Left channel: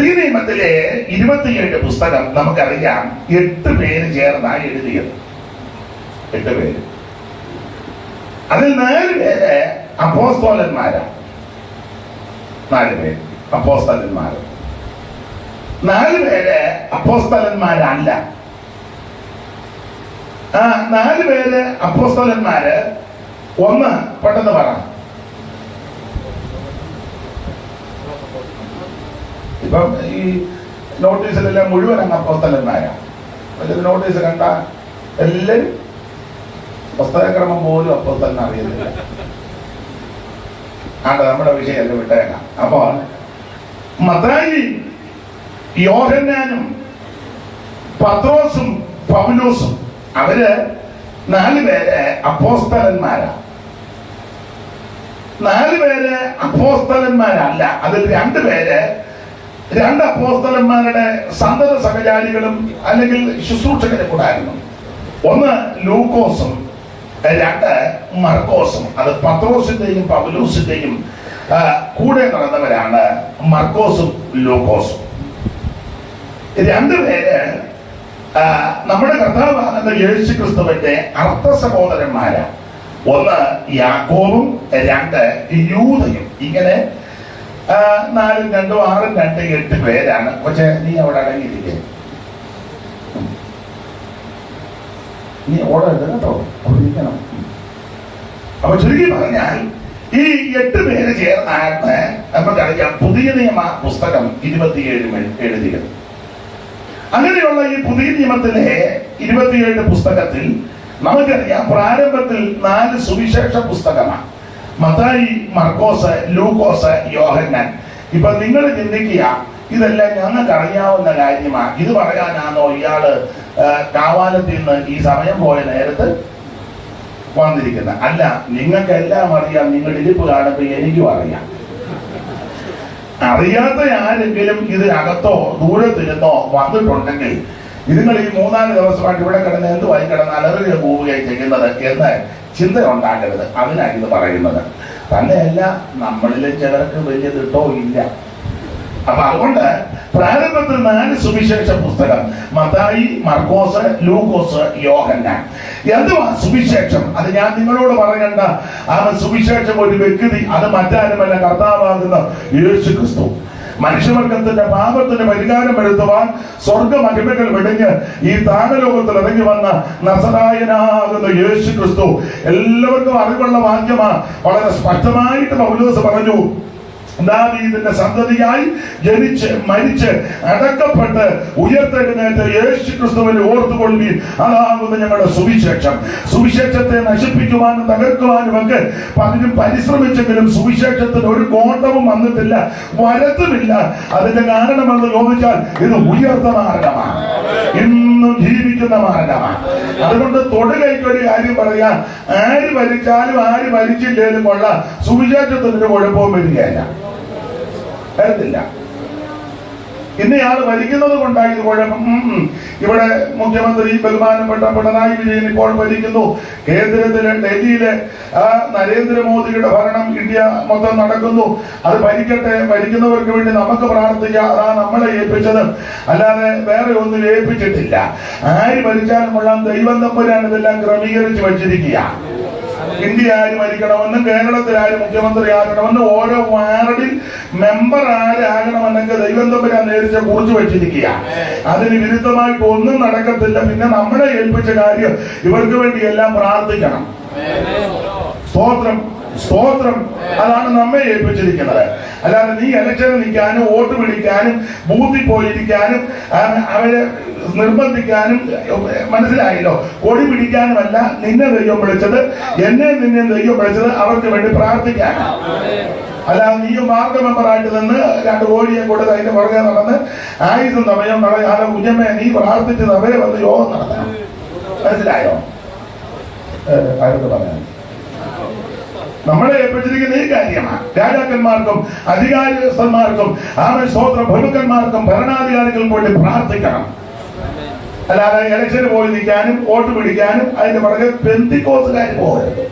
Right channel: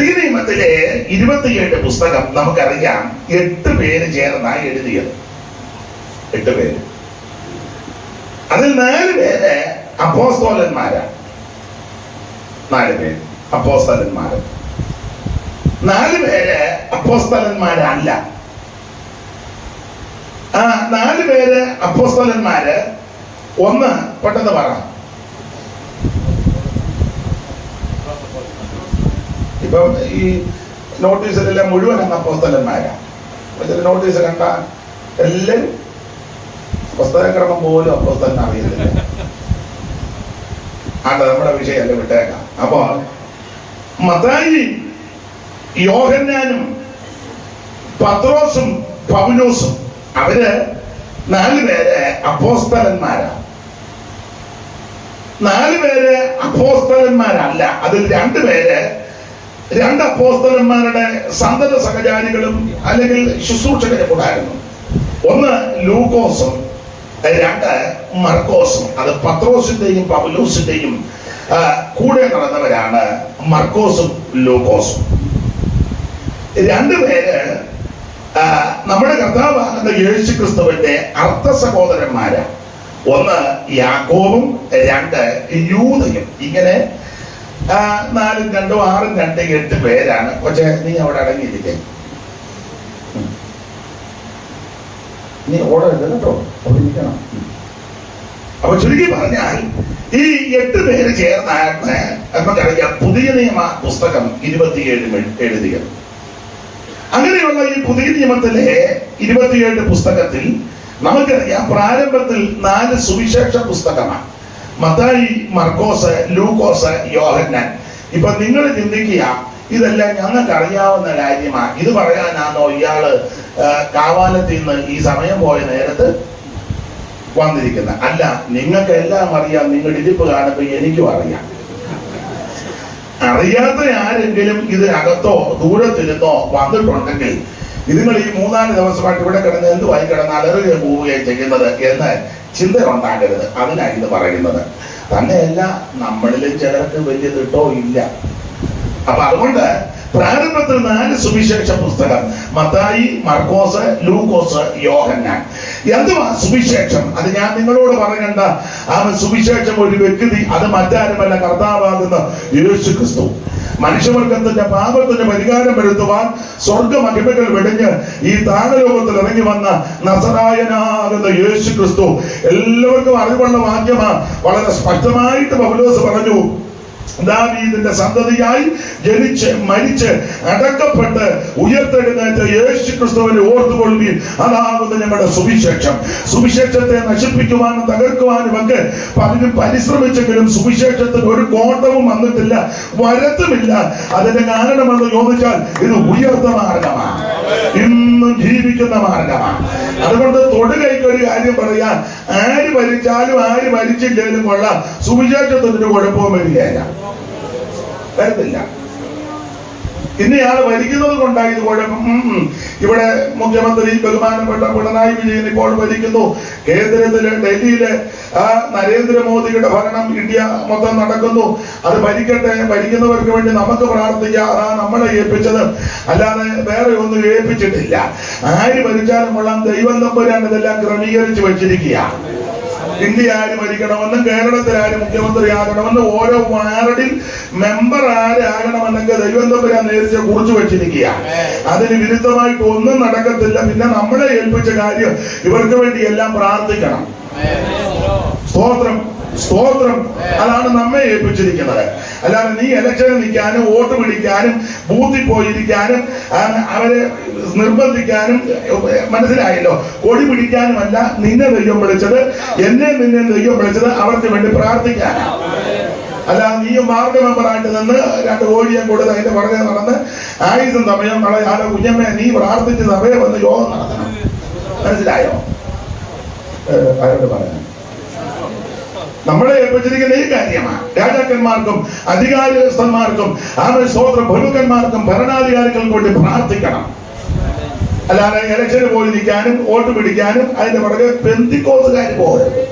പുതിയ നിയമത്തിലെ 27 പുസ്തകം നമുക്കറിയാം 8 പേര് ചേർന്നാണ് എഴുതിയത്. 8 പേര്. അതിൽ 4 പേര് അപ്പോസ്തലന്മാരാണ്. 4 പേര് അപ്പോസ്തലന്മാര്. 4 പേര് അപ്പോസ്തലന്മാരല്ല. ആ 4 പേര് അപ്പോസ്തലന്മാര്. ഒന്ന് പെട്ടെന്ന് പറ. ഇപ്പം ഈ നോട്ടീസിലെല്ലാം മുഴുവൻ അങ്ങ് അപ്പോസ്തലന്മാരാണ്. നോട്ടീസ് കണ്ട എല്ലാവരും പുസ്തകക്രമം പോലും അപ്പോസ്തലൻ അറിയുന്നില്ല. നമ്മുടെ വിഷയമല്ല, വിട്ടേക്കാം. അപ്പോൾ മത്തായി, യോഹന്നാനും പത്രോസും പൗലോസും അവര് 4 പേര് അപ്പോസ്തലന്മാരാണ്. 4 പേര് അപ്പോസ്തലന്മാരല്ല. അതിൽ 2 പേര് 2 അപ്പോസ്തലന്മാരുടെ സന്തത സഹചാരികളും അല്ലെങ്കിൽ ശുശ്രൂഷകരും കൂടായിരുന്നു. ഒന്ന് ലൂക്കോസും 2 മർക്കോസും. അത് പത്രോസിന്റെയും പൗലോസിന്റെയും കൂടെ നടന്നവരാണ് മർക്കോസും ലൂക്കോസും. 2 പേര് നമ്മുടെ കർത്താവാകുന്ന യേശു ക്രിസ്തുവിന്റെ അർത്ഥ സഹോദരന്മാരാണ്. ഒന്ന് യാക്കോബും 2 യൂദയും. ഇങ്ങനെ 4 2 6 2 8 പേരാണ്. പക്ഷെ നീ അവിടെ അടങ്ങിയിരിക്കേ, നീ ഓടരുത് കേട്ടോ, ഇരിക്കണം. അപ്പൊ ചുരുക്കി പറഞ്ഞാൽ ഈ 8 പേര് ചേർന്നാണ് നമുക്കറിയാം പുതിയ നിയമ പുസ്തകം 27 എഴുതിയത്. അങ്ങനെയുള്ള ഈ പുതിയ നിയമത്തിലെ 27 പുസ്തകത്തിൽ നമുക്കറിയാം പ്രാരംഭത്തിൽ 4 സുവിശേഷ പുസ്തകമാണ്. മത്തായി, മർക്കോസ്, ലൂക്കോസ്, യോഹന്നാൻ. ഇപ്പൊ നിങ്ങൾ ചിന്തിക്കുക, ഇതെല്ലാം ഞങ്ങൾക്ക് അറിയാവുന്ന കാര്യമാണ്, ഇത് പറയാനാണോ ഇയാള് കാവാലത്തിൽ നിന്ന് ഈ സമയം പോയ നേരത്ത് വന്നിരിക്കുന്നത്? അല്ല, നിങ്ങൾക്ക് എല്ലാം അറിയാം. നിങ്ങൾ ഇരിപ്പ് കാണുമ്പോൾ എനിക്കും അറിയാം. അറിയാത്ത ആരെങ്കിലും ഇതിനകത്തോ ദൂരത്തിരുന്നോ വന്നിട്ടുണ്ടെങ്കിൽ നിങ്ങൾ ഈ 3-4 ദിവസമായിട്ട് ഇവിടെ കിടന്ന് എന്തുവായി കിടന്ന് അലറുക പോവുകയും ചെയ്യുന്നത് എന്ന് ചിന്ത ഉണ്ടാകരുത്. അതിനാണ് ഇത് പറയുന്നത്. തന്നെയല്ല, നമ്മളിലെ ചിലർക്ക് വലിയ തിട്ടോ ഇല്ല. അപ്പൊ അതുകൊണ്ട് പ്രാരംഭത്തിൽ 4 സുവിശേഷ പുസ്തകം: മത്തായി, മർക്കോസ്, ലൂക്കോസ്, യോഹന്നാൻ. എന്തുവാ സുവിശേഷം? അത് ഞാൻ നിങ്ങളോട് പറയണ്ട. ആ സുവിശേഷം ഒരു വ്യക്തി, അത് മറ്റാരുമല്ല, കർത്താവാകുന്ന യേശു ക്രിസ്തു. മനുഷ്യവർഗത്തിന്റെ പാപത്തിന് പരിഹാരം വരുത്തുവാൻ സ്വർഗ മഹിമകൾ വെടിഞ്ഞ് ഈ താഴലോകത്തിൽ ഇറങ്ങി വന്ന നസറായനാകുന്ന യേശു ക്രിസ്തു. എല്ലാവർക്കും അറിവുള്ള വാക്യമാണ്. വളരെ സ്പഷ്ടമായിട്ട് പൗലോസ് പറഞ്ഞു, ദാവീദിന്റെ സന്തതിയായി ജനിച്ച് മരിച്ച് അടക്കപ്പെട്ട് ഉയർത്തെഴുന്നേറ്റ യേശു ക്രിസ്തുവിനെ ഓർത്തുകൊള്ളുവീൻ, അതാകുന്നു ഞങ്ങളുടെ സുവിശേഷം. സുവിശേഷത്തെ നശിപ്പിക്കുവാനും തകർക്കുവാനും ഒക്കെ പലരും പരിശ്രമിച്ചെങ്കിലും സുവിശേഷത്തിന് ഒരു കോട്ടവും വന്നിട്ടില്ല, വരത്തുമില്ല. അതിന്റെ കാരണമെന്ന് ചോദിച്ചാൽ ഇത് ഉയർത്ത മാർഗമാണ്, ഇന്നും ജീവിക്കുന്ന മാർഗമാണ്. അതുകൊണ്ട് തൊടുകൈക്ക് ഒരു കാര്യം പറയാം, ആര് ഭരിച്ചാലും ആര് ഭരിച്ചില്ലേലും കൊള്ളാം, സുവിശേഷത്തിനൊരു കുഴപ്പവും വരികയില്ല, വരത്തില്ല. ഇന്നയാള് ഭരിക്കുന്നത് കൊണ്ടാണ് ഇത് കുഴപ്പം. ഇവിടെ മുഖ്യമന്ത്രി ബഹുമാനപ്പെട്ട പിണറായി വിജയൻ ഇപ്പോൾ ഭരിക്കുന്നു. കേന്ദ്രത്തിലെ ഡൽഹിയിലെ നരേന്ദ്രമോദിയുടെ ഭരണം ഇന്ത്യ മൊത്തം നടക്കുന്നു. അത് ഭരിക്കട്ടെ, ഭരിക്കുന്നവർക്ക് വേണ്ടി നമുക്ക് പ്രാർത്ഥിക്കാം. നമ്മളെ ഏൽപ്പിച്ചത് അല്ലാതെ വേറെ ഒന്നും ഏൽപ്പിച്ചിട്ടില്ല. ആര് ഭരിച്ചാലും കൊള്ളാം, ദൈവം തമ്പുരാൻ ഇതെല്ലാം ക്രമീകരിച്ച് വച്ചിരിക്കുക. ഇന്ത്യ ആര് ഭരിക്കണമെന്നും കേരളത്തിൽ ആര് മുഖ്യമന്ത്രി ആകണമെന്നും ഓരോ വാർഡിൽ മെമ്പർ ആരാകണമെന്നൊക്കെ ദൈവം തമ്പുരാൻ നേരിച്ച് കുറിച്ചു വെച്ചിരിക്കുക. അതിന് വിരുദ്ധമായിട്ട് ഒന്നും നടക്കത്തില്ല. പിന്നെ നമ്മളെ ഏൽപ്പിച്ച കാര്യം ഇവർക്ക് വേണ്ടി എല്ലാം പ്രാർത്ഥിക്കണം. സ്തോത്രം, സ്തോത്രം. അതാണ് നമ്മെ ഏൽപ്പിച്ചിരിക്കുന്നത്. അല്ലാതെ നീ ഇലക്ഷന് നിൽക്കാനും വോട്ട് പിടിക്കാനും ബൂത്തിൽ പോയിരിക്കാനും അവരെ നിർബന്ധിക്കാനും, മനസ്സിലായല്ലോ, കൊടി പിടിക്കാനുമല്ല നിന്നെ ദൈവം വിളിച്ചത്, എന്നെ നിന്നെ ദൈവം വിളിച്ചത് അവർക്ക് വേണ്ടി പ്രാർത്ഥിക്കാനാണ്. അല്ലാതെ നീ വാർഡ് മെമ്പറായിട്ട് നിന്ന് 2 കോഴിയെ കൂടെ അതിന്റെ പുറകെ നടന്ന് ആയുധം സമയം കളയാതെ കുഞ്ഞമ്മ നീ പ്രാർത്ഥിച്ചത് അവരെ വന്ന് യോഗം നടത്തണം. മനസ്സിലായോ? ആരോട് പറയാൻ നമ്മളെ ഏൽപ്പിച്ചിരിക്കുന്ന ഈ കാര്യമാണ്. രാജാക്കന്മാർക്കും അധികാരസ്ഥന്മാർക്കും സ്വതന്ത്ര പ്രമുഖന്മാർക്കും ഭരണാധികാരികൾക്കും വേണ്ടി പ്രാർത്ഥിക്കണം. അല്ലാതെ ഇലക്ഷന് പോയി നിൽക്കാനും വോട്ട് പിടിക്കാനും അതിന്റെ പുറകെ പെന്തിക്കോസുകാർ പോകരുത്.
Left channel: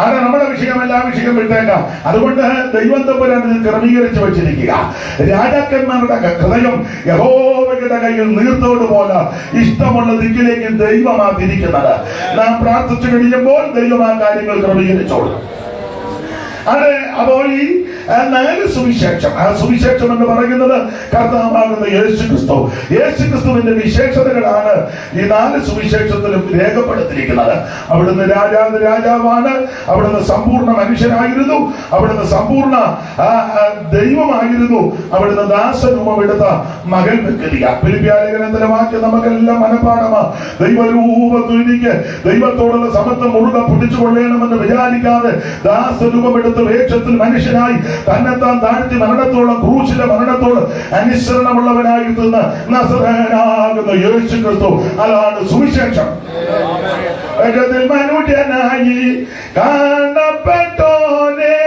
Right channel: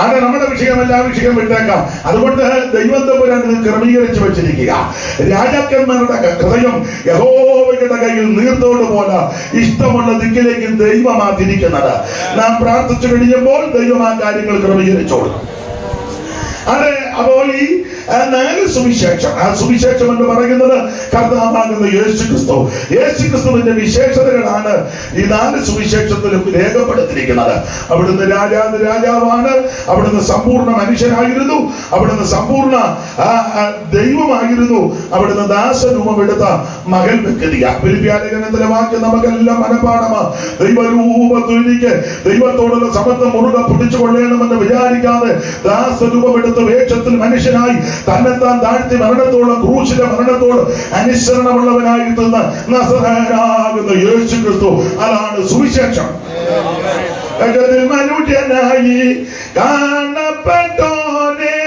അത് നമ്മുടെ വിഷയമല്ല, വിഷയം വിട്ടേക്കാം. അതുകൊണ്ട് ദൈവം തമ്പുരാൻ ഇത് ക്രമീകരിച്ചു വെച്ചിരിക്കുക. രാജാക്കന്മാരുടെ ഹൃദയം യഹോവയുടെ കയ്യിൽ നീർത്തോട് പോലെ ഇഷ്ടമുള്ള ദിക്കിലേക്ക് ദൈവമാ തിരിക്കുന്നത്. നാം പ്രാർത്ഥിച്ചു കഴിയുമ്പോൾ ദൈവം ആ കാര്യങ്ങൾ ക്രമീകരിച്ചോളും. അത് അപ്പോൾ ഈ 4 സുവിശേഷം, ആ സുവിശേഷം എന്ന് പറയുന്നത് കർത്താവാകുന്ന യേശുക്രിസ്തു. യേശുക്രിസ്തുവിന്റെ വിശേഷതകളാണ് ഈ 4 സുവിശേഷത്തിലും രേഖപ്പെടുത്തിയിരിക്കുന്നത്. അവിടുന്ന് രാജാവാണ്, അവിടുന്ന് സമ്പൂർണ്ണ മനുഷ്യനായിരുന്നു, അവിടുന്ന് സമ്പൂർണ്ണ ദൈവമായിരുന്നു, അവിടുന്ന് ദാസരൂപമെടുത്ത മകൻ വ്യക്തിയ. ഫിലിപ്പിയർലേഖനത്തിലെ വാക്യം നമുക്കെല്ലാം മനഃപാഠമാണ്. ദൈവരൂപത്തിലേക്ക് ദൈവത്തോടുള്ള സമത്വം മുറുകെ പിടിച്ചുകൊള്ളണമെന്ന് വിചാരിക്കാതെ ദാസരൂപമെടുത്ത വേഷത്തിൽ മനുഷ്യനായി തന്നെത്താൻ താഴ്ത്തി മരണത്തോളം, ക്രൂശിന്റെ മരണത്തോട് അനുസരണമുള്ളവനായിരുന്ന നസറേയനാകുന്ന യേശുക്രിസ്തു. അതാണ് സുവിശേഷം. മനുഷ്യനായി കാണപ്പെട്ടോനെ,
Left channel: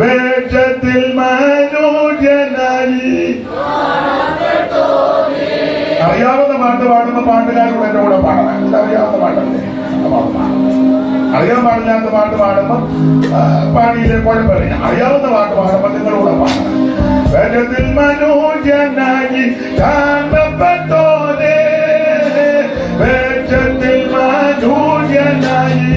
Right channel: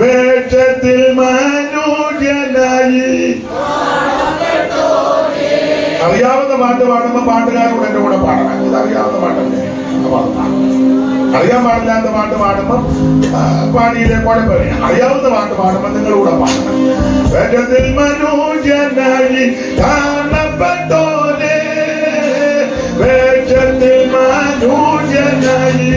വേഷത്തിൽ മനുഷ്യനായി. അറിയാവുന്ന പാട്ട് പാടുമ്പോ പാട്ടുകാരോട് എന്റെ കൂടെ പാടണം. ഇതറിയാവുന്ന പാട്ടല്ലേ? അറിയാൻ പാടില്ലാത്ത പാട്ട് പാടുമ്പോ പാടിയിലെ കുഴപ്പമില്ല. അറിയാവുന്ന പാട്ട് പാടുമ്പോ നിങ്ങളുടെ പാടണം. വേഗത്തിൽ മനുഷ്യനായി കാണപ്പെട്ടോനെ, വേഗത്തിൽ മനുഷ്യനായി.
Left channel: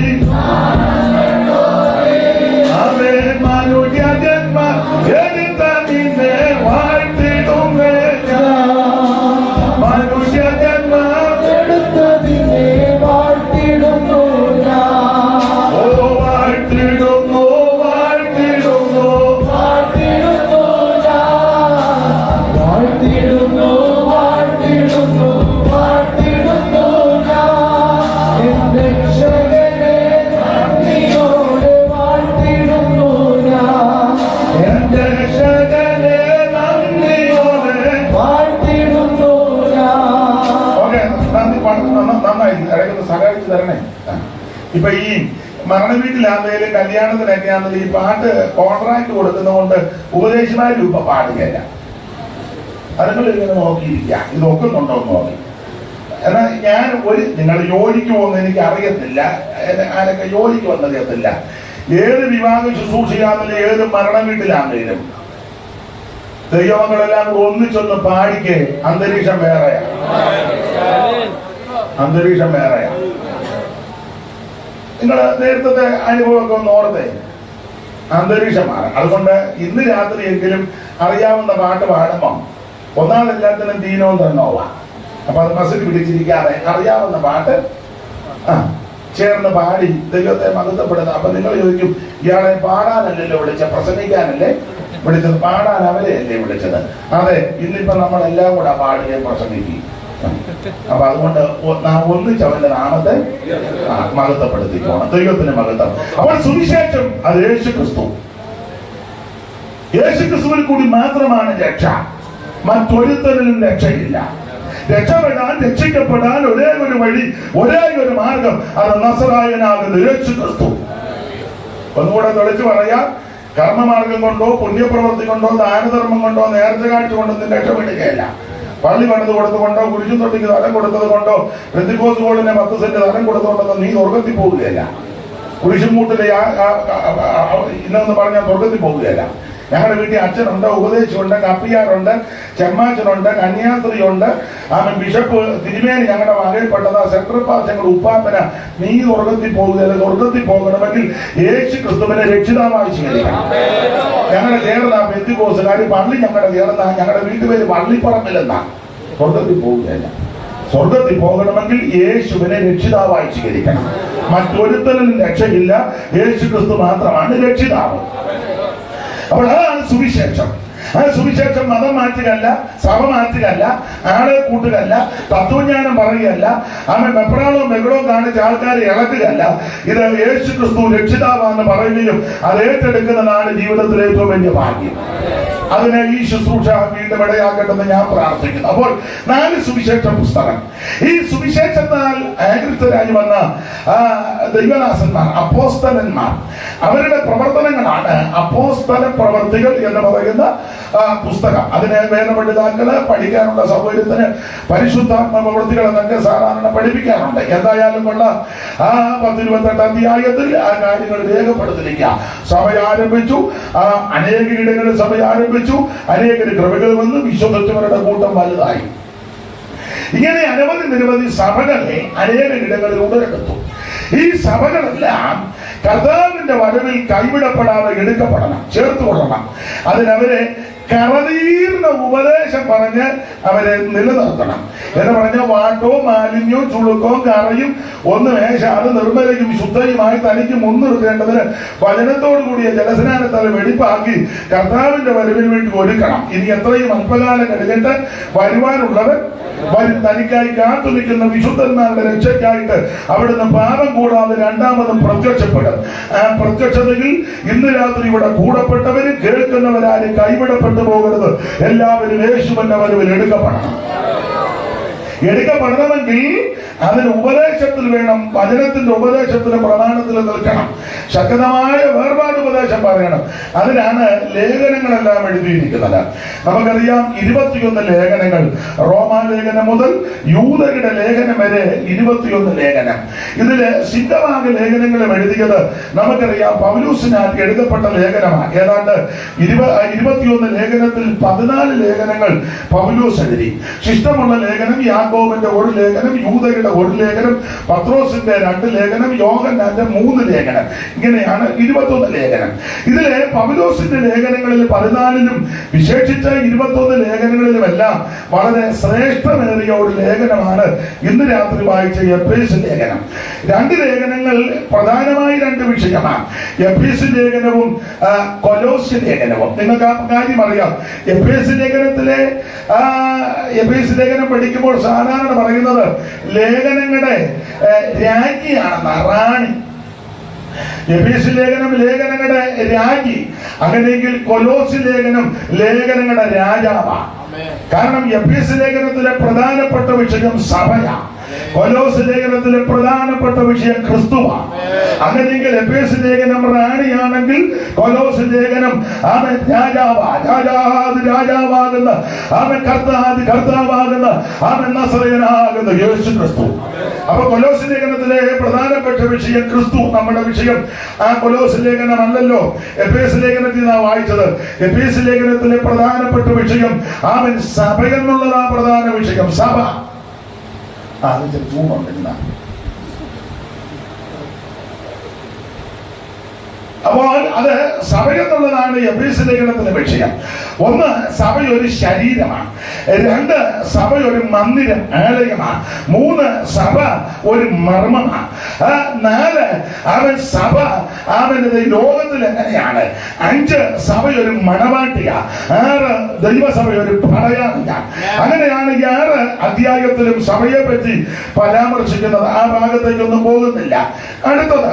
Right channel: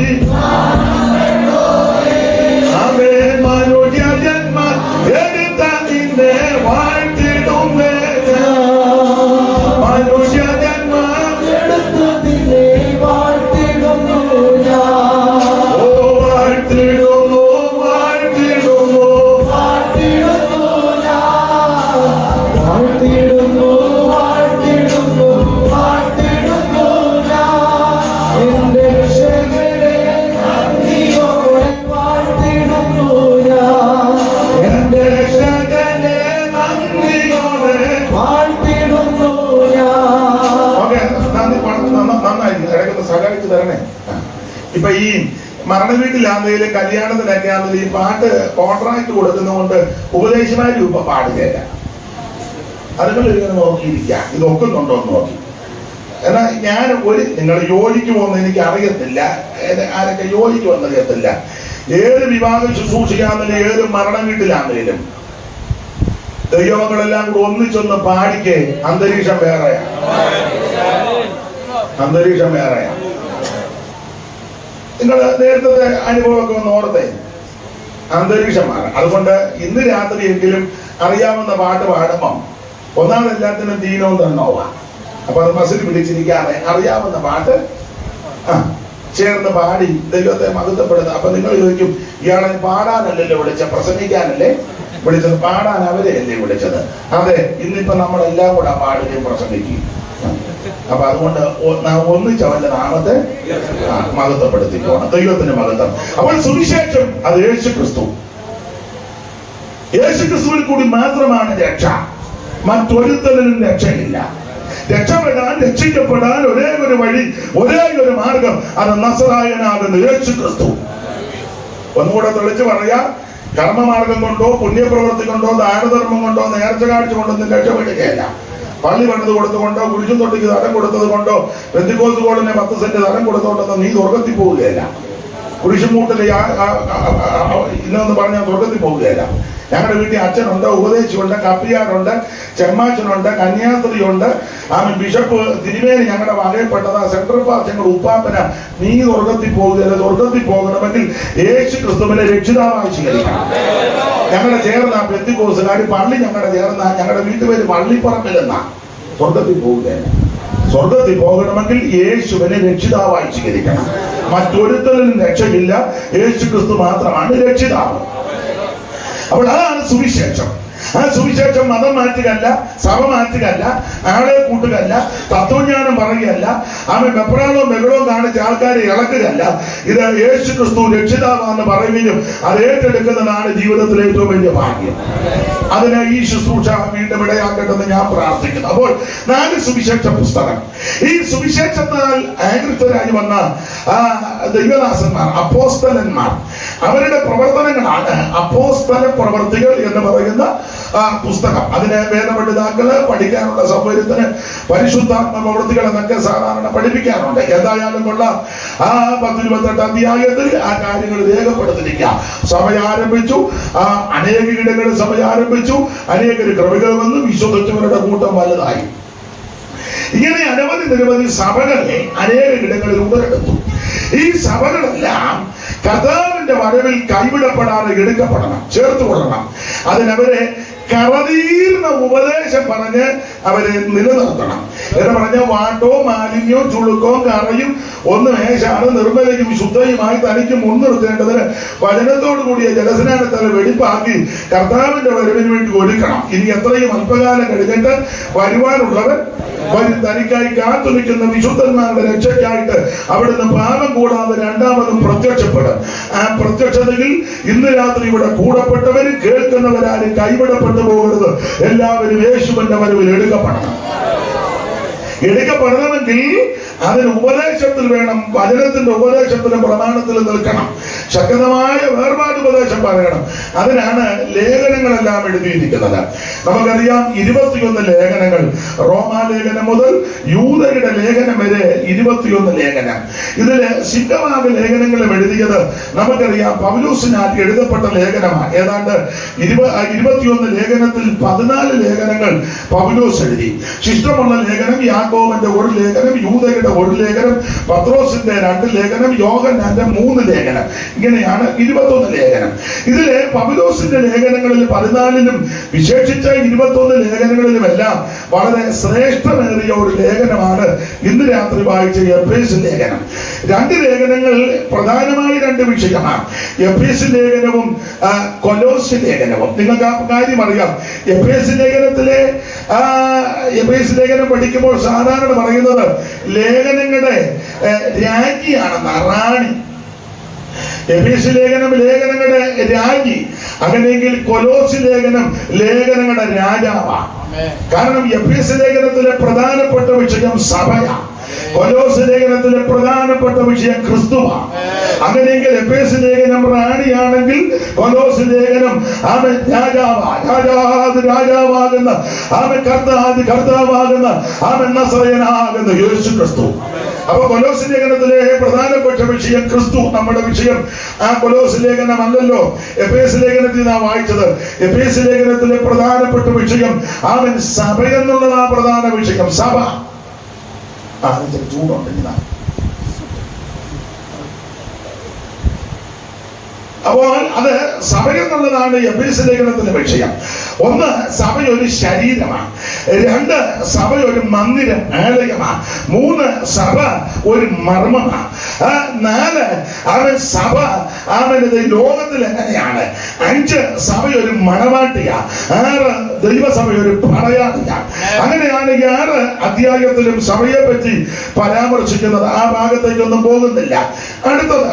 അവേ മനുഷ്യന്മാർ എടുത്ത നിന്നെ വാഴ്ത്തിടുമേ. മനുഷ്യന്മാർ എടുത്ത നിന്നെ വാഴ്ത്തിടുന്നു. സഹായിച്ചു തരണേ. ഇപ്പൊ ഈ മരണ വീട്ടിലാണെങ്കിലും കല്യാണത്തിനൊക്കെ ആണെങ്കിലും ഈ പാട്ട് കോൺട്രാക്ട് കൊടുക്കുന്നതുകൊണ്ട് ഉപദേശമായാലും ഇപ്പൊ പാടുകയല്ല. അതുങ്ങൾ ഇങ്ങനെ നോക്കിയിരിക്കുക, ഇത് ഒക്കുന്നുണ്ടോ എന്ന് നോക്കി. എന്നാൽ ഞാൻ നിങ്ങൾ യോജിക്കുമെന്ന് എനിക്ക് അറിയത്തില്ല, ആരൊക്കെ യോജിക്കുമെന്ന് അറിയത്തില്ല. ഏത് വിവാഹം ശുശ്രൂഷിക്കാന്നില്ല, ഏത് മരണ വീട്ടിലാണെങ്കിലും ദൈവങ്ങളെല്ലാം കൂടെ ഒന്നിച്ചൊന്ന് പാടിക്ക്. അന്തരീക്ഷം വേറെയാ, അന്തരീക്ഷം വേറെയാ. നിങ്ങൾ നേരത്തെ അനുഭവമൊക്കെ ഒന്ന് ഓർത്തേ, അന്തരീക്ഷമാണ്. അതുകൊണ്ട് ഇന്ന് രാത്രിയെങ്കിലും അറിയാവുന്ന പാട്ട് പാടുമ്പം ഒന്നാമതെല്ലാത്തിനും ദീനവും തന്നോവാ. അപ്പൊ അത് മസിൽ പിടിച്ചിരിക്കാതെ അറിയാവുന്ന പാട്ട് ചേർന്ന് പാടി ദൈവത്തെ മഹത്വപ്പെടുന്നത്. അപ്പൊ നിങ്ങൾ ചോദിക്കും, ഇയാളെ പാടാനല്ലല്ലോ വിളിച്ചത്, പ്രസംഗിക്കാനല്ലേ വിളിച്ചത്? പാടാൻ അവരെയല്ലേ വിളിച്ചത്? അതെ, ഇന്നിപ്പോ നമ്മളെല്ലാം കൂടെ പാടുകയും പ്രസംഗിക്കുകയും. അപ്പൊ അതുകൊണ്ട് നാം ഒന്നിച്ച് അവന്റെ നാമത്തെ മഹത്വപ്പെടുത്തിക്കോണം, ദൈവത്തിന്റെ മഹത്വം. അപ്പോൾ സുവിശേഷം അത് യേശുക്രിസ്തു. യേശുക്രിസ്തുവിൽ കൂടി മാത്രമാണ് രക്ഷ, മറ്റൊരുത്തരിലും രക്ഷയില്ല. രക്ഷപ്പെടാൻ, രക്ഷിക്കപ്പെടാൻ ഒരേ ഒരു വഴി, ഒരേ ഒരു മാർഗം, അത് നസറായനാകുന്ന യേശുക്രിസ്തു. ഒന്നുകൂടെ തെളിച്ചു പറയാം, കർമ്മമാർഗം കൊണ്ടോ പുണ്യപ്രവൃത്തി കൊണ്ടോ ദാനധർമ്മം കൊണ്ടോ നേർച്ച കാഴ്ച കൊണ്ടൊന്നും രക്ഷപ്പെടുകയല്ല. പള്ളി പണിത് കൊടുത്തുകൊണ്ടോ കുരിശും തൊട്ടിക്ക് തലം കൊടുത്തത് കൊണ്ടോ പെന്തിക്കോസ്ത് ഹോളിനെ 10 സെന്റ് തലം കൊടുത്തുകൊണ്ടൊന്നും നീ സ്വർഗത്തിൽ പോവുകയല്ല. കുരിശും മൂട്ടില് ഇന്നൊന്ന് പറഞ്ഞാൽ സ്വർഗത്തിൽ പോവുകയല്ല. ഞങ്ങളുടെ വീട്ടിൽ അച്ഛനുണ്ട്, ഉപദേശിയുണ്ട്, കപ്പിയാറുണ്ട്, ചെമ്മാച്ചനുണ്ട്, കന്യാസ്ത്രീയുണ്ട്, ബിഷപ്പ് തിരുമേനി ഞങ്ങളുടെ വകയിൽപ്പെട്ടത്, സെൻട്രൽ പാർട്ടി ഞങ്ങളുടെ ഉപ്പാപ്പന. നീ സ്വർഗത്തിൽ പോകുകയല്ല. സ്വർഗത്തിൽ പോകണമെങ്കിൽ യേശു ക്രിസ്തുവിനെ രക്ഷിതാവായി സ്വീകരിക്കണം. ഞങ്ങളുടെ ചേർന്ന പെന്തിക്കോസ്തുകാർ പള്ളി ഞങ്ങളുടെ ചേർന്ന ഞങ്ങളുടെ വീട്ടുപേര് പള്ളിപ്പറമ്പിലെന്നാ. സ്വർഗത്തിൽ പോവുകയല്ല. സ്വർഗത്തിൽ പോകണമെങ്കിൽ യേശുവിനെ രക്ഷിതാവായി സ്വീകരിക്കണം. മറ്റൊരുത്തരിലും രക്ഷയില്ല, യേശു ക്രിസ്തു മാത്രമാണ് രക്ഷിതാവ്. അപ്പോൾ അതാണ് സുവിശേഷം. ആ സുവിശേഷം മതം മാറ്റുകയല്ല, സഭ മാറ്റുകയല്ല, ആളുകൾ കൂട്ടുകയല്ല, തത്വജ്ഞാനം പറയുകയല്ല, അവൻ വെപ്രാളവും ബഹളവും കാണിച്ച് ആൾക്കാരെ ഇളക്കുകയല്ല. ഇത് യേശു ക്രിസ്തു രക്ഷിതാവാന്ന് പറയുകയും അത് ഏറ്റെടുക്കുന്നതാണ് ജീവിതത്തിലെ ഏറ്റവും വലിയ ഭാഗ്യം. അതിനെ ഈ ശുശ്രൂഷ വീണ്ടും ഇടയാക്കട്ടെന്ന് ഞാൻ പ്രാർത്ഥിക്കുന്നു. അപ്പോൾ 4 സുവിശേഷ പുസ്തകം, ഈ സുവിശേഷത്താൽ ആകൃതരായി വന്ന ദൈവദാസന്മാർ, അപ്പോസ്തലന്മാർ, അവരുടെ പ്രവർത്തനങ്ങളാണ് അപ്പോസ്തല പ്രവർത്തികൾ എന്ന് പറയുന്ന പുസ്തകം. അതിന് വേദപഠിതാക്കള് പഠിക്കാനുള്ള സൗകര്യത്തിന് പരിശുദ്ധാത്മ പ്രവൃത്തികൾ എന്നൊക്കെ സാധാരണ പഠിപ്പിക്കാറുണ്ട്. എന്തായാലും ഉള്ള 10-28 അധ്യായത്തിൽ ആ കാര്യങ്ങൾ രേഖപ്പെടുത്തിരിക്കുക. സഭ ആരംഭിച്ചു, അനേക ഇടങ്ങളിൽ സഭ ആരംഭിച്ചു, അനേക കൃപകൾ വന്നു, വിശ്വസിച്ചവരുടെ കൂട്ടം വലുതായി. ഇങ്ങനെ നിരവധി സഭകളെ അനേക ഇടങ്ങളിൽ ഉടലെടുത്തു. ഈ സഭകളെല്ലാം കർത്താവിന്റെ വരവിൽ കൈവിടപ്പെടാതെ എടുക്കപ്പെടണം, ചേർത്തുകൊള്ളണം. അതിനവരെ കറതീർന്ന ഉപദേശം പറഞ്ഞ് അവരെ നിലനിർത്തണം. എന്ന് പറഞ്ഞ വാട്ടോ മാലിന്യവും ചുളുക്കവും കറയും ഒന്ന് മേശാണ് നിർമ്മലയും ശുദ്ധയുമായി തനിക്ക് മുൻനിർത്തേണ്ടതിന് വചനത്തോടു കൂടിയ ജലസ്നാനത്തല വെടിപ്പാക്കി കർത്താവിന്റെ വരവിന് വേണ്ടി ഒരുക്കണം. ഇനി എത്രയും അല്പകാലം കഴിഞ്ഞിട്ട് വരുവാനുള്ളവൻ വരും. തനിക്കായി കാത്തു നിൽക്കുന്ന വിശുദ്ധന്മാരുടെ രക്ഷയ്ക്കായിട്ട് അവിടുന്ന് പാപം കൂടാതെ രണ്ടാമതും പ്രത്യക്ഷപ്പെടും. ആ പ്രത്യക്ഷതയിൽ ഇന്ന് രാത്രി ഇവിടെ കൂടപ്പെട്ടവരും കേൾക്കുന്നവരാരും കൈവിടപ്പെട്ടു പോകരുത്. എല്ലാവരും യേശുവിന്റെ വരവിൽ എടുക്കപ്പെടണം. എടുക്കപ്പെടണമെങ്കിൽ അതിന് ഉപദേശത്തിൽ വേണം, വചനത്തിന്റെ ഉപദേശത്തിലും പ്രമാണത്തിലും നിൽക്കണം. ശക്തമായ വേർപാട് ഉപദേശം പറയണം. അതിനാണ് ലേഖനങ്ങളെല്ലാം എഴുതിയിരിക്കുന്നത്. നമുക്കറിയാം 21 ലേഖനങ്ങൾ, റോമാലേഖനം മുതൽ യൂദരുടെ ലേഖനം വരെ 21 ലേഖനം. ഇതില് സിദ്ധഭാഗ ലേഖനങ്ങളും എഴുതിയത് നമുക്കറിയാം പൗലോസിനാൽ എഴുതപ്പെട്ട ലേഖനമാണ്. ഏതാണ്ട് 21 ലേഖനത്തിൽ 14 ലേഖനങ്ങൾ പൗലോസ് എഴുതി. ശിഷ്ടമുള്ള ലേഖനം യാക്കോബിന്റെ 1 ലേഖനം, യൂദയുടെ 1 ലേഖനം, പത്രോസിന്റെ 2 ലേഖനം, യോഹന്നാന്റെ 3 ലേഖനം. ഇങ്ങനെയാണ് 21 ലേഖനം. ഇതിലെ പൗലോസിന്റെ ലേഖനങ്ങളിൽ 14ലും വിശേഷിച്ച 21 ലേഖനങ്ങളിലുമെല്ലാം വളരെ ശ്രേഷ്ഠമേറിയ ഒരു ലേഖനമാണ് ഇന്ന് രാത്രി വായിച്ച എഫേസ്യ ലേഖനം. 2 ലേഖനങ്ങൾ പ്രധാനമായി 2 വിഷയമാണ്. എഫേസ്യ ലേഖനവും കൊലോസ്യ ലേഖനവും. നിങ്ങൾക്ക് ആ കാര്യം അറിയാം. എഫേസ്യ ലേഖനം പഠിക്കുമ്പോൾ സാധാരണ പറയുന്നത് ലേഖനങ്ങളുടെ രാജ്ഞിയാണെന്ന, റാണി. എഫേസ്യ ലേഖനം ലേഖനങ്ങളുടെ രാജ്ഞി. അങ്ങനെയെങ്കിൽ കൊലോസ്യ ലേഖനം ലേഖനങ്ങളുടെ രാജാവാണ്. കാരണം എഫേസ്യ ലേഖനത്തിലെ പ്രധാനപ്പെട്ട വിഷയം സഭയാണ്, കൊലോസ്യ ലേഖനത്തിലെ പ്രധാനപ്പെട്ട വിഷയം ക്രിസ്തുവാണ്. അങ്ങനെയെങ്കിൽ എഫേസ്യ ലേഖനം റാണിയാണെങ്കിൽ കൊലോസ്യ ലേഖനം അവൻ രാജാവാകുന്ന, അവൻ കർത്താവാകുന്ന, അവൻ നസറയനാകുന്ന യേശു ക്രിസ്തു. അപ്പൊ കൊലോസ്യ ലേഖനത്തിലെ പ്രധാനപ്പെട്ട വിഷയം ക്രിസ്തു. നമ്മുടെ വിഷയം ആ കൊലോസ്യ ലേഖനം അല്ലല്ലോ, എഫേസ്യ ലേഖനത്തിൽ നാം വായിച്ചത്. എഫേസ്യ ലേഖനത്തിലെ പ്രധാനപ്പെട്ട വിഷയം അവൻ സഭ എന്നുള്ളതാ പ്രധാന വിഷയം. സഭ ചൂടുണ്ടെങ്കിൽ അപ്പോൾ അത് സഭ എന്നുള്ളതാണ് എഫേസ്യ ലേഖനത്തിന്റെ വിഷയം. 1, സഭ ഒരു ശരീരമാണ്. 2, സഭ ഒരു മന്ദിരം, ആലയമാണ്. 3, സഭ ഒരു മർമ്മമാണ്. 4, അവൻ സഭ അവനത് ലോകത്തിൽ എങ്ങനെയാണ്. 5, സഭ ഒരു മണവാട്ടിയ. 6, ദൈവസഭ ഒരു പടയാളിയ. അങ്ങനെയാണ് ഈ 6 അധ്യായത്തിലും സഭയെ പറ്റി പരാമർശിക്കുന്നത്. ആ ഭാഗത്തേക്കൊന്നും പോകുന്നില്ല. അടുത്തത്,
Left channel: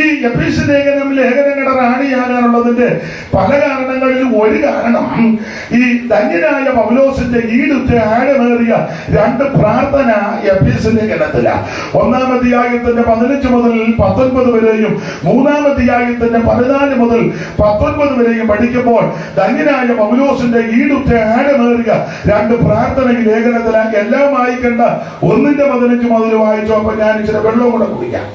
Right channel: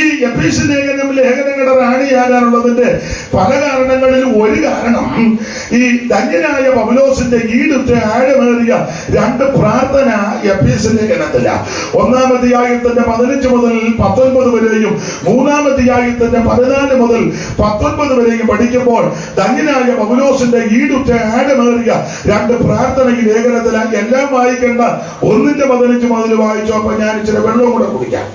ഈ എഫേസ്യ ലേഖനങ്ങളുടെ റാണിയാകാനുള്ളതിന്റെ പല കാരണങ്ങളിൽ ഒരു കാരണം ഈ ധന്യനായ പൗലോസിന്റെ ഈടുറ്റ ആഴമേറിയ 2 പ്രാർത്ഥന എഫേസ്യ ലേഖനത്തില. 1-ാം അധ്യായത്തിന്റെ 15 മുതൽ 19 വരെയും 3-ാം അധ്യായത്തിന്റെ 14 മുതൽ 19 വരെയും പഠിക്കുമ്പോൾ ധന്യനായ പൗലോസിന്റെ ഈടുറ്റ ആഴമേറിയ 2 പ്രാർത്ഥന ഈ ലേഖനത്തിലാക്കി. എല്ലാം വായിക്കേണ്ട. 1-ന്റെ 15 മുതൽ വായിച്ചോ. അപ്പൊ ഞാൻ ഇച്ചിരി വെള്ളവും കൂടെ കുടിക്കാം.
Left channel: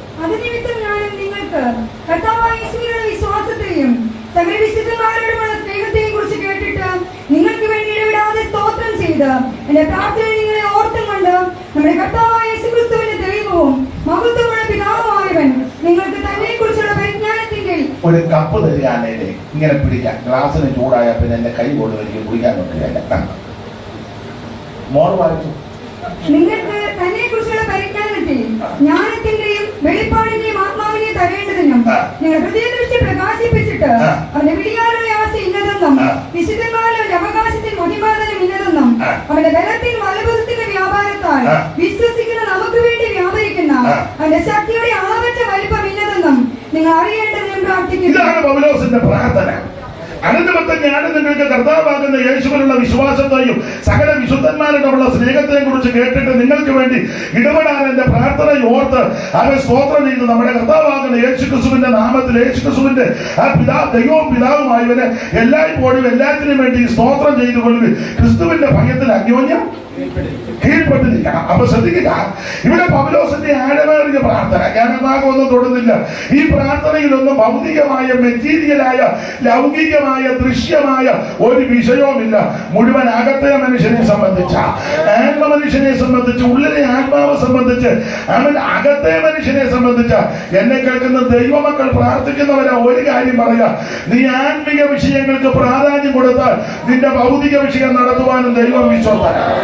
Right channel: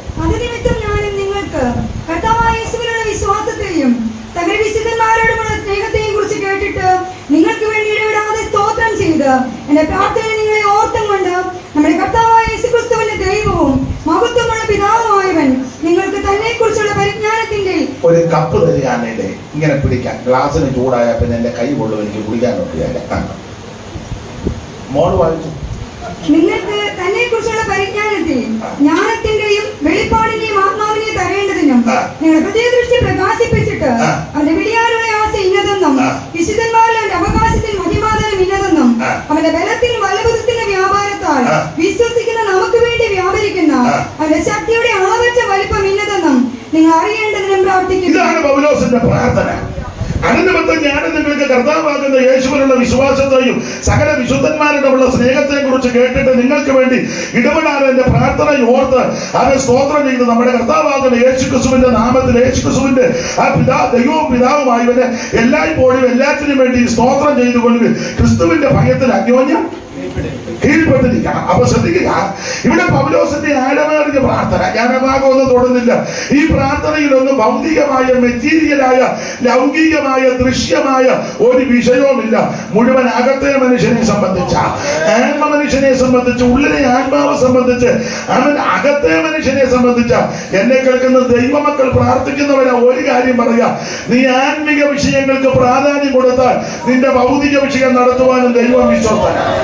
വിശ്വാസത്തെയും സകല വിശുദ്ധന്മാരോടുമുള്ള സ്നേഹത്തെയും കുറിച്ച് കേട്ടിട്ട് നിങ്ങൾക്ക് വേണ്ടി ഇടവിടാതെ സ്തോത്രം ചെയ്ത് എന്റെ പ്രാർത്ഥനയെ നിങ്ങളെ ഓർത്തും കൊണ്ട് നമ്മുടെ കർത്താവായ യേശുക്രിസ്തുവിന്റെ ദൈവവും മഹത്വമുള്ള പിതാവുമായവൻ നിങ്ങൾക്ക് തന്നെ കുറിച്ചുള്ള പരിജ്ഞാനത്തിന്റെ ഒരു കപ്പ് തരികയാണല്ലേ ഇങ്ങനെ പിടിക്കാൻ. ഗ്ലാസ്സിന് ചൂടായ പിന്നെ എന്റെ കൈ കൊണ്ടു എനിക്ക് കുടിക്കാൻ പറ്റുകയല്ല. മോൾ വാങ്ങിച്ചു. നിങ്ങൾക്ക് തന്നെ കുറിച്ചുള്ള പരിജ്ഞാനത്തെയും ജ്ഞാനത്തിന്റെയും വെളിപ്പാടിന്റെയും ആത്മാവിനെ തരേണ്ടതിനും നിങ്ങൾ ഹൃദയദൃഷ്ടി പ്രകാശിപ്പിച്ചിട്ട് അവന്റെ വിളിയാലുള്ള ആശ ഇന്നതെന്നും വിശുദ്ധന്മാരിൽ അവന്റെ അവകാശത്തിൽ മഹിമാതനം ഇന്നതെന്നും അവന്റെ ബലത്തിൽ വലപുരത്തിന്റെ വ്യാപാരത്താൽ വിശ്വസിക്കുന്ന നമുക്ക് വേണ്ടി വ്യാപരിക്കുന്ന അവന്റെ ശക്തിയുടെ അളവറ്റ വലിപ്പം ഇന്നതെന്നും നിങ്ങൾ അറിയേണ്ടതിനും പ്രാർത്ഥിക്കുന്നു. ഇതാണ് പൗലോസിന്റെ പ്രാർത്ഥന. അതിനിമിത്തം ഞാൻ നിങ്ങൾക്ക് കർത്താവാകുന്ന യേശുവിനുള്ള വിശ്വാസത്തെയും സകല വിശുദ്ധന്മാരോടുള്ള സ്നേഹത്തെയും കുറിച്ച് കേട്ടിട്ട് നിങ്ങൾക്ക് വേണ്ടി ഇടപെടാൻ എന്റെ പ്രാർത്ഥന ഓർത്ത് അവൻ സ്തോത്രം ചെയ്ത് നമ്മുടെ കർത്താവാകുന്ന യേശുക്രിസ്തുവിന്റെ നാമത്തിൽ യേശുക്രിസ്തുവിന്റെ ആ ദൈവവും പിതാവുമായവനെ എല്ലായ്പ്പോഴും എല്ലാത്തിനും വേണ്ടി സ്തോത്രം ചെയ്തുകൊണ്ട് ക്രിസ്തുവിന്റെ ഭയത്തിൽ അന്യോന്യം കീഴ്പ്പെട്ടിരിക്കണം. അപ്പൊ ശ്രദ്ധിക്കുക, ഇവിടെ പൗലോസിന്റെ ആഴമേറിയ പ്രാർത്ഥന, ഞാൻ ആ ഭാഗമൊന്നും തൊടുന്നില്ല. ഈ പ്രാർത്ഥനയിലൊന്നും ഭൗതികമായ മെറ്റീരിയലായ ലൗകികമായ ദൃശ്യമായ ഒരു വിഷയവുമില്ല. മുഴുവൻ അകത്തെ മനുഷ്യനെ സംബന്ധിച്ച, ആത്മ മനുഷ്യനെ സംബന്ധിച്ച്, ഉള്ളിലെ ആത്മാവ് സംബന്ധിച്ച്, അവൻ അകത്തെ മനുഷ്യനെ സംബന്ധിച്ച എന്നെ കേൾക്കുന്ന ദൈവമക്കൾ പ്രാർത്ഥിക്കുന്നവരാ ഒരു കാര്യം പറയാ, നീ ആത്മിക വിഷയങ്ങൾക്ക് പ്രാധാന്യം കൊടുത്താൽ നിന്റെ ഭൗതിക വിഷയം നടത്തുവാനും ദൈവം വിശ്വസ്തനാണ്.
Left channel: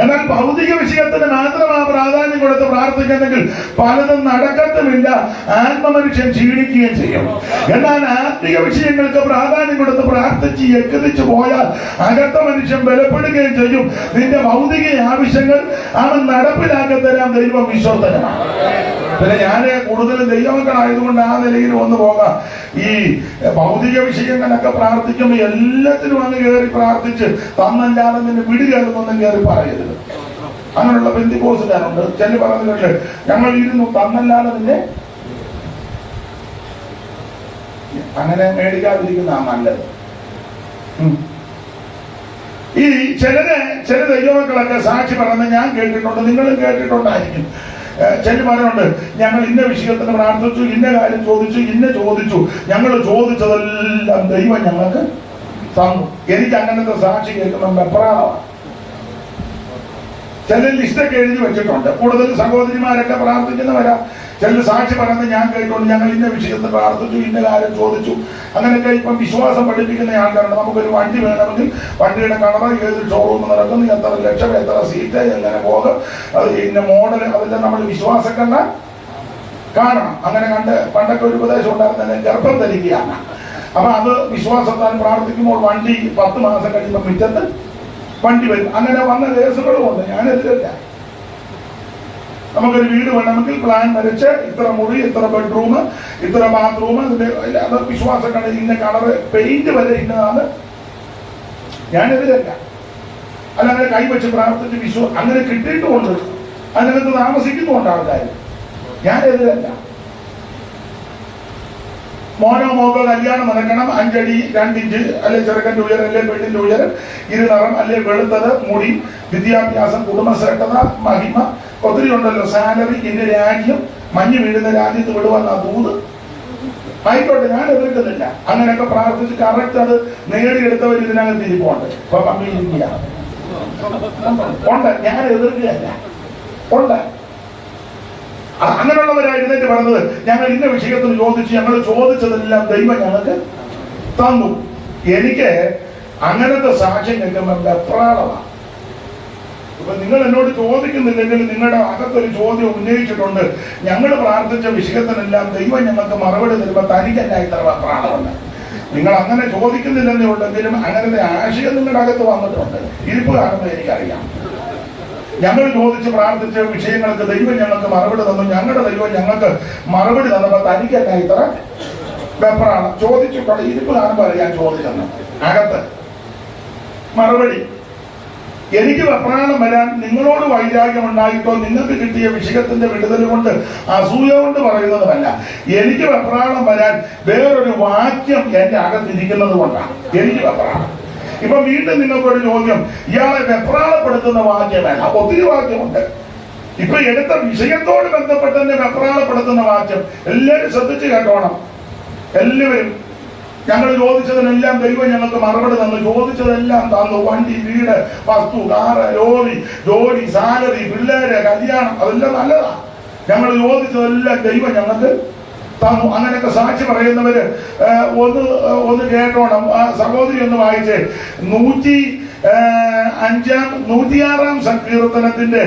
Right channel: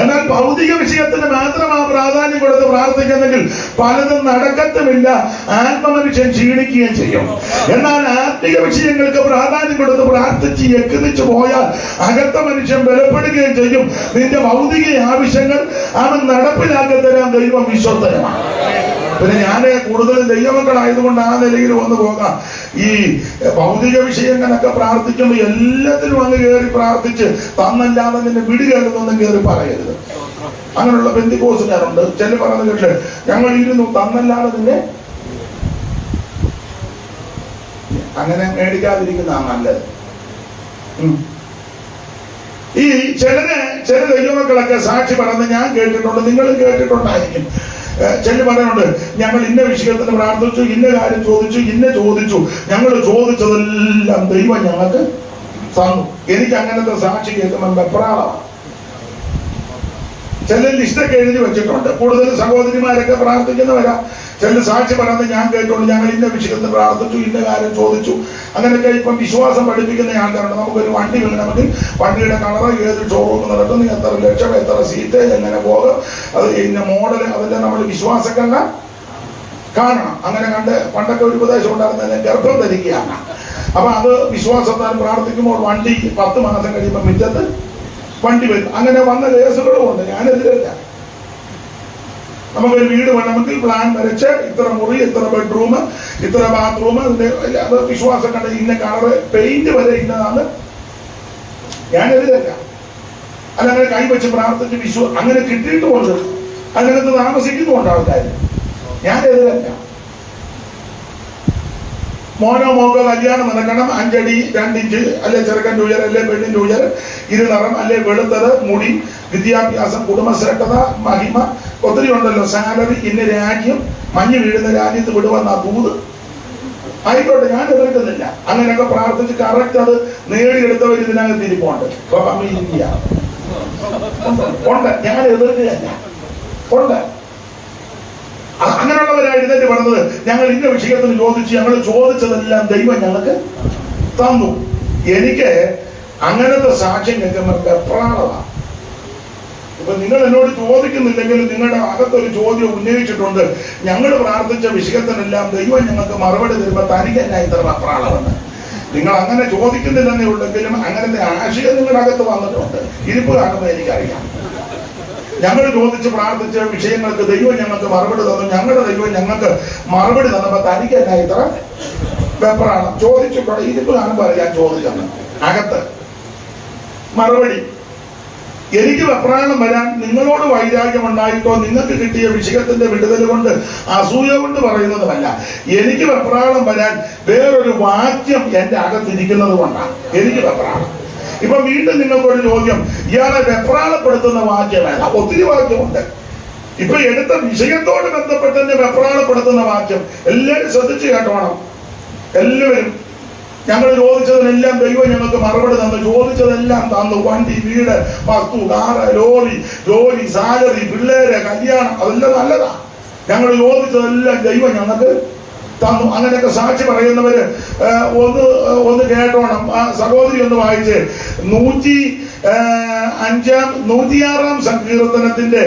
എന്നാൽ ഭൗതിക വിഷയത്തിന് മാത്രം ആ പ്രാധാന്യം കൊടുത്ത് പ്രാർത്ഥിക്കുന്നെങ്കിൽ പലതും നടക്കത്തുമില്ല, ആത്മമനുഷ്യൻ ക്ഷീണിക്കുകയും ചെയ്യും. എന്നാൽ ആത്മിക വിഷയങ്ങൾക്ക് പ്രാധാന്യം കൊടുത്ത് പ്രാർത്ഥിച്ച് എക്കുതിച്ചു പോയാൽ അകത്ത മനുഷ്യൻ ബലപ്പെടുകയും ചെയ്യും. നിന്റെ ഭൗതിക ആവശ്യങ്ങൾ അവൻ നടപ്പിലാക്കി തരാൻ ദൈവം വിശ്വസ്തനാണ്. പിന്നെ ഞാൻ കൂടുതലും ദൈവമക്കളായതുകൊണ്ട് ആ നിലയിൽ വന്നു പോകാം. ഈ ഭൗതിക വിഷയങ്ങളൊക്കെ പ്രാർത്ഥിക്കുമ്പോൾ എല്ലാത്തിനും അങ്ങ് കയറി പ്രാർത്ഥിച്ച് തന്നല്ലാതെ നിന്നെ പിടികയറുന്നൊന്നും കയറി പറയരുത്. അങ്ങനെയുള്ള പെന്തിക്കോസുകാരുണ്ട്. ചില പറയുന്നത് കേട്ട് ഞങ്ങൾ ഇരുന്നു തന്നല്ലാതെ നിന്നെ അങ്ങനെ മേടിക്കാതിരിക്കുന്നതാണ് നല്ലത്. ഈ ചില ദൈവമക്കളൊക്കെ സാക്ഷി പറയുന്നത് ഞാൻ കേട്ടിട്ടുണ്ട്, നിങ്ങളും കേട്ടിട്ടുണ്ടായിരിക്കും. ചില പറയുന്നുണ്ട്, ഞങ്ങൾ ഇന്ന വിഷയത്തിന് പ്രാർത്ഥിച്ചു, ഇന്ന കാര്യം ചോദിച്ചു, ഞങ്ങൾ ചോദിച്ചതെല്ലാം ദൈവം ഞങ്ങൾക്ക് തന്നു. എനിക്ക് അങ്ങനത്തെ സാക്ഷി കേൾക്കുമ്പോൾ വെപ്രാളം. ചില ലിസ്റ്റൊക്കെ എഴുതി വെച്ചിട്ടുണ്ട്. കൂടുതൽ സഹോദരിമാരൊക്കെ പ്രാർത്ഥിക്കുന്നവരാ. ചില സാക്ഷി പറഞ്ഞത് ഞാൻ കേൾക്കുന്നു, ഞങ്ങൾ ഇന്ന വിഷയത്തിൽ പ്രാർത്ഥിച്ചു, ഇന്ന കാര്യം ചോദിച്ചു. അങ്ങനെയൊക്കെ ഇപ്പം വിശ്വാസം പഠിപ്പിക്കുന്ന ആൾക്കാരുണ്ട്. നമുക്കൊരു വണ്ടി വേണമെങ്കിൽ വണ്ടിയുടെ കളർ, ഏത് ഷോറൂം നടക്കുന്നു, എത്ര ലക്ഷം, എത്ര സീറ്റ്, എങ്ങനെ പോകും, അത് ഇന്ന മോഡൽ, അതെല്ലാം നമ്മൾ വിശ്വാസക്കല്ല കാണണം. അങ്ങനെ കണ്ട് പണ്ടൊക്കെ ഒരു ഉപദേശം ഉണ്ടാകുന്നതിനെ ഗർഭം ധരിക്കുകയാണ്. അപ്പൊ അത് വിശ്വാസത്താൽ പ്രാർത്ഥിക്കുമ്പോൾ വണ്ടി 10 മാസം കഴിയുമ്പോൾ മുറ്റത്ത് വണ്ടി വരും. അങ്ങനെ വന്ന കേസുകളും ഉണ്ട്. ഞാനെതിരല്ല. നമുക്കൊരു വീട് വേണമെങ്കിൽ പ്ലാൻ വരച്ച് ഇത്ര മുറി, ഇത്ര ബെഡ്റൂം, ഇത്ര ബാത്റൂം, അത് വിശ്വാസം കണ്ട് ഇന്ന കളറ്, പെയിന്റ് വരെ ഇന്നതാണ്. ഞാനെതിരല്ല. അല്ല അങ്ങനെ കൈവച്ച് പ്രാർത്ഥിച്ച് അങ്ങനെ കിട്ടിയിട്ടുമുണ്ട്, അങ്ങനത്തെ താമസിക്കുന്നുണ്ട് ആൾക്കാർ. ഞാനെതിരല്ല. മോനോ മോക്കോ കല്യാണം നടക്കണം, 5 അടി 2 ഇഞ്ച്, അല്ലെ ചെറുക്കൻ്റെ ഉയരം, അല്ലെ പെണ്ണിന്റെ ഉയരം, ഇരുനിറം, അല്ലെ വെളുത്തത്, മുടി, വിദ്യാഭ്യാസം, കുടുംബശ്രേഷ്ഠത, മഹിമ, ഒത്തിരി ഉണ്ടല്ലോ. സാലറി, ഇന്ന രാജ്യം, മഞ്ഞ് വീഴുന്ന രാജ്യത്ത് വിടുവന്ന ദൂത്. ആയിക്കോട്ടെ, ഞാൻ എതിർക്കുന്നില്ല. അങ്ങനെയൊക്കെ പ്രാർത്ഥിച്ച് കറക്റ്റ് അത് നേടിയെടുത്തവർ ഇതിനകത്ത് ഇരിപ്പുണ്ട്. ഇപ്പൊ പമ്മിയിരിക്കുക ഉണ്ട്. ഞാൻ എതിർക്കുകയല്ല, ഉണ്ട്. അങ്ങനെയുള്ളവരാ എഴുന്നേറ്റ് പറഞ്ഞത്, ഞങ്ങൾ ഇന്ന വിഷയത്തിൽ ചോദിച്ചു, ഞങ്ങൾ ചോദിച്ചതെല്ലാം ദൈവം ഞങ്ങൾക്ക് തന്നു. എനിക്ക് അങ്ങനത്തെ സാക്ഷ്യം കേൾക്കുമ്പോൾ വെപ്രാളമാണ്. ഇപ്പൊ നിങ്ങൾ എന്നോട് ചോദിക്കുന്നില്ലെങ്കിൽ നിങ്ങളുടെ അകത്തൊരു ചോദ്യം ഉന്നയിച്ചിട്ടുണ്ട്, ഞങ്ങൾ പ്രാർത്ഥിച്ച വിഷയത്തിനെല്ലാം ദൈവം ഞങ്ങൾക്ക് മറുപടി തരുമ്പോൾ തനിക്കല്ല ഇത്ര വെപ്രാളമുണ്ട്. നിങ്ങൾ അങ്ങനെ ചോദിക്കുന്നില്ലെന്നേ ഉണ്ടെങ്കിലും അങ്ങനത്തെ ആശയം നിങ്ങളുടെ അകത്ത് വന്നിട്ടുണ്ട്. ഇരിപ്പ് കാണുമ്പോൾ എനിക്കറിയാം. ഞങ്ങൾ ചോദിച്ച് പ്രാർത്ഥിച്ച വിഷയങ്ങൾക്ക് ദൈവം ഞങ്ങൾക്ക് മറുപടി തന്നു. ഞങ്ങളുടെ ദൈവം ഞങ്ങൾക്ക് മറുപടി തന്നപ്പോൾ തനിക്കല്ല ഇത്ര വെപ്രാളം. ചോദിച്ചിട്ടുണ്ട്. ഇരിപ്പ് കാണുമ്പോൾ അറിയാൻ ചോദിച്ചെന്ന്. അകത്ത് മറുപടി. എനിക്ക് വെപ്രാളം വരാൻ നിങ്ങളോട് വൈരാഗ്യം ഉണ്ടായിട്ടോ നിങ്ങൾക്ക് കിട്ടിയ വിഷയത്തിന്റെ വിടുതൽ കൊണ്ട് അസൂയ കൊണ്ട് പറയുന്നതുമല്ല. എനിക്ക് വെപ്രാളം വരാൻ വേറൊരു വാക്യം എന്റെ അകത്തിരിക്കുന്നത് കൊണ്ടാണ് എനിക്ക് വെപ്രാളം. ഇപ്പൊ വീണ്ടും നിങ്ങൾക്കൊരു ചോദ്യം, ഇയാളെ വെപ്രാളപ്പെടുത്തുന്ന വാക്യം വേണം. ഒത്തിരി വാക്യമുണ്ട്. ഇപ്പൊ എടുത്ത വിഷയത്തോട് ബന്ധപ്പെട്ട് തന്നെ വെപ്രാളപ്പെടുത്തുന്ന വാക്യം എല്ലാവരും ശ്രദ്ധിച്ചു കേട്ടോണം. എല്ലാവരും ഞങ്ങൾ ചോദിച്ചതിനെല്ലാം ദൈവം ഞങ്ങൾക്ക് മറുപടി തന്നു. ചോദിച്ചതെല്ലാം തന്നു. വണ്ടി, വീട്, വസ്തു, കാറ്, ലോറി, ജോലി, സാലറി, പിള്ളേര്, കല്യാണം, അതെല്ലാം നല്ലതാ. ഞങ്ങൾ ചോദിച്ചതെല്ലാം ദൈവം ഞങ്ങൾക്ക് തന്നു. അങ്ങനെയൊക്കെ സാക്ഷി പറയുന്നവര് ഒന്ന് കേട്ടോണം. ആ സഹോദരി ഒന്ന് വായിച്ച് 106-ാം സങ്കീർത്തനത്തിന്റെ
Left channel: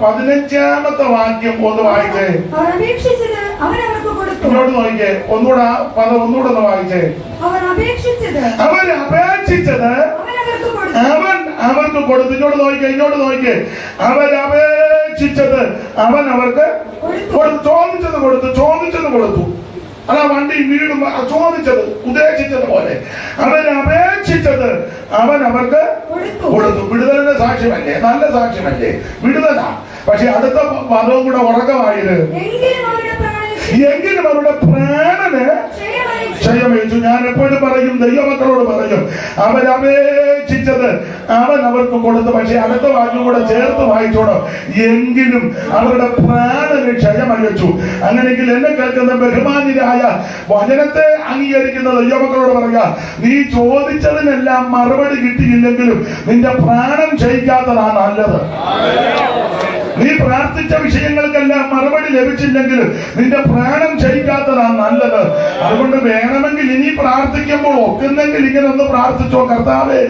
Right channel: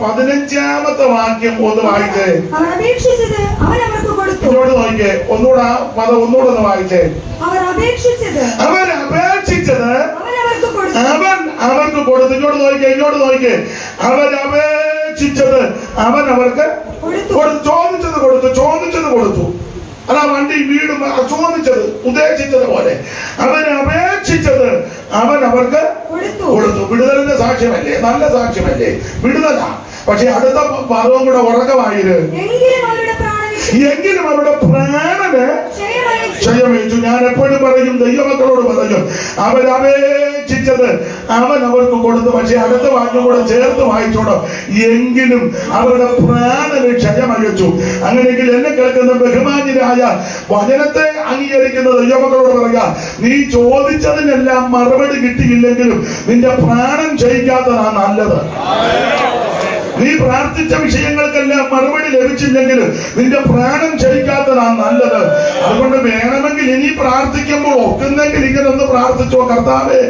15-ാമത്തെ വാക്യം ഒന്ന് വായിച്ചേ. ഇങ്ങോട്ട് നോക്കിയേ. ഒന്നുകൂടെ ആ പദം ഒന്നുകൂടെ ഒന്ന് വായിച്ചേ. അവൻ അപേക്ഷിച്ചത് അവൻ അവർക്ക് കൊടുത്തു. ഇങ്ങോട്ട് നോക്കിയേ. അവൻ അപേക്ഷിച്ചത് അവൻ അവർക്ക് ചോദിച്ചത് കൊടുത്തു. അല്ല വണ്ടി വീടും ചോദിച്ചത് അവൻ അപേക്ഷിച്ചത് അവൻ അവർക്ക് കൊടുത്തു. വിടുതലിന്റെ സാക്ഷ്യമല്ലേ? നല്ല സാക്ഷ്യമല്ലേ? വിടുതലാ. പക്ഷെ അടുത്ത ഭാഗവും കൂടെ ഉറക്കമായത് എങ്കിലും അവരുടെ പ്രാണന് ക്ഷയമേറ്റു. ഞാൻ എപ്പോഴും പറയും, ദൈവമക്കളോട് പറയും, അവരപേക്ഷിച്ചത് അവൻ അവർക്ക് കൊടുത്തു. പക്ഷെ അടുത്ത വാക്യം കൂടെ ചേർത്ത് വായിച്ചോണം, എങ്കിലും അവരുടെ പ്രാണന് ക്ഷയമയച്ചു. അങ്ങനെയെങ്കിൽ എന്നെ കേൾക്കുന്ന ബഹുമാന്യരായ വചനത്തെ അംഗീകരിക്കുന്ന ദൈവമക്കളോട് പറയാ, നീ ചോദിച്ചതിനെല്ലാം മറുപടി കിട്ടിയില്ലെങ്കിലും നിന്റെ പ്രാണൻ ക്ഷയിക്കാത്തതാ നല്ലത്. നീ പ്രാർത്ഥിച്ച വിഷയങ്ങൾക്കെല്ലാം മറുപടി ലഭിച്ചില്ലെങ്കിൽ നിന്റെ പ്രാണൻ ക്ഷയിക്കാത്തതാണ് നല്ലത്. അതുകൊണ്ട് വേണമെങ്കിൽ ഇനി പ്രാർത്ഥിക്കുമ്പോൾ ഒക്കുന്നെങ്കിൽ ഇങ്ങനെ ഒന്ന് പ്രാർത്ഥിച്ചോ, കർത്താവേ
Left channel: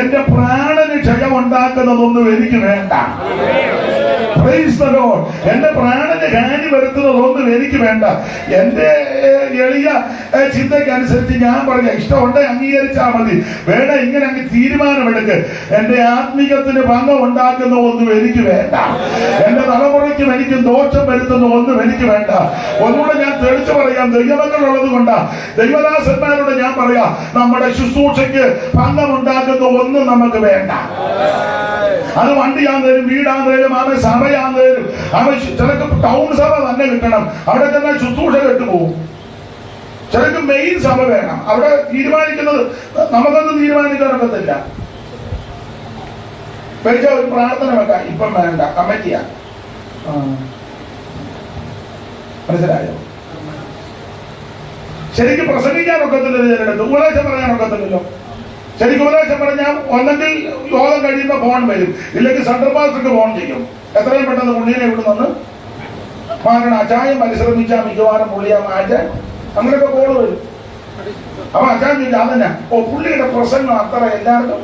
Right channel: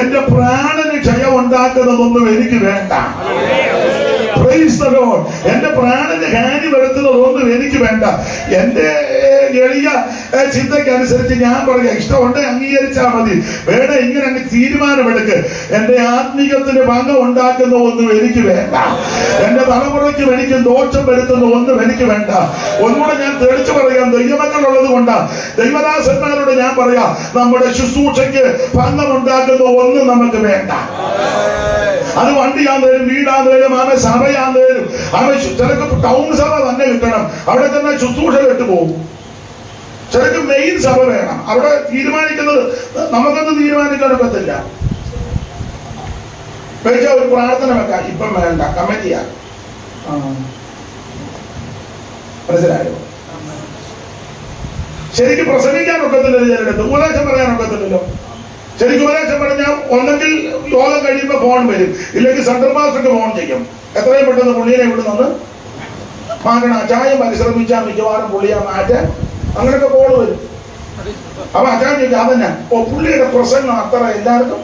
എന്റെ പ്രാണന് ക്ഷയം ഉണ്ടാക്കുന്നതൊന്നും എനിക്ക് വേണ്ട. എന്റെ പ്രാണന് ഹാനി വരുത്തുന്നതൊന്നും എനിക്ക് വേണ്ട. എന്റെ എളിയ ചിന്തയ്ക്കനുസരിച്ച് ഞാൻ പറയാം, ഇഷ്ടമുണ്ട് അംഗീകരിച്ചാൽ മതി, വേണ്ട ഇങ്ങനെ അങ്ങ് തീരുമാനമെടുക്ക്. എന്റെ ആത്മീയത്തിന് ഭംഗം ഉണ്ടാക്കുന്ന ഒന്നും എനിക്ക് വേണ്ട. എന്റെ തലമുറയ്ക്കും എനിക്കും ദോഷം വരുത്തുന്ന ഒന്നും എനിക്ക് വേണ്ട. ഒന്നുകൂടെ ഞാൻ തെളിച്ചു പറയാം, ദൈവമക്കളുള്ളത് കൊണ്ടാ ദൈവദാസന്മാരോട് ഞാൻ പറയാം, നമ്മുടെ ശുശ്രൂഷയ്ക്ക് ഭംഗം ഉണ്ടാക്കുന്ന ഒന്നും നമുക്ക് വേണ്ട. അത് വണ്ടിയാന്നേലും വീടാന്നേലും അവൻ സഭയാന്നേലും അവൻ ചിലക്ക് ടൗൺ സഭ തന്നെ കിട്ടണം, അവിടെ തന്നെ ശുശ്രൂഷ കെട്ടുപോകും. ചിലക്ക് മെയിൻ സഭ വേണം, അവിടെ തീരുമാനിക്കുന്നത് നമുക്കൊന്നും തീരുമാനിക്കാനൊക്കത്തില്ല. വെച്ചാൽ ഒരു പ്രാർത്ഥന വെക്കാം, ഇപ്പം വേണ്ട, കമ്മിറ്റിയാ. മനസ്സിലായോ? ശരിക്കും പ്രസംഗിക്കാനൊക്കത്തില്ലല്ലോ, ചിലടത്ത് ഉപദേശം പറയാനൊക്കത്തില്ലല്ലോ. ശരിക്കും ഉപദേശം പറഞ്ഞാൽ ഒന്നെങ്കിൽ യോഗം കഴിയുമ്പോൾ ഫോൺ വരും, ഇല്ലെങ്കിൽ സെൻട്രൽ മാസ്റ്റർക്ക് ഫോൺ ചെയ്യും, എത്രയും പെട്ടെന്ന് പുള്ളിയെ വിടുന്നത് മാറ്റണം. അച്ചായം പരിശ്രമിച്ചാൽ മിക്കവാറും പുള്ളിയെ മാറ്റാൻ അങ്ങനെയൊക്കെ കോള് വരും. അപ്പൊ അച്ചാൻ ചോദിച്ചാൽ അതന്നെ, ഓ പുള്ളിയുടെ പ്രസംഗം അത്ര എല്ലാവർക്കും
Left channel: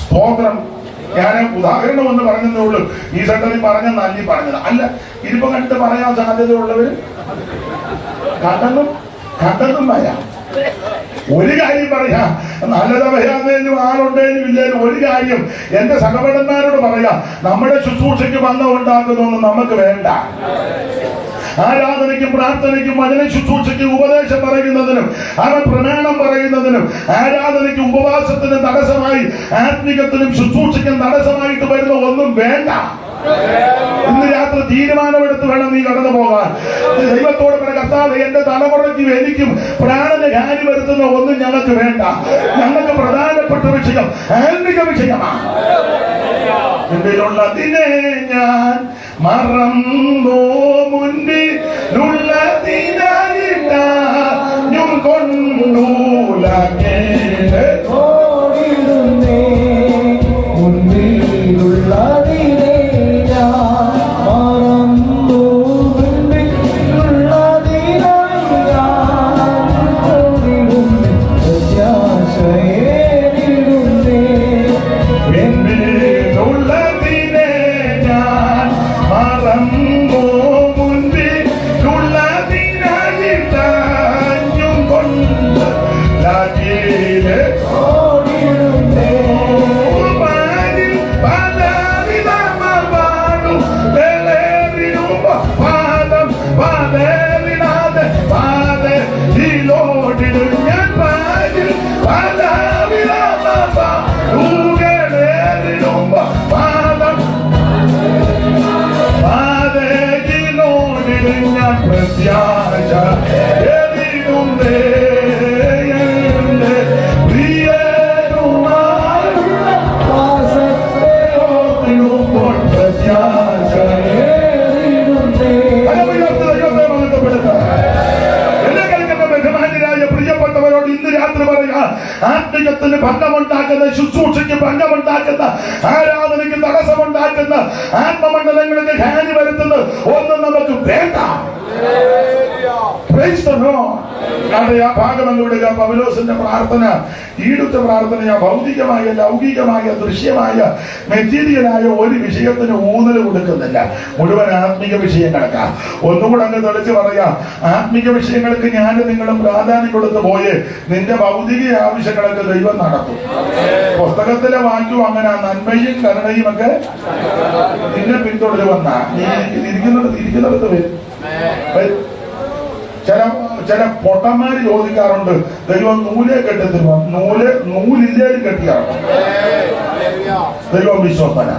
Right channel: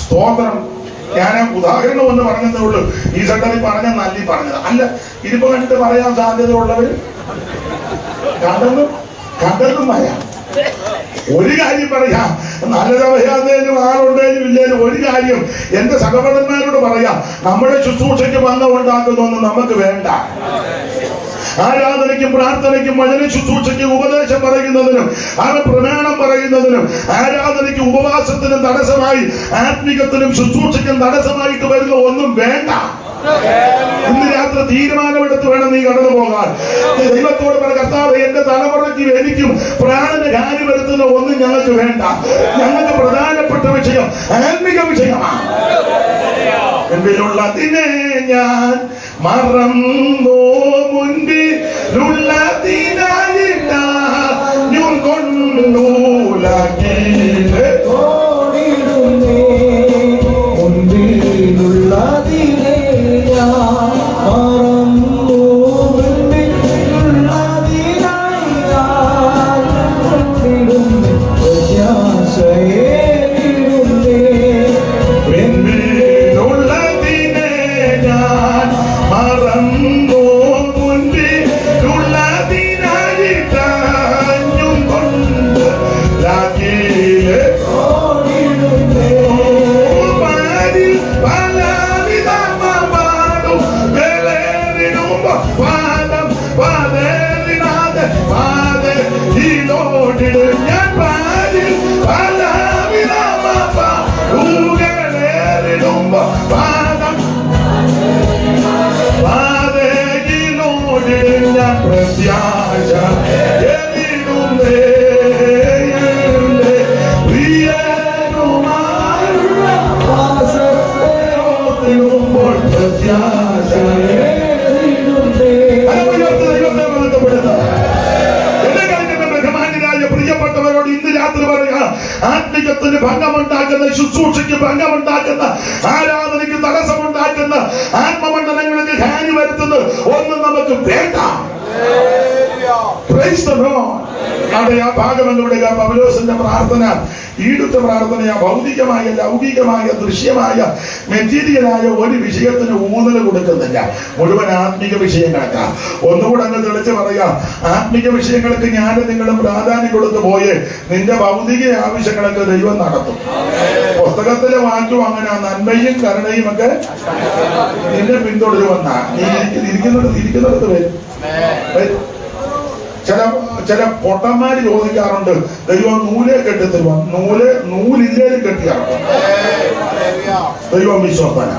സ്തോത്രം. ഞാൻ ഉദാഹരണം ഒന്ന് പറഞ്ഞതേ ഉള്ളൂ. ഈ സെന്ററിൽ പറഞ്ഞ നല്ലി പറഞ്ഞത് അല്ല, ഇതിപ്പോ കണ്ടിട്ട് പറയാൻ സാധ്യതയുള്ളവർ കണ്ടതും പറയാം. ഒരു കാര്യം പറയാം, നല്ലത് പറയാന്നേലും ആളുണ്ടേലും ഇല്ലേലും ഒരു കാര്യം എന്റെ സഹോദരന്മാരോട് പറയാം, നമ്മുടെ ശുശ്രൂഷയ്ക്ക് ഭംഗം ഉണ്ടാക്കുന്നതൊന്നും നമുക്ക് വേണ്ട. ആരാധനയ്ക്കും പ്രാർത്ഥനയ്ക്കും വചന ശുശ്രൂഷയ്ക്കും ഉപദേശം പറയുന്നതിനും അവൻ പ്രമാണം പറയുന്നതിനും ആരാധനയ്ക്കും ഉപവാസത്തിനും തടസ്സമായി ആത്മികത്തിനും ശുശ്രൂഷയ്ക്കും തടസ്സമായിട്ട് വരുന്ന ഒന്നും വേണ്ട. ഇന്ന് രാത്രി തീരുമാനമെടുത്ത് വേണം നീ കടന്നു പോകാൻ. ദൈവത്തോട് പറ, കർത്താവേ എന്റെ തലമുറയ്ക്കും എനിക്കും പ്രാണന് ഹാനി വരുത്തുന്ന ഒന്നും ഞങ്ങൾക്ക് വേണ്ട. ഞങ്ങൾക്ക് പ്രധാനപ്പെട്ട വിഷയം ആത്മിക വിഷയമാണ്. മുൻപിലുള്ളതിനെ ഞാൻ മറന്നോ, മുൻപിലുള്ളതിനായിട്ട ഞാൻ കൊണ്ടൂലാക്കി ആത്മികത്തിന് ഭംഗമുണ്ടാക്കുന്ന, ശുശ്രൂഷയ്ക്ക് ഭംഗമുണ്ടാക്കുന്ന, ആരാധനയ്ക്ക് തടസ്സമുണ്ടാക്കുന്ന, ആത്മമണ്ഡലങ്ങൾക്ക് ഹാനി വരുത്തുന്നത് ഒന്നും നമുക്ക് വേണ്ട. അവിടെ ആ ഭാഗമെന്ന് വിടുക. പൗലോസിന്റെ പ്രാർത്ഥന ഈടുത്ത പ്രാർത്ഥനയ. ഭൗതികമായ, ലൗകികമായ, ദൃശ്യമായ, മെറ്റീരിയലായ ഒരു വിഷയത്തിന് ഊന്നൽ കൊടുക്കുന്നില്ല. മുഴുവൻ ആത്മിക വിഷയങ്ങൾക്ക്. ഒന്നുകൂടെ അങ്ങ് തെളിച്ച് പറയാം, ആത്മിക വിഷയങ്ങൾക്ക് ഞാൻ നിങ്ങളും പ്രാധാന്യം കൊടുത്തു പോയേ നിന്റെ ഭൗതിക ആവശ്യങ്ങൾക്ക് ദൈവം നടത്തും. പുസ്തകത്തിലെ വാക്യം അങ്ങനെ, നന്മയും കരുണയും ഒക്കെ നിന്നെ പിന്തുടരുവന്ന നീ ഇരിക്കുന്നിടത്ത് വരും. ചില പൊട്ടന്മാര് ചോദിക്കാറുണ്ട്, ദൈവം നൂലെ കെട്ടത്തില്ല. നൂലില്ലേലും കെട്ടിയാണ്. ദൈവം വിശ്വസ്തന.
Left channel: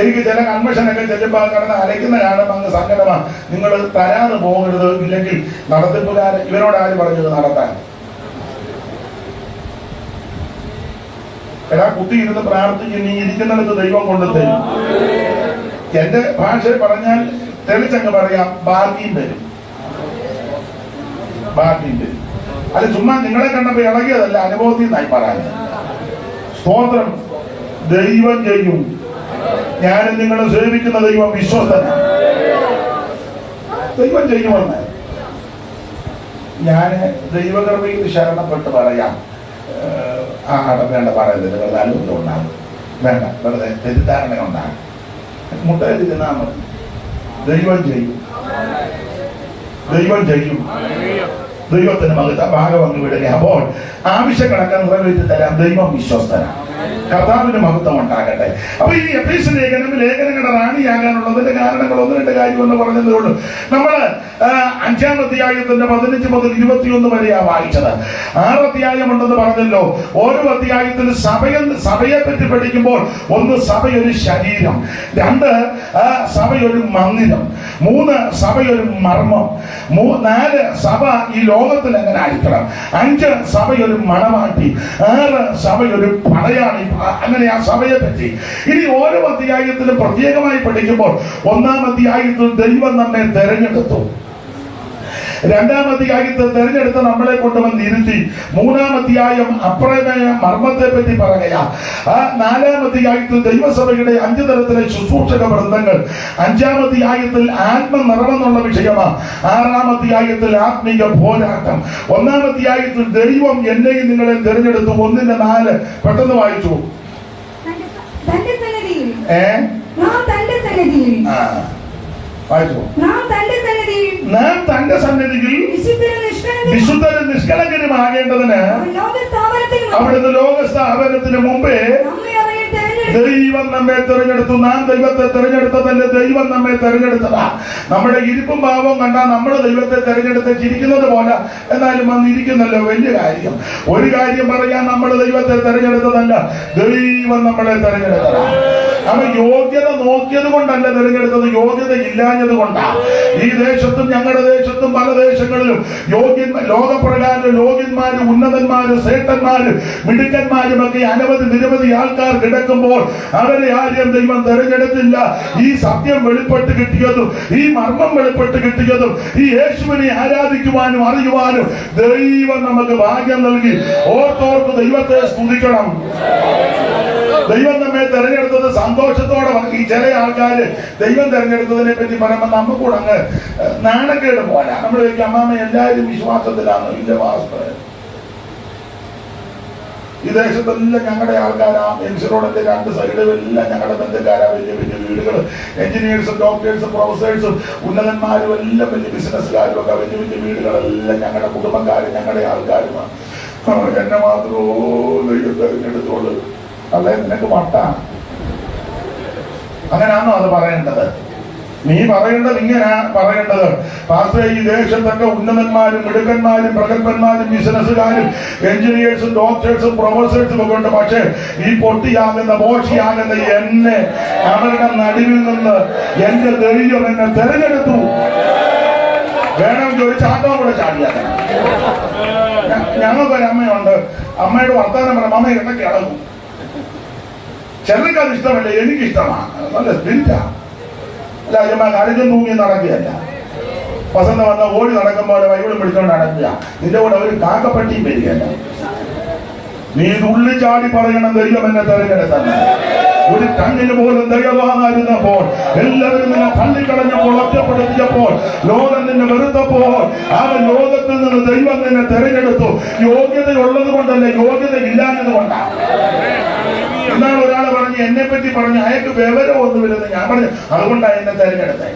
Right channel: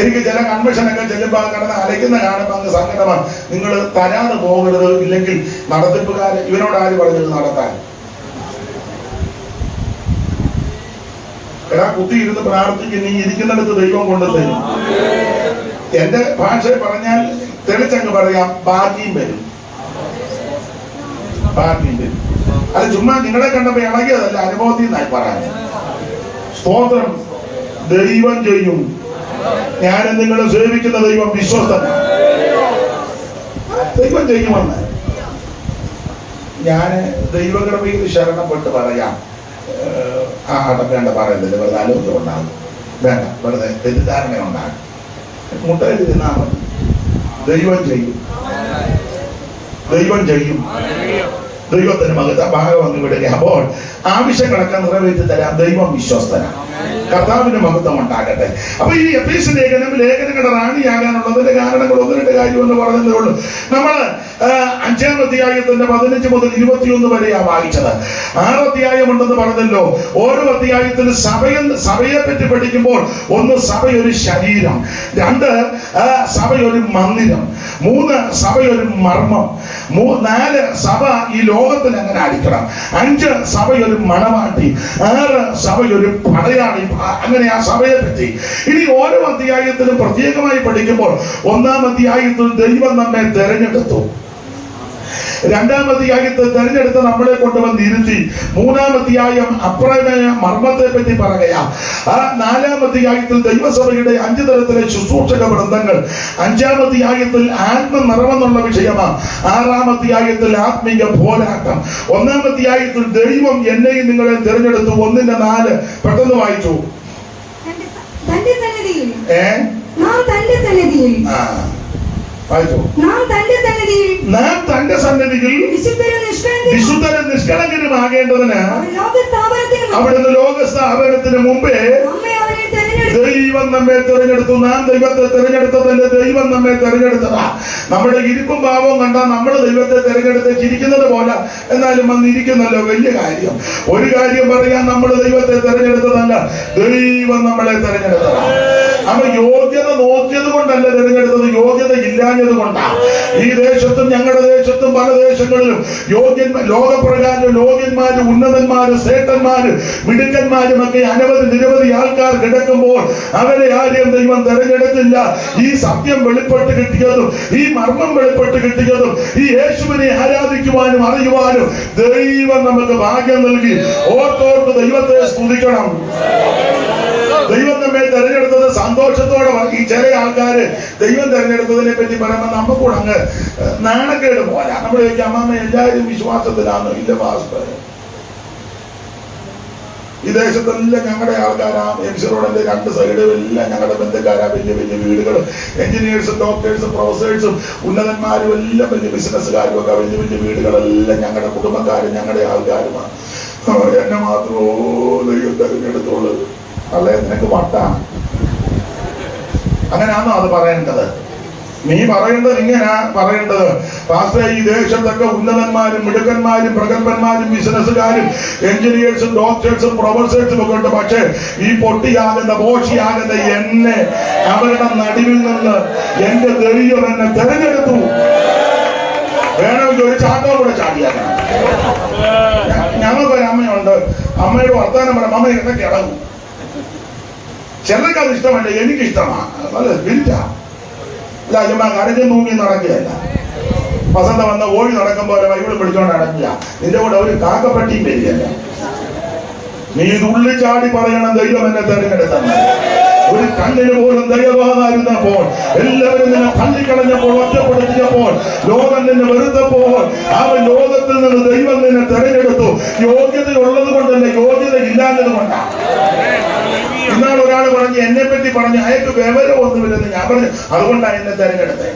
എനിക്ക് ചില കൺവെൻഷനൊക്കെ ചെല്ലുമ്പോൾ കിടന്ന് അലയ്ക്കുന്ന കാണുമ്പോൾ അങ്ങ് സങ്കടമാണ്. നിങ്ങൾ തരാതെ പോകരുത്, ഇല്ലെങ്കിൽ നടത്തിപ്പുകാരൻ ഇവരോട് ആര് പറഞ്ഞത് നടത്താൻ? എടാ, കുത്തിയിരുന്ന് പ്രാർത്ഥിച്ച് നീ ഇരിക്കുന്നിടത്ത് ദൈവം കൊണ്ടുതരും. എന്റെ ഭാഷ പറഞ്ഞാൽ തെളിച്ചങ്ങ് പറയാം, ബാക്കിയും വരും. അത് ചുമ്മാ നിങ്ങളെ കണ്ടപ്പോ ഇണങ്ങിയതല്ല, അനുഭവത്തിൽ നിന്നായി പറയാം. സ്തോത്രം. ദൈവം ചെയ്യും. ഞാൻ നിങ്ങളെ സേവിക്കുന്ന ദൈവം വിശ്വസ്തനാണ്. ദൈവം ചെയ്യുമെന്ന് ഞാൻ ദൈവകൃപയിൽ ശരണപ്പെട്ട് പറയാം. വേണ്ട പറയുന്നില്ല, വെറുതെ ആലോചന ഉണ്ടാകും. വേണ്ട, വെറുതെ തെറ്റിദ്ധാരണ ഉണ്ടാകും. മുട്ടയിൽ തിന്നാൽ മതി. ദൈവം ചെയ്യും. ദൈവത്തിന്റെ മകത്ത ഭാഗം അങ്ങ് വിടുക. അപ്പോൾ ആവശ്യങ്ങളൊക്കെ നിറവേറ്റി തരാൻ ദൈവം വിശ്വസ്തനാണ്. കർത്താവിന്റെ മഹത്വം ഉണ്ടാകട്ടെ. അപ്പൊ ഈ എഫേസ്യ ലേഖനങ്ങളുടെ റാണിയാകാനുള്ളതിന്റെ കാരണങ്ങൾ ഒന്ന് രണ്ട് കാര്യം എന്ന് പറഞ്ഞതേ ഉള്ളൂ. നമ്മള് 5-ാം അധ്യായത്തിന്റെ 15 മുതൽ 21 വരെയാണ് വായിച്ചത്. 6 അധ്യായം ഉണ്ടെന്ന് പറഞ്ഞല്ലോ. ഓരോ അധ്യായത്തിന് സഭയെ പറ്റി പഠിക്കുമ്പോൾ, 1 സഭയൊരു ശരീരം, 2 സഭയൊരു മന്ദിരം, 3 സഭയൊരു മർമ്മം, 4 സഭ ഈ ലോകത്തിൽ എങ്ങനെ ആയിരിക്കണം, 5 സഭയൊരു മണവാട്ടി, 6 സഭയൊരു പടയാളി. അങ്ങനെ ആ സഭയെ പറ്റി ഇനി ഓരോ അധ്യായത്തിലും പ്രത്യേകമായി പഠിക്കുമ്പോൾ, 1-ാം അധ്യായത്തിൽ ദൈവം നമ്മെ തെരഞ്ഞെടുത്തു. 2-ാം അധ്യായത്തിൽ തെരഞ്ഞെടുത്ത് നമ്മളെ കൊണ്ടുവന്ന് ഇരുത്തി. 3-ാം അധ്യായം അപ്രമേയ മർമ്മത്തെ പറ്റി പറയുക. 4-ാം അധ്യായത്തിൽ ദൈവസഭയുടെ 5 തരത്തിലെ ശുശ്രൂഷക വൃന്ദങ്ങൾ. 5-ാം അധ്യായത്തിൽ ആത്മനിറവെന്നുള്ള വിഷയമാണ്. 6-ാം അധ്യായത്തിൽ ആത്മീക പോരാട്ടം. 1-ാം അധ്യായത്തിൽ ദൈവം എന്നെയും നിങ്ങളെ തെരഞ്ഞെടുത്തു. 1-4 പെട്ടെന്ന് വായിച്ചു. നാം തന്റെ സന്നിധിയിൽ വിശുദ്ധരും നിഷ്കളങ്കരുമാകേണ്ടതിന് അവിടുന്ന് ലോകസ്ഥാപനത്തിന് മുമ്പേ ദൈവം നമ്മെ തെരഞ്ഞെടുത്തു. നാം ദൈവത്തെ തെരഞ്ഞെടുത്തതല്ലേ, ദൈവം നമ്മെ തെരഞ്ഞെടുത്തതാ. നമ്മുടെ ഇരിപ്പും ഭാവവും കണ്ടാൽ നമ്മൾ ദൈവത്തെ തെരഞ്ഞെടുത്ത് ചിരിക്കുന്നത് പോലെ, എന്നാലും വന്നിരിക്കുന്നല്ലോ, വലിയ കാര്യം. ഒരു കാര്യം പറയാൻ, നമ്മൾ ദൈവത്തെ തെരഞ്ഞെടുത്തതല്ല, ദൈവം നമ്മളെ തെരഞ്ഞെടുത്തതാണ്. അവൻ യോഗ്യത നോക്കിയത് കൊണ്ടല്ല തെരഞ്ഞെടുത്തത്, യോഗ്യത ഇല്ലാഞ്ഞത് കൊണ്ടാണ്. ഈ ദേശത്തും ഞങ്ങളുടെ ദേശത്തും പല ദേശങ്ങളിലും ലോകപ്രകാരം യോഗ്യന്മാരും ഉന്നതന്മാരും ശ്രേഷ്ഠന്മാരും മിടുക്കന്മാരും ഒക്കെ നിരവധി ആൾക്കാർ കിടക്കുമ്പോൾ അവരെ ആരെയും ദൈവം തെരഞ്ഞെടുത്തില്ല. ഈ സത്യം വെളിപ്പെട്ട് കിട്ടിയതും ഈ മർമ്മം വെളിപ്പെട്ട് കിട്ടിയതും ഈ യേശുവിനെ ആരാധിക്കുവാനും അറിയുവാനും ദൈവം നമുക്ക് ഭാഗ്യം നൽകി. ഓർത്തോർത്ത് ദൈവത്തെ സ്തുതിക്കണം. ദൈവം നമ്മെ തെരഞ്ഞെടുത്തത് സന്തോഷത്തോടെ. ഈ ചില ആൾക്കാര് ദൈവം തെരഞ്ഞെടുത്തതിനെ പറ്റി പറയുമ്പോൾ നമുക്കൂടെ അങ്ങ് നാണക്കേട് പോരാ. നമ്മൾ ചോദിക്കും, അമ്മാമ എല്ലാവരും വിശ്വാസത്തിലാണോ? ഇല്ല മാസ്റ്റർ, ഈ ദേശത്തെല്ലാം ഞങ്ങളുടെ ആൾക്കാരാ. എംസി റോഡിന്റെ 2 സൈഡുകളെല്ലാം ഞങ്ങളുടെ ബന്ധുക്കാരാ. വലിയ വലിയ വീടുകൾ, എഞ്ചിനീയേഴ്സും ഡോക്ടേഴ്സും പ്രൊഫസേഴ്സും ഉന്നതന്മാരും എല്ലാം വലിയ ബിസിനസ്സുകാരും ഒക്കെ വലിയ വലിയ വീടുകളെല്ലാം ഞങ്ങളുടെ കുടുംബക്കാരും ഞങ്ങളുടെ ആൾക്കാരുമാണ്. എന്നെ മാത്രമോ ദൈവം തെരഞ്ഞെടുത്തുള്ളത്? അല്ലേ, നിനക്ക് വട്ടാണ്. അങ്ങനെയാണോ അത് പറയേണ്ടത്? നീ പറയേണ്ടത് ഇങ്ങനെയാ പറയേണ്ടത്, പാസ്റ്റർ ഈ ദേശത്തൊക്കെ ഉന്നതന്മാരും മിടുക്കന്മാരും പ്രഗത്ഭന്മാരും ബിസിനസ്സുകാരും എഞ്ചിനീയേഴ്സും ഡോക്ടേഴ്സും പ്രൊഫസേഴ്സും ഒക്കെ ഉണ്ട്. പക്ഷേ ഈ പൊട്ടിയാകുന്ന മോശിയാകുന്ന എന്നെ അവരുടെ നടുവിൽ നിന്ന് എന്റെ ദൈവം എന്നെ തെരഞ്ഞെടുത്തു. വേണമെങ്കിൽ ഒരു ചാട്ടം കൂടെ ചാടിയാൽ. ഞങ്ങൾക്കൊരു അമ്മയുണ്ട്. അമ്മയുടെ വർത്താനം പറയാം, അമ്മ ഇടയ്ക്ക് ഇളകും. ചിലർക്ക് അത് ഇഷ്ടമല്ല, എനിക്കിഷ്ടമാണ്. നല്ല സ്പിരിറ്റാ. അല്ല, ചുമ്മാ കരഞ്ഞും തൂങ്ങി നടക്കുകയല്ല. വസന്ത വന്ന് ഓടി നടക്കുമ്പോൾ ബൈബിൾ പിടിച്ചോണ്ട് നടക്കുക. നിന്റെ കൂടെ ഒരു കാക്കപ്പട്ടിയും വരികയല്ല. നീ തുള്ളിച്ചാടി പറയണം, ദൈവം എന്നെ തെരഞ്ഞെടുത്തന്നെ. ഒരു കണ്ണിന് പോലും ദൈവമായിരുന്നപ്പോൾ, എല്ലാവരും നിന്നെ തള്ളിക്കളഞ്ഞപ്പോൾ, ഒറ്റപ്പെടുത്തിയപ്പോൾ, ലോകം നിന്നെ വെറുത്തപ്പോൾ, അവൻ ലോകത്തിൽ നിന്ന് ദൈവം നിന്നെ തെരഞ്ഞെടുത്തു. യോഗ്യത ഉള്ളത് കൊണ്ടല്ല, യോഗ്യത ഇല്ലാത്തത് കൊണ്ടാണ്. എന്നാൽ ഒരാൾ പറഞ്ഞു, എന്നെ പറ്റി പറഞ്ഞു, അയാൾക്ക് വിവരമൊന്നുമില്ലെന്ന്. ഞാൻ പറഞ്ഞു, അതുകൊണ്ടാണ് എന്നെ തെരഞ്ഞെടുത്തത്.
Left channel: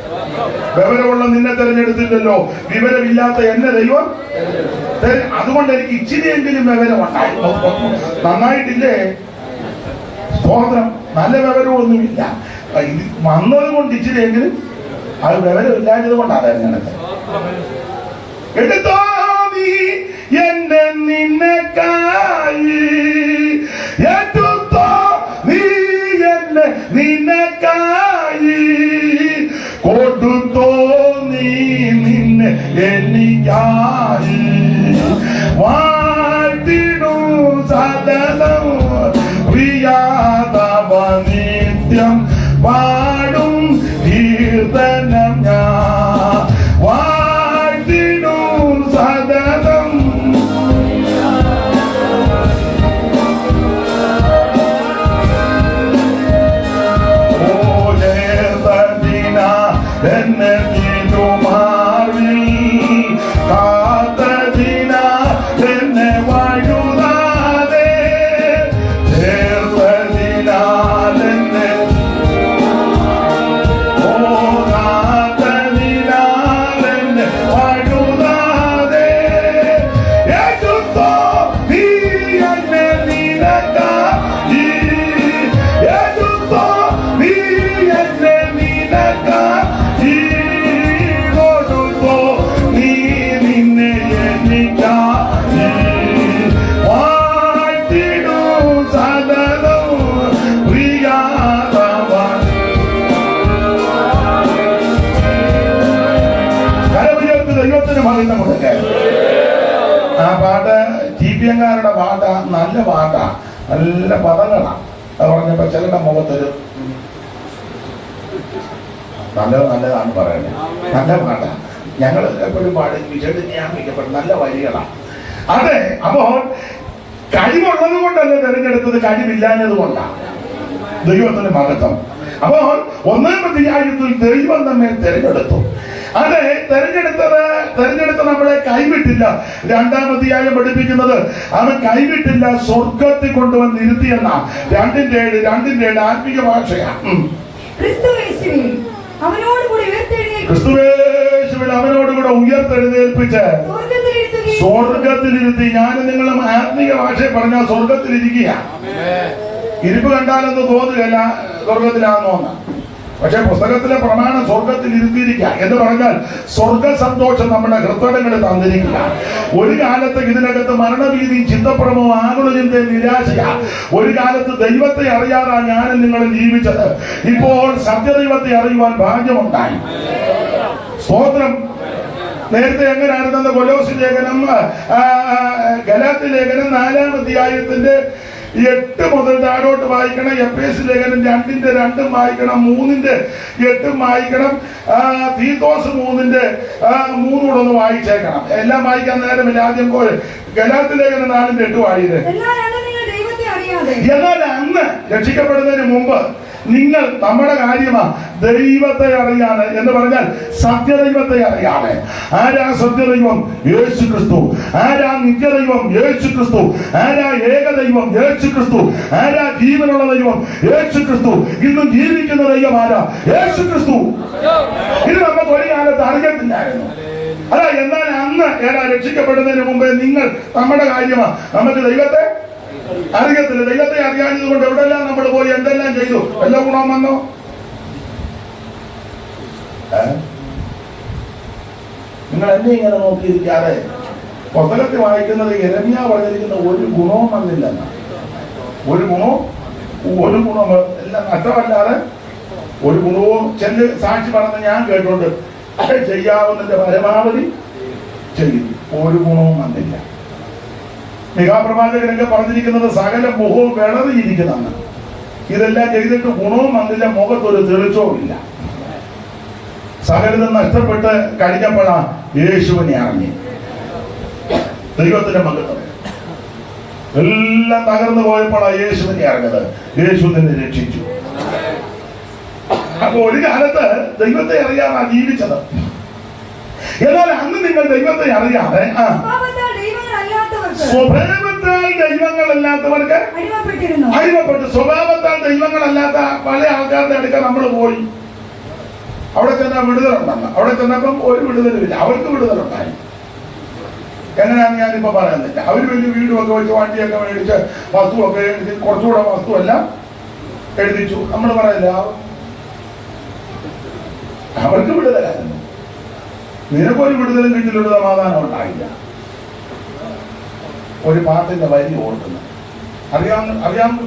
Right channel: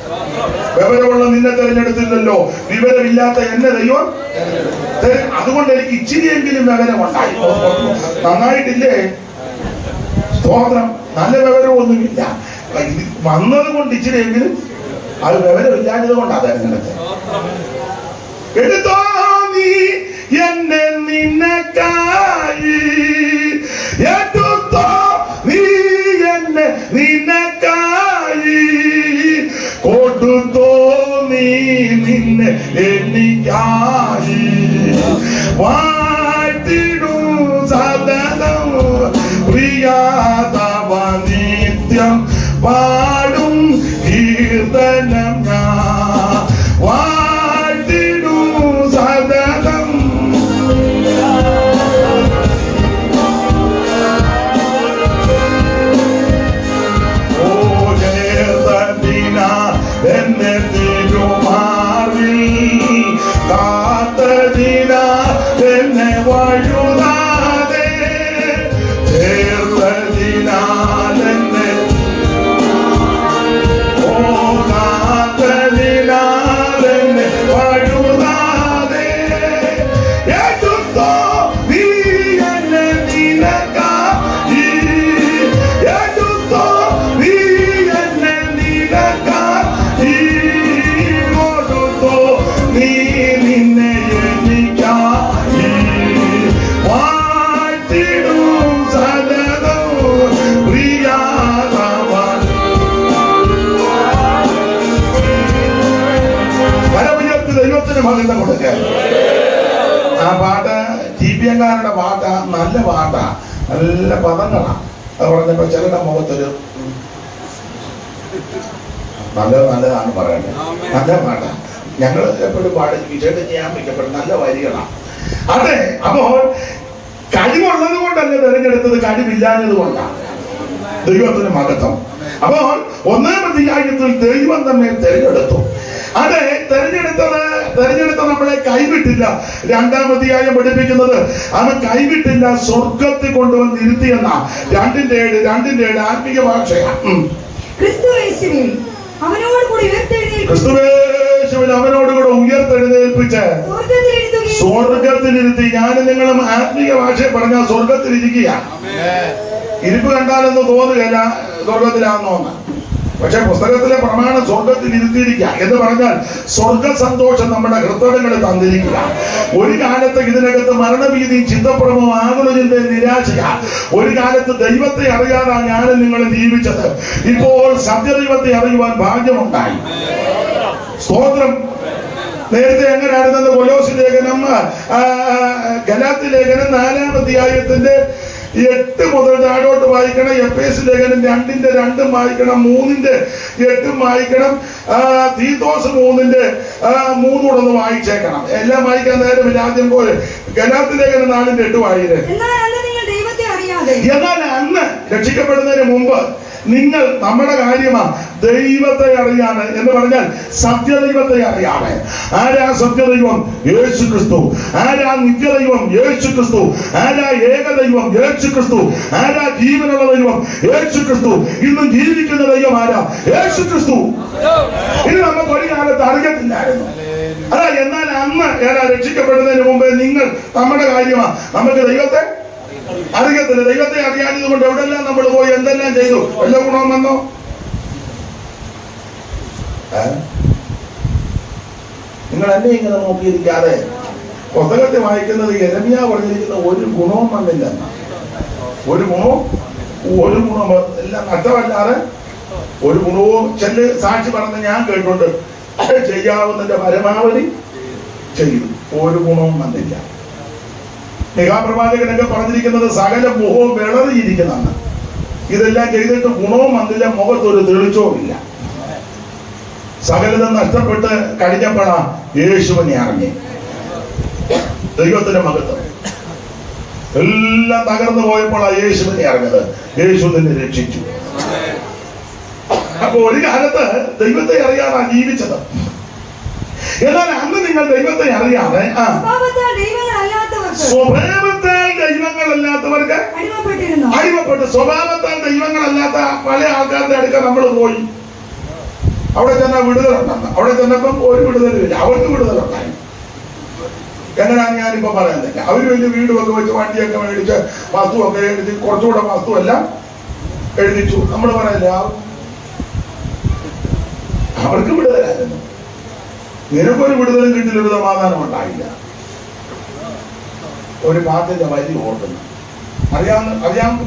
വിവരമുള്ള നിന്നെ തെരഞ്ഞെടുത്തില്ലല്ലോ, വിവരമില്ലാത്ത എന്നെ ദൈവം. അതുകൊണ്ട് എനിക്ക് ഇച്ചിരിയെങ്കിലും വിവരമുണ്ടായി. നന്നായിട്ടില്ലേ? സ്തോത്രം. നല്ല വിവരമൊന്നുമില്ല, വന്നത് കൊണ്ട് ഇച്ചിരിയെങ്കിലും അത് വിവരമില്ലാഞ്ഞത് കൊണ്ടാ തെരഞ്ഞെടുത്തത്. എടുത്തോ നീ എന്നെ നിനക്കായി, എടുത്തോ നീ എന്നെ നിനക്കായി, കൊടുത്തോ നീ നിന്നെ എനിക്കായി. വാഴ്ത്തിടും സദനം പ്രിയാതവ നിത്യം പാടും കീർത്തനം ഞാൻ. വാഴ്ത്തിടും സദനം ഓ ചേർത്തതിന എന്നെ തിരുമാറിൽ കാത്തതിന എന്നെ വഴുതാതെ ചേർത്തതിനാൽ എന്നെ ഓ കാത്തതിനാൽ എന്നെ വഴുതാതെ എടുത്തോ നീ എന്നെ നിനക്കായി, എടുത്തോ നീ എന്നെ നിനക്കായി, കൊടുത്തോ നീ നിന്നെ എനിക്കായി. വാഴ്ത്തിടും സദനം പ്രിയാതവൻ. കരമുയർത്തി ദൈവത്തിന് മഹത്വം കൊടുക്കാൻ. ആ പാട്ട് ടി.പി.എംകാരുടെ പാട്ടാ, നല്ല പാട്ടാ, നല്ല പദങ്ങളാ. അത് പറഞ്ഞപ്പോ ചിലരുടെ മുഖത്തൊരു നല്ലതാണ് പറയണേ. നല്ല പാട്ടാ. ഞങ്ങൾ എപ്പോഴും പാടി വിജയിക്കപ്പെടും നല്ല വരികളാണ്. അതെ, അപ്പോൾ കഴിവുള്ളത് കൊണ്ടല്ല തെരഞ്ഞെടുത്തത്, കഴിവില്ലാഞ്ഞത് കൊണ്ടാണ്. ദൈവത്തിന് മഹത്വം. അപ്പോൾ 1-ാം അധ്യായത്തിൽ ദൈവം തന്നെ തെരഞ്ഞെടുത്തു. അതെ, തെരഞ്ഞെടുത്ത നമ്മളെ കൈവിട്ടില്ല. 2-ാം അധ്യായം പഠിപ്പിക്കുന്നത് അവൻ കൈവിട്ടില്ല, സ്വർഗത്തിൽ കൊണ്ടുവന്ന് ഇരുത്തിയെന്ന 2:7 ആത്മീയ ഭാഷയാണ്. ക്രിസ്തുയേശുവിൽ അവനോടുകൂടി ഉയർത്തെഴുന്നേൽപ്പിച്ച് ക്രിസ്തുവേശുവിൽ അവനോടുകൂടെ ഉയർത്തെഴുന്നേൽപ്പിച്ച് സ്വർഗത്തിലിരുത്തി. ഞാനും നിങ്ങളും ആത്മീയ ഭാഷയെ പറഞ്ഞാൽ സ്വർഗത്തിലിരിക്കുക. ഇരിപ്പ് കണ്ടാലൊന്ന് തോന്നുകയല്ല സ്വർഗത്തിലാണെന്നോന്ന്. പക്ഷെ പുസ്തകത്തിലെ പ്രമാണം സ്വർഗത്തിൽ ഇരുത്തിയിരിക്കുക എന്ന് പറഞ്ഞാൽ സ്വർഗ സന്തോഷം നമ്മുടെ ഹൃദയങ്ങളിൽ തന്നിരിക്കുക. ഒരു കാലത്ത് ഇതിനകത്ത് മരണഭീതിയും ചിന്തപ്രമവും ആകുലതിന്റെ നിരാശയാ. ഒരു കാലത്ത് ദൈവത്തെ അറിയാതെ ഞാനും നിങ്ങളും ജീവിച്ചത്. ഇപ്പോൾ സത്യദൈവത്തെ അറിയുവാൻ ഭാഗ്യമുണ്ടായി. സ്തോത്രം. നേരത്തെ എങ്ങനെയായിരുന്നത്? കൊലോസി ലേഖനം, ഗലാത്യ ലേഖനം 4-ാം അധ്യായത്തിന്റെ 8 മുതൽ താഴോട്ട് വായിക്കണം. എഫേസ്യ ലേഖനം 2:2 വായിക്കണം, 3:8 വായിക്കണം, തീത്തോസ് 3:3 കൂടെ ഒന്ന് വായിച്ചേക്കണം. എല്ലാം വായിക്കാൻ നേരമില്ല. ആദ്യം പോലെ ഗലാത്യ ലേഖനം 4:8 വായിക്കേ. എന്നാൽ അന്ന് രക്ഷിക്കപ്പെടുന്നതിന് മുമ്പ് നിങ്ങൾ നമ്മുടെ കാര്യമാ ദൈവത്തെ അറിയാണ് എന്ന് പറഞ്ഞാൽ സത്യദൈവത്തെ അറിയാണ്. ആരാ സത്യദൈവം? യേശു ക്രിസ്തു. ആരാ നിത്യദൈവം? യേശു ക്രിസ്തു. ആരാ ഏകദൈവം? യേശു ക്രിസ്തു. ആരാ ജീവനുള്ള ദൈവം? യേശു ക്രിസ്തു. ഇന്നും ജീവിക്കുന്ന ദൈവം ആരാ? യേശു ക്രിസ്തു. ഇത് നമുക്ക് ഒരു കാലത്ത് അറിയത്തില്ലായിരുന്നു. അല്ല, എന്നാൽ അന്ന് ഏതാ രക്ഷിക്കപ്പെടുന്നതിന് മുമ്പേ നിങ്ങൾ നമ്മുടെ കാര്യമാ നമുക്ക് ദൈവത്തെ അറിയത്തില്ല. ദൈവത്തെ അറിയാഞ്ഞത് കൊണ്ട് എവിടെല്ലാം നമ്മൾ പോയി എന്തെല്ലാം ചെയ്തു? വല്ല ഗുണം വന്നോ? നിങ്ങൾ എന്നെ ഇങ്ങനെ നോക്കിയിരിക്കാതെ പുസ്തകത്തിൽ വായിക്കുന്നത് യെരമ്യാ പറഞ്ഞിരിക്കുന്ന ഒരു ഗുണവും വന്നില്ലെന്ന. ഒരു ഗുണവും എല്ലാം നഷ്ടമല്ലാതെ ഒരു ഗുണവും ചെല്ല് സാക്ഷി പറഞ്ഞ് ഞാൻ കേട്ടോണ്ട് ചെയ്യാവുന്നതിന്റെ പരമാവധി ചെയ്തു. ഒരു ഗുണവും വന്നില്ല. പ്രവാചകനൊക്കെ പറഞ്ഞിരിക്കുന്നത് സകല മുഖവും വിളറിയിരിക്കുന്നതാണ്. ഇതെല്ലാം ചെയ്തിട്ട് ഗുണവും വന്നില്ല, മുഖത്തൊരു തെളിച്ചവും ഇല്ല. സകലതും നഷ്ടപ്പെട്ട് കഴിഞ്ഞപ്പോഴാ യേശുവിനെ അറിഞ്ഞ്. ദൈവത്തിന്റെ മഹത്വം. എല്ലാം തകർന്നു പോയപ്പോഴാ യേശുവിനെ അറിഞ്ഞത്. യേശു തന്നെ രക്ഷിച്ചു. അപ്പൊ ഒരു കാലത്ത് ദൈവത്തെ അറിയാതെ ജീവിച്ചത്. എന്നാൽ അന്ന് നിങ്ങൾ ദൈവത്തെ അറിയാതെ സ്വഭാവത്താൽ ദൈവങ്ങളല്ലാത്തവർക്ക് അടിമപ്പെട്ടു. സ്വഭാവത്താൽ ദൈവങ്ങളല്ലാത്ത പല ആൾക്കാരുടെ അടുക്ക നമ്മൾ പോയി. അവിടെ ചെന്നാൽ വിടുതലുണ്ടെന്ന്. അവിടെ ചെന്നപ്പം ഒരു വിടുതലുമില്ല. അവർക്ക് വിടുതലുണ്ടായി. എങ്ങനെയാന്ന് ഞാനിപ്പോ പറയുന്നില്ല. അവര് വലിയ വീടുമൊക്കെ വെച്ച് വണ്ടിയൊക്കെ മേടിച്ച് വസ്തുവൊക്കെ എഴുതി കുറച്ചുകൂടെ വസ്തുവെല്ലാം എഴുതിച്ചു. നമ്മൾ പറയില്ല അവർക്ക് വിടുതലായിരുന്നു. നിനക്കൊരു വിടുതലും കിട്ടിയൊരു സമാധാനം ഉണ്ടായില്ല. ഒരു പാട്ടിന്റെ വരി ഓർക്കുന്നു, അറിയാവുന്ന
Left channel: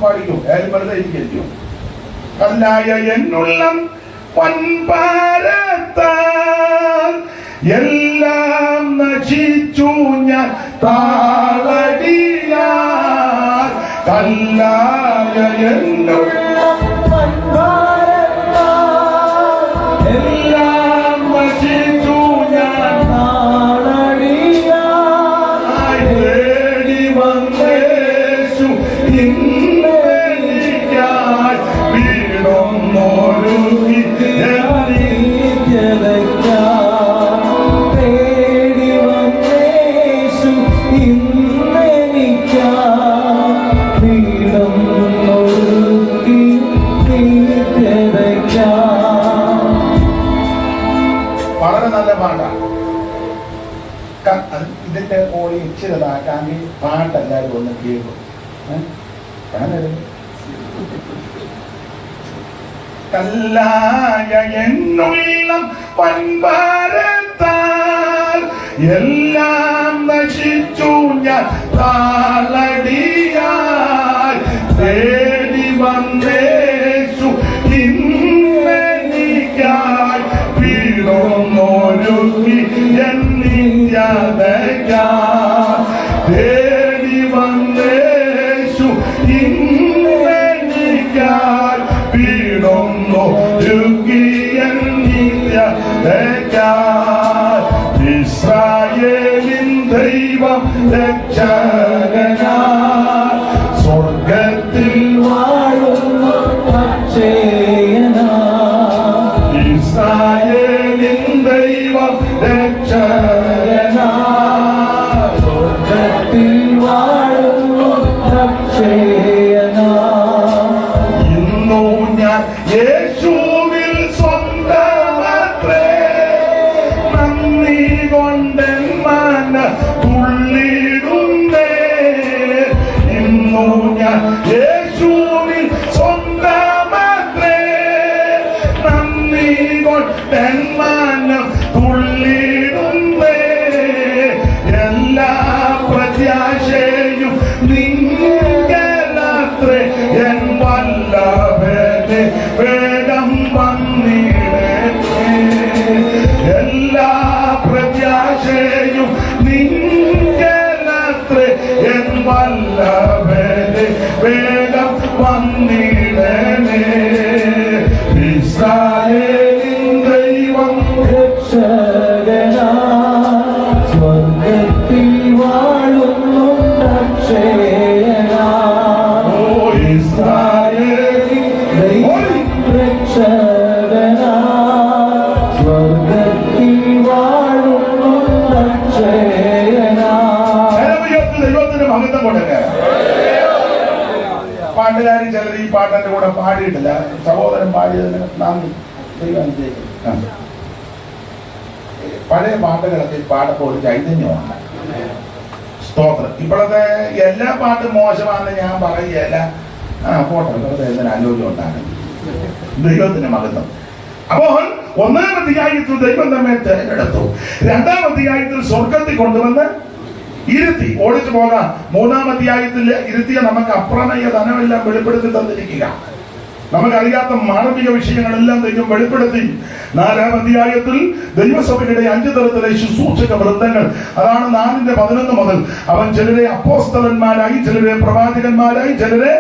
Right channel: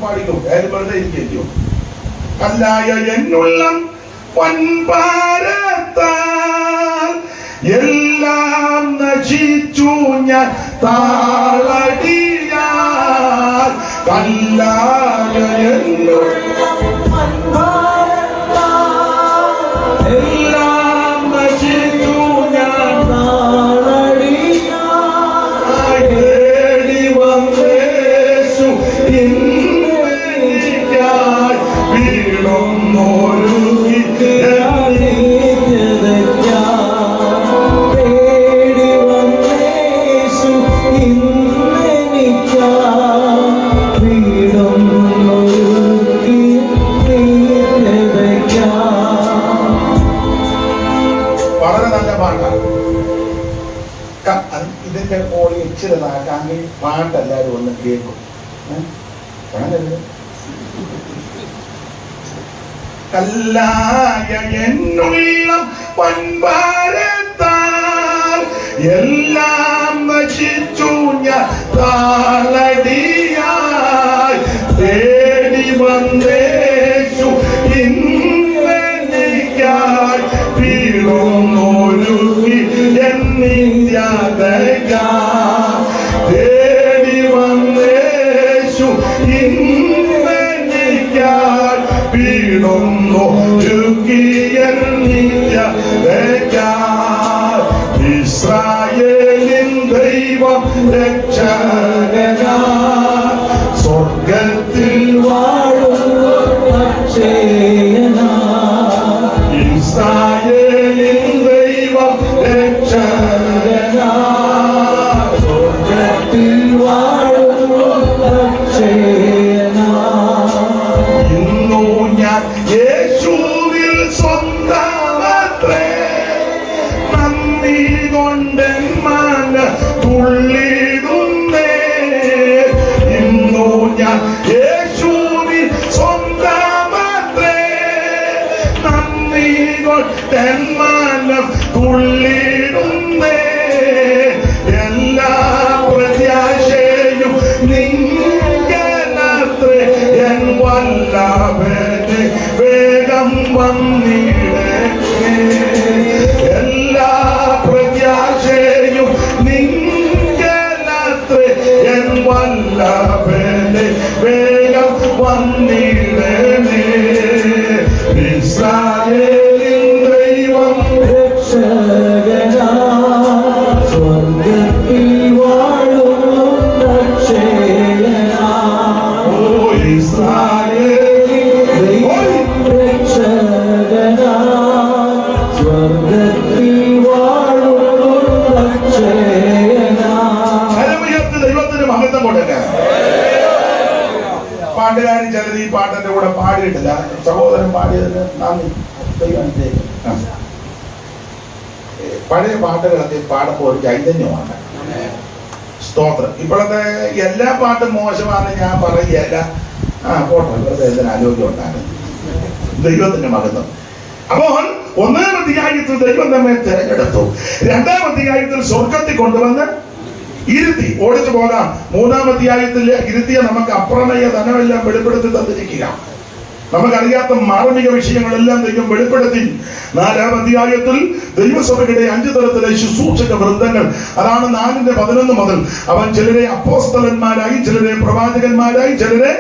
പാടിക്കോ, കാര്യം വെറുതെ ഇരിക്കോ. കല്ലായ എന്നുള്ളം വൻപാരത്താൽ എല്ലാം നശിച്ചു ഞാൻ താളടിയാൽ. കല്ലായ എന്നുള്ളം എല്ലാം നശിച്ചു ഞാൻ താളടിയാൽ. തേടി വന്നേശു ഇന്നെനിക്കായി വീണൊന്നൊരുക്കി ഇതിന്റെ ഓളി ഇച്ചിരതാക്കാമെങ്കിൽ പാട്ടെല്ലാവരും ഒന്ന് കേൾക്കും. കല്ലായ എന്നുള്ള പൻപാരത്താൽ എല്ലാം നശിച്ചു ഞാൻ താളടിയായി. തേടി വന്നേശു ഇന്നെനിക്കായി വീണൊന്നൊരുക്കി തേടി വന്നേശു ഇന്നെനിക്കായി വീണൊന്നൊരുക്കിയാൽ. ഇസ്രായേലിൻ ദൈവം രക്ഷകനാ സ്വർഗത്തിൽ വാഴുന്നു അക്ഷയനാ. ഇസ്രായേലിൻ ദൈവം രക്ഷകനാ സ്വർഗത്തിൽ വാഴുന്നു അക്ഷയനാ. ഇന്നു ഞാൻ യേശുവിൽ സ്വന്തമത്രേ, നന്ദി കൊണ്ടൻ മന തുള്ളിടുന്നേ. ഇന്നു ഞാൻ യേശുവിൽ സ്വന്തമത്രേ, നന്ദി കൊണ്ടൻ മന തുള്ളിടുന്നേ. എല്ലാ പ്രത്യാശയും നിങ്കലത്രേ, എൻ വല്ലഭനെ വേഗം വന്നിടണേ. എല്ലാ പ്രത്യാശയും നിങ്കലത്രേ, എൻ വല്ലഭനെ വേഗം വന്നിടണേ. ഇസ്രായേലിൻ ദൈവം രക്ഷകനാ സ്വർഗത്തിൽ വാഴുന്നു അക്ഷയനാ. ഓ ഇസ്രായേലിൻ ദൈവം രക്ഷകനാ സ്വർഗത്തിൽ വാഴുന്നു അക്ഷയനാ. ദൈവത്തിന് മഹത്വം കൊടുക്കുക. പാട്ടുകാരൻ ചിലർ ഈ പാട്ടിന്റെ കൂടെ പാടിയിട്ടില്ല. സഹോദരൻ പാടിയതിന് നന്ദി. ദൈവം പഴയ പാട്ടുകളൊക്കെ പാടുമ്പോൾ ഒരു ചൈതന്യമാണ്. സ്തോത്രം. ഇപ്പോഴത്തെ എല്ലാ പാട്ടും മോശമാണെന്ന് ഞാൻ പറയുകയല്ല. പോട്ടെ, വെറുതെ ഇതിന് ആരോഗ്യം ഉണ്ടാകും. ദൈവത്തിന്റെ മഹത്വം. അപ്പോൾ ഒന്നാം അധ്യായത്തിൽ ദൈവം നമ്മെ തെരഞ്ഞെടുത്തു. രണ്ടാം അധ്യായത്തിൽ സ്വർഗത്തിൽ കൊണ്ടുവന്ന് ഇരുത്തി. ഓടിച്ചു പോകാം. മൂന്നാം അധ്യായത്തിൽ ഇരുത്തിയ നമുക്ക് അപ്രമേയ ധനമെല്ലാം വെളിപ്പെടുത്തി തന്നിരിക്കുക. നമുക്കറിയാത്ത മാർമിക വിഷയങ്ങളെല്ലാം ദൈവം വെളിപ്പെടുത്തി. നാലാം അധ്യായത്തിൽ ദൈവസഭയുടെ 5 തരത്തിലെ ശുശ്രൂഷക വൃന്ദങ്ങൾ, അതാണ് 4:11 മുതൽ. അവൻ ചിലരെ അപ്പോസ്തലന്മാരായി, ചിലരെ പ്രവാചകന്മാരായി, ചിലരെ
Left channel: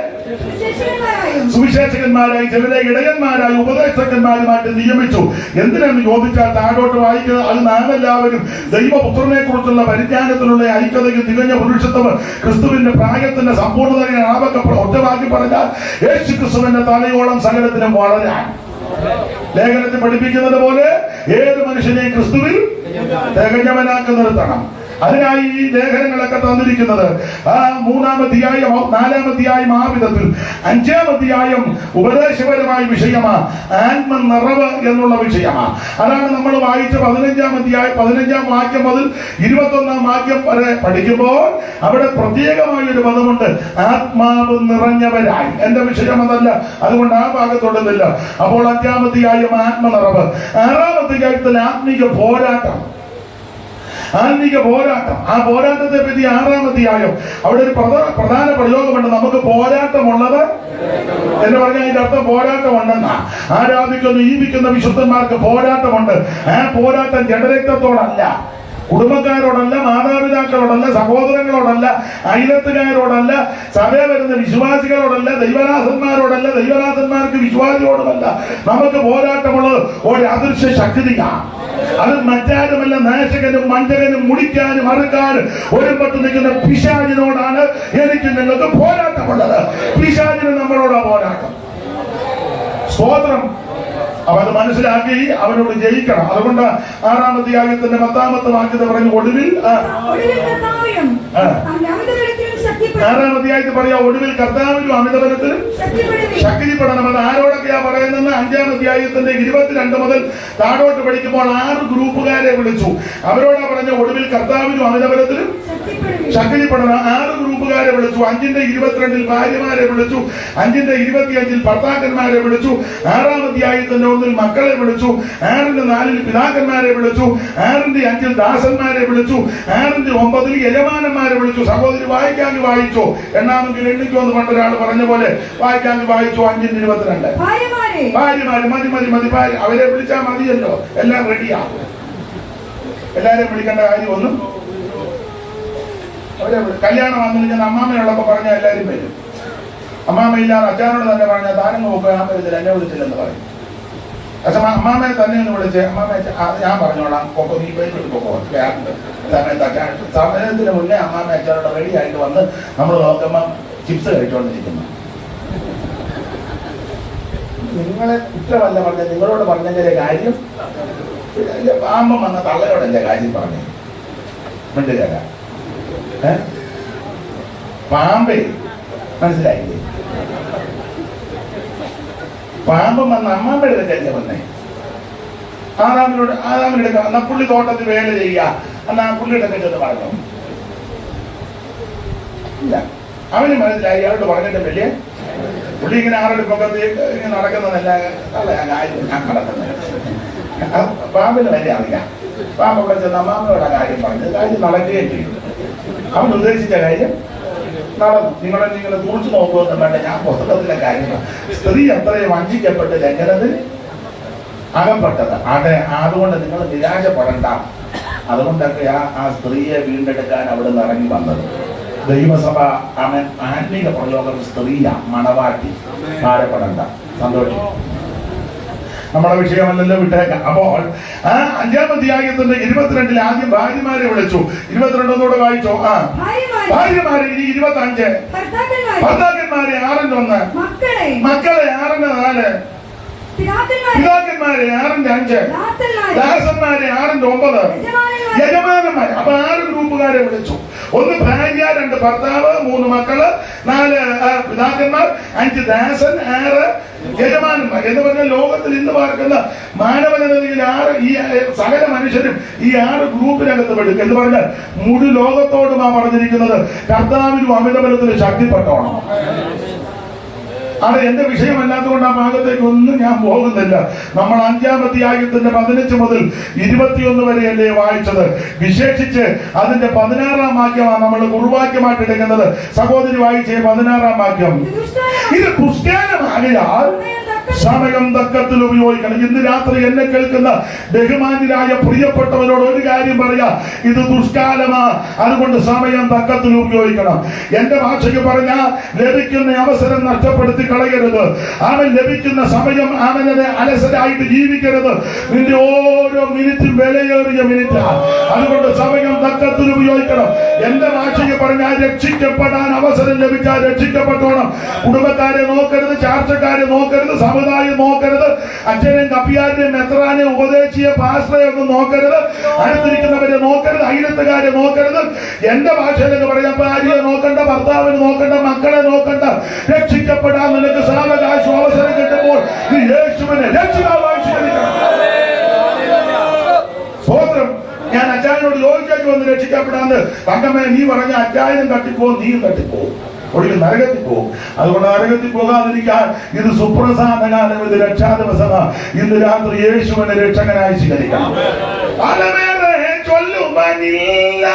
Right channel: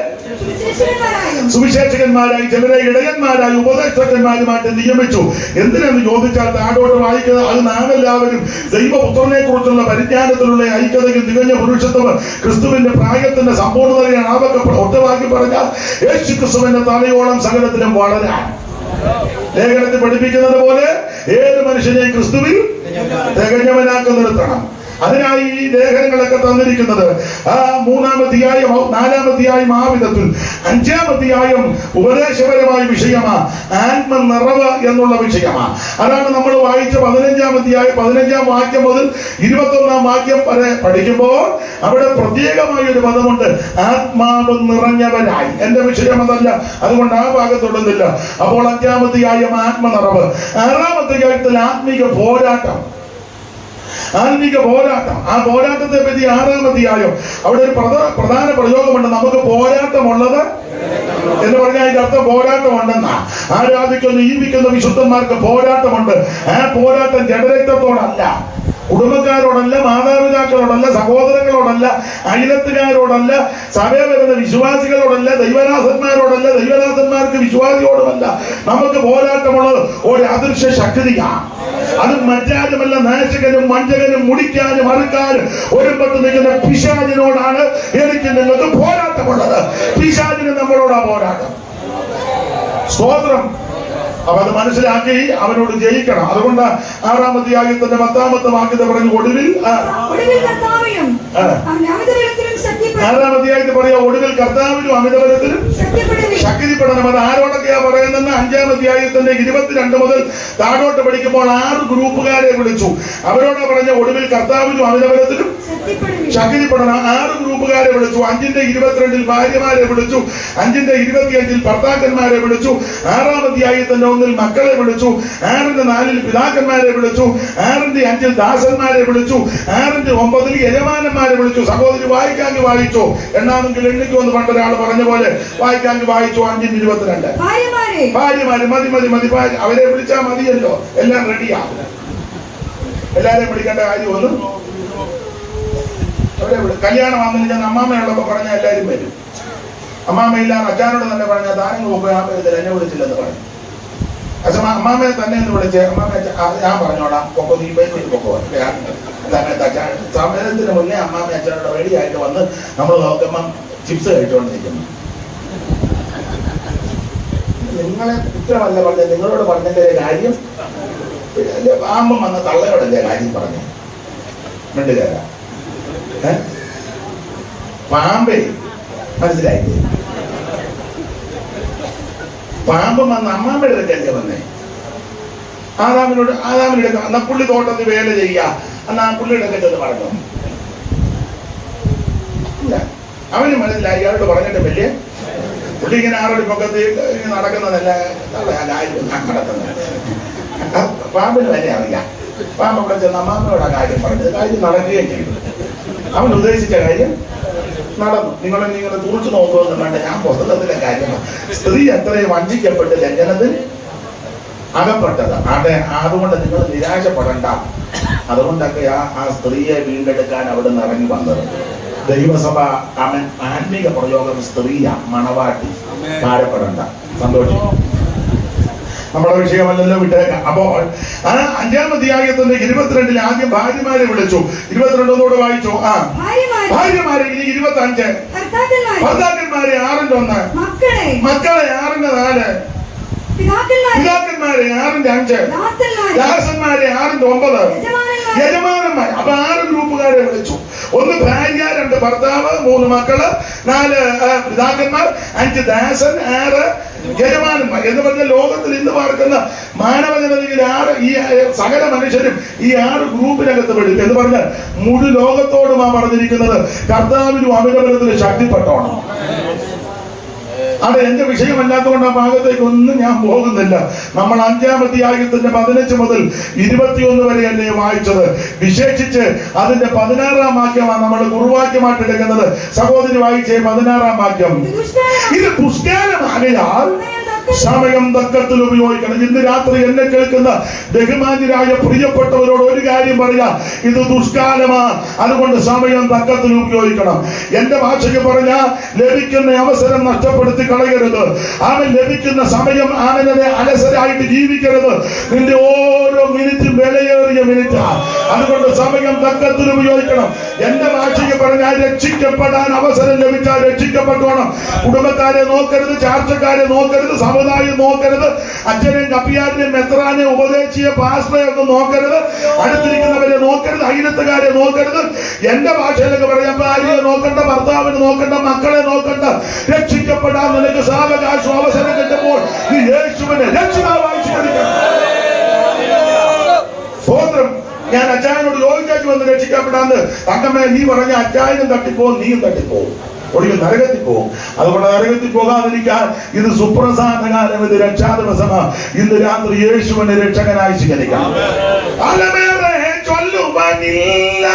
സുവിശേഷകന്മാരായി, ചിലരെ ഇടയന്മാരായി, ഉപദേശകന്മാരുമായിട്ട് നിയമിച്ചു. എന്തിനെന്ന് ചോദിച്ചാൽ താഴോട്ട് വായിക്കുക. അത് നാം എല്ലാവരും ദൈവപുത്രനെ കുറിച്ചുള്ള പരിജ്ഞാനത്തിലുള്ള ഐക്യതയും തികഞ്ഞ പുരുഷത്വം ക്രിസ്തുവിന്റെ പ്രായത്തിന്റെ സമ്പൂർണ്ണതയെ ഒറ്റവാക്കി പറഞ്ഞാൽ യേശു ക്രിസ്തുവിന്റെ തലയോളം സകലത്തിലും വളരാൻ. ലേഖനത്തിൽ പഠിപ്പിക്കുന്നത് പോലെ ഏത് മനുഷ്യനെയും ക്രിസ്തുവിൽ തികഞ്ഞവനാക്കി നിർത്തണം. അതിനായി ഈ ലേഖനങ്ങളൊക്കെ തന്നിരിക്കുന്നത് 3-ാം അധ്യായം 4-ാം അധ്യായം ആ വിധത്തിൽ 5-ാം അധ്യായം ഉപദേശപരമായ വിഷയമാ, ആത്മനിറവ് എന്നുള്ള വിഷയമാ. അതാണ് നമ്മൾ വായിച്ച 15-ാം അധ്യായം 15-ാം വാക്യം മുതൽ 21-ാം വാക്യം വരെ പഠിക്കുമ്പോൾ അവിടെ പ്രത്യേകമായ ഒരു പദമുണ്ട്, ആത്മാവ് നിറഞ്ഞവരായി. എന്റെ വിഷയം അതല്ല, അതുകൊണ്ട് ആ ഭാഗത്തൊടുന്നില്ല. അപ്പോൾ 5-ാം അധ്യായം ആത്മനിറവ്, 6-ാം അധ്യായത്തിൽ ആത്മീക പോരാട്ടം. ആ പോരാട്ടത്തെ പറ്റി 6-ാം അധ്യായം അവിടെ ഒരു പ്രധാന പ്രയോഗമുണ്ട്. നമുക്ക് പോരാട്ടമുള്ളത് എന്ന് പറഞ്ഞാൽ അതിന്റെ അർത്ഥം പോരാട്ടമുണ്ടെന്നാ. ആരാധിക്കുന്ന ജീവിക്കുന്ന വിശുദ്ധന്മാർക്ക് പോരാട്ടമുണ്ട്. ആ പോരാട്ടം ജഡരക്തത്തോടല്ല, കുടുംബക്കാരോടല്ല, മാതാപിതാക്കളോടല്ല, സഹോദരങ്ങളോടല്ല, അയലത്തുകാരോടല്ല, സഭയിൽ വരുന്ന വിശ്വാസികളോടല്ല, ദൈവനാഥന്മാരോടല്ല, ദൈവനാഥന്മാർക്ക് വിശ്വാസിയോടുമല്ല. നമുക്ക് പോരാട്ടമുള്ളത് ഒരു അദൃശ്യ ശക്തിയാണ്. അത് മറ്റാരുമല്ല, നാശകനും വഞ്ചകനും മുടിക്കാനും അറുക്കാനും ഒരുപെട്ട് നിൽക്കുന്ന പിശാചിനോടാണ് എനിക്ക് നിങ്ങൾക്ക് പോരാട്ടമുള്ളത്. പിശാചിന് നമ്മളോടാ പോരാട്ടം. സ്തോത്രം. അപ്പൊ അത് മനസ്സിലാക്കി അവരോട് ജയിക്കണം. അതുകൊണ്ട് 6-ാം അധ്യായത്തിന്റെ 10-ാമത്തെ വാക്യത്തെ പറഞ്ഞു, ഒടുവിൽ 6-ാം അധ്യായത്തിൽ പറയാ, ഒടുവിൽ കർത്താവിനും അമിതബലത്തിലും ശക്തിപ്പെടണം. അത് ആരോടൊക്കെയാ പറയുന്നത്? 5-ാം അധ്യായത്തിന്റെ 22 മുതൽ താഴോട്ട് പഠിക്കുമ്പോൾ 6 ഗ്രൂപ്പുകാരെ വിളിച്ചു. അവരോട് പറഞ്ഞ ഒടുവിൽ കർത്താവിനും അമിതബലത്തിലും ശക്തിപ്പെടണം. 6 ഗ്രൂപ്പുകാരെ വിളിച്ചു. 5-ന്റെ 22 ഭാര്യമാരെ വിളിച്ചു. 5-ന്റെ 25 ഭർത്താക്കന്മാരെ വിളിച്ചു. 6-ാം അധ്യായത്തിന്റെ 1 മക്കളെ വിളിച്ചു. 6-ന്റെ 4 പിതാക്കന്മാരെ വിളിച്ചു. 6-ന്റെ 5 ദാസന്മാരെ വിളിച്ചു. 6-ന്റെ 9 യജമാനന്മാരെ വിളിച്ചു. സഹോദരി വായിക്കാമെങ്കിൽ വായിച്ചു, എണ്ണാമെങ്കിൽ എണ്ണിക്കോ എന്ന് പണ്ടൊരാൾ പറഞ്ഞ പോലെ വായിക്കാമെങ്കിൽ വായിച്ചു. 5-ന്റെ 22 ഭാര്യമാര് മതി. അവരെ വിളിച്ചാൽ മതിയല്ലോ, എല്ലാം റെഡിയാ. എല്ലാരെയും വിളിക്കേണ്ട കാര്യമൊന്നും. കല്യാണം വന്നു ഞാൻ അമ്മാമ്മയുള്ളപ്പോ പറഞ്ഞാൽ എല്ലാവരും വരും. അമ്മാമ്മയില്ലാതെ അച്ഛനോട് തന്നെ പറഞ്ഞാൽ താനങ്ങൾ പോകുക എന്നെ വിളിച്ചില്ലെന്ന് പറയും. അമ്മാമ്മയെ തന്നെ ഒന്ന് വിളിച്ച്, അമ്മാമ്മ ഞാൻ പറഞ്ഞോളാം കൊക്കോ, നീ പേര് കൊക്കോ. സമയത്തിന് മുന്നേ അമ്മാമ്മ അച്ഛനോട് റെഡി ആയിട്ട് വന്ന് നമ്മൾ നോക്കുമ്പം ചിപ്സ് കഴിച്ചുകൊണ്ടിരിക്കുന്നു. നിങ്ങളെ കുറ്റമല്ല പറഞ്ഞത്, നിങ്ങളോട് പറഞ്ഞതിന്റെ കാര്യം അമ്മ വന്ന തള്ളയോടല്ലേ കാര്യം പറഞ്ഞു. മിണ്ടുകാരാ പാമ്പേ, മനസ്സിലായില്ലേ? പാമ്പ് വന്ന് അമ്മാമ്മയുടെ അടുക്കല്ലേ വന്നേ. ആദാമിനോട് എന്നാ പുള്ളി തോട്ടത്തിൽ വേല ചെയ്യുക എന്നാ പുള്ളിയുടെ അടുക്കൽ ചെന്ന് പറഞ്ഞു. അവന് മനസ്സിലായി, അയാളോട് പറഞ്ഞിട്ട് വലിയ പുള്ളി ഇങ്ങനെ ആരുടെ മുഖത്ത് ഇങ്ങനെ നടക്കുന്നതല്ല ഞാൻ നടക്കുന്നത്. പാമ്പിന് വരെ അറിയാം. പാമ്പ് അവിടെ ചെന്ന് അമ്മാമ്മനോട് ആ കാര്യം പറഞ്ഞത്, കാര്യം നടക്കുകയും ചെയ്തു. അവൻ ഉദ്ദേശിച്ച കാര്യം നടന്നു. നിങ്ങളെ തുറച്ചു നോക്കുമെന്ന് വേണ്ട, ഞാൻ പുസ്തകത്തിലെ കാര്യമാണ്. സ്ത്രീ അത്രയും വഞ്ചിക്കപ്പെട്ട് ലംഘനത്തിൽ അകപ്പെട്ടത്. അതുകൊണ്ട് നിങ്ങൾ നിരാശപ്പെടണ്ട. അതുകൊണ്ടൊക്കെ ആ സ്ത്രീയെ വീണ്ടെടുക്കാൻ അവിടെ നിന്ന് ഇറങ്ങി വന്നത്. ദൈവസഭ ആത്മീക പ്രയോഗം സ്ത്രീയാ, മണവാട്ടി. ഭാരപ്പെടണ്ട, സന്തോഷിക്കും. നമ്മുടെ വിഷയമല്ലല്ലോ, വിട്ടേക്കാം. അപ്പോൾ 5-ാം അധ്യായത്തിന്റെ 22 ആദ്യം ഭാര്യമാരെ വിളിച്ചു. 22 വായിച്ചോ. ഭാര്യമാരെ. ഇനി 25 ഭർത്താക്കന്മാരെ. 6-ന്റെ 1 മക്കളെ. 6-ന്റെ 4 പിതാക്കന്മാരെ. 6-ന്റെ 5 ദാസന്മാരെ. 6-ന്റെ 9 യജമാനന്മാർ. അപ്പൊ 6 ഗ്രൂപ്പുകാരെ വിളിച്ചു. 1 ഭാര്യ, 2 ഭർത്താവ്, 3 മക്കള്, 4 പിതാക്കന്മാർ, 5 ദാസൻ, 6 യജമാനന്മാർ. എന്ന് പറഞ്ഞാൽ ലോകത്തിൽ ഇന്ന് പാർക്കുന്ന മാനവജനതയിൽ ഈ സകല മനുഷ്യരും ഈ 6 ഗ്രൂപ്പിനകത്ത് പെടും. എന്ന് പറഞ്ഞാൽ മുഴു ലോകത്തോടുമാ പറഞ്ഞിരിക്കുന്നത് കർത്താവിനും അമിതബലത്തിന് ശക്തിപ്പെട്ടോണം. അത് എന്റെ വിഷയമല്ലാത്തതുകൊണ്ട് ആ ഭാഗത്തേക്ക് ഒന്നും ഞാൻ പോകുന്നില്ല. നമ്മൾ 5-ാം അധ്യായത്തിന്റെ 15 മുതൽ 21 വരെയല്ലേ വായിച്ചത്. വിശേഷിച്ച് അതിന്റെ 16-ാം വാക്യമാണ് നമ്മൾ കുറുവാക്യമായിട്ട് എടുക്കുന്നത്. സഹോദരി വായിച്ചേ 16-ാം വാക്യം. ഇത് ദുഷ്കാലമാകയാൽ സമയം തക്കത്തിൽ ഉപയോഗിക്കണം. ഇന്ന് രാത്രി എന്നെ കേൾക്കുന്ന ബഹുമാന്യരായ പ്രിയപ്പെട്ടവരോട് ഒരു കാര്യം പറയാം, ഇത് ദുഷ്കാലമാ. അതുകൊണ്ട് സമയം തക്കത്തിൽ ഉപയോഗിക്കണം. എന്റെ ഭാഷയ്ക്ക് പറഞ്ഞാൽ ലഭിക്കുന്ന അവസരം നഷ്ടപ്പെടുത്തി കളയരുത്. അവൻ ലഭിക്കുന്ന സമയം അവനത് അലസരായിട്ട് ജീവിക്കരുത്. നിന്റെ ഓരോ മിനിറ്റും വിലയേറിയ മിനിറ്റ്. അതുകൊണ്ട് സമയം തക്കത്തിൽ ഉപയോഗിക്കണം. എന്റെ ഭാഷയ്ക്ക് പറഞ്ഞാൽ രക്ഷിക്കപ്പെടാൻ അവസരം ലഭിച്ചാൽ രക്ഷിക്കപ്പെട്ടോണം. കുടുംബക്കാരെ നോക്കരുത്, ചാർച്ചക്കാരെ നോക്കരുത്, സമുദായം നോക്കരുത്, അച്ഛനെയും കപ്പിയാരെയും മെത്രാനെയും ഉപദേശിയെ പാസ്റ്ററെ ഒന്നും നോക്കരുത്, അടുത്തിരിക്കുന്നവരെ നോക്കരുത്, അയിലത്തുകാരെ നോക്കരുത്. എന്റെ ഭാഷയിലൊക്കെ പറയാം, ഭാര്യയെ നോക്കണ്ട, ഭർത്താവിനെ നോക്കണ്ട, മക്കളെ നോക്കണ്ട. രക്ഷിക്കപ്പെടാൻ നിനക്ക് സാവകാശം അവസരം കിട്ടുമ്പോൾ നീ യേശുവിനെ രക്ഷിതാവായി സ്വീകരിക്കണം. സ്തോത്രം. ഞാൻ അച്ചായനോട് ചോദിച്ചു വന്ന് രക്ഷിക്കപ്പെടാന്ന്. തങ്കമ്മേ, നീ പറഞ്ഞ അച്ചായനും തട്ടിപ്പോവും, നീയും തട്ടിപ്പോവും, ഒടുവിൽ നരകത്തിൽ പോകും. അതുകൊണ്ട് നരകത്തിൽ പോകാതിരിക്കാൻ ഇത് സുപ്രധാന കാലം, ഇത് രക്ഷാ ദിവസമാണ്. ഇന്ന് രാത്രി യേശുവിനെ രക്ഷകനായി സ്വീകരിക്കണം. പലമേറെ ചൊല്ലുവാനില്ല,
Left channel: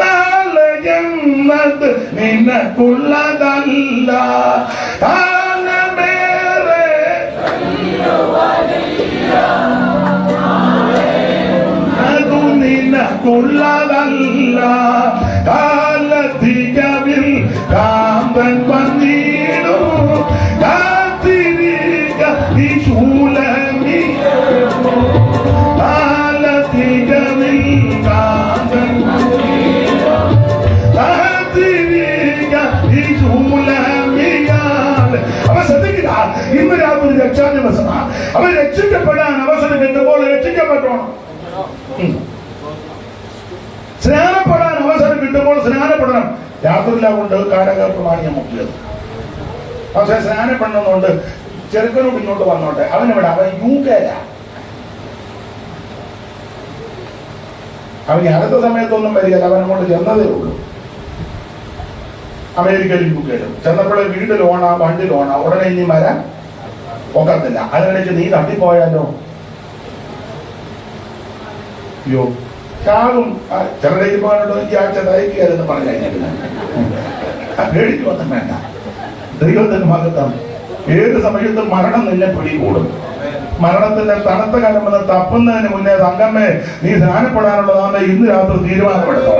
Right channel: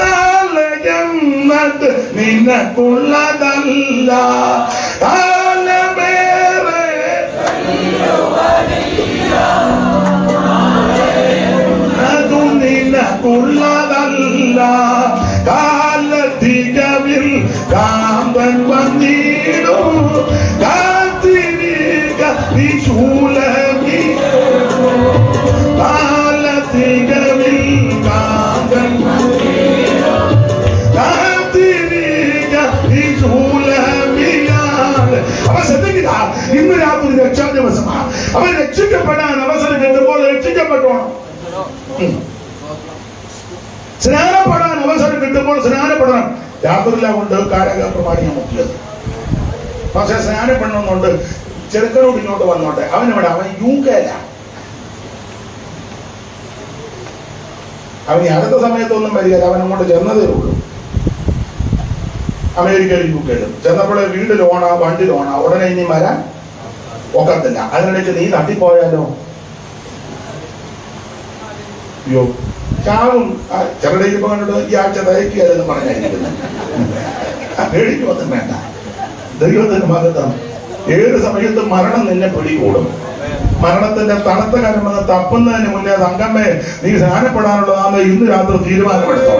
നാളെ ജന്മത്ത് നിനക്കുള്ളതല്ല. കാലമേറെ അത് നിനക്കുള്ളതല്ല. കാലത്തികവിൽ കാന്തൻ വന്നിടും, കാത്തിരിക്ക നീ ശൂലമി. കാലത്തികവിൽ കാന്തൻ വന്നിടും, കാത്തിരിക്ക നീ ശൂലമിയാൽ. അവൻ ശ്രദ്ധിക്കുക, ഇന്ന് രാത്രി രക്ഷാ ദിവസമാണ്. അവൻ രക്ഷിക്കപ്പെടാൻ അവസരം കിട്ടുമ്പോൾ രക്ഷിക്കപ്പെട്ടോണം. സ്നാനപ്പെടാൻ അവസരം കിട്ടുമ്പോൾ സ്നാനപ്പെടണം. രാത്രിയില കൊണ്ട് കാരാഗ്രഹമായി ഞാൻ മുട്ടിയത്. പക്ഷെ സ്നാനപ്പെടണമെന്നുണ്ട്. ചെറുക്കനോട് ഇങ്ങോട്ട് വന്നോട്ടെ, അവനെവിടെ? അവൻ യുകെയില. അവന് അടുത്ത സമയത്തൊന്നും വരികയില്ല. അവൻ അങ്ങോട്ട് ചെന്നതേ ഉള്ളൂ. അമേരിക്കയിൽ യുകെയിൽ ചെന്നപ്പോഴേ വീട് ലോണ, വണ്ടി ലോണ. ഉടനെ ഇനി വരാൻ ഒക്കത്തില്ല. അതിനിടയ്ക്ക് നീ തട്ടിപ്പോയാലോ? യോ ചാവും. ചെറുടെ ഇരുപാട് ഈ ആഴ്ച തയ്ക്കുകയെന്ന് പറഞ്ഞിരുന്നു. പേടിക്കൊന്നും വേണ്ട. ദൈവത്തിന്റെ ഭാഗത്താണ്. ഏത് സമയത്തും മരണം നിന്നെ പിടികൂടും. മരണത്തിന്റെ തണുത്ത കലമെന്ന് തപ്പുന്നതിന് മുന്നേ തങ്കമ്മേ, നീ സ്നാനപ്പെടാനുള്ളതാണ്. ഇന്ന് രാത്രി തീരുമാനമെടുത്തോ.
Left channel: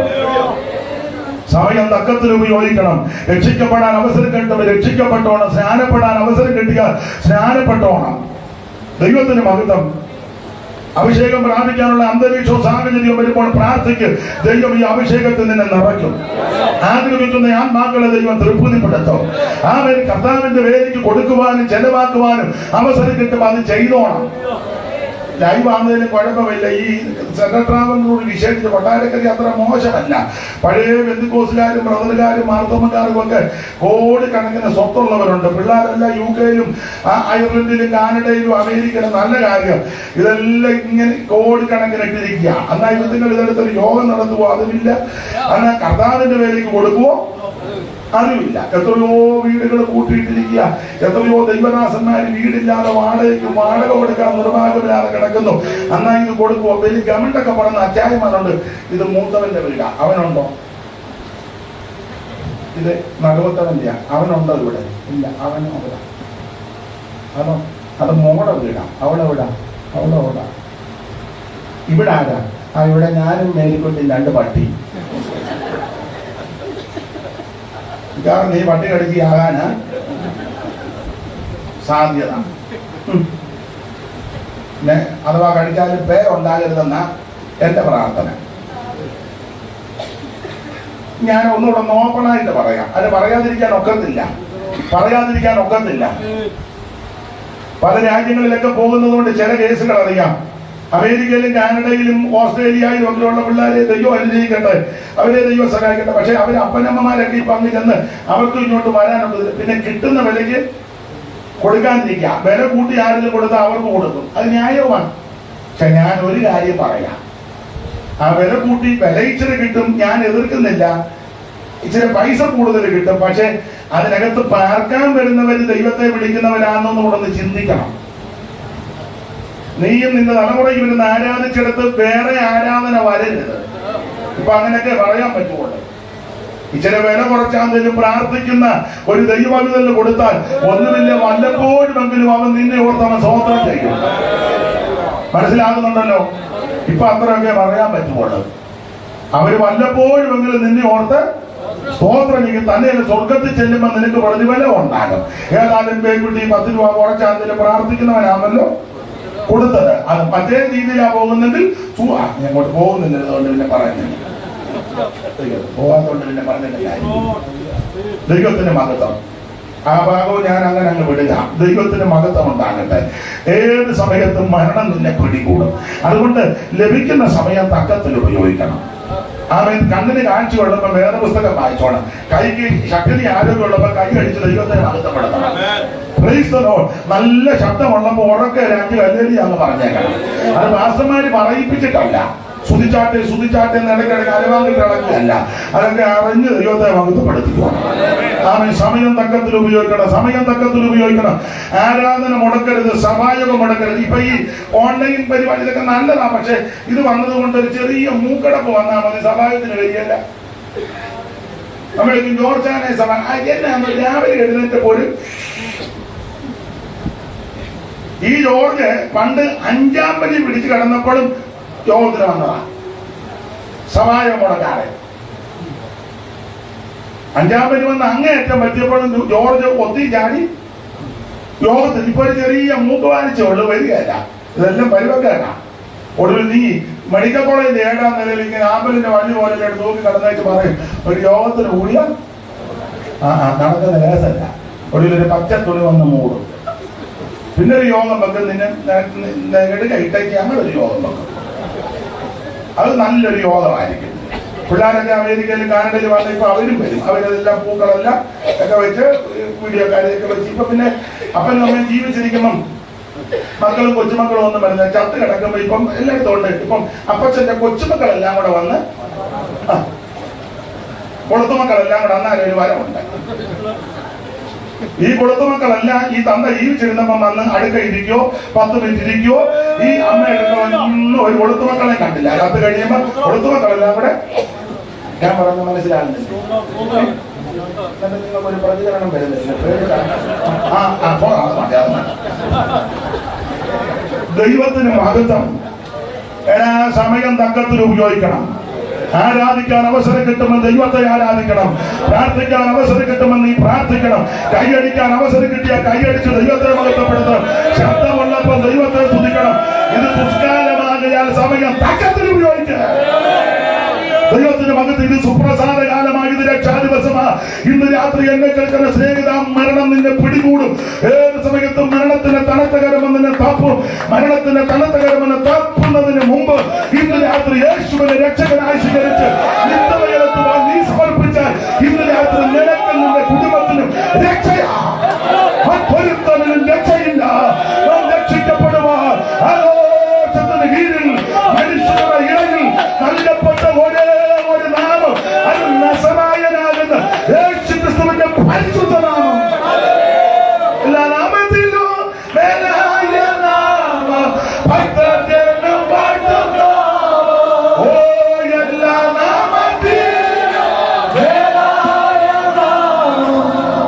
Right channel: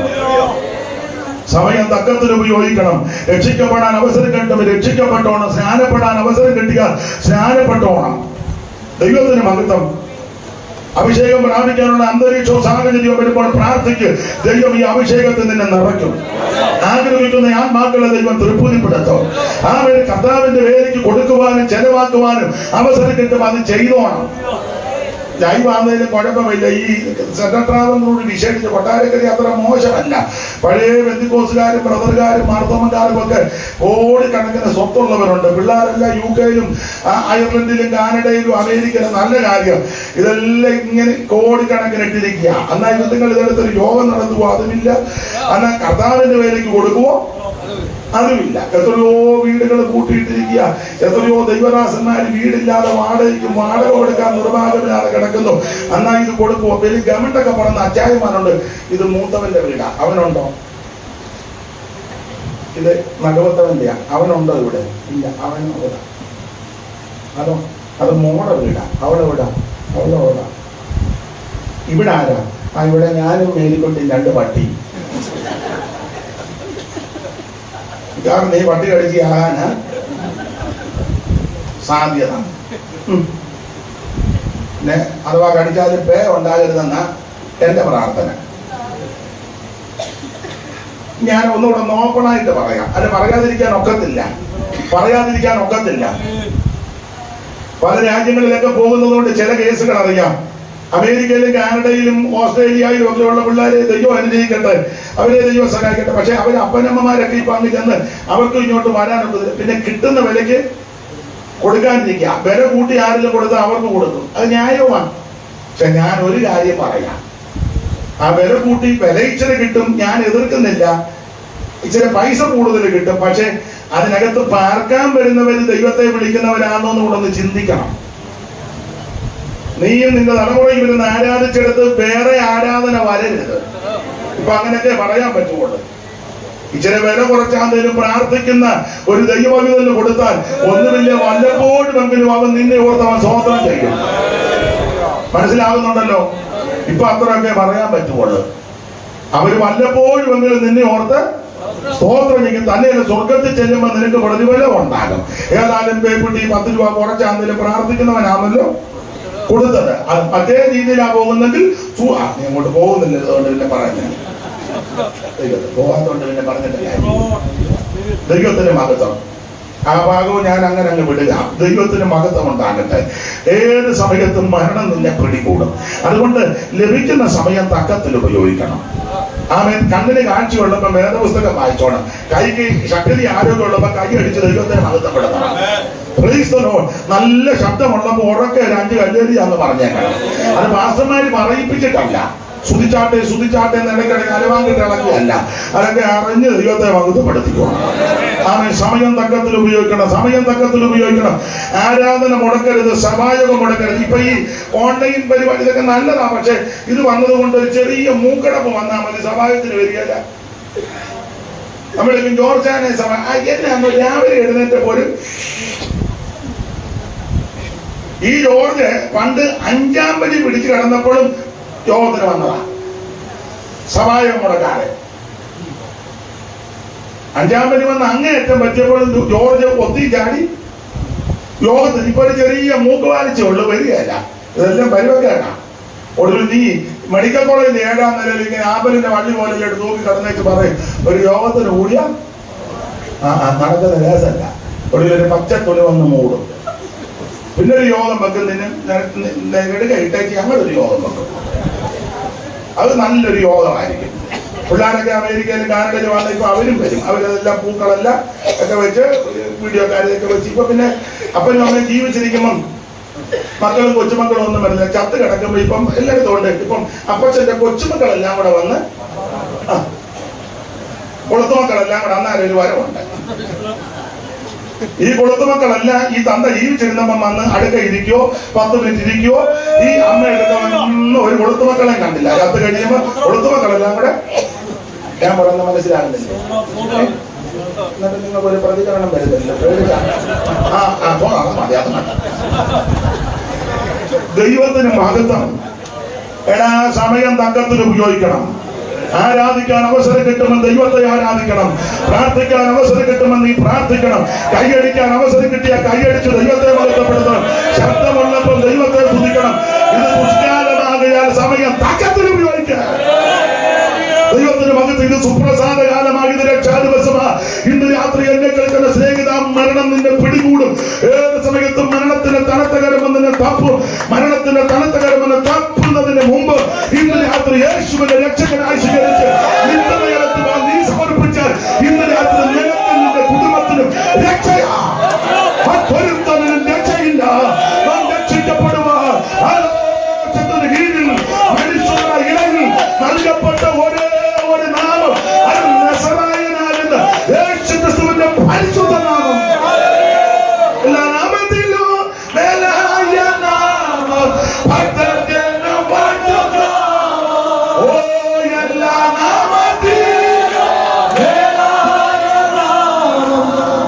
സമയം തക്കത്തിൽ ഉപയോഗിക്കണം. രക്ഷിക്കപ്പെടാൻ അവസരം കിട്ടുമ്പോൾ രക്ഷിക്കപ്പെട്ടോണം. സ്നാനപ്പെടാൻ അവസരം കിട്ടുക, സ്നാനപ്പെട്ടോണം. ദൈവത്തിന് മഹത്വം. അഭിഷേകം പ്രാപിക്കാനുള്ള അന്തരീക്ഷവും സാഹചര്യവും വരുമ്പോൾ പ്രാർത്ഥിക്ക്. ദൈവം ഈ അഭിഷേകത്തിൽ നിന്നെ നിറയ്ക്കും. ആഗ്രഹിക്കുന്ന ആത്മാക്കളെ ദൈവം തൃപ്തിപ്പെടുത്തും. ആ ഒരു കർത്താവിന്റെ വേലയ്ക്ക് കൊടുക്കുവാനും ചെലവാക്കുവാനും അവസരം കിട്ടുമ്പോൾ അത് ചെയ്തോണം. ലൈവാന്നതിലും കുഴപ്പമില്ല. ഈ സെക്രട്ടറാവനോട് വിശേഷിച്ച് കൊട്ടാരക്കരി അത്ര മോശമല്ല. പഴയ ബന്ധുക്കോസുകാരും ബ്രദറുകാരും മാർത്തോമക്കാരും ഒക്കെ കോടിക്കണക്കിന് സ്വത്തുള്ളവരുണ്ട്. പിള്ളേരെല്ലാം യുകെയിലും അയർലൻഡിലും കാനഡയിലും അമേരിക്കയിലും. നല്ല കാര്യം. ഇതെല്ലാം ഇങ്ങനെ കോടിക്കണക്കിന് ഇട്ടിരിക്കുക. എന്നാൽ നിങ്ങൾ ഇതെടുത്തൊരു യോഗം നടത്തുവോ? അതുമില്ല. എന്നാൽ കർത്താവിന്റെ വേലയ്ക്ക് കൊടുക്കുവോ? അതുമില്ല. എത്രയോ വീടുകൾ കൂട്ടിയിട്ടിരിക്കുക. എത്രയോ ദൈവദാസന്മാർ വീടില്ലാതെ വാടക കൊടുക്കാൻ നിർവാഹമില്ലാതെ കിടക്കുന്നു. എന്നാ ഇത് കൊടുക്കുവോ? വലിയ ഗവൺമെന്റൊക്കെ പറഞ്ഞ അച്ചായന്മാരുണ്ട്. ഇത് മൂത്തവന്റെ വീടാ, അവനുണ്ടോ? ഇത് നഗവത്തവന്റെയാ, അവനുണ്ടോ ഇവിടെ? ഇല്ല, അവൻ അവിടെ. അതോ? അത് മോടെ വീടാ, അവളെ വിടാ, അവളെ വിടാ. ഇവിടെ ആരാ? ഇവിടെ ഞാനും മേലിക്കൊണ്ടും 2 പട്ടി. കാരണം ഈ പട്ടി കടിച്ചാകാനാ സാധ്യത. പിന്നെ അഥവാ കടിച്ചാലും പേ ഉണ്ടാകരുതെന്ന എന്റെ പ്രാർത്ഥന. ഞാൻ ഒന്നുകൂടെ ഓപ്പണായിട്ട് പറയാം. അത് പറയാതിരിക്കാൻ ഒക്കത്തില്ല. പല രാജ്യങ്ങളിലൊക്കെ പോകുന്നതുകൊണ്ട് ചില കേസുകൾ അറിയാം. അമേരിക്കയിലും കാനഡയിലും ഓസ്ട്രേലിയയിലും ഒക്കെയുള്ള പിള്ളേരെ ദൈവം അനുഗ്രഹിക്കട്ടെ, അവരെ ദൈവം സഹായിക്കട്ടെ. പക്ഷെ അവർ അപ്പനമ്മമാരൊക്കെ ഇപ്പൊ അങ്ങ് ചെന്ന് അവർക്ക് ഇങ്ങോട്ട് വരാനുള്ളത് പിന്നെ കിട്ടുന്ന വിലയ്ക്ക് കൊടുക്കാതിരിക്കുക. വില കൂട്ടി ആരെങ്കിലും കൊടുത്താൽ അവർക്ക് കൊടുക്കും. അത് ന്യായമാണ്. പക്ഷെ ഞാൻ ഒരു കാര്യം പറയാം. ആ വില കൂട്ടി വില ഇച്ചിരി കിട്ടും, ഞാൻ എതിർക്കുന്നില്ല. ഇച്ചിരി പൈസ കൂടുതൽ കിട്ടും. പക്ഷെ അതിനകത്ത് പാർക്കാൻ വരുന്നവർ ദൈവത്തെ വിളിക്കുന്നവരാണെന്ന് കൂടെ ഒന്ന് ചിന്തിക്കണം. നീയും നിന്റെ തലമുറയിൽ വരുന്ന ആരാധിച്ചെടുത്ത് വേറെ ആരാധന വരരുത്. ഇപ്പൊ അങ്ങനെയൊക്കെ പറയാൻ പറ്റുള്ളൂ. ഇച്ചിരി വില കുറച്ചാന്തേലും പ്രാർത്ഥിക്കുന്ന ഒരു ദൈവവിധന് കൊടുത്താൽ ഒന്നുമില്ല, വല്ലപ്പോഴുമെങ്കിലും അവൻ നിന്നെ ഓർത്ത് അവൻ സ്തോത്രം ചെയ്യും. മനസ്സിലാകുന്നുണ്ടല്ലോ? ഇപ്പൊ അത്രയൊക്കെ പറയാൻ പറ്റുള്ളൂ. അവര് വല്ലപ്പോഴുമെങ്കിലും നിന്നെ ഓർത്ത് സ്തോത്രം ചെയ്യും. തന്നെ സ്വർഗത്തിൽ ചെല്ലുമ്പോൾ നിനക്ക് പ്രതിഫലം ഉണ്ടാകും. ഏതായാലും പേക്കുട്ടി 10 രൂപ കുറച്ചാന്തേലും പ്രാർത്ഥിക്കുന്നവനാണല്ലോ കൊടുത്തത്. അത് മറ്റേ രീതിയിലാ പോകുന്നെങ്കിൽ അങ്ങോട്ട് പോകുന്നില്ല. അതുകൊണ്ട് പിന്നെ പറയുന്നത് പോകാത്തോണ്ട് പിന്നെ പറഞ്ഞിട്ടില്ല. ദൈവത്തിന്റെ മഹത്വം. ആ ഭാഗവും ഞാൻ അങ്ങനെ അങ്ങ് വിടുക. ദൈവത്തിന് മഹത്വം ഉണ്ടാകട്ടെ. ഏത് സമയത്തും മരണം നിന്നെ പിടികൂടും. അതുകൊണ്ട് ലഭിക്കുന്ന സമയം തക്കത്തിൽ ഉപയോഗിക്കണം. ആമേൻ. കണ്ണിന് കാഴ്ച ഉള്ളപ്പോൾ വേദപുസ്തകം വായിച്ചോണം. കൈക്ക് ശക്തി ആരോഗ്യമുള്ളപ്പോൾ കൈ അടിച്ച് ദൈവത്തിന് മഹത്വപ്പെടുത്തണം. Praise the Lord. നല്ല ശബ്ദമുള്ളപ്പോൾ ഉറക്കെ 5 ഹല്ലേലൂയാന്ന് പറഞ്ഞേക്കണം. അത് പാസ്റ്റർമാര് പറയിപ്പിച്ചിട്ടല്ല. സ്തുതിച്ചാട്ടെ എന്നിടയ്ക്കിടയ്ക്ക് അലവാങ്ങിട്ട് ഇളക്കിയല്ല. അതൊക്കെ അറിഞ്ഞ് ദൈവത്തെ മഹത്വപ്പെടുത്തിക്കണം. ആമേൻ. സമയം തക്കത്തിൽ ഉപയോഗിക്കണം. ആരാധന മുടക്കരുത്, സഭായോഗം മുടക്കരുത്. ഇപ്പൊ ഈ ഓൺലൈൻ പരിപാടി ഇതൊക്കെ നല്ലതാ. പക്ഷെ ഇത് വന്നതുകൊണ്ട് ഒരു ചെറിയ മൂക്കടപ്പ് വന്നാൽ മതി, സഭായോഗത്തിന് വരികയല്ല. നമ്മളേക്കും ജോർജാനെ സഭ എന്നെ രാവിലെ എഴുന്നേറ്റപ്പോൾ ഈ ജോർജ് പണ്ട് 5-ാം പടി പിടിച്ച് കിടന്നപ്പോഴും യോഗത്തിന് വന്നതാണ്. സഭായം മുടക്കാതെ 5-ാം പടി വന്ന് അങ്ങേയറ്റം പറ്റിയപ്പോഴും ജോർജ് ഒത്തി ചാടി യോഗത്തിന്. ഇപ്പൊ ഒരു ചെറിയ മൂക്ക് വാലിച്ചേ ഉള്ളു, വരികയല്ല. ഇതെല്ലാം പരിവക്കാരാ. ഒടുവിൽ നീ മെഡിക്കൽ കോളേജിന്റെ 7-ാം നിലയിൽ ഇങ്ങനെ ആമ്പലിന്റെ വള്ളി പോലെ എടുത്ത് നോക്കി കിടന്നേച്ച് പറയും ഒരു യോഗത്തിന് കൂടിയ നടക്കുന്ന ലേസല്ല. ഒടുവിൽ ഒരു പച്ചത്തൊലി വന്ന് മൂടും. പിന്നെ ഒരു യോഗം വെക്കുന്നതിന് എടുക്ക ഇട്ടേക്ക് അങ്ങനൊരു യോഗം വെക്കും. അത് നല്ലൊരു യോഗമായിരിക്കും. പിള്ളേരൊക്കെ അമേരിക്കയിലും കാനഡയിലും വന്ന് ഇപ്പൊ അവരും വരും. അവരിതെല്ലാം പൂക്കളെല്ലാം ഒക്കെ വെച്ച് വീഡിയോ കാര്യമൊക്കെ വെച്ച് ഇപ്പൊ പിന്നെ അപ്പനും അമ്മയും ജീവിച്ചിരിക്കുമ്പം മക്കളും കൊച്ചുമക്കളും ഒന്നും വരുന്നില്ല. ചത്ത് കിടക്കുമ്പോ ഇപ്പം എല്ലാവരും തോന്നുന്നുണ്ട്. ഇപ്പം അപ്പച്ചന്റെ കൊച്ചുമക്കളെല്ലാം കൂടെ വന്ന് കൊളുത്തുമക്കളെല്ലാം കൂടെ അന്നാലും ഒരു വരവുണ്ട്. ഈ കൊളുത്തുമക്കളെല്ലാം ഈ തന്ത ജീവിച്ചിരുന്നപ്പം വന്ന് അടുക്ക ഇരിക്കോ 10 മിനിറ്റ് ഇരിക്കോ. ഈ അമ്മ എടുക്കുന്ന ഒരു കൊളുത്തുമക്കളെ കണ്ടില്ല. അത് കഴിയുമ്പോ കൊളുത്തുമക്കളെല്ലാം കൂടെ ഞാൻ പറയുന്ന മനസ്സിലാകുന്നില്ല. എന്നിട്ട് നിങ്ങൾക്ക് ഒരു പ്രതികരണം വരുന്നില്ല. ദൈവത്തിന് മഹത്വം. എടാ സമയം തക്കത്തിൽ ഉപയോഗിക്കണം. ആരാധിക്കാൻ അവസരം കിട്ടുമ്പോൾ ദൈവത്തെ ആരാധിക്കണം. പ്രാർത്ഥിക്കാൻ അവസരം കിട്ടുമ്പോൾ നീ പ്രാർത്ഥിക്കണം. കൈയടിക്കാൻ അവസരം കിട്ടിയാൽ കൈയടിച്ച് ദൈവത്തെ മഹത്വപ്പെടുത്തണം. ശബ്ദമുള്ളപ്പോൾ ദൈവത്തെ സ്തുതിക്കണം. ഇത് പുഷ്കാലമാകയാൽ സമയം തക്കത്തിൽ ഉപയോഗിക്കുക. ദൈവത്തിന് മകത്ത് ഇത് സുപ്രസാദ കാലമായി, ഇത് രക്ഷാദിവസമാ. ഇന്ന് രാത്രി എന്നെ കേൾക്കുന്ന സ്നേഹിത, മരണം നിന്നെ പിടികൂടും. ഏത് സമയത്തും മരണത്തിന്റെ തണുത്ത കരമെന്ന് നിന്നെ താപ്പും. മരണത്തിന്റെ തണുത്ത കരമെന്ന് താപ്പുന്നതിന് മുമ്പ് ഇന്ന് രാത്രി യേശുവിനെ രക്ഷകനായി സ്വീകരിച്ച് നിത്യതയിലെത്തുവാൻ നീ സമർപ്പിച്ചാൽ ഇന്ന് രാത്രി നിനക്കും നിന്റെ കുടുംബത്തിനും രക്ഷയാ. മറ്റൊരുത്തനും രക്ഷയില്ല. നാം രക്ഷിക്കപ്പെടുവാൻ ആലോചനത്തിന് കീഴിൽ മനുഷ്യരുടെ ഇടയിൽ നൽകപ്പെട്ട ഒരേ ഒരു നാമം അത് നസറായനാകുന്ന യേശുക്രിസ്തുവിന്റെ പരിശുദ്ധ നാമം. എല്ലാ നാമത്തിലും മേലായ നാമം ഭക്തജനം പാടുന്നു. ഓ എല്ലാ നാമത്തിലും മേലായ നാമം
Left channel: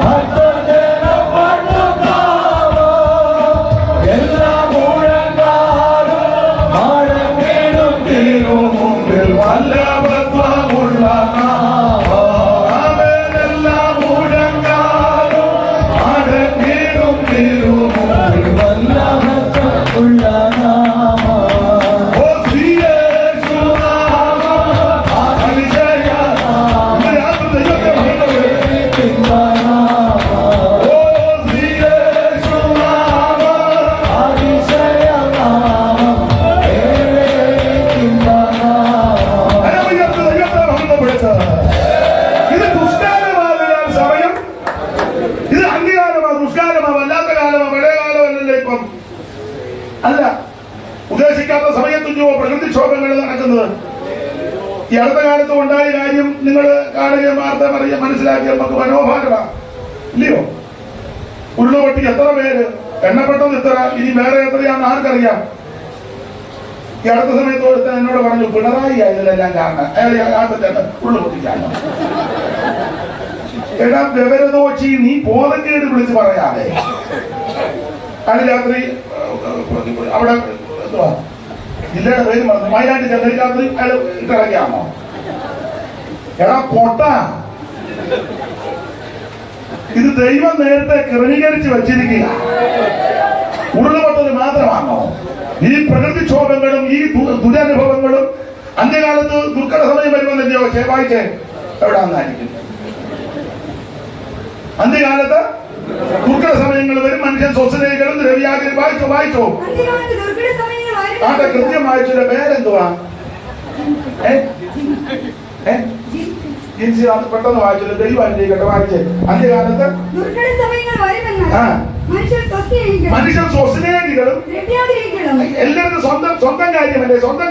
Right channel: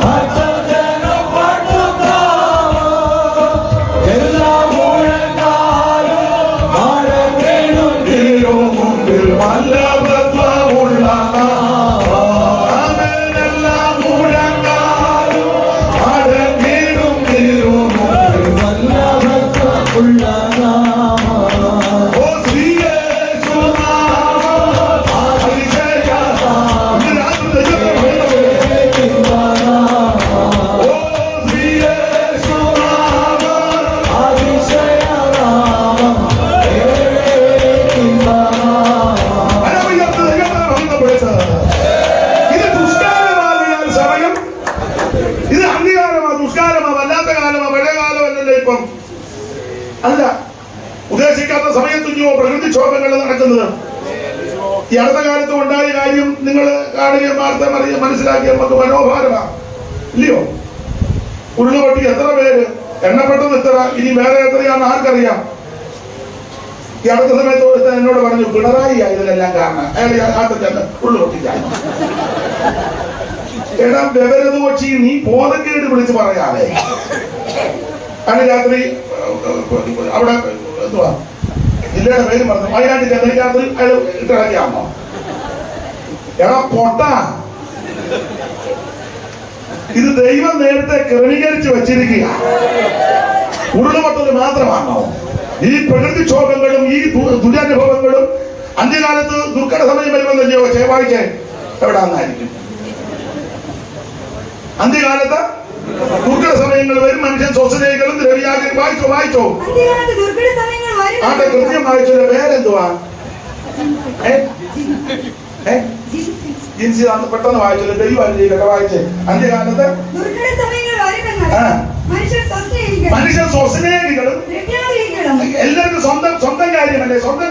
ഭക്തജനം പാടുന്നു. എല്ലാ മുഴങ്ങാലും മഴവേലും തീരും മുമ്പിൽ വല്ലഭത്വമുള്ള നാമം. എല്ലാ മുഴങ്ങാലും മഴവേലും തീരും മുമ്പിൽ വല്ലഭത്വമുള്ള നാമം. ഓ ശ്രീ യേശുനാമം അതിശയനാമം. ഇന്ന് രാത്രി ദൈവത്തെ മഹത്വപ്പെടുത്തുക. ഓ ശ്രീ യേശുനാമം അതിശയനാമം. അനവധികൾക്ക് ദൈവത്തെ മഹത്വപ്പെടുത്തുക. ഇത് ദുഷ്കാലമാകിയാൽ സമയം, ഇത് അന്ത്യകാലമാ, ദുഷ്കാലമാ, വല്ലാത്ത കാലമാ, പഴയ കാലമല്ലല്ലോ ഇപ്പം. അല്ല, ഉദ്ദേശിക്കാത്ത സമയത്തും പ്രകൃതിക്ഷോഭങ്ങൾ നടക്കുന്നത്. ഈ അടുത്ത കാലത്ത് ഉണ്ടായ കാര്യം നിങ്ങൾ കാണുകയും വാർത്ത മനസ്സിലാക്കിയ നമുക്ക് മനോഭാരമാണ്, ഇല്ലയോ? ഉള്ളുപൊട്ടി എത്ര പേര്, എണ്ണപ്പെട്ടത് എത്ര, ഇനി വേറെ എത്രയാണെന്ന് ആർക്കറിയാം. ഈ അടുത്ത സമയത്ത് ഒരുത്തൻ എന്നോട് പറഞ്ഞു പിണറായി ഇതിലെല്ലാം കാരണം. അയാൾ ആദ്യത്തെ ഉള്ളുപൊട്ടിക്കാണ്. എടാ വിവരദോഷി, നീ ബോധക്കേട് വിളിച്ച് പറയാതെ. അന്ന് രാത്രി അവിടെ എന്തുവാ ജില്ലയുടെ പേര് പറഞ്ഞു, വയനാട്ടിൽ ചെന്ന രാത്രി അയാൾ ഇട്ടിറക്കിയാണോ? എടാ പൊട്ട, ഇത് ദൈവം നേരത്തെ ക്രമീകരിച്ച് വെച്ചിരിക്കുക. ഉരുളുപൊട്ടൽ മാത്രമാണോ? ഈ പ്രകൃതിക്ഷോഭങ്ങളും ഈ ദുരനുഭവങ്ങളും അന്ത്യകാലത്ത് ദുർഘട സമയം വരുമെന്നല്ലോ ചൊവ്വാഴ്ച എവിടെ വന്നായിരിക്കും. അന്ത്യകാലത്ത് ദുർഘട സമയങ്ങൾ വരും, മനുഷ്യൻ സ്വസനകളും ദ്രവ്യാഗ്രഹം. വായിച്ചോ അന്ത്യകാലത്ത് ദുർഘട സമയങ്ങൾ വരും. ആട്ടെ, കൃത്യം വായിച്ചോലെ. പേരെന്തുവാ? ജിൻസി പെട്ടെന്ന് വായിച്ചോലെ. ദൈവം വായിച്ചേ. അന്ത്യകാലത്ത് ദുർഘട സമയങ്ങൾ വരുമെന്ന് മനുഷ്യർ സ്വസ്നേഹികളും എല്ലാവർക്കും സ്വന്തം കാര്യമല്ലേ? സ്വന്തം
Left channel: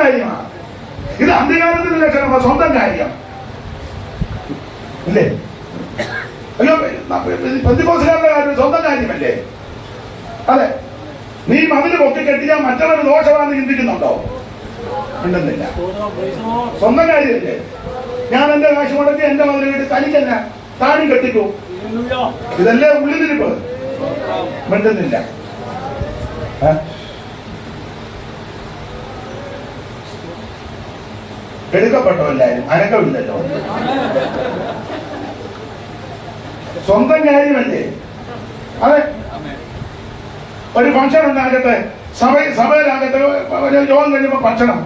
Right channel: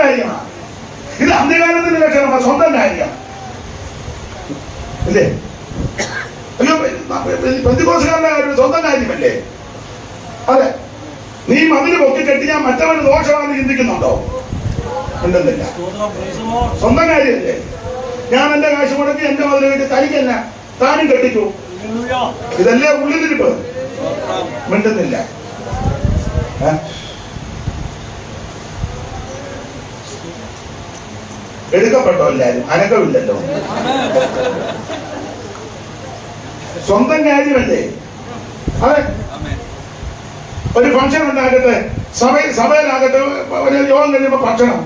കാര്യമാണ്. ഇത് അന്ത്യകാലത്തിന്റെ ലക്ഷണമാണ്, സ്വന്തം കാര്യം അല്ലേ? അയ്യോ, പെന്തിക്കോസുകാരുടെ കാര്യം സ്വന്തം കാര്യമല്ലേ? അതെ. നീ മതില് പൊക്കി കെട്ടിയാൽ മറ്റവന് ദോഷമാണെന്ന് ചിന്തിക്കുന്നുണ്ടോ? ഉണ്ടെന്നില്ല. സ്വന്തം കാര്യമല്ലേ? ഞാൻ എന്റെ കാശ് മുടക്കി എന്റെ മതില് കെട്ടി തനിക്കല്ല, താനും കെട്ടിക്കൂ. ഇതല്ലേ ഉള്ളിലിരിപ്പ്. മിണ്ടുന്നില്ല. എടുക്കപ്പെട്ടോ എല്ലാരും? അനക്കമില്ലല്ലോ. സ്വന്തം കാര്യമല്ലേ? അതെ. ഒരു ഫംഗ്ഷൻ ഉണ്ടാകട്ടെ, സഭയിലാകട്ടെ, യോഗം കഴിയുമ്പോ ഭക്ഷണം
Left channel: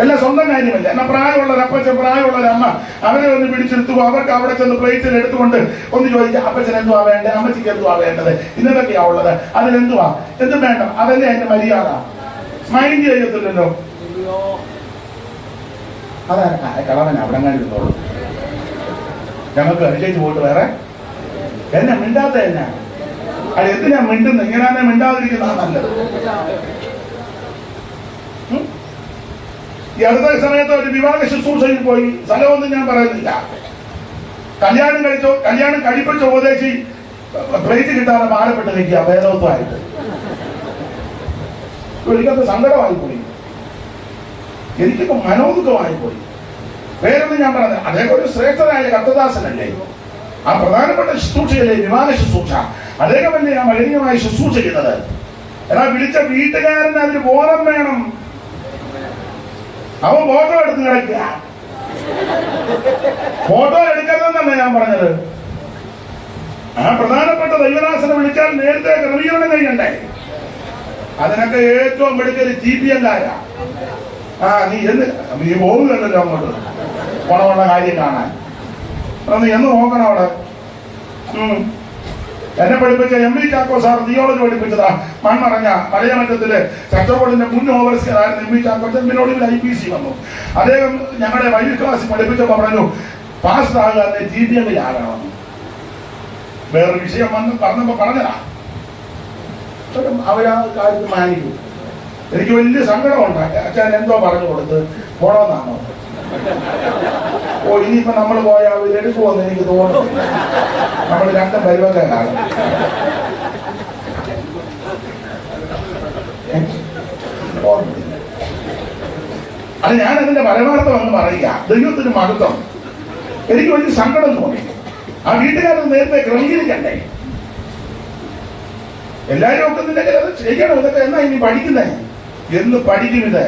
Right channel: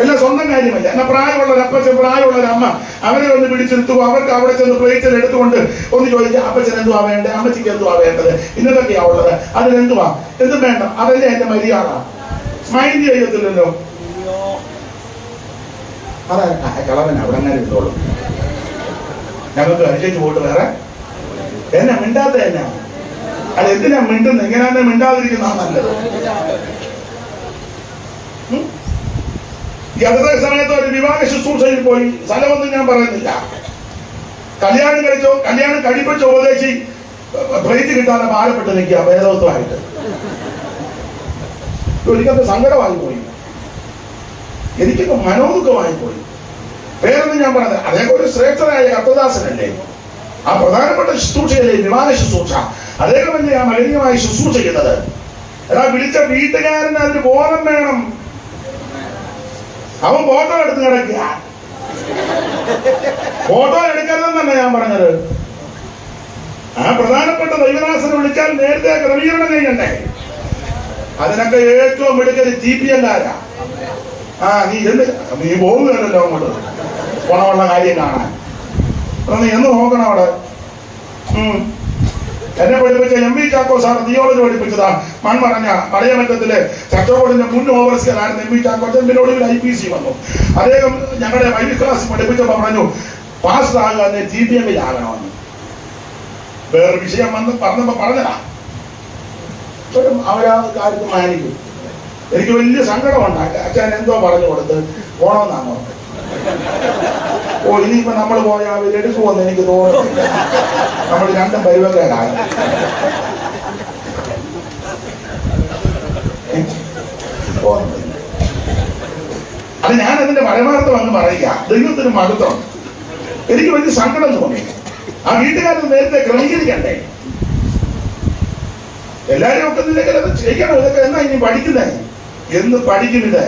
എല്ലാം സ്വന്തം കാര്യമല്ല. എന്നാൽ പ്രായമുള്ളൊരു അപ്പച്ചൻ, പ്രായമുള്ളൊരു അമ്മ, അവരെ ഒന്ന് പിടിച്ചെടുത്തുകോ, അവർക്ക് അവിടെ ചെന്ന് പ്ലേറ്റിൽ എടുത്തുകൊണ്ട് ഒന്ന് ചോദിക്കുക, അപ്പച്ചൻ എന്തുവാ വേണ്ടത്, അമ്മച്ചിക്ക് എന്തുവാ വേണ്ടത്, ഇന്നതൊക്കെയാ ഉള്ളത്, അതിനെന്തുവാ, എന്തും വേണ്ട. അതല്ലേ എന്റെ മര്യാദ. മൈൻഡ് ചെയ്യത്തില്ലല്ലോ. അതാ കളവൻ അവിടെ അങ്ങനെ ഇരുന്നോളൂ. ഞങ്ങൾക്ക് അനുസരിച്ച് പോയിട്ട് വേറെ എന്നെ മിണ്ടാത്ത എന്നാ? അത് എന്തിനാ മിണ്ടുന്നത്? ഇങ്ങനെ മിണ്ടാതിരിക്കുന്ന നല്ലത്. ഈ അടുത്ത സമയത്ത് ഒരു വിവാഹ ശുശ്രൂഷയിൽ പോയി. സ്ഥലമൊന്നും ഞാൻ പറയുന്നില്ല. കല്യാണം കഴിപ്പിച്ച ഉപദേശി പ്ലേറ്റ് കിട്ടാതെ ഭാരപ്പെട്ട് നിൽക്കുക ഭേദവത്വമായിട്ട്. എനിക്കത് സങ്കടമായി പോയി, എനിക്കൊക്കെ മനോദുഃഖമായി പോയി. വേറൊന്നും ഞാൻ പറഞ്ഞത്, അതേപോലെ ശ്രേഷ്ഠനായ കർത്തദാസനല്ലേ, ആ പ്രധാനപ്പെട്ട ശുശ്രൂഷയല്ലേ വിവാഹ ശുശ്രൂഷ. അദ്ദേഹമല്ലേ ആ മലിനീയമായി ശുശ്രൂഷ ചെയ്യുന്നത്. എന്നാൽ വിളിച്ച വീട്ടുകാരന് അതിന് ബോധം വേണം. അവൻ ഫോട്ടോ എടുത്ത് കിടക്കുക. ഫോട്ടോ എടുക്കരുതെന്നല്ല ഞാൻ പറഞ്ഞത്. ആ പ്രധാനപ്പെട്ട ദൈവദാസനെ വിളിച്ചാൽ നേരത്തെ ക്രമീകരണം ചെയ്യണ്ടേ? അതിനൊക്കെ ഏറ്റവും എടുക്കല് TPM-കാരാ. നീ പോകുന്നല്ലോ അങ്ങോട്ട് പോണമുള്ള കാര്യം കാണാൻ. നീ എന്ന് നോക്കണം അവിടെ. എന്നെ പഠിപ്പിച്ച MV ചാക്കോ സാർ തിയോളജി പഠിപ്പിച്ചതാ. മൺമറഞ്ഞ പഴയമറ്റത്തിലെ ചർച്ച ബോർഡിന്റെ മുൻ ഓവർസിയറായിരുന്നു MV ചാക്കോ. ചെമ്പിനോട് IPC വന്നു. അദ്ദേഹം ഞങ്ങളുടെ വൈദ്യ ക്ലാസ് പഠിപ്പിച്ചപ്പോ പറഞ്ഞു, പാസ്റ്റർ ആകാതെ TPM-ലാകണമെന്ന്. വേറെ വിഷയം വന്ന് പറഞ്ഞപ്പോ പറഞ്ഞതാ. അവരാ കാര്യത്തിൽ മാനിക്കും. എനിക്ക് വലിയ സങ്കടമുണ്ടാക്കി. അച്ഛൻ എന്തോ പറഞ്ഞു കൊടുത്ത് പോണമെന്നാണോ? ഇനിയിപ്പോ നമ്മൾ പോയാൽ അവരെടുക്കുമെന്ന് എനിക്ക് തോന്നുന്നില്ല. നമ്മൾ രണ്ടും പരിവർത്തനാണ്. അത് ഞാൻ അതിന്റെ പരമാർത്ഥം എന്ന് പറയുക. ദൈവത്തിന് മഹത്വം. എനിക്ക് വലിയ സങ്കടം തോന്നി. ആ വീട്ടുകാരത് നേരത്തെ ക്രമീകരിക്കണ്ടേ? എല്ലാവരും ഒക്കത്തില്ലെങ്കിൽ അത് ചെയ്യണം. ഇതൊക്കെ എന്നാ ഇനി പഠിക്കുന്നേ? എന്ന് പഠിക്കും ഇത്.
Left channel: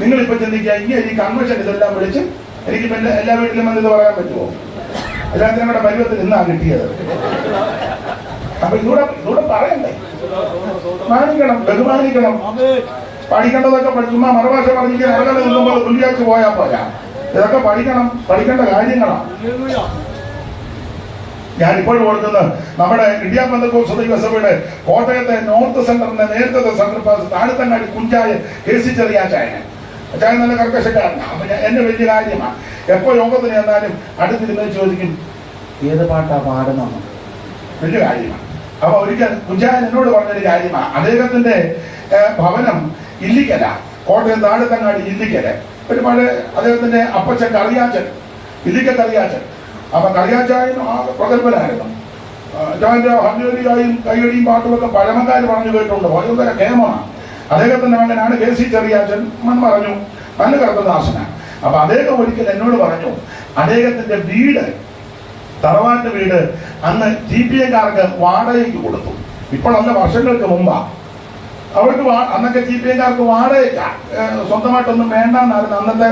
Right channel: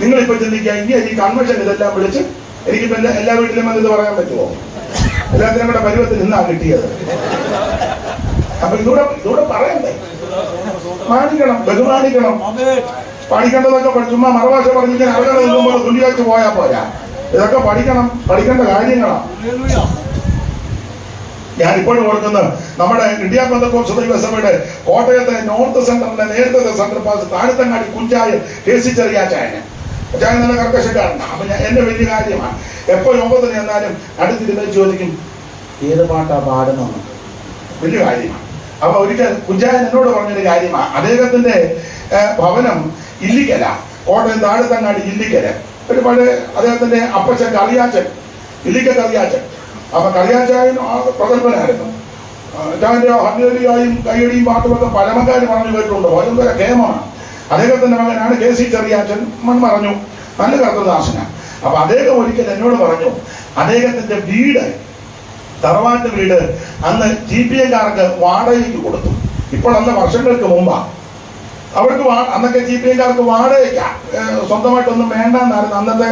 നിങ്ങളിപ്പോ ചിന്തിക്കുക, ഇങ്ങനെ ഈ കൺവെൻഷൻ ഇതെല്ലാം വിളിച്ച് എനിക്കിപ്പോ എല്ലാ വീട്ടിലും വന്നത് പറയാൻ പറ്റുമോ? എല്ലാത്തിനും കൂടെ പരുവത്തിൽ ഇന്നാ കിട്ടിയത്. അപ്പൊ ഇതൂടെ പറയണ്ടേ? മാനിക്കണം, ബഹുമാനിക്കണം. പഠിക്കേണ്ടതൊക്കെ ചുമ്മാ മറുഭാഷ പറഞ്ഞിട്ട് അറകളെ നിൽക്കുമ്പോൾ തുള്ളിയാച്ച് പോയാൽ പോരാ. ഇതൊക്കെ പഠിക്കേണ്ട കാര്യങ്ങളാണ്. ഞാനിപ്പോഴും ഓർക്കുന്നത് നമ്മുടെ ഇന്ത്യ പെന്തക്കോസ്ത് ദൈവസഭയുടെ കോട്ടയത്തെ നോർത്ത് സെന്ററിന്റെ നേരത്തെ സെന്റർ പാസ് താഴത്തങ്ങാടി കുഞ്ചായ KC ചെറിയാച്ചായന്. അച്ചായൻ നല്ല കർക്കശക്കാരനാണ്. അപ്പൊ എന്റെ വലിയ കാര്യമാണ്. എപ്പോ യോഗത്തിന് ചെന്നാലും അടുത്തിരുന്ന് ചോദിക്കും, ഏത് പാട്ടാ പാടുന്നത്? വലിയ കാര്യമാണ്. അപ്പൊ ഒരിക്കൽ കുഞ്ചായൻ എന്നോട് പറഞ്ഞൊരു കാര്യമാണ്. അദ്ദേഹത്തിന്റെ ഭവനം ഇല്ലിക്കല, കോട്ടയം താഴത്തങ്ങാടി ഇല്ലിക്കല. ഒരു പഴയ അദ്ദേഹത്തിന്റെ അപ്പച്ചൻ കറിയാച്ചൻ, ഇല്ലിക്കൽ കറിയാച്ചൻ. അപ്പൊ കറിയാച്ചായൻ ആ പ്രഗത്ഭനായിരുന്നു. അച്ചായന്റെ ഹർജലിയായും കൈയടിയും പാട്ടുമൊക്കെ പഴമക്കാർ പറഞ്ഞു കേട്ടുണ്ട്. ഭയങ്കര കേമമാണ്. അദ്ദേഹത്തിന്റെ മകനാണ് KC ചെറിയാച്ചൻ. പറഞ്ഞു നല്ല കർത്തദാസനാണ്. അപ്പൊ അദ്ദേഹം ഒരിക്കൽ എന്നോട് പറഞ്ഞു, അദ്ദേഹത്തിന്റെ വീട്, തറവാട്ട് വീട് അന്ന് TPM-കാർക്ക് വാടകയ്ക്ക് കൊടുത്തു. ഇപ്പോഴല്ല, വർഷങ്ങൾക്ക് മുമ്പാ. അവർക്ക് അന്നൊക്കെ TPM-കാർക്ക് വാടകയ്ക്ക, സ്വന്തമായിട്ടൊന്നും വേണ്ടെന്നായിരുന്നു അന്നത്തെ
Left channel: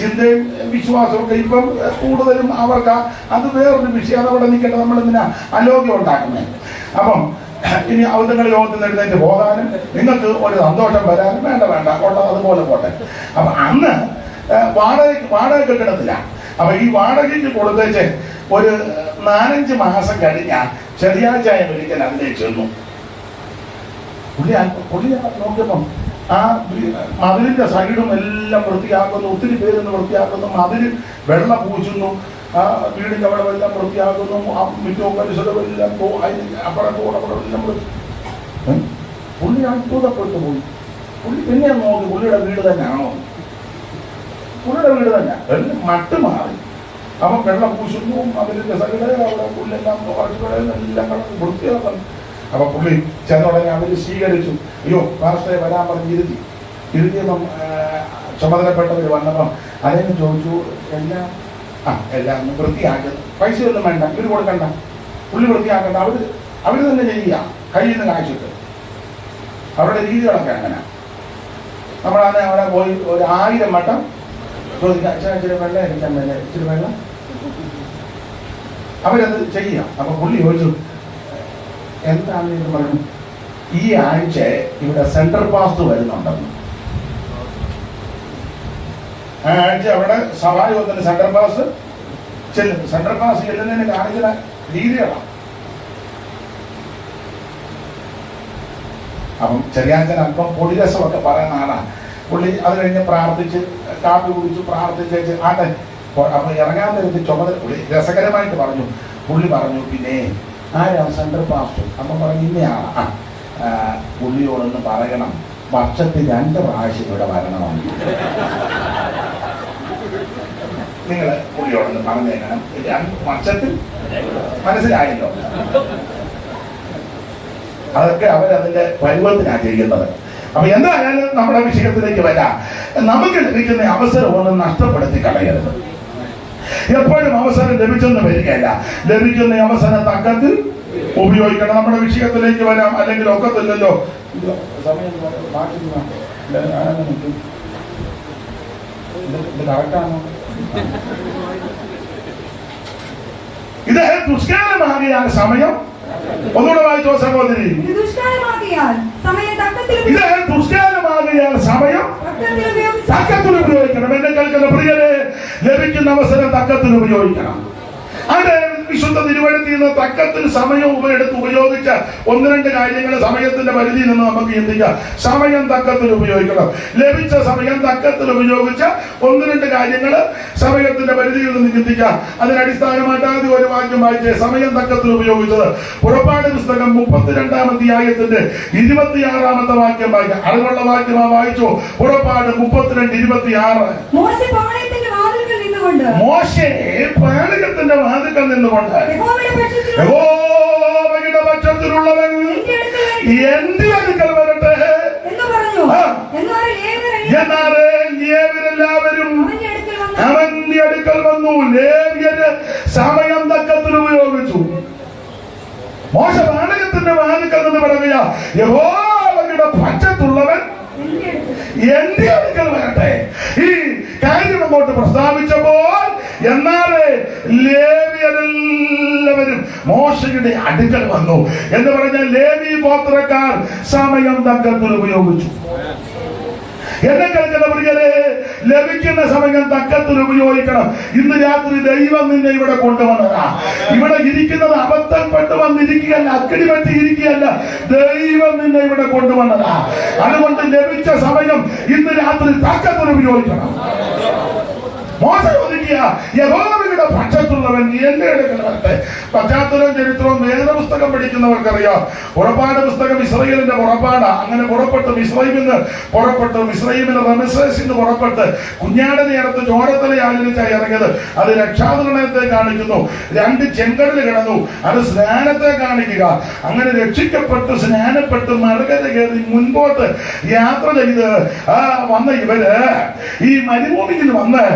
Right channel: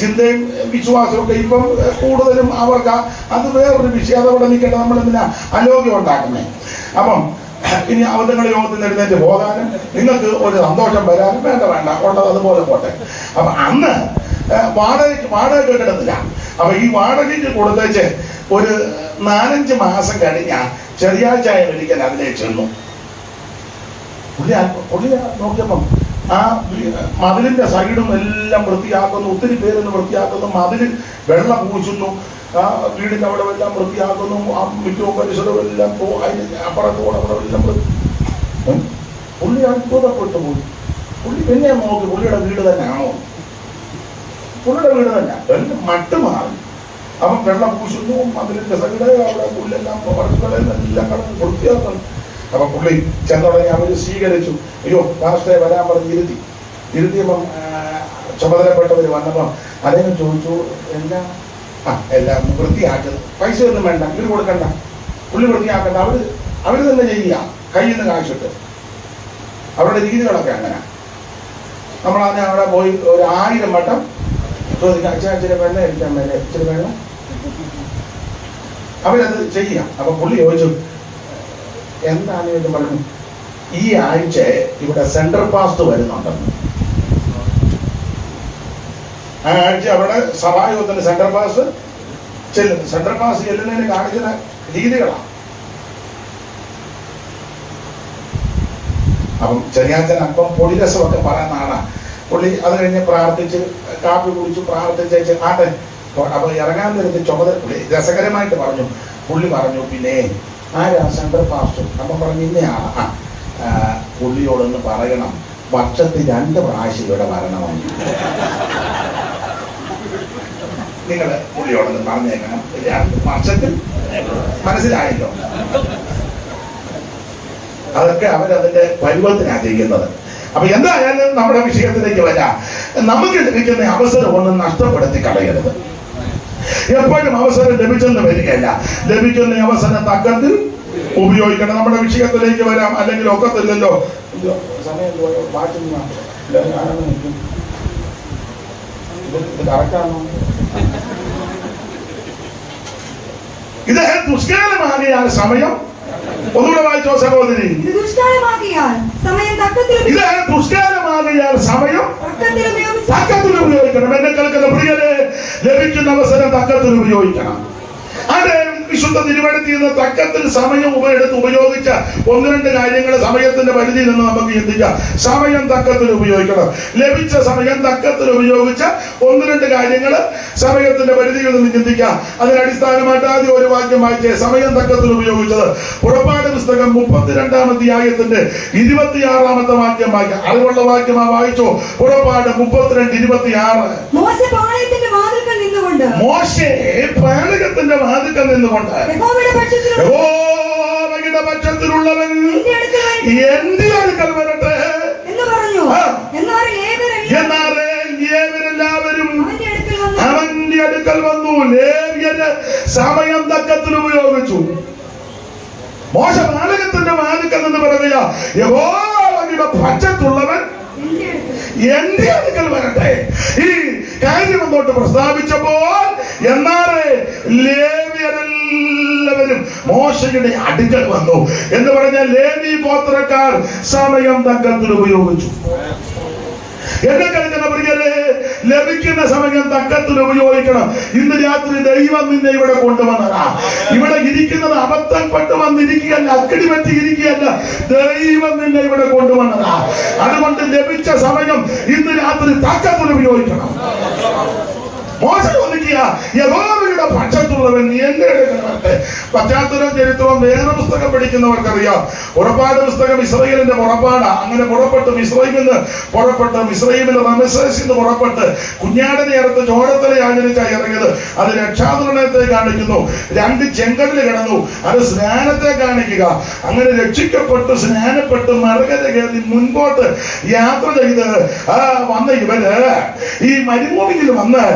ചിന്തയും വിശ്വാസവും ഒക്കെ. ഇപ്പം കൂടുതലും അവർക്ക് അത് വേറൊരു വിഷയം. അതവിടെ നിൽക്കട്ടെ, നമ്മളെന്തിനാ അലോക്യം ഉണ്ടാക്കുന്നത്? അപ്പം ഇനി അവരുടെ യോഗത്തിൽ എഴുന്നേറ്റ് പോകാനും നിങ്ങൾക്ക് ഒരു സന്തോഷം വരാനും വേണ്ട ഉള്ളത് അതുപോലെ പോട്ടെ. അപ്പൊ അന്ന് വാടക കിടന്നില്ല. അപ്പൊ ഈ വാടകയ്ക്ക് കൊടുത്തേച്ച് ഒരു 4-5 മാസം കഴിഞ്ഞ ചെറിയാഴ്ചായ ഒരിക്കൽ അതിനെ ചെന്നു. പുള്ളി നോക്കിയപ്പം ആ മതിലിന്റെ സൈഡും എല്ലാം വൃത്തിയാക്കുന്നു, ഒത്തിരി പേരൊന്ന് വൃത്തിയാക്കുന്നു, മതിൽ വെള്ളം പൂശുന്നു, ആ വീടിന്റെ അവിടെ എല്ലാം വൃത്തിയാക്കുന്നു, ആ മിറ്റവും പരിസരവും എല്ലാം അപ്പുറത്തോടപ്പുറം പുള്ളി അത്ഭുതപ്പെട്ടു പോയി. പുള്ളി പിന്നെ നോക്കി പുള്ളിയുടെ വീട് തന്നെയാണോ, പുള്ളിയുടെ വീട് തന്നെ എല്ലാം മട്ട് മാറി. അവൻ വെള്ളം പൂശുന്നു, മതിലിന്റെ സൈഡ് അവിടെ പുല്ലെല്ലാം എല്ലാം വൃത്തിയാക്കണം. അപ്പൊ പുള്ളി ചെന്നുടനെ അവര് സ്വീകരിച്ചു. അയ്യോ പാസ്റ്ററെ വരാൻ പറഞ്ഞ് ഇരുത്തിയപ്പം ചുമതലപ്പെട്ടവർ വന്നപ്പം അദ്ദേഹം ചോദിച്ചു, എല്ലാം വൃത്തിയാക്കുക, പൈസ ഒന്നും വേണ്ട, ഇവര് കൊടുക്കണ്ട, പുള്ളി വൃത്തിയാക്കണ്ട, അവര് തന്നെ ചെയ്യുക, കയ്യിൽ നിന്ന് കാശിട്ട്. അവരുടെ രീതികളൊക്കെ അങ്ങനെ. നമ്മളാണ് അവിടെ പോയി ഒരു 1000 വട്ടം ചോദിക്കാം, ഇച്ചിരി വെള്ളം അടിക്കാൻ വേണ്ടി, ഇച്ചിരി വെള്ളം, അവരത് ചെയ്യാം. അപ്പൊ പുള്ളി ചോദിച്ചു, എന്താണ് എന്ന് പറഞ്ഞു. ഈ ആഴ്ച ഇവിടെ സെൻട്രൽ പാസ്റ്റ് വരുന്നുണ്ടെന്ന്. ആ ആഴ്ച അവിടെ സഭായോഗത്തിന് സെൻട്രൽ പാസ്റ്റ് ചെല്ലും. സെൻട്രൽ പാസ്റ്റ് ചെല്ലുന്നതിന് കാണിക്കുന്ന രീതികളാണ്. അപ്പം ചെറിയാച്ചൻ അല്പം പൊടിരസമൊക്കെ പറയുന്ന ആളാണ് പുള്ളി. അത് കഴിഞ്ഞ് പ്രാർത്ഥിച്ച് കാപ്പി കുടിച്ചു, പ്രാർത്ഥിച്ച് ആട്ടെ. അപ്പൊ ഇറങ്ങാൻ നേരത്തെ ചുമതല പുള്ളി രസകരമായിട്ട് പറഞ്ഞു. പുള്ളി പറഞ്ഞു, പിന്നെ ആരാ സെൻട്രൽ പാസ്റ്റർ? അപ്പം പറഞ്ഞു, ഇന്നയാണ്. പുള്ളിയോടൊന്ന് പറയണം, വർഷത്തിൽ 2 പ്രാവശ്യം ഇവിടെ വരണമെന്ന്. നിങ്ങൾ പുള്ളിയോടൊന്ന് പറഞ്ഞേക്കണം, 2 വർഷത്തിൽ. മനസ്സിലായല്ലോ? അതൊക്കെ അവരതിന്റെ പരുവത്തിനാണ് ചെയ്യുന്നത്. അപ്പൊ എന്തായാലും നമ്മുടെ വിഷയത്തിലേക്ക് വരാം. നമുക്ക് ലഭിക്കുന്ന അവസരം ഒന്നും നഷ്ടപ്പെടുത്തി കളയരുത്. എപ്പോഴും അവസരം ലഭിച്ചെന്ന് വരികയല്ല, ലഭിക്കുന്ന അവസരം തക്കത്തിൽ ഉപയോഗിക്കണം. നമ്മുടെ വിഷയത്തിലേക്ക് വരാം. അല്ലെങ്കിൽ ഒക്കത്തില്ലല്ലോ, സമയം ഇത് ദുഷ്കാലമാകിയ സമയം. ഒന്നുകൂടെ വായിച്ചോ സഹോദരി. ഇത് ദുഷ്കാലമാകിയാൽ സമയം തക്കത്തിൽ ഉപയോഗിക്കണം. എന്നെ കേൾക്കുന്ന പ്രിയരെ, ലഭിക്കുന്ന അവസരം തക്കത്തിൽ ഉപയോഗിക്കണം. അത് വിശുദ്ധ തിരുവഴുത്തിൽ നിന്ന് തക്കത്തിന് സമയം ഉപയോഗിച്ച 1-2 കാര്യങ്ങൾ സമയത്തിന്റെ പരിധിയിൽ നിന്ന് നമുക്ക് ചിന്തിക്കാം. സമയം തക്കത്തിൽ ഉപയോഗിക്കണം. ലഭിച്ച സമയം തക്കത്തിൽ ഉപയോഗിച്ച 1-2 കാര്യങ്ങൾ സമയത്തിന്റെ പരിധിയിൽ നിന്ന് ചിന്തിക്കാം. അതിനടിസ്ഥാനമായിട്ട് ആദ്യം ഒരു വാക്യം വായിച്ചേ. സമയം തക്കത്തിൽ ഉപയോഗിച്ചത് പുറപ്പാട് പുസ്തകം 32-ാം അധ്യായത്തിന്റെ 26-ാമത്തെ വാക്യം വായിക്കാം. അതുകൊള്ള വാക്യമാ വായിച്ചോ. പുറപ്പാട് 32:26. മോശെ പാളയത്തിന്റെ വാതിൽക്കൽ നിന്നുകൊണ്ട് യഹോവയുടെ പക്ഷത്തിലുള്ളവൻ എന്റെ അടുക്കൽ വരട്ടെ എന്ന് പറഞ്ഞു. എന്നാലേ ലേവ്യരെല്ലാവരും അവന്റെ അടുക്കൽ വന്നു. ലേവ്യര് സമയം തക്കത്തിൽ ഉപയോഗിച്ചു. മോശ പാളയത്തിന്റെ വാതിൽക്കൽ നിന്ന് പറയുക, യഹോവയുടെ പക്ഷത്തുള്ളവൻ എന്റെ അടുക്കൽ വരട്ടെ. ഈ കാര്യം അങ്ങോട്ട് പ്രസ്താവിച്ചപ്പോൾ എന്നാലേ ലേവ്യരെല്ലാവരും മോശയുടെ അടുക്കൽ വന്നു എന്ന് പറഞ്ഞാൽ ലേവി ഗോത്രക്കാർ സമയം തക്കത്തിൽ ഉപയോഗിച്ചു. എന്നെ കളിക്കുന്ന പ്രിയരെ, ലഭിക്കുന്ന സമയം തക്കത്തിൽ ഉപയോഗിക്കണം. ഇന്ന് രാത്രി ദൈവം നിന്നെ ഇവിടെ കൊണ്ടുവന്നതാ. ഇവിടെ ഇരിക്കുന്നത് അബദ്ധപ്പെട്ട് വന്നിരിക്കുകയല്ല, അക്കടി പറ്റി ഇരിക്കുകയല്ല. ദൈവം നിന്നെ ഇവിടെ കൊണ്ടുവന്നതാ. അതുകൊണ്ട് ലഭിച്ച സമയം ഇന്ന് രാത്രി തക്കത്തിൽ ഉപയോഗിക്കണം. മോശം ഒതുക്കിയ യഹോവയുടെ പക്ഷത്തുള്ളവൻ എന്റെ അടുക്കൽ വരട്ടെ. പശ്ചാത്തലവും ചരിത്രവും വേദപുസ്തകം പഠിക്കുന്നവർക്കറിയാം. പുറപ്പാട് പുസ്തകം ഇസ്രായേലിന്റെ പുറപ്പാടാ. അങ്ങനെ പുറപ്പെട്ട് മിസ്രയീമിൽ റമസേസിൽ നിന്ന് പുറപ്പെട്ട് കുഞ്ഞാടിനെ അടുത്ത് ചോരത്തല ആചരിച്ചായി ഇറങ്ങിയത്. അത് രക്ഷാതരണത്തെ കാണിക്കുന്നു. 2 ചെങ്കടല് കിടന്നു, അത് സ്നാനത്തെ കാണിക്കുക. അങ്ങനെ രക്ഷിക്കപ്പെട്ട് സ്നാനപ്പെട്ട് മറുകര കയറി മുൻപോട്ട് യാത്ര ചെയ്ത് വന്ന ഇവര് ഈ മരുഭൂമിയിൽ വന്ന്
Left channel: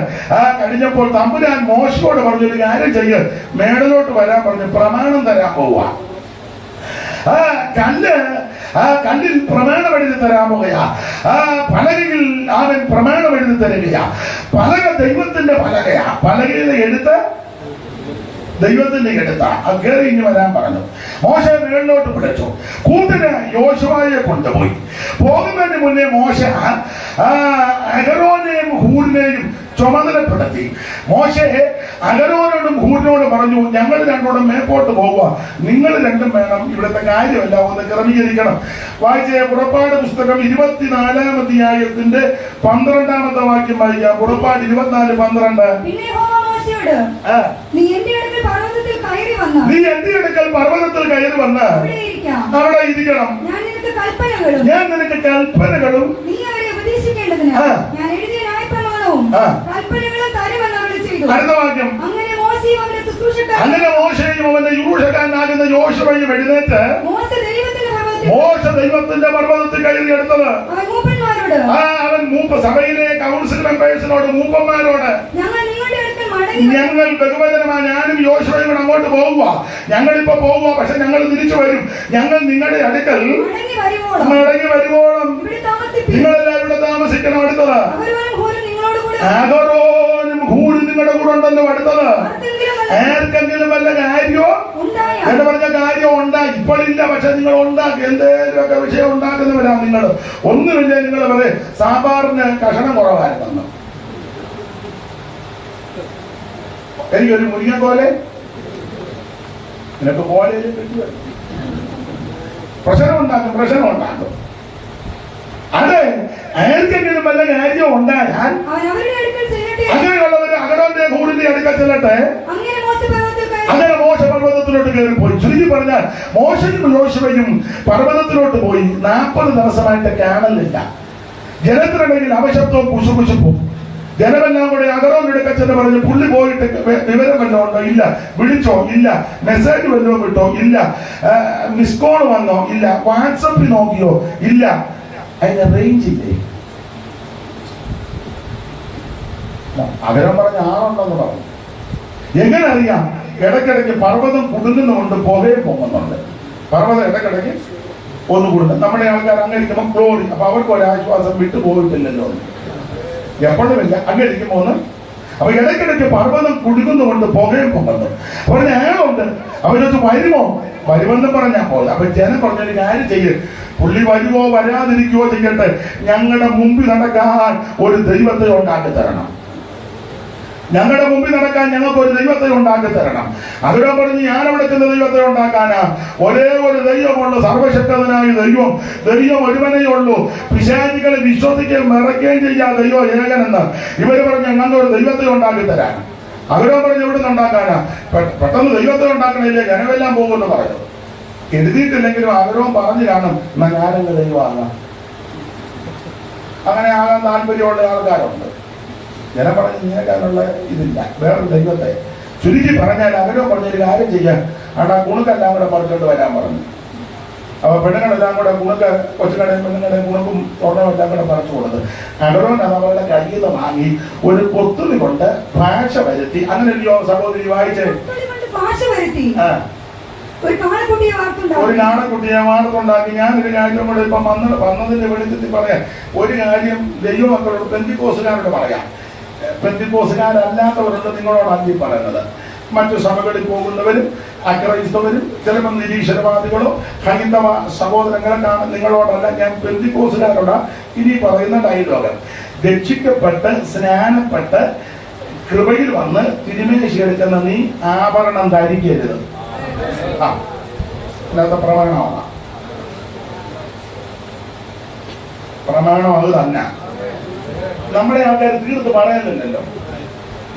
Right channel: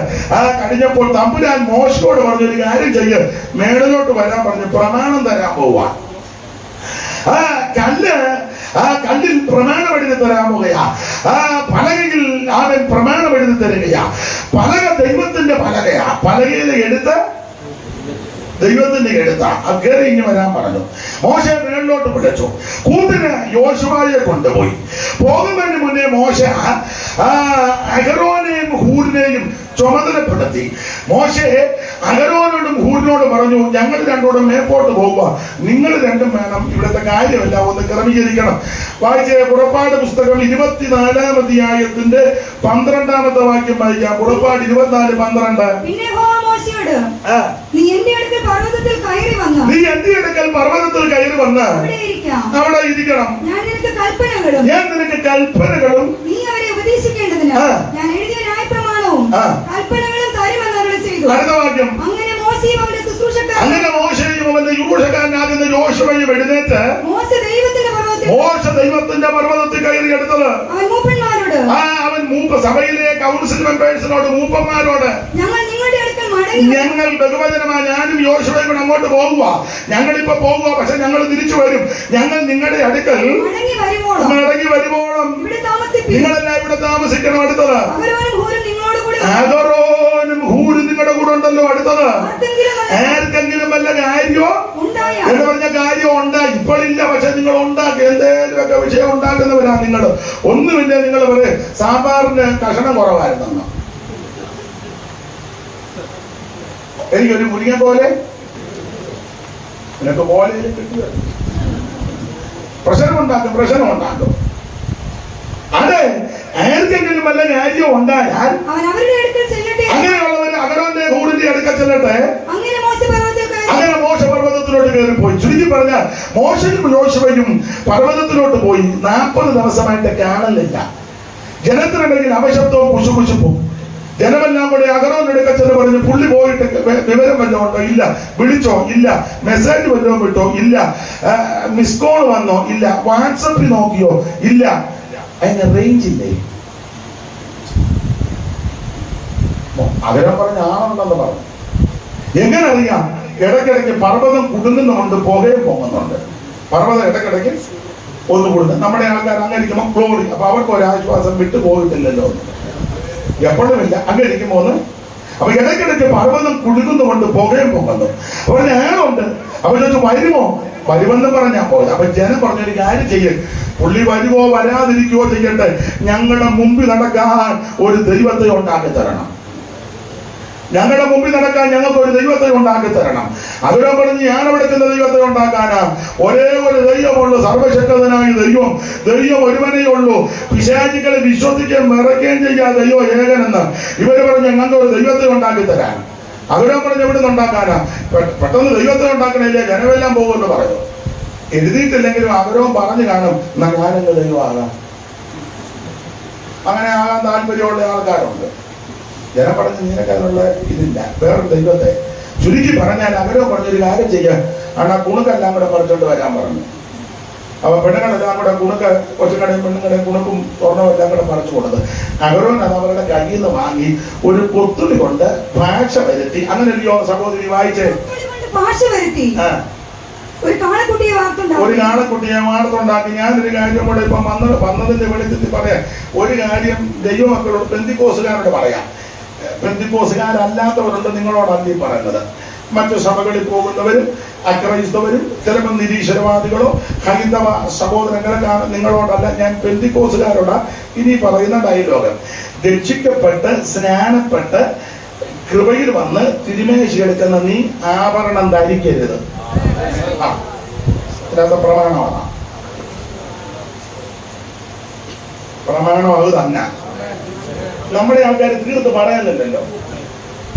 കഴിഞ്ഞപ്പോൾ തമ്പുരാൻ മോശയോട് പറഞ്ഞു, ഒരു കാര്യം ചെയ്യ്, മേടലോട്ട് വരാൻ പറഞ്ഞു, പ്രമാണം തരാൻ പോവുക. കല്ലിൽ പ്രമാണം എഴുതി തരാൻ പോവുകയാ. പലകയിൽ അവൻ പ്രമാണം എഴുതി തരികയാ. പലക ദൈവത്തിന്റെ പലകയാ. പലകയിലെ എടുത്ത് ദൈവത്തിന്റെ എടുത്ത അത് കയറി ഇനി വരാൻ പറഞ്ഞു. മോശ വീട്ടിലോട്ട് വിളിച്ചു. കൂട്ടിന് യോശുവയെ കൊണ്ടുപോയി. പോകുന്നതിന് മുന്നേ മോശ അഹരോനെയും ഹൂറിനെയും ചുമതലപ്പെടുത്തി. മോശെ അഹരോനോടും ഹൂരിനോടും പറഞ്ഞു, ഞങ്ങൾ രണ്ടോടും മേപ്പോട്ട് പോവുക, നിങ്ങൾ രണ്ടും വേണം ഇവിടുത്തെ കാര്യമെല്ലാം ഒന്ന് ക്രമീകരിക്കണം. വായിച്ച പുറപ്പാട് പുസ്തകം 24-ാം അധ്യായത്തിന്റെ 12-ാമത്തെ വാക്യം വായിക്കാം. പുറപ്പാട് 24:12. പിന്നെ യഹോവ മോശെയോട്, നീ എന്റെ അടുക്കൽ പർവ്വതത്തിൽ കയറി വന്ന് അവിടെ ഇരിക്കണം. ഞാൻ നിനക്ക് കൽപ്പനകളും നീ അവരെ ഉപദേശിക്കേണ്ടതിന് ഞാൻ എഴുതിയ ന്യായപ്രമാണവും കൽപ്പനകളും തരുമെന്ന് അരുളി ചെയ്തു. അടുത്ത വാക്യം. അങ്ങനെ മോശെയും അവന്റെ ശുശ്രൂഷക്കാരനും അവന്റെ ശുശ്രൂഷക്കാരനാകുന്ന യോശുവയും എഴുന്നേറ്റ് മോശ ദൈവത്തിന്റെ പർവ്വതത്തിൽ കയറി എടുത്തത്. അവൻ മൂപ്പന്മാരോട്, സഭയിലെ കൗൺസിൽ മെമ്പേഴ്സിനോട്, മൂപ്പന്മാരോട്, ഞങ്ങൾ ബഹുവചനമായി ഞാനും യോശുവയും കൂടെ അങ്ങോട്ട് പോവുക, ഞങ്ങളിപ്പോ പോവുക, പക്ഷെ ഞങ്ങൾ തിരിച്ചു വരും. ഞങ്ങൾ നിങ്ങളുടെ അടുക്കൽ മടങ്ങി വരുവോളം നിങ്ങളെല്ലാം ഇവിടെ താമസിക്കണം. അടുത്തത് അഹരോനും ഹൂരും നിങ്ങളുടെ കൂടെ ഉണ്ടല്ലോ. അടുത്തത് ആർക്കെങ്കിലും വല്ല കാര്യമോ എന്ന് പറഞ്ഞ കാര്യം ഉണ്ടായി, ഇപ്പോഴില്ല, പക്ഷെ നിങ്ങൾ ഉണ്ടാക്കി എന്തേലുമൊക്കെ വിഷയം ഉണ്ടാക്കുന്നവരാ നിങ്ങൾ. ഒന്നുമില്ല, നിങ്ങൾ പറയും സാമ്പാറിന് കഷണം കുറവായിരുന്നു, എനിക്കൊരു മുരിങ്ങ പോലെ നിനക്ക് പോലെ പ്രശ്നമുണ്ടാക്കും. അത് ആർക്കെങ്കിലും വല്ല കാര്യം ഉണ്ടായാൽ അങ്ങനെയുള്ളവര് അഹരോന്റെ ഹൂറിന്റെ അടുക്കൽ ചെല്ലട്ടെ. അങ്ങനെ മോശ പർവ്വതത്തിലോട്ട് കയറിപ്പോയി. ചുരുക്കി പറഞ്ഞാൽ മോശയും യോശുവയും പർവ്വതത്തിലോട്ട് പോയി. 40 ദിവസമായിട്ട് കാണലില്ല. ജനത്തിനിടയിൽ അവശബ്ദവും കുശുകുശുപ്പും. ജനമെല്ലാം കൂടെ അഹരോന്റെ അടുക്കൽ ചെന്ന് പറഞ്ഞു, പുള്ളി പോയിട്ട് വിവരം വല്ലതും ഉണ്ടോ? ഇല്ല. വിളിച്ചോ? ഇല്ല. മെസ്സേജ് വല്ലതും വിട്ടോ? ഇല്ല. മിസ് കോൾ വന്നോ? ഇല്ല. വാട്സപ്പിൽ നോക്കിയോ? ഇല്ല. അതിന് റേഞ്ച് ഇല്ലേ? അഹരോൻ പറഞ്ഞ ആളുണ്ടെന്ന് പറഞ്ഞു. എങ്ങനെ അറിയാം? ഇടയ്ക്കിടയ്ക്ക് പർവ്വതം കുടുങ്ങുന്നുണ്ട്, പുകയും പോകുന്നുണ്ട്. പർവ്വതം ഇടയ്ക്കിടയ്ക്ക് ഒന്ന് കൂടുന്നു. നമ്മുടെ ആൾക്കാർ അങ്ങനെ ഇരിക്കുമ്പോൾ ഫ്ലോറി, അപ്പൊ അവർക്ക് ഒരാശ്വാസം വിട്ടു പോയിട്ടില്ലല്ലോ. എപ്പോഴുമില്ല, അങ്ങനെ ഇരിക്കുമ്പോന്ന് അപ്പൊ ഇടയ്ക്കിടയ്ക്ക് പർവ്വതം കുടുങ്ങുന്നുകൊണ്ട് പുകയും പോകുന്നു. അപ്പൊ ഞാനുണ്ട്. അപ്പൊ ചോദിച്ചു, വരുമോ? വരുമെന്ന് പറഞ്ഞാൽ പോയി. അപ്പൊ ജനം പറഞ്ഞൊരു കാര്യം ചെയ്യും, പുള്ളി വരുവോ വരാതിരിക്കുകയോ ചെയ്യട്ടെ, ഞങ്ങളുടെ മുമ്പിൽ നടക്കാൻ ഒരു ദൈവത്തെ ഉണ്ടാക്കി തരണം. ഞങ്ങളുടെ മുമ്പിൽ നടക്കാൻ ഞങ്ങൾക്ക് ഒരു ദൈവത്തെ ഉണ്ടാക്കി തരണം. അവിടെ പറഞ്ഞ് ഞാൻ അവിടെ ചെന്ന ദൈവത്തെ ഉണ്ടാക്കാനാ? ഒരേ ഒരു ദൈവമുള്ളൂ, സർവശക്തനായ ദൈവം. ദൈവം ഒരുവനേ ഉള്ളൂ. പിശാചുക്കളെ വിശ്വസിക്കുകയും മറയ്ക്കുകയും ചെയ്യാ ദൈവം ഏകനെന്ന്. ഇവര് പറഞ്ഞ് ഞങ്ങൾക്ക് ഒരു ദൈവത്തെ ഉണ്ടാക്കി തരാൻ. അവിടെ പറഞ്ഞ് എവിടെ നിന്ന് ഉണ്ടാക്കാനാ? പെട്ടെന്ന് ദൈവത്തെ ഉണ്ടാക്കണില്ല, ജനമെല്ലാം പോകുമെന്ന് പറഞ്ഞു. എഴുതിയിട്ടില്ലെങ്കിലും അവരോ പറഞ്ഞു കാണും, എന്നാ ഞാനെന്റെ ദൈവമാകാം. അങ്ങനെ ആകാൻ താല്പര്യമുള്ള ആൾക്കാരുണ്ട്. ജനം പറഞ്ഞ് നിനക്കതിനുള്ള ഇതില്ല, വേറൊരു ദൈവത്തെ. ചുരുക്കി പറഞ്ഞാൽ അവരോ പറഞ്ഞൊരു കാര്യം ചെയ്യാൻ, ആ കുണുക്കെല്ലാം കൂടെ പറിച്ചോണ്ട് വരാൻ പറഞ്ഞു. അപ്പൊ പെണ്ണുങ്ങളെല്ലാം കൂടെ കുണുക്ക്, കൊച്ചുകടയും പെണ്ണുങ്ങളുടെയും കുണുക്കും സ്വർണ്ണവും എല്ലാം കൂടെ പറിച്ചു കൊടുത്ത് അഹരോൻ അത് അവരുടെ കയ്യിൽ നിന്ന് വാങ്ങി ഒരു കൊത്തുള്ളി കൊണ്ട് ഭാഷ വരുത്തി. അങ്ങനെയല്ലയോ സഹോദരി വായിച്ചേ? ഒരു നാണക്കുട്ടിയെ വാർത്തുണ്ടാക്കി. ഞാനൊരു കാര്യം കൂടെ ഇപ്പൊ വന്നതിന്റെ വെളിച്ചത്തിൽ പറയാം. ഒരു കാര്യം ദൈവമക്കളോട്, പെന്തിക്കോസുകാരോട് പറയാം. പെന്തിക്കോസുകാരല്ലാത്തവരുണ്ട് നിങ്ങളോടല്ല ഈ പറയുന്നത്. മറ്റു സഭകളിൽ പോകുന്നവരും അക്രൈസ്തവരും ചിലപ്പോൾ നിരീശ്വരവാദികളോ ഹൈന്ദവ സഹോദരങ്ങളൊക്കെ നിങ്ങളോടല്ല, ഞാൻ പെന്തിക്കോസുകാരോടാ ഇനി പറയുന്ന ഡയലോഗ്. രക്ഷിക്കപ്പെട്ട് സ്നാനപ്പെട്ട് കൃപയിൽ വന്ന് തിരുമേശി എടുക്കുന്ന നീ ആഭരണം ധരിക്കരുത്. ഇതിനകത്ത് പ്രമാണമാണ്. പ്രമാണം അത് തന്നെ. നമ്മുടെ ആൾക്കാർ തീർത്ത് പറയാനില്ലല്ലോ.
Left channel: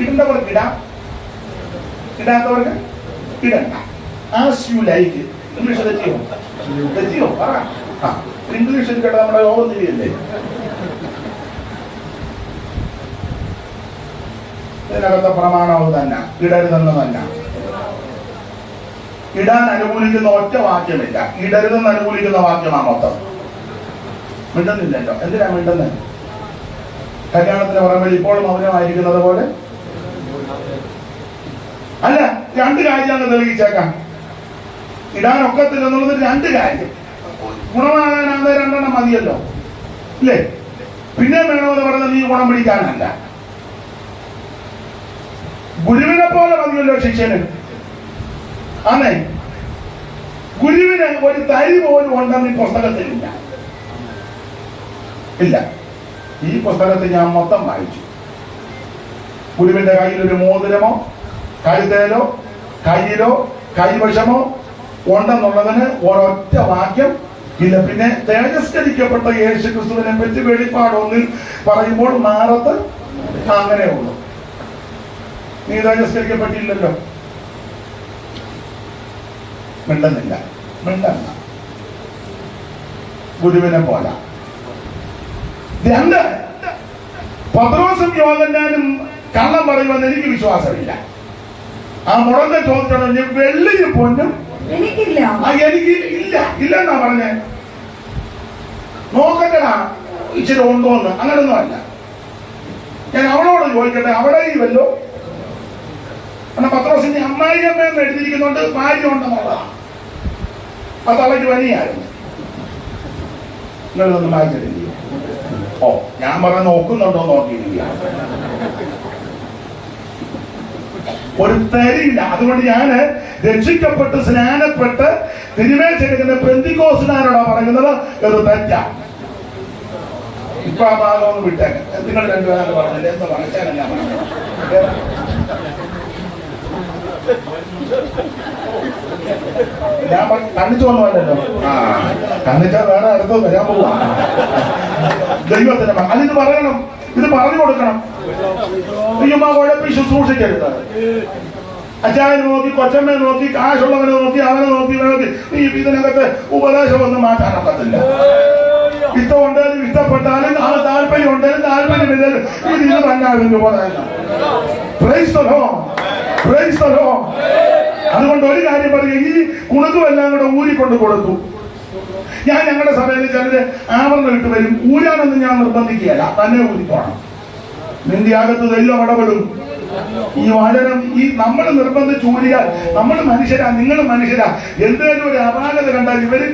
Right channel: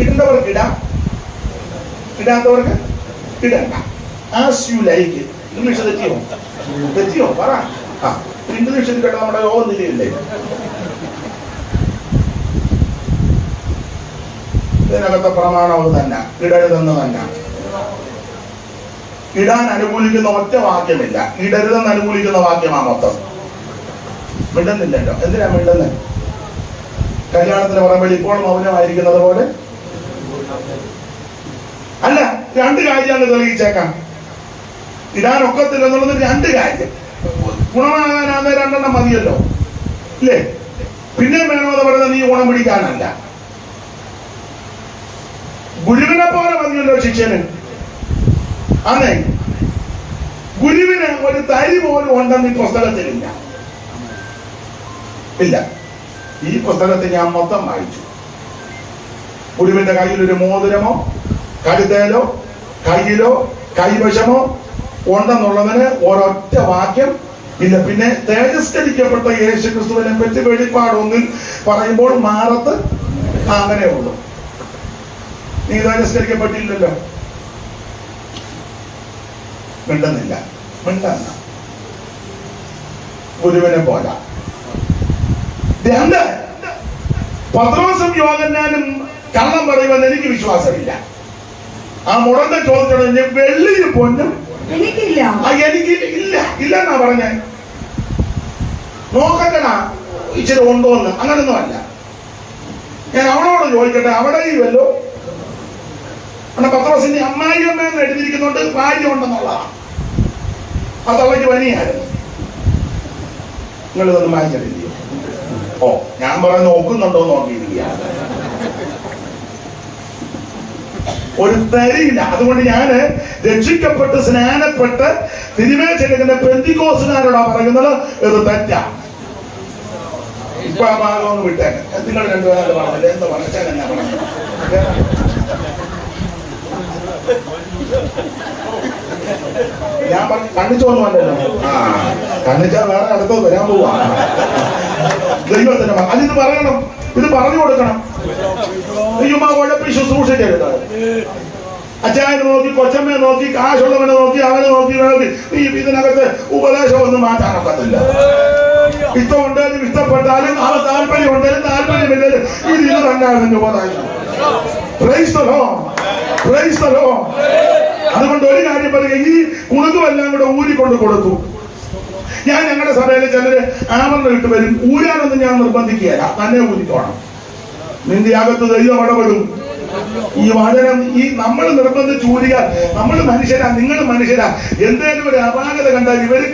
ഇടേണ്ടവർക്ക് ഇടാം, ഇടാത്തവർക്ക് ഇടണ്ട. As you like. ഇംഗ്ലീഷ് തെറ്റിയോ പറ. ഇംഗ്ലീഷിൽ കേട്ടോ നമ്മുടെ യോഗം തിരിയില്ലേ? ഇതിനകത്തെ പ്രമാണം തന്നെ, ഇടരുതെന്ന് തന്നെ. ഇടാൻ അനുകൂലിക്കുന്ന ഒറ്റ വാക്യമില്ല, ഇടരുതെന്ന് അനുകൂലിക്കുന്ന വാക്യമാ മൊത്തം. മിണ്ടുന്നില്ലല്ലോ. എന്തിനാ മിണ്ടുന്നത്? കല്യാണത്തിന് പറയുമ്പോൾ ഇപ്പോൾ മൗനമായിരിക്കുന്നത് പോലെ അല്ല. 2 കാര്യമാണ് തെളിയിച്ചേക്കാം. ഇടാനൊക്കത്തില്ലെന്നുള്ളത് 2 കാര്യം. ഗുണമാകാനാണ് 2 എണ്ണം മതിയല്ലോ, ഇല്ലേ? പിന്നെ വേണമെന്ന് പറഞ്ഞാൽ നീ ഗുണം പിടിക്കാനല്ല, ഗുരുവിനെ പോലെ മതിയല്ലോ ശിഷ്യന്. അന്നേ ഗുരുവിന് ഒരു തരി പോലും ഉണ്ടെന്ന് ഈ പുസ്തകത്തിലില്ല. ഇല്ല. ഈ പുസ്തകത്തിൽ ഞാൻ മൊത്തം വായിച്ചു. ഗുരുവിന്റെ കയ്യിൽ ഒരു മോതിരമോ കഴുതയിലോ കയ്യിലോ കൈവശമോ ഉണ്ടെന്നുള്ളതിന് ഒരൊറ്റ വാക്യം ഇല്ല. പിന്നെ തേജസ്കരിക്കപ്പെട്ട യേശു ക്രിസ്തുവിനെ പറ്റി വെളിപ്പാട് 1 പറയുമ്പോൾ മാറത്ത് അങ്ങനെ ഉള്ളൂ. നീ തേജസ്കരിക്കപ്പെട്ടില്ലല്ലോ, മിണ്ടുന്നില്ല, മിണ്ടുന്ന ഗുരുവിനെ പോലെ. 2, പത്രോസും യോഹന്നാനും കള്ളം പറയുമെന്ന് എനിക്ക് വിശ്വാസമില്ല. ആ മുടന്ത ചോദിച്ചത് വെള്ളിയും പൊന്നും എനിക്കില്ല. എനിക്ക് ഇല്ല ഇല്ലെന്നാ പറഞ്ഞേ. നോക്കട്ടടാ ഇച്ചിരി ഉണ്ടോന്ന്, അങ്ങനൊന്നും അല്ല. ഞാൻ അവളോട് ചോദിക്കട്ടെ, അവിടെ വല്ലോ പത്രോസിന്റെ അമ്മായിയമ്മയെന്ന് എഴുതിയിരിക്കുന്നുണ്ട് ഭാര്യ ഉണ്ടെന്നുള്ളതാണ്. അത് അവൾക്ക് പനിയായിരുന്നു. നിങ്ങളിതൊന്നും വായിച്ചിട്ടില്ല. ഓ, ഞാൻ പറഞ്ഞ് നോക്കുന്നുണ്ടോ നോക്കിയിരിക്കുക. ഒരു തരിയില്ല. അതുകൊണ്ട് ഞാന് രക്ഷിക്കപ്പെട്ട് സ്നാനപ്പെട്ട് തിരുവേച്ചെടുക്കുന്ന പെന്തിക്കോസുകാരോടാ പറയുന്നത് ഇത് തെറ്റാ. ഇപ്പൊ ആ ഭാഗം ഒന്ന് വിട്ടേ. നിങ്ങൾ രണ്ടുപേരും പറഞ്ഞില്ല, എന്താ പറഞ്ഞാൽ ഞാൻ കണ്ണിച്ചോന്നുമല്ലല്ലോ. കണ്ണിച്ചാൽ വേറെ അടുത്തത് വരാൻ പോവാ. ദൈവത്തിന് അതിന് പറയണം, ഇത് പറഞ്ഞു കൊടുക്കണം. അയ്യമ്മ കുഴപ്പം ശുശ്രൂഷിക്കരുത്. അച്ചായനെ നോക്കി, കൊച്ചമ്മയെ നോക്കി, കാശുള്ളവനെ നോക്കി, അവനെ നോക്കി ഇതിനകത്ത് ഉപദേശം ഒന്നും മാറ്റാനൊക്കത്തില്ല. ഇഷ്ടമുണ്ടായാലും ഇഷ്ടപ്പെട്ടാലും ആ താല്പര്യം ഉണ്ടായാലും താല്പര്യമില്ലാലും ഇത് കണ്ടായിരുന്നു ഉപദേശം. അതുകൊണ്ട് ഒരു കാര്യം പറയുക, ഈ കുണുക്കുമെല്ലാം കൂടെ ഊരിക്കൊണ്ട് കൊടുത്തു. ഞാൻ ഞങ്ങളുടെ സഭയിൽ ചിലര് ആമർന്ന് ഇട്ട് വരും. ഊരാനൊന്നും ഞാൻ നിർബന്ധിക്കുകയല്ല, തന്നെ ഊരിക്കോണം. നിന്റെ അകത്ത് ദൈവം ഇടപെടും. ഈ വചനം നമ്മൾ നിർബന്ധിച്ച് ഊരിയാൽ നമ്മൾ മനുഷ്യരാ, നിങ്ങൾ മനുഷ്യരാ. എന്തേലും ഒരു അപാകത കണ്ടാൽ ഇവര്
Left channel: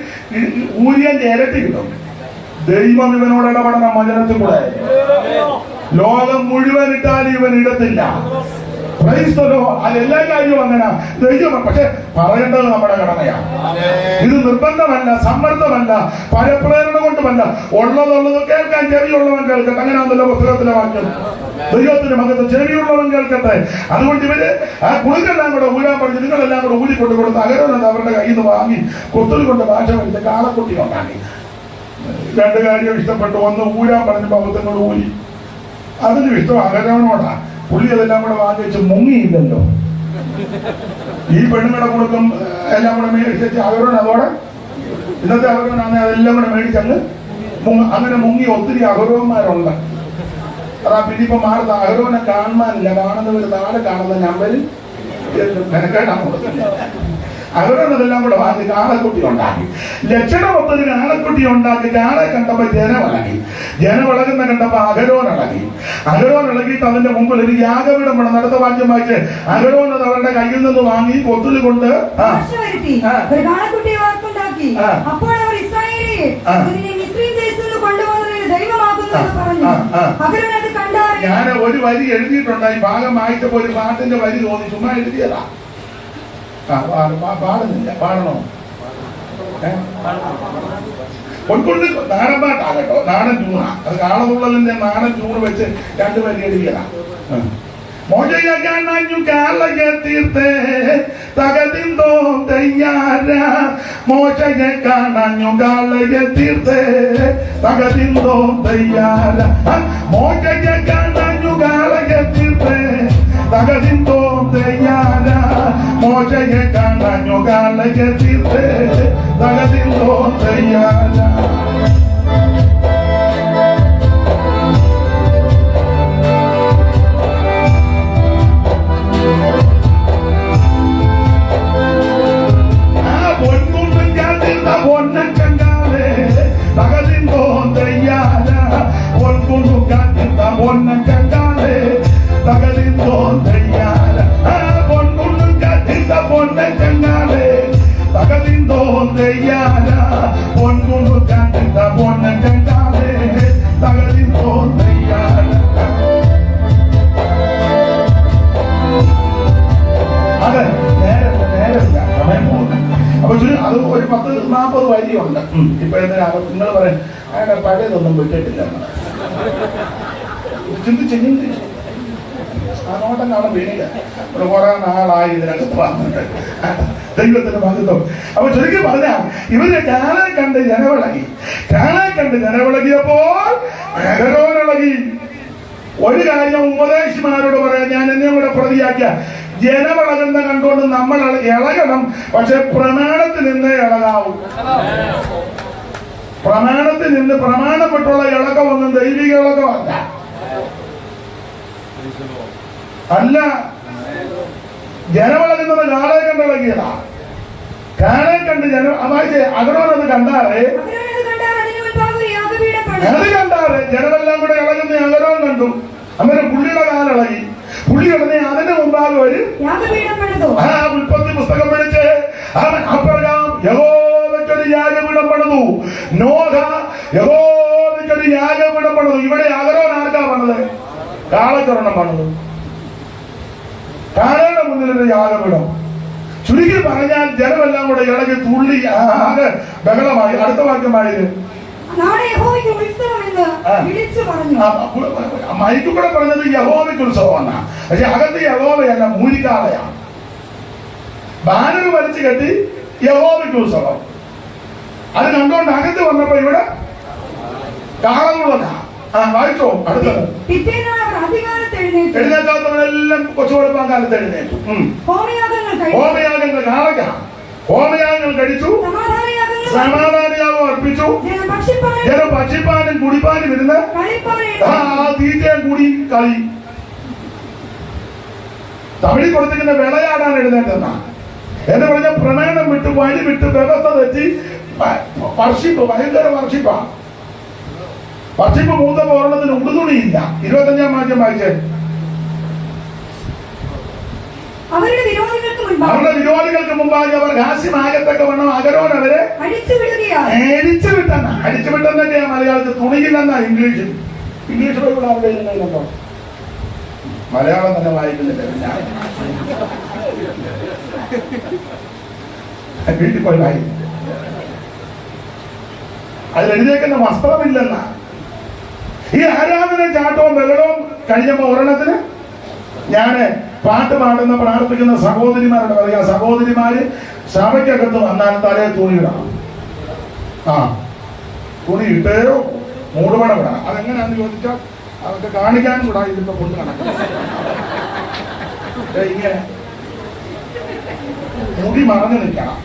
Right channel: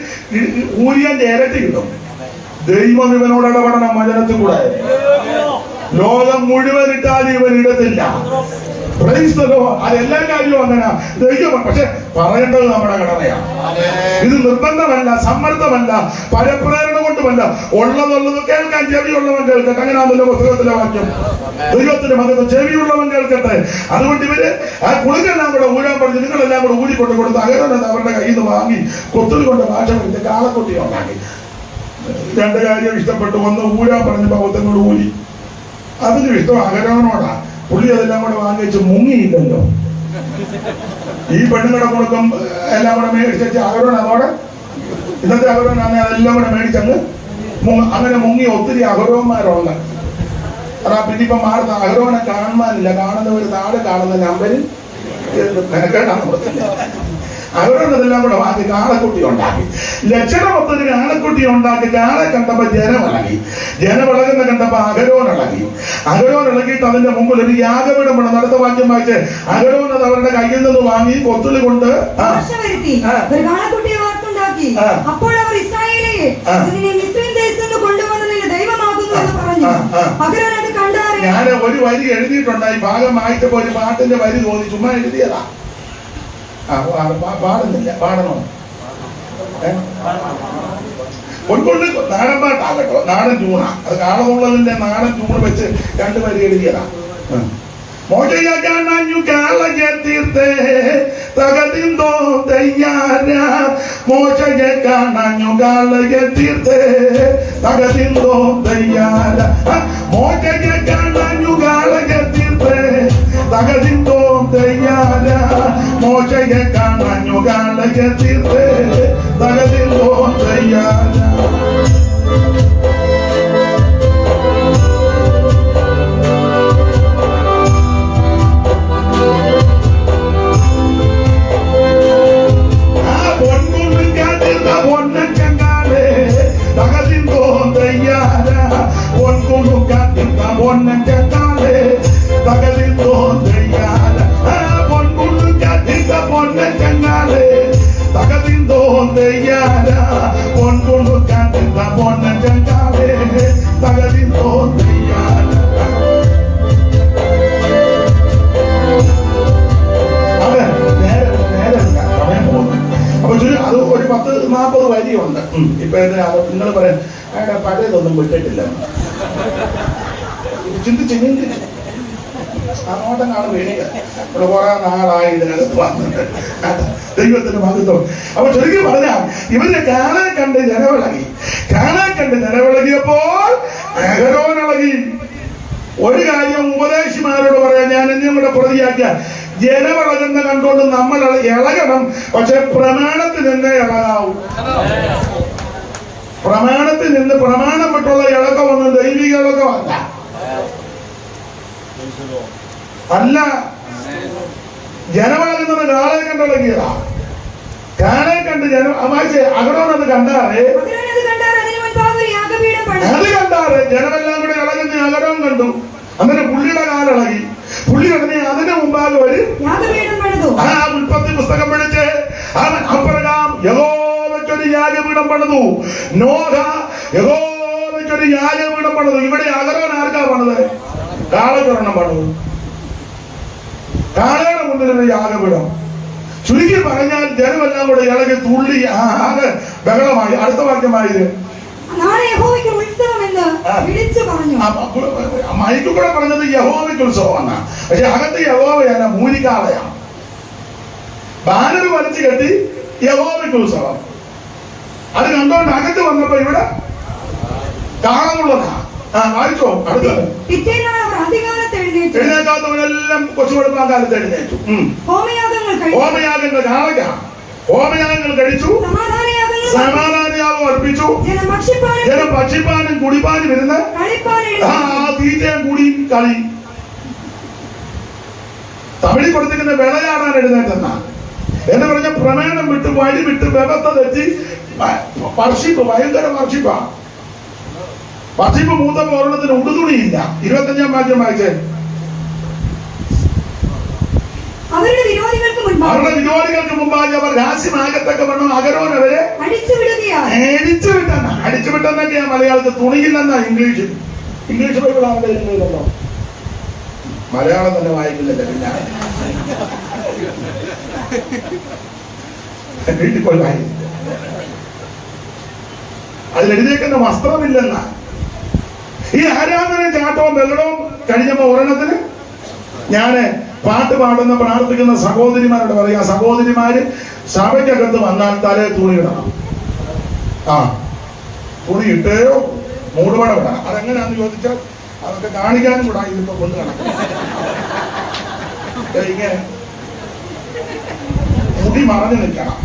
ഊരിയന്റെ ഇരട്ടി കിട്ടും. ദൈവം ഇവനോട് ഇടപെടണം വചനത്തിൽ കൂടെ. ലോകം മുഴുവൻ ഇട്ടാലും ഇവൻ ഇടത്തില്ല. അതെല്ലാ കാര്യവും അങ്ങനെ ദൈവം. പക്ഷെ പറയേണ്ടത് നമ്മുടെ കടമയാണ്. ഇത് നിർബന്ധമല്ല, സമ്മർദ്ദമല്ല, പരപ്രേരണ കൊണ്ടുമല്ല. ഉള്ളതുള്ളത് കേൾക്കാൻ ചെവിയുള്ളവൻ കേൾക്കട്ടെ. അങ്ങനെയാണല്ലോ പുസ്തകത്തിലെ വാക്യം. ദൈവത്തിന്റെ മകത്ത് ചെവിയുള്ളവൻ കേൾക്കട്ടെ. അതുകൊണ്ട് ഇവര് ആ കുളുക്കെല്ലാം കൂടെ ഊരാൻ പഠിച്ച് നിങ്ങളെല്ലാം കൂടെ ഊരിക്കൊണ്ട് കൊടുത്ത് അകരോനെ അവരുടെ കയ്യിൽ നിന്ന് വാങ്ങി കൊത്തുൽ കൊണ്ട് ഭാഷ പഠിച്ച് കാളക്കുട്ടി ഉണ്ടാക്കി. 2 കാര്യം ഇഷ്ടപ്പെട്ടു. ഒന്ന്, ഊരാൻ പറഞ്ഞപ്പോ ഒത്തിനോട് ഊരി. അതിനും ഇഷ്ടം അകരോനോടാ. പുള്ളി അതെല്ലാം കൂടെ വാങ്ങി വെച്ച് മുങ്ങിയില്ലല്ലോ. ഈ പെണ്ണുങ്ങളുടെ കൊടുക്കും എല്ലാം കൂടെ മേടിച്ചു അകരോൻ അതോടെ ഇന്നത്തെ അകരോനാണ് അതെല്ലാം കൂടെ മേടിച്ചങ്ങ് അങ്ങനെ മുങ്ങി ഒത്തിരി അകരോന്മാരുണ്ട്. അതാ പിന്നെ ഇപ്പൊ മാറുന്ന അകരോനെ കാണാനില്ല. കാണുന്ന ഒരു നാളെ കാണുന്ന നമ്പരിൽ മെനക്കേട്ടാണ് കൊടുത്തില്ല. അവരതെല്ലാം കൂടെ വാങ്ങി കാളക്കുട്ടി ഉണ്ടാക്കി. ലക്ഷണമൊത്തൊരു കാളക്കുട്ടി ഉണ്ടാക്കി. കാളെ കണ്ടപ്പോ ജനമിളകി. ജനമിളകുന്ന കണ്ടപ്പോ അകരോനിളകി. അകരോനിളകിയിട്ട് അതിന്റെ മുമ്പിൽ ഒരു യാഗപീഠം വേണം. നടത്ത വാക്യം വായിച്ച് അകരോൻ അത് അവരുടെ കയ്യിൽ നിന്ന് വാങ്ങി കൊത്തുളി കൊണ്ട് അപ്പോൾ അവർ ഇസ്രായേലിനെ മിസ്രയീം ദേശത്ത് കൊണ്ടുവന്നതിന് ദൈവമാകുന്നു എന്ന് പറഞ്ഞു. അകരോൻ അത് കണ്ടറിഞ്ഞു. ഞാൻ ഒരു വരി എഴുതിയിട്ടുണ്ടായി. ഭാഗം വായിച്ചപ്പോ ഒരു പാട്ടിന്റെ വരി തോന്നി. ചുമ്മാ എഴുതിയതാ. പാടുന്നില്ല, പാടണോ? ഒന്നുകൊണ്ട് നാടൻ പാട്ടാകട്ടോ, നാടൻ ട്യൂണാ. അത് കാണുന്നുള്ളതിന്റെ നാടൻ ട്യൂൺ വെച്ച് 2 വരി എഴുതിയതാ. മോചയെ കാണാഞ്ഞു കാളയെ തീർത്തേ തകതിന്തോ തയ്യാര. മോശയെ കാണാഞ്ഞു കാളയെ തീർത്തേ തകതിന്തോ തയ്യാര. മോശയെ കാണാഞ്ഞു കാളയെ തീർത്തേ തകതിന്തോ തയ്യാര. മോശയെ കാണാഞ്ഞു കാളയെ തീർത്തേ തകതിന്തോ തയ്യാര. അത് ഒരു 10-40 വരിയുണ്ട്. ഇപ്പൊ എന്തിനാ നിങ്ങൾ പറയാൻ അയാളുടെ പഴയതൊന്നും വിട്ടിട്ടില്ല. ചിന്തിച്ച് ആ നോട്ടം കാണും എനിക്ക് ഇവിടെ കുറെ നാളായി ഇതിനകത്ത് വന്നിട്ട്. ദൈവത്തിന്റെ മഹത്വം. അപ്പൊ ചുരുക്കി പറഞ്ഞാൽ ഇവര് കാളെ കണ്ട് ജനവിളകി. കാളെ കണ്ട് ജനവിളകിയപ്പോൾ അഹരോനിളകി. ഒരു കാര്യം ഉപദേശിമാരോട് പറയാം, ഞാൻ എന്നെ കൂടെ പ്രതിയാക്കിയ, ജനമിളകുന്ന കണ്ടുകൊണ്ട് നമ്മൾ ഇളകണം, പക്ഷെ പ്രമാണത്തിൽ നിന്ന് ഇളകാവും. പ്രമാണത്തിൽ നിന്ന് പ്രമാണപ്പെട്ടുള്ള ഇളക്കമൊന്നും ദൈവിക ഇളക്കമല്ല. അല്ല, ജനമിളകുന്നത് കാളെ കണ്ട് ഇളകിയതാ. കാളെ കണ്ട് ജനം അകടോനത് കണ്ടാറേ, അത് കണ്ടാറ് ജനമെല്ലാം കൂടെ ഇളകുന്ന അകടവും കണ്ടു. അങ്ങനെ പുള്ളിയുടെ കാലിളകി. പുള്ളി ഉടനെ അതിന് മുമ്പാകെ വരും. ആ ഉൽപ്പത്തി പുസ്തകം പിടിച്ച് അവൻ അബ്രഹാം യഹോവയ്ക്കൊരു യാഗപീഠം പണിതു. നോഹ യഹോവയ്ക്കൊരു യാഗപീഠം പണിതു. ഇവിടെ അകരോൻ ആർക്കാ പണിത്? കാളക്കൊരെണ്ണം പണിതു. കാളയുടെ മുന്നിലൊരു യാഗപീഠം. ചുരുക്കി പറഞ്ഞാൽ ജനമെല്ലാം കൂടെ ഇളകി തുള്ളി ആകെ ബഹളമായി. അടുത്ത വാക്യമായത് മൈക്കൂടെ പറഞ്ഞത് യഹോവയ്ക്ക് ഉത്സവമാണ്. പക്ഷെ അകത്ത് യഹോവയല്ല, മൂരിക്കാളയാണ്. ബാനർ വലിച്ചു കെട്ടി യഹോവയ്ക്ക് ഉത്സവം. അത് കണ്ടുകൊണ്ട് അകത്ത് വന്നപ്പോ ഇവിടെ കാണാനുള്ളതാ. വായിച്ചോ. അടുത്തത് എഴുന്നേക്കാത്തവരെല്ലാം കൊച്ചു കൊടുക്കാൻ കാലത്ത് എഴുന്നേറ്റു. ഹോമയാഗങ്ങൾ കാണുക. ഹോമയാഗങ്ങൾ കഴിച്ചു, സമാധാനയാഗം അർപ്പിച്ചു. ജനം ഭക്ഷിപ്പാനും കുടിപ്പാനും ഇരുന്ന് തീറ്റയും കൂടി കളി. തമിഴിൽ കൊടുത്തിരിക്കുന്ന വിളയാടാൻ എഴുന്നേറ്റെന്ന എന്ന് പറഞ്ഞ പ്രമേണം വിട്ട് വഴി വിട്ട് വ്യവസ്ഥ തെറ്റി വർഷിപ്പ്, ഭയങ്കര വർഷിപ്പാ. വർഷിപ്പ് മൂത്തപ്പോ ഒരെണ്ണത്തിന് ഉടുതുണിയില്ല. 25-ാം വാക്യം വായിച്ചേ. അവരുടെ വിരോധികൾക്ക് മുമ്പായി അവർ രാസ്യമാകത്തൊക്കെ വേണം അകരോൻ അവരെ അടിച്ചുവിട്ടെന്ന. അടിച്ചുവിട്ടെന്നൊക്കെയാ മലയാളത്തിൽ. തുണിയില്ലെന്നാ ഇംഗ്ലീഷ്. ഇംഗ്ലീഷ് ബൈബിൾ ആരുടെ ഇല്ലല്ലോ, മലയാളം തന്നെ വായിക്കുന്നില്ല. പിന്നെ വീട്ടിൽ പോയി വായിക്കും. അതിലെഴുതിയേക്കുന്ന വസ്ത്രമില്ലെന്ന. ഈ ആരാധന ചാട്ടവും ബലവും കഴിഞ്ഞപ്പോ ഒരെണ്ണത്തിന് ഞാന് പാട്ട് പാടുന്ന പ്രാർത്ഥിക്കുന്ന സഹോദരിമാരോട് പറയാ, സഹോദരിമാര് സഭയ്ക്കകത്ത് വന്നാൽ തലേ തുണി ഇടണം. തുണി ഇട്ടേയോ മൂടുപടം ഇടണം. അതെങ്ങനെയാന്ന് ചോദിച്ചാൽ അതൊക്കെ കാണിക്കാനും കൂടാ ഇതിപ്പോ കൊണ്ട് നടക്കണം. ഇങ്ങനെ മുടി മറഞ്ഞു നിൽക്കണം.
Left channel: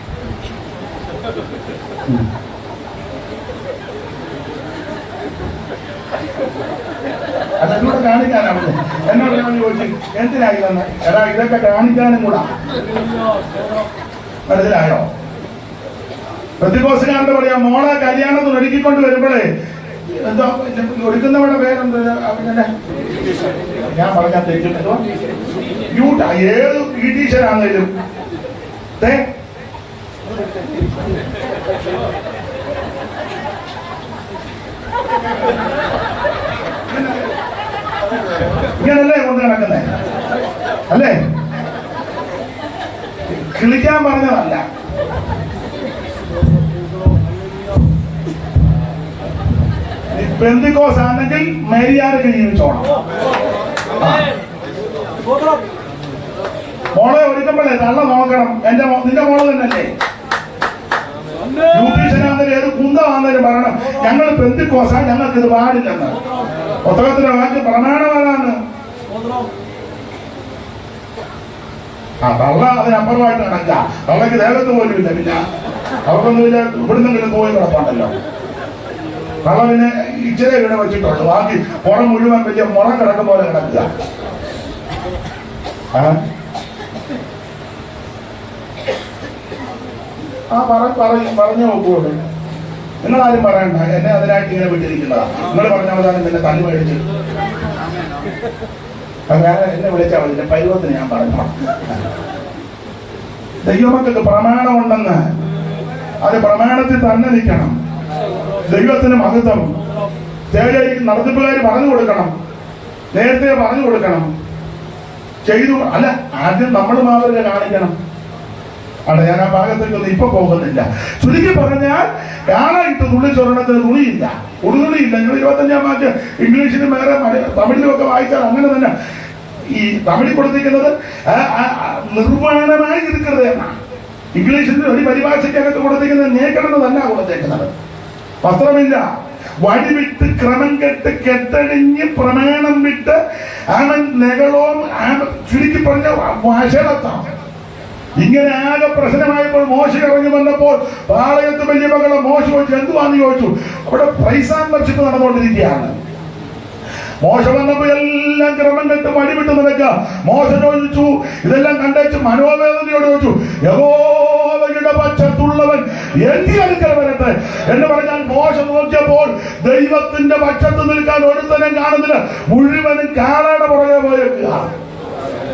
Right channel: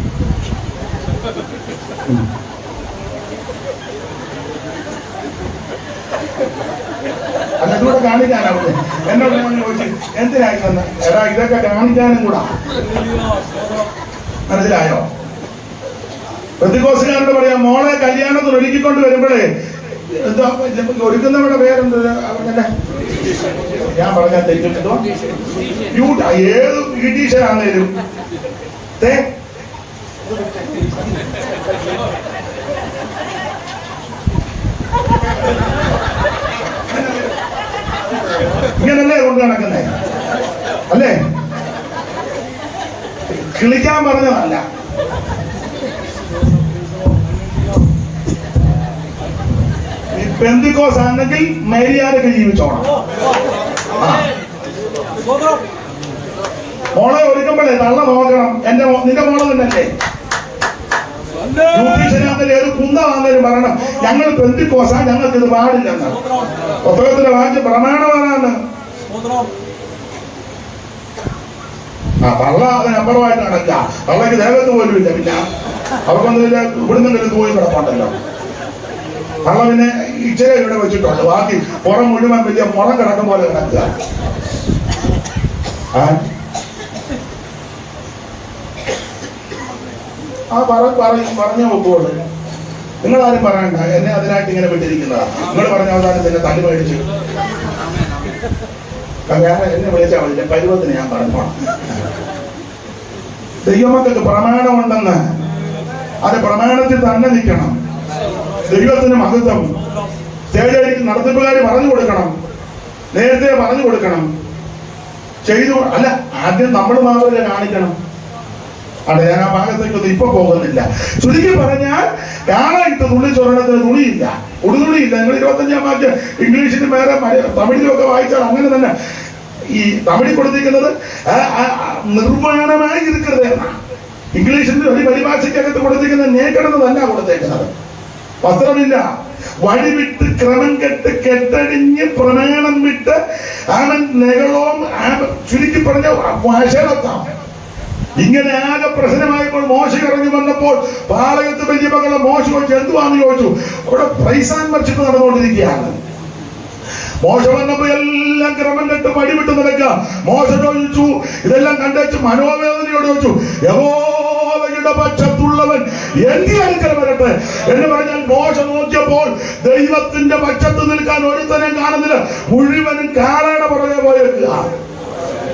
അതൊക്കെ കാണിക്കാനാവും. എന്നോട് ഞാൻ ചോദിച്ചു എന്തിനായി തന്നെ. എടാ ഇതൊക്കെ കാണിക്കാനും കൂടാ. മനസ്സിലായോ? പ്രതികോസുകാരോട് പറയാം, മോളെ കല്യാണത്തിന് ഒരുക്കിക്കൊണ്ട് വരുമ്പോഴേ എന്തോ ഒരുക്കുന്നവരുടെ പേരെന്ത്? ഞാൻ പറഞ്ഞാൽ തെറ്റിട്ടോ. ഏത് ബ്യൂട്ടീഷ്യനാണേലും ഇങ്ങനല്ലേ കൊണ്ട് നടക്കുന്നേ അല്ലേ? കിളിക്കാൻ പറഞ്ഞതല്ല. പെന്തിക്കോസ് ആണെങ്കിൽ മേരിയാരൊക്കെ ജീവിച്ചോണം. മോളെ ഒരുക്കുമ്പോഴേ തള്ള നോക്കണം. നിന്റെ മോള് തന്നെയല്ലേ? ബ്യൂട്ടീഷ്യനാണെങ്കിലും ഏത് കുന്തമാണെങ്കിലും പറയണം, ഞങ്ങൾ പെന്തിക്കോസാ, ഞങ്ങൾക്ക് ഇത് പാടില്ലെന്ന്. പുസ്തകത്തിലെ വാക്യം പ്രമാണമാണെന്ന്. തള്ള അതിനപ്പുറമായിട്ട് നടക്ക. തള്ളക്ക് ദേഹത്ത് പോലും ഇല്ല. പിന്നെ അവർക്കൊന്നും ഇവിടുന്ന് പോയി കിടപ്പുണ്ടല്ലോ. തള്ള പിന്നെ ഇച്ചിരി ഇവിടെ വെച്ചിട്ടുണ്ട്. ബാക്കി പുറം മുഴുവൻ വലിയ മുറ കിടക്കും പോലെ കിടക്കുക. പറഞ്ഞ ഒപ്പുകൊണ്ട് നിങ്ങളാരും പറയണ്ട. എന്നെ അതിനായിട്ട് ഇങ്ങനെ വിട്ടിരിക്കുന്നതാ. നിങ്ങൾ പറഞ്ഞ അവസാനം തന്നെ തല്ലി മേടിച്ചു. വേറെ എന്നെ വിളിച്ചാൽ മതി. പരുവത്തിന് ഞാൻ പറഞ്ഞു. ദൈവമക്കൾക്ക് പ്രമാണമുണ്ടെന്ന് അത് പ്രമാണത്തിൽ തന്നെ നിൽക്കണം. ദൈവത്തിന് മഹത്വം. സ്റ്റേജ് നടത്തിപ്പുകാർ പറഞ്ഞു കൊടുക്കണം, നേരത്തെ പറഞ്ഞു കൊടുക്കണം. ചെയ്തു അല്ല, ആദ്യം നമ്മൾ മാതൃക കാണിക്കണം. അതെ, ഞാൻ ആ ഭാഗത്തേക്കൊന്നും ഇപ്പൊ പോകുന്നില്ല. ചുരുക്കി പറഞ്ഞാൽ കാണായിട്ട് തുള്ളിച്ചൊരണത്തിന് തുണിയില്ല, ഉടുതുണിയില്ല. നിങ്ങൾ 25-ാം വാക്യം ഇംഗ്ലീഷിലും വേറെ തമിഴിലും ഒക്കെ വായിച്ചാൽ അങ്ങനെ തന്നെ. ഈ തമിഴിൽ കൊടുത്തിരിക്കുന്നത് നിർവ്വാണമായി ഇരിക്കുന്നത് എന്നാണ്. ഇംഗ്ലീഷിൽ ഒരു പരിഭാഷയ്ക്കകത്ത് കൊടുത്തിരിക്കുന്നത് നേക്കിടുന്നതല്ല കൊടുത്തേക്കുന്നത്. വസ്ത്രമില്ല, വഴിവിട്ട് ക്രമം കെട്ട് കെട്ടടിഞ്ഞ് പ്രമേണം വിട്ട് അവൻ നെകളവും ചുരുക്കി പറഞ്ഞ വഷളത്താണ്. ഇങ്ങനെ ആകെ പ്രശ്നമായപ്പോൾ മോശ ഇറങ്ങി വന്നപ്പോൾ പാളയത്ത് വലിയ മകളെ മോശ ചോദിച്ചു എന്തുവാന്ന് ചോദിച്ചു. അവിടെ പ്രൈസ് ആൻഡ് വർഷിപ്പ് നടന്നുകൊണ്ടിരിക്കുകയാണ്. മോശ വന്നപ്പോ എല്ലാം ക്രമം കെട്ട് വഴിവിട്ട് നടക്കുക. മോശ ചോദിച്ചു, ഇതെല്ലാം കണ്ടേച്ച് മനോവേദനയോട് ചോദിച്ചു, യഹോവയുടെ പക്ഷത്തുള്ളവൻ എന്റെ അടുക്കൽ വരട്ടെ എന്ന് പറഞ്ഞാൽ മോശ നോക്കിയപ്പോൾ ദൈവത്തിന്റെ പക്ഷത്ത് നിൽക്കാൻ ഒരുത്തനെ കാണുന്നില്ല, മുഴുവനും കാളയുടെ പുറകെ പോയേക്കുക.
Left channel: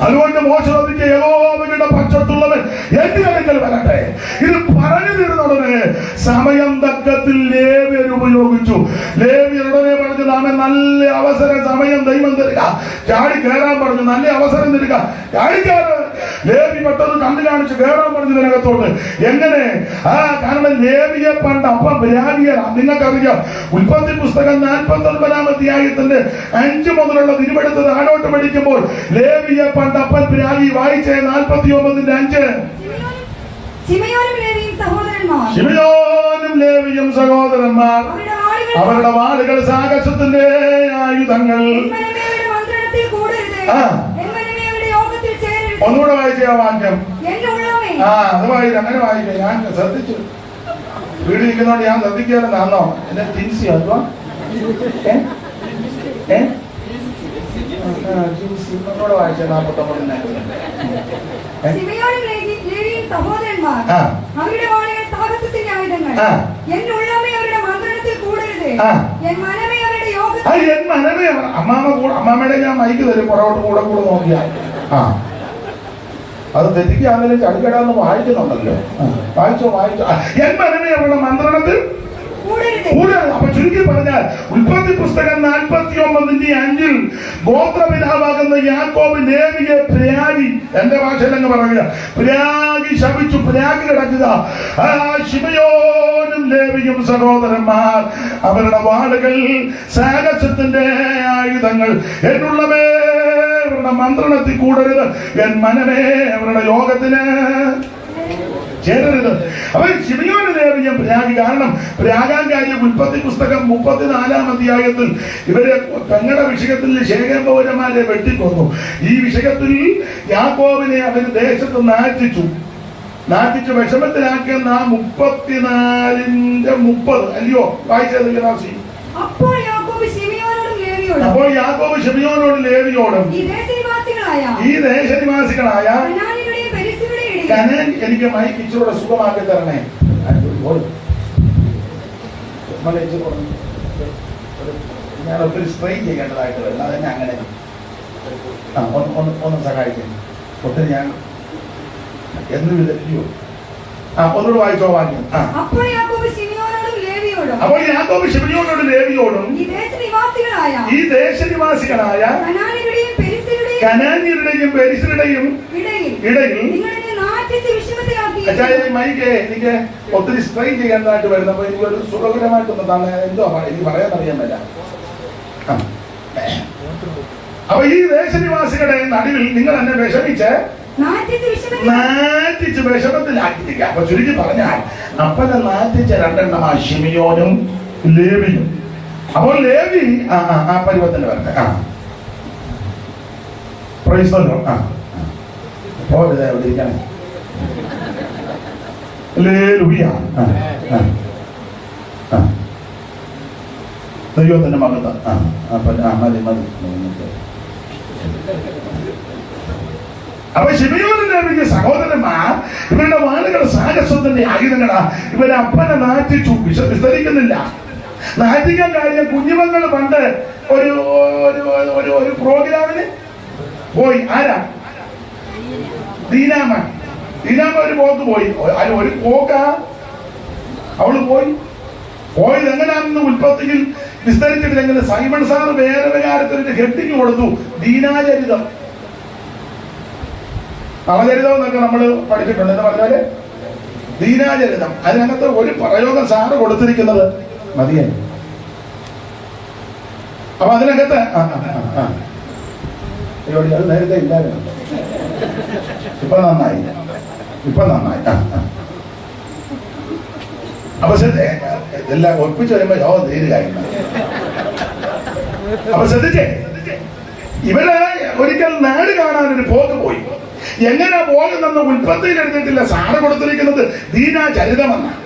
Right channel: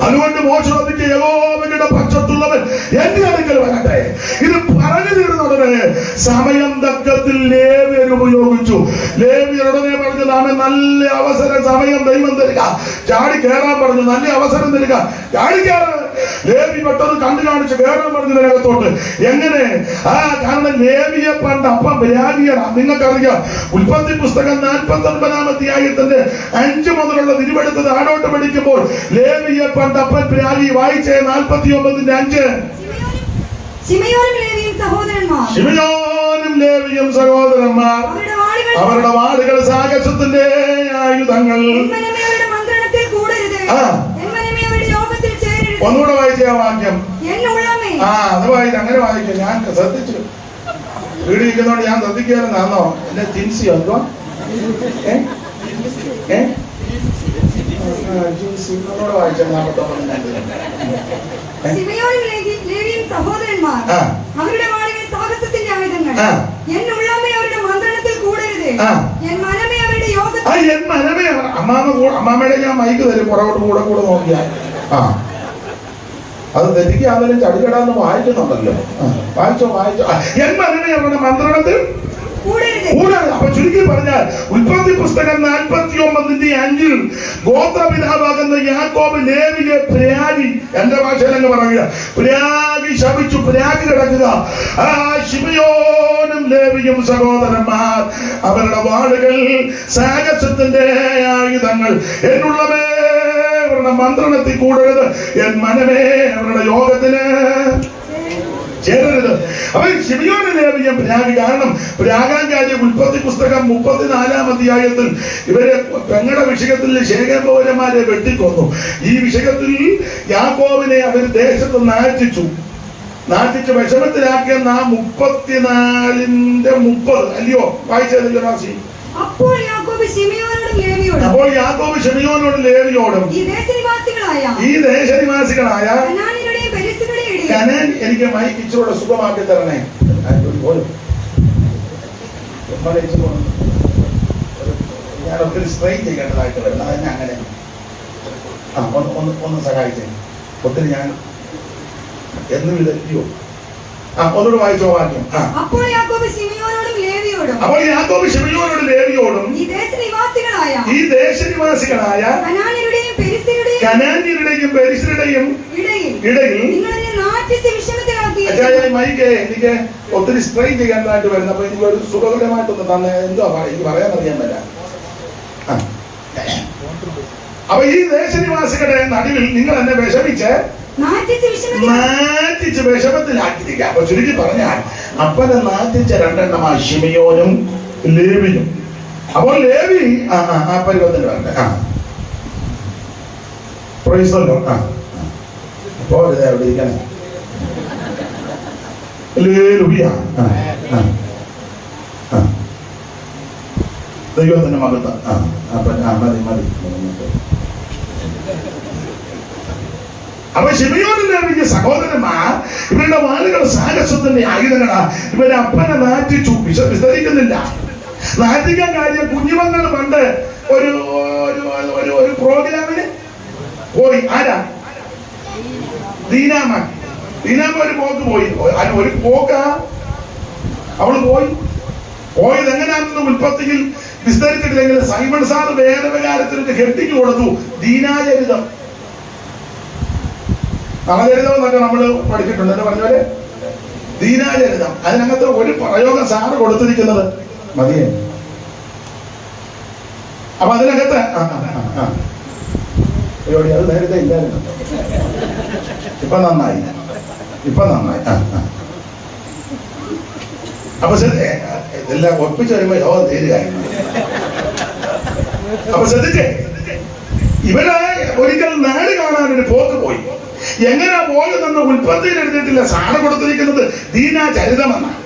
അതുകൊണ്ട് മോശ ചോദിക്കുക, യഹോവയുടെ പക്ഷത്തുള്ളവൻ എന്റെ അടുക്കൽ വരട്ടെ. ഇത് പറഞ്ഞു തീർന്നുടനെ സമയം തക്കത്തിൽ ലേവ്യർ ഉപയോഗിച്ചു. ലേവ്യർ ഉടനെ പറഞ്ഞു, നാമെ നല്ല അവസരം സമയം ദൈവം തരിക, ചാടി കയറാൻ പറഞ്ഞു, നല്ല അവസരം തരിക, ചാടിക്കാറ്. ലേവി പെട്ടെന്ന് കണ്ടു കാണിച്ച് കയറാൻ പറഞ്ഞു ഇതിനകത്തോട്ട്. എങ്ങനെ? കാരണം ലേവിയെ പണ്ട് അപ്പം വിരാഗിയാണ്. നിങ്ങൾക്കറിയാം, ഉൽപ്പത്തി പുസ്തകം 49-ാം അധ്യായത്തിന്റെ 5 മുതലുള്ള തിരുവെടുത്തത് ആടോട്ട് പഠിക്കുമ്പോൾ ലേവിയെ പണ്ട് അപ്പൻ വിരാഗി വായിച്ചേ 49-5. ശിമയോനും ലേവിയും സഹോദരന്മാർ അവരുടെ വാളുകൾ സാഹസത്തിന്റെ ആയുധങ്ങൾ. ഒന്നുകൂടെ വായിച്ച ആ വാക്യം. അത് വായിച്ചു, അങ്ങനെ വായിക്കാം. ഞാൻ ശ്രദ്ധിച്ചു, വീട് ഇരിക്കുന്നോണ്ട് ഞാൻ ശ്രദ്ധിക്കാറുണ്ടാന്നോ എന്റെ ജിൻസി അതോ ജിൻസി ഒന്നുകൂടെ വായിച്ച 49. സഹോദരന്മാർ അവരുടെ വാളുകൾ സാഹസത്തിന്റെ ആയുധങ്ങൾ. അവരുടെ മന്ത്രണത്തിൽ കൂടരുത്. അമ്മാമ്മയുടെ ഞാൻ മൈക്ക് തരും, പുറകോട്ട് കൂടെ കൂടെ നോക്കിയാൽ. അത് തെറ്റിക്കാതെ ചടികടാന്ന് വായിക്കുന്നുണ്ടല്ലോ. വായിച്ചോ. എൻ മനമേ അവരുടെ മന്ത്രണത്തിൽ കൂടാതെ. അപ്പൊ ചുരുക്കി പറഞ്ഞാൽ ഉൽപ്പത്തി പുസ്തകം 49-5 ഗോത്രപിതാവാകുന്ന യാക്കോബ് ലേവിയെ പ്രാഗി, എന്റെ ഭാഷയിലെന്ന് പറയുക, പ്രാഗി ശപിച്ചു, പ്രാഗി കിടക്കുക. ശിമയോനും ലേവിയും സഹോദരന്മാർ അവരുടെ വാളുകൾ സാഹസത്തിന്റെ ആയുധങ്ങൾ. എന്നുള്ളവേ അവരുടെ മന്ത്രണത്തിൽ കൂടരുത്, എൻ മനമേ അവരുടെ യോഗത്തിന് ചേരരുത്. അവൻ ശിമയോനും ലേവിയും പ്രാഗി. കാരണം പ്രാഗാൻ കാര്യം ഉൽപ്പത്തി പുസ്തകം 34-ാം അധ്യായത്തിൽ ഇവരെ പെങ്ങളുടെ വിഷയത്തിൽ ശേഖരം പൗരന്മാരെ വെട്ടിക്കൊന്നു. ഈ വിഷയത്തിൽ യാക്കോബിനെ അവർ ദേശത്ത് നാറ്റിച്ചു വിഷമത്തിലാക്കിയ 34:30 അല്ലയോ വായിച്ചത്? അപ്പോൾ യാക്കോബ് ശിമയോനോടും ലേവിയോടും ഈ ദേശനിവാസികളായ കനാൻ, എനിക്ക് മൈക്ക് ഇച്ചിലൂടെ സുഖമാക്കി തരണേ. ഞാൻ ഒത്തിരി സ്ട്രെയിൻ ചെയ്യേണ്ടതായിട്ട് വരും, അതെന്നെ അങ്ങനെ ഒന്ന് സഹായിച്ചേ. ഒത്തിരി ഞാൻ എന്നും ഇതല്ലയോ. ഒന്നുകൂടെ വായിച്ചോ വാക്യം. അപ്പോൾ യാക്കോബ് ശിമയോനോടും ലേവിയോടും ഈ ദേശനിവാസികളായ കനാന്യരുടെയും പെരിസ്യരുടെയും ഇടയിൽ മൈക്ക് എനിക്ക് ഒത്തിരി സ്ട്രെയിൻ ചെയ്യാനായിട്ട് വരുന്നു. അപ്പൊ എനിക്ക് ഒരു സുഖകരമായിട്ടൊന്ന് തന്നെ എന്തോ എനിക്ക് പറയാൻ അറിയാൻ. അപ്പൊ ഈ ദേശനിവാസികളുടെ നടുവിൽ നിങ്ങൾ എന്നെ വിഷമിച്ച് നാറ്റിച്ച് വിഷമത്തിലാക്കിയിരിക്കുക. അപ്പൊ ചുരുക്കി പറഞ്ഞാൽ അപ്പനെ നാറ്റിച്ച 2 ശിമയോനും ലേവിയും. അപ്പോൾ ലേവി ആ പരുവത്തിന് വരട്ടെ. പ്രൈസല്ലോ. അപ്പോ എവിടെ ഇരിക്കണേ? ദൈവത്തിന്റെ മകത്ത്. മതി. അപ്പൊ ശിമയോനും ലേവിയും സഹോദരന്മാർ ഇവരുടെ വാളുകൾ സാഹസത്തിന്റെ ആയുധങ്ങളാ. ഇവരെ അപ്പനെ നാറ്റിച്ചു. വിസ്തരിക്കുന്നില്ല. നാറ്റിക്കാൻ കാര്യം കുഞ്ഞുമക്കൾ പണ്ട് ഒരു പ്രോഗ്രാമിന് പോയി. ആരാ? ദീനാമ ഒരു പോക്ക് പോയി. അല്ല, ഒരു പോക്കാ അവള് പോയത് എങ്ങനെയാണെന്ന് ഉൽപ്പത്തിയിൽ വിസ്തരിച്ചിട്ടില്ലെങ്കിൽ സൈമൺ സാർ വേദവികാരത്തിന് ഹെഡിങ് കൊടുത്തു, ദീനാചരിതം. നളചരിതം എന്നൊക്കെ നമ്മൾ പഠിച്ചിട്ടുണ്ട്. എന്ന് പറഞ്ഞാല് ദീനാചരിതം. അതിനകത്ത് ഒരു പ്രയോഗം സാറ് കൊടുത്തിരിക്കുന്നത് മതിയാണ്. അപ്പൊ അതിനകത്ത് പരിപാടി അത് നേരത്തെ ഇല്ലായിരുന്നു. ഇപ്പൊ നന്നായി. അപ്പൊ എല്ലാം ഒപ്പിച്ച് വരുമ്പോ യോഗം തീരുകയായിരുന്നു. അപ്പൊ ശ്രദ്ധിച്ചേ, ഇവര് ഒരിക്കൽ നാട് കാണാനൊരു പോക്ക് പോയി. എങ്ങനെ പോകുന്നെന്ന് ഉൽപ്പത്തിയിൽ എടുത്തിട്ടില്ല. സാറ് കൊടുത്തിരിക്കുന്നത് ദീനാചരിതമെന്നാണ്.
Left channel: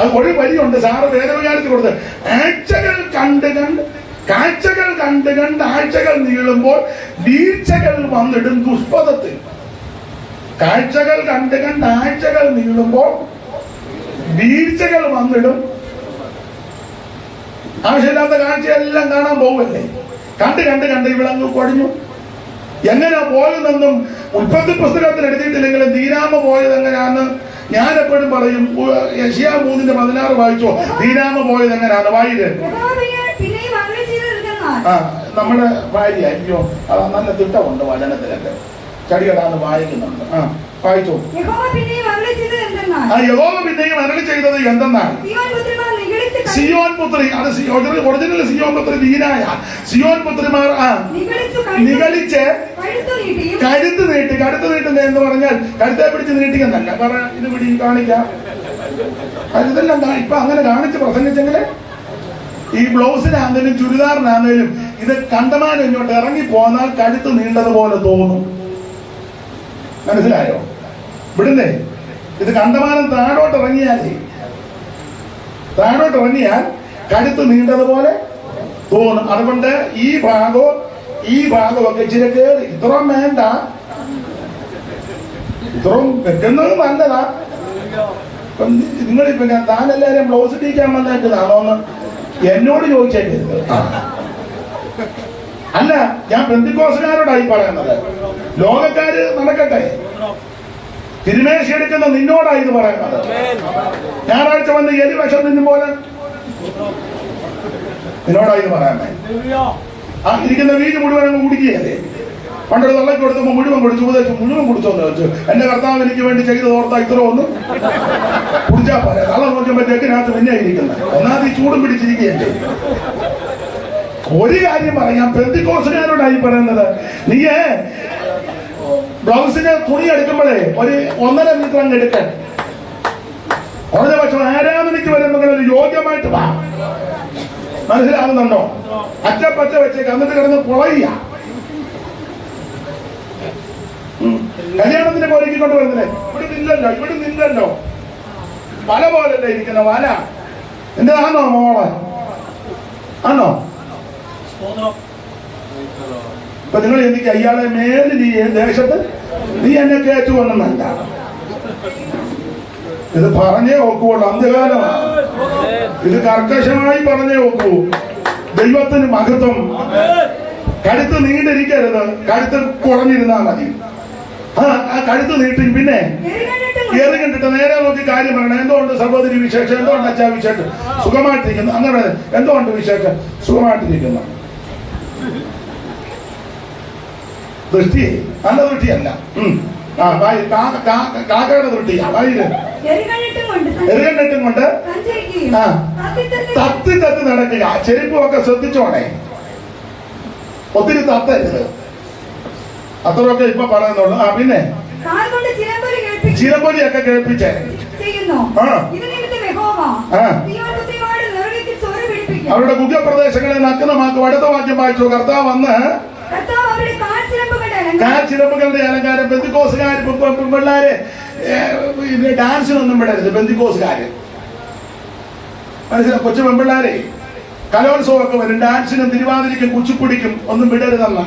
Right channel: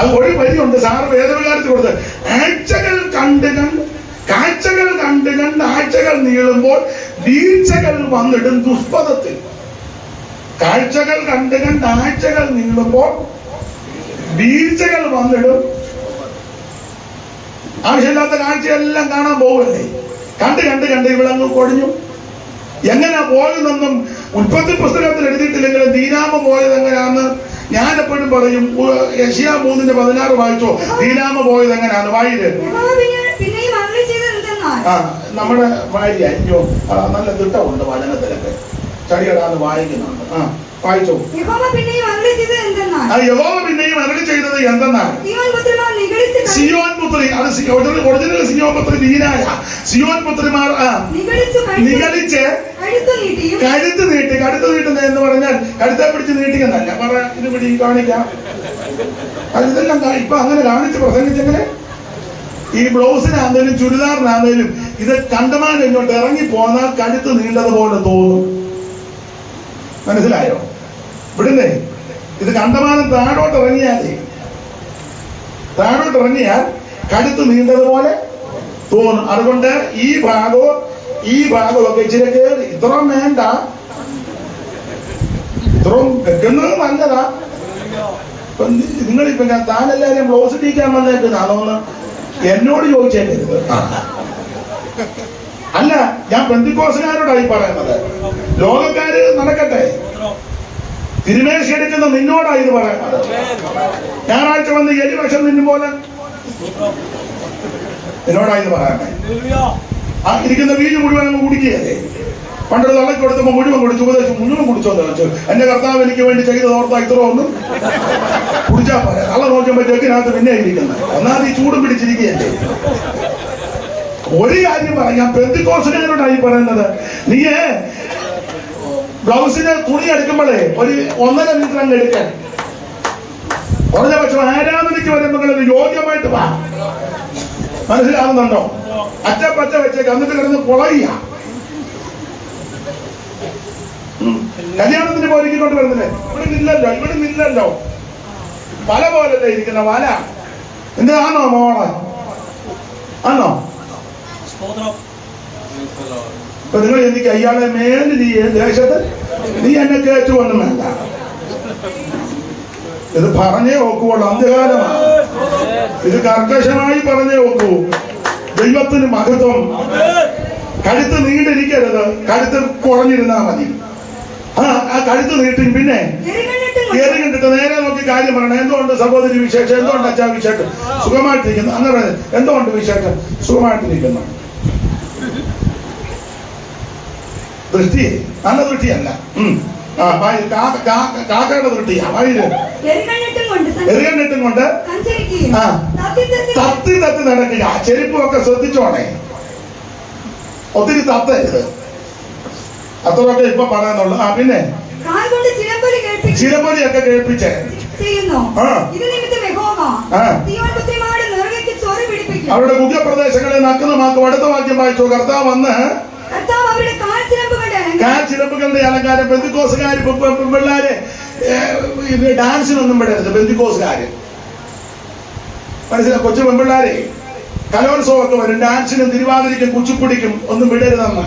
അത് ഒരു വരിയുണ്ട് സാറ് വേദവികാരത്തിൽ കൊടുത്ത്. കാഴ്ചകൾ കണ്ട് ആഴ്ചകൾ നീളുമ്പോൾ വീഴ്ചകൾ വന്നിടും ദുഷ്പഥത്തിൽ. കാഴ്ചകൾ കണ്ട് ആഴ്ചകൾ നീളുമ്പോൾ വീഴ്ചകൾ വന്നിടും. ആവശ്യമില്ലാത്ത കാഴ്ചയെല്ലാം കാണാൻ പോവല്ലേ. കണ്ട് ഇവിടങ്ങ് കൊടിഞ്ഞു. എങ്ങനെ പോയതെന്നും ഉൽപ്പത്തി പുസ്തകത്തിൽ എഴുതിയിട്ടില്ലെങ്കിലും ദീനാമ പോയത് എങ്ങനെയാന്ന് ഞാൻ എപ്പോഴും പറയും. യെശയ്യാ 3:16 വായിച്ചോ. ദീനാമ പോയത് എങ്ങനെയാന്ന് വായില്. നമ്മുടെ ഭാര്യ അയ്യോ നല്ല തിട്ടമുണ്ട് വചനത്തിലൊക്കെ ചടികടാന്ന് വായിക്കുന്നുണ്ട്. വായിച്ചോ. യഹോവ പിന്നെയും അരുളി ചെയ്തത് എന്തെന്നാൽ സിയോൻ പുത്രി, അത് ഒറിജിനൽ സിയോൻ പുത്രി വീരായ സിയോൻ പുത്രിമാർ നിഗളിച്ച് കഴുത്ത് നീട്ടുന്നത് എന്ന് പറഞ്ഞാൽ കഴുത്തെ പിടിച്ച് നീട്ടിയെന്നല്ല പറ. ഇത് പിടി കാണിക്കാം. ഇതെല്ലാം ഇപ്പൊ അങ്ങനെ കാണിച്ച് പ്രസംഗിച്ചെങ്കില് ഈ ബ്ലൗസിനാന്നേലും ചുരിദാറിനാന്നേലും ഇത് കണ്ടമാനം ഇങ്ങോട്ട് ഇറങ്ങി പോന്നാൽ കഴുത്ത് നീണ്ടതുപോലെ തോന്നും. മനസ്സിലായോ? ഇവിടുന്നേ ഇത് കണ്ടമാനം താഴോട്ട് ഇറങ്ങിയാൽ കഴുത്ത് നീണ്ടതുപോലെ തോന്നും. അതുകൊണ്ട് ഈ ഭാഗമൊക്കെ ഇച്ചിരി കയറി ഇത്രയും വേണ്ട, ഇത്രയും വെക്കുന്നത് നല്ലതാ. നിങ്ങളിപ്പോ താനെല്ലാരും ബ്ലൗസ് ടീക്കാൻ വന്നേക്കുന്നതാണോന്ന് എന്നോട് ചോദിച്ചേക്കരുത്. അല്ല, ഞാൻ പെന്തിക്കോസുകാരോടായി പറയുന്നത്. ലോകക്കാര് നടക്കട്ടെ, തിരുമേശി എടുക്കുന്ന നിന്നോടായി ഇത് പറയുന്നത്. ഞായറാഴ്ച വന്ന് എലി വശം നിന്നും പോലെ നിന്നോടായി ഇത് പറയാമേ. ഇരിക്കുന്ന വീട് മുഴുവൻ അങ്ങ് കുടിക്കുകയല്ലേ. പണ്ടൊരു തള്ളക്ക് കൊടുത്തപ്പോ മുഴുവൻ കുടിച്ചു, ഉപദേശം മുഴുവൻ കുടിച്ചോന്ന് വെച്ചു. എന്റെ കർത്താവ് എനിക്ക് വേണ്ടി ചെയ്ത് ഓർത്താ ഇത്ര ഒന്നും കുടിച്ചാ പറയാം. തള്ള നോക്കുമ്പോഴത്തേക്കിനകത്ത് പിന്നെ ഇരിക്കുന്നത് ഒന്നാമത് ഈ ചൂടും പിടിച്ചിരിക്കുകയല്ലേ. ഒരു കാര്യം പറയാം, പെന്തിക്കോസുകാരോടായി പറയുന്നത്. നീ ബ്ലൗസിന് തുണി എടുക്കുമ്പോഴേ ഒരു 1.5 മീറ്റർ അങ്ങ് എടുക്കാൻ. കുറഞ്ഞ പക്ഷം ആരാധനയ്ക്ക് വരുമ്പോൾ യോഗ്യമായിട്ട് വാ. മനസ്സിലാകുന്നുണ്ടോ? അച്ചപ്പച്ച വെച്ചേക്ക്, എന്നിട്ട് കിടന്ന് പൊളയ്യ. കല്യാണത്തിന് പോരിക്കൊണ്ട് വരുന്നില്ലേ? ഇവിടെ നിന്നല്ലോ വല പോലല്ലേ ഇരിക്കുന്ന വല. എന്റെ ആണോ മോളെ? ആണോ? ഇപ്പൊ നിങ്ങൾ എനിക്ക് അയാളെ മേലിൽ ഈ ദേശത്ത് നീ എന്നെ കയറ്റുവൊന്നും വേണ്ട. ഇത് പറഞ്ഞേ ഒക്കുള്ളൂ. അന്ത്യകാലമാണ്. ഇത് കർക്കശമായി പറഞ്ഞേ ഒക്കൂ. ദൈവത്തിന് മഹത്വം. കഴുത്ത് നീണ്ടിരിക്കരുത്, കഴുത്ത് കുറഞ്ഞിരുന്നാ മതി. ആ കഴുത്ത് നീട്ടി പിന്നെ എറി കണ്ടിട്ട് നേരെ നോക്കി കാര്യം പറയണം. എന്തുകൊണ്ട് സഹോദരി വിശേഷം? എന്തുകൊണ്ട് അച്ഛാ വിശേഷം? സുഖമായിട്ടിരിക്കുന്നു. അങ്ങനെ എന്തുകൊണ്ട് വിശേഷം? സുഖമായിട്ടിരിക്കുന്നു. ദൃഷ്ടി നല്ല ദൃഷ്ടിയല്ല. കാക്കയുടെ ദൃഷ്ടിയാ. വഴിയില് എറികണ്ടിട്ടും കൊണ്ട് തത്തി നടക്കുക. ചെരുപ്പൊക്കെ ശ്രദ്ധിച്ചോണേ, ഒത്തിരി തത്തരുത്. അത്രയൊക്കെ ഇപ്പൊ പറയുന്നുള്ളു. പിന്നെ ചിലമ്പൊലിയൊക്കെ കേൾപ്പിച്ചേ. അവരുടെ ഗുഹ്യപ്രദേശങ്ങളെ നഗ്നമാക്കും. അടുത്ത വാക്യം വായിച്ചു. കർത്താവ് വന്ന് കാൽച്ചിലമ്പുകളുടെ അലങ്കാരം. പെന്തിക്കോസുകാര് പിള്ളേരെ ഡാൻസിനൊന്നും വിടരുത്. പെന്തിക്കോസുകാര് മനസ്സിലായി. കൊച്ചു പെൺപിള്ളേരെ കലോത്സവമൊക്കെ വരും. ഡാൻസിനും തിരുവാതിരയ്ക്കും കുച്ചിപ്പുടിക്കും ഒന്നും വിടരുതെന്ന.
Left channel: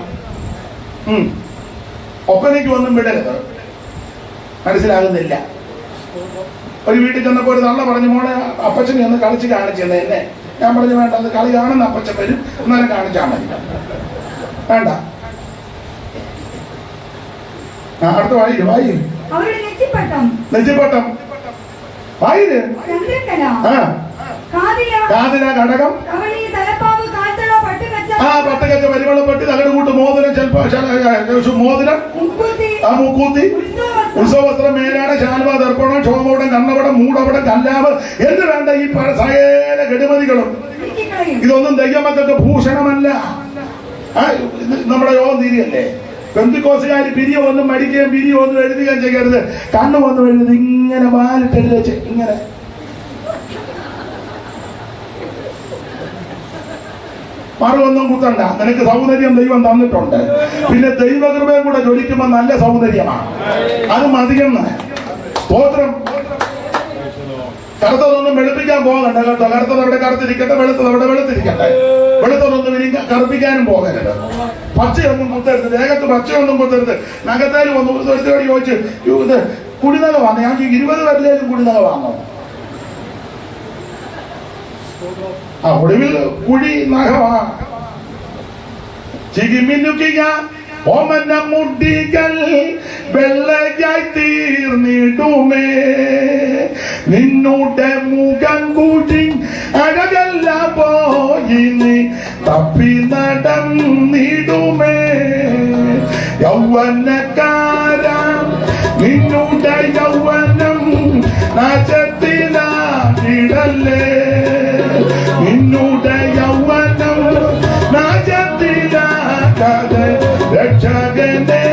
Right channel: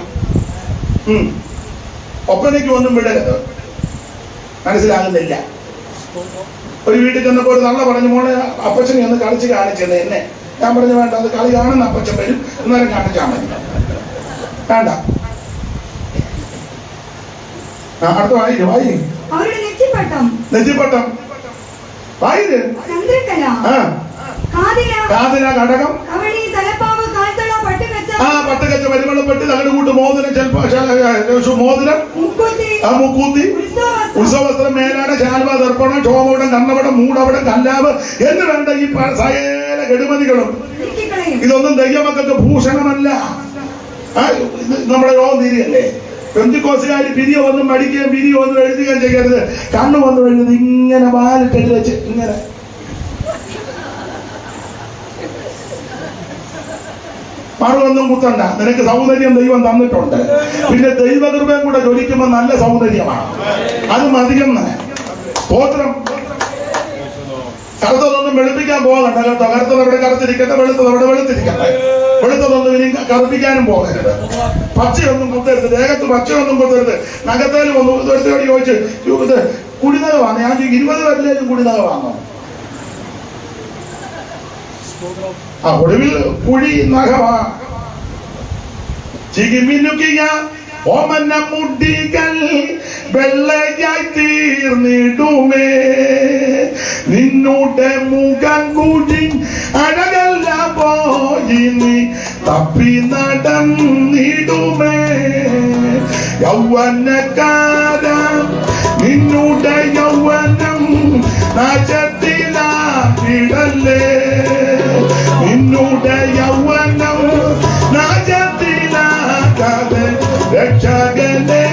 ഒപ്പനയ്ക്കും ഒന്നും വിടരുത്. മനസ്സിലാകുന്നില്ല. ഒരു വീട്ടിൽ ചെന്നപ്പോ ഒരു തള്ള പറഞ്ഞു, മോളെ അപ്പച്ചനെ ഒന്ന് കളിച്ച് കാണിച്ചത് എന്നെ. ഞാൻ പറഞ്ഞു വേണ്ട, അത് കളി കാണുന്ന അപ്പച്ചൻ വരും, അന്നേരം കാണിച്ചാൽ മതി. വേണ്ട. അടുത്ത വായിക്കും. നെറ്റിപ്പട്ടം വായിര്. കാതില ഘടകം. പട്ടുകച്ച പരിമളപ്പെട്ടി തകട് കൂട്ട് മോതിരം മോതിരം മുക്കൂത്തി ഉത്സവസ്ത്രം മേലാണ് ശാൽവ ദർപ്പണം ക്ഷോഭവടം കണ്ണവടം മൂടവടം കല്ലാവ് എന്ന് വേണ്ട ഈ സകല കെടുമതികളും ഇതൊന്നും ദൈവമക്കൾക്ക് ഭൂഷണമല്ല. നമ്മുടെ യോഗം തീരെയല്ലേ? പെന്തിക്കോസുകാർ പിരിയോ ഒന്നും മടിക്കുകയും പിരിയോ ഒന്നും എഴുതുകയും ചെയ്യരുത്. കണ്ണു വന്നു എഴുതി ഇങ്ങനെ വാലിട്ട് വെച്ച് ഇങ്ങനെ മറുവൊന്നും കുത്തണ്ട. നിനക്ക് സൗന്ദര്യം ദൈവം തന്നിട്ടുണ്ട്. പിന്നെ ദൈവകൃപയും കൂടെ ജ്വലിക്കുമ്പോൾ നല്ല സൗന്ദര്യമാണ്. അത് മതിയെന്ന് സ്തോത്രം. കറുത്തതൊന്നും വെളുപ്പിക്കാൻ പോകണ്ട കേട്ടോ. കറുത്തതവിടെ കറുത്തിരിക്കട്ടെ, വെളുത്തതവിടെ വെളുത്തിരിക്കട്ടെ. വെളുത്തതൊന്നും ഇനി കറുപ്പിക്കാനും പോകരുത്. പച്ചയൊന്നും കുത്തരുത്, ദേഹത്ത് പച്ചയൊന്നും കുത്തരുത്. നഖത്തേലും ഒന്നും ഒരുത്തോട് ചോദിച്ച് ഇത് കുടിനക വാങ്ങ. ഞാൻ 20 കല്ലേലും കുടിനക വാങ്ങോ? ആ ഒടുവിൽ കുഴി നഖമാ. ചികിമിനുക്കിയ ഓമന മുടികൾ വെള്ളയായി തീർന്നിടുമേ. നിന്നുടെ മുഖം കൂടി അഴകല്ല പോയി നീ തപ്പി നടന്നിടുമേ. യൗവനക്കാര നിന്നുടെ യൗവനം നാശത്തിലായിടല്ലേ. നിന്നുടെ യൗവനം നാശത്തിലാകാതെ രക്ഷകനെ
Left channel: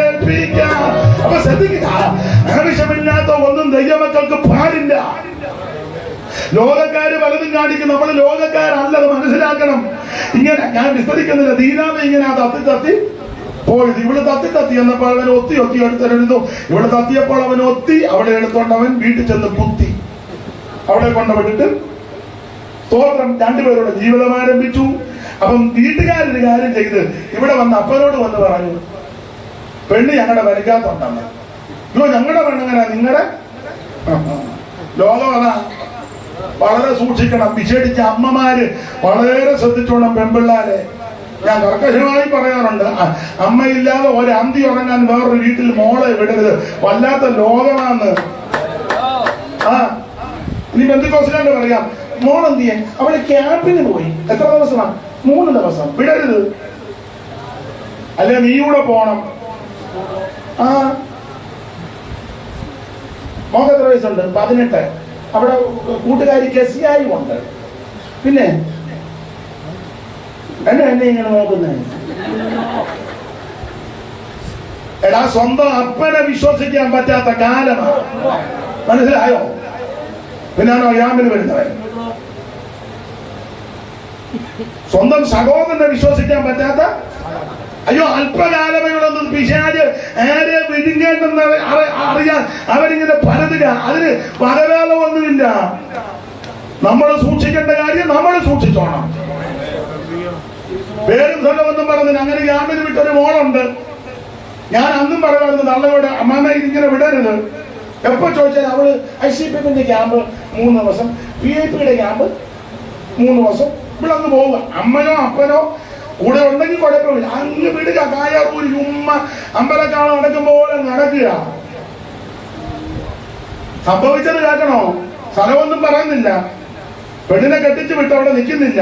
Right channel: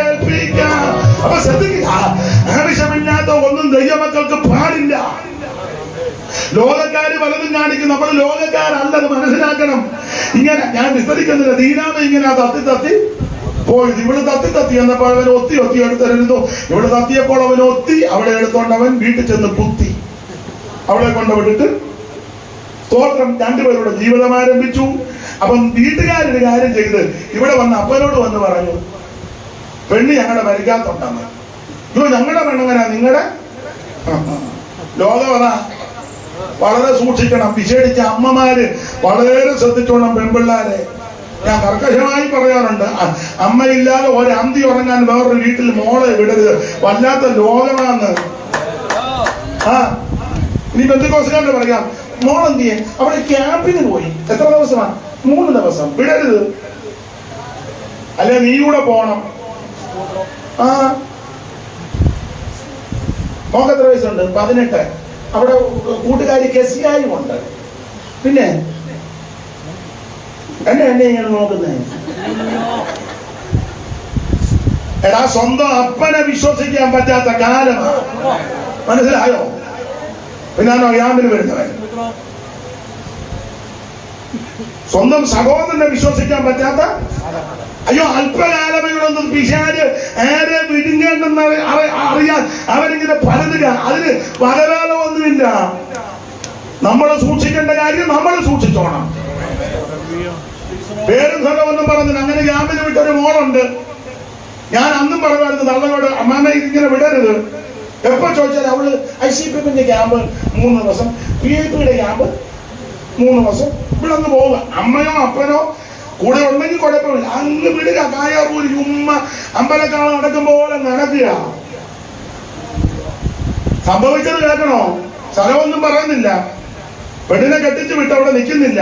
ഏൽപ്പിക്കാം. അപ്പൊ ശ്രദ്ധിക്കുക, ആവശ്യമില്ലാത്ത ഒന്നും ദൈവമക്കൾക്ക് പാടില്ല. ലോകക്കാര് പലതും കാണിക്കും. നമ്മൾ ലോകക്കാരല്ലത് മനസ്സിലാക്കണം. ഇങ്ങനെ ഞാൻ വിസ്തരിക്കുന്നില്ല. ദീനാമ ഇങ്ങനെ തത്തി പോയത്. ഇവിടെ തത്തി എന്നപ്പോൾ അവൻ ഒത്തി എടുത്തിരുന്നു. ഇവിടെ തത്തിയപ്പോൾ അവൻ ഒത്തി അവിടെ എടുത്തോണ്ട് അവൻ വീട്ടിൽ ചെന്ന് കുത്തി അവിടെ കൊണ്ട് വിട്ടിട്ട് സ്തോത്രം രണ്ടുപേരുടെ ജീവിതം ആരംഭിച്ചു. അപ്പം വീട്ടുകാരൊരു കാര്യം ചെയ്ത് ഇവിടെ വന്ന് അപ്പനോട് വന്ന് പറഞ്ഞു, പെണ്ണ് ഞങ്ങളുടെ മരിക്കാത്തുണ്ടെന്ന്. ഞങ്ങളുടെ പെണ്ണങ്ങനെ നിങ്ങളുടെ ലോകം അതാ. വളരെ സൂക്ഷിക്കണം. വിശേഷിച്ച് അമ്മമാര് വളരെ ശ്രദ്ധിച്ചോണം പെൺപിള്ളാരെ. ഞാൻ കർക്കശമായി പറയാറുണ്ട്, അമ്മയില്ലാതെ ഒരു അന്തി ഉറങ്ങാൻ വേറൊരു വീട്ടിൽ മോളെ വിടരുത്. വല്ലാത്ത ലോകമാന്ന്. ഇനി പെന്തിക്കോസുകാരുടെ പറയാം, മോളെന്ത് ചെയ്യാൻ അവിടെ ക്യാമ്പിന് പോയി. എത്ര ദിവസമാണ്? 3 ദിവസം. വിടരുത്. അല്ലെ നീ കൂടെ പോണം. മോക്ക് എത്ര വയസ്സുണ്ട്? 18. അവിടെ കൂട്ടുകാരി കെസിയായി ഉണ്ട്. പിന്നെ എന്നെ ഇങ്ങനെ നോക്കുന്നത്. എടാ, സ്വന്തം അപ്പനെ വിശ്വസിക്കാൻ പറ്റാത്ത കാലമാണ്. മനസ്സിലായോ? പിന്നാണോ ഗ്രാമിന് വരുന്നവൻ? സ്വന്തം സഹോദരനെ വിശ്വസിക്കാൻ പറ്റാത്ത. അയ്യോ, അല്പകാലമൊന്നും പിശാച് ആരെ വിഴുങ്ങേണ്ടെന്ന് അറിയാൻ അവരിങ്ങനെ പരതുക. അതിന് പലകാലമൊന്നുമില്ല. നമ്മൾ സൂക്ഷിക്കേണ്ട കാര്യം നമ്മൾ സൂക്ഷിച്ചോണം. പേരും സ്ഥലമൊന്നും പറഞ്ഞില്ല. അങ്ങനെ ഗ്രാമിന് വിട്ടൊരു മോളുണ്ട്. ഞാൻ അന്നും പറയുമായിരുന്നു തള്ളയോട്, അമ്മാമ ഇങ്ങനെ വിടരുത്. എപ്പോ ചോദിച്ചാൽ അവള് ICPന്റെ ക്യാമ്പ് 3 ദിവസം, PIPയുടെ ക്യാമ്പ് 3 ദിവസം, ഇവിടെ അങ്ങ് പോവുക. അമ്മയോ അപ്പനോ കൂടെ ഉണ്ടെങ്കിൽ കുഴപ്പമില്ല. അങ്ങ് വിടുക. കായാപൂരി ഉമ്മ അമ്പലക്കാളം നടക്കും പോലെ നടക്കുക. സംഭവിച്ചത് കേൾക്കണോ? സ്ഥലമൊന്നും പറയുന്നില്ല. പെണ്ണിനെ കെട്ടിച്ച് വിട്ട് അവിടെ നിൽക്കുന്നില്ല.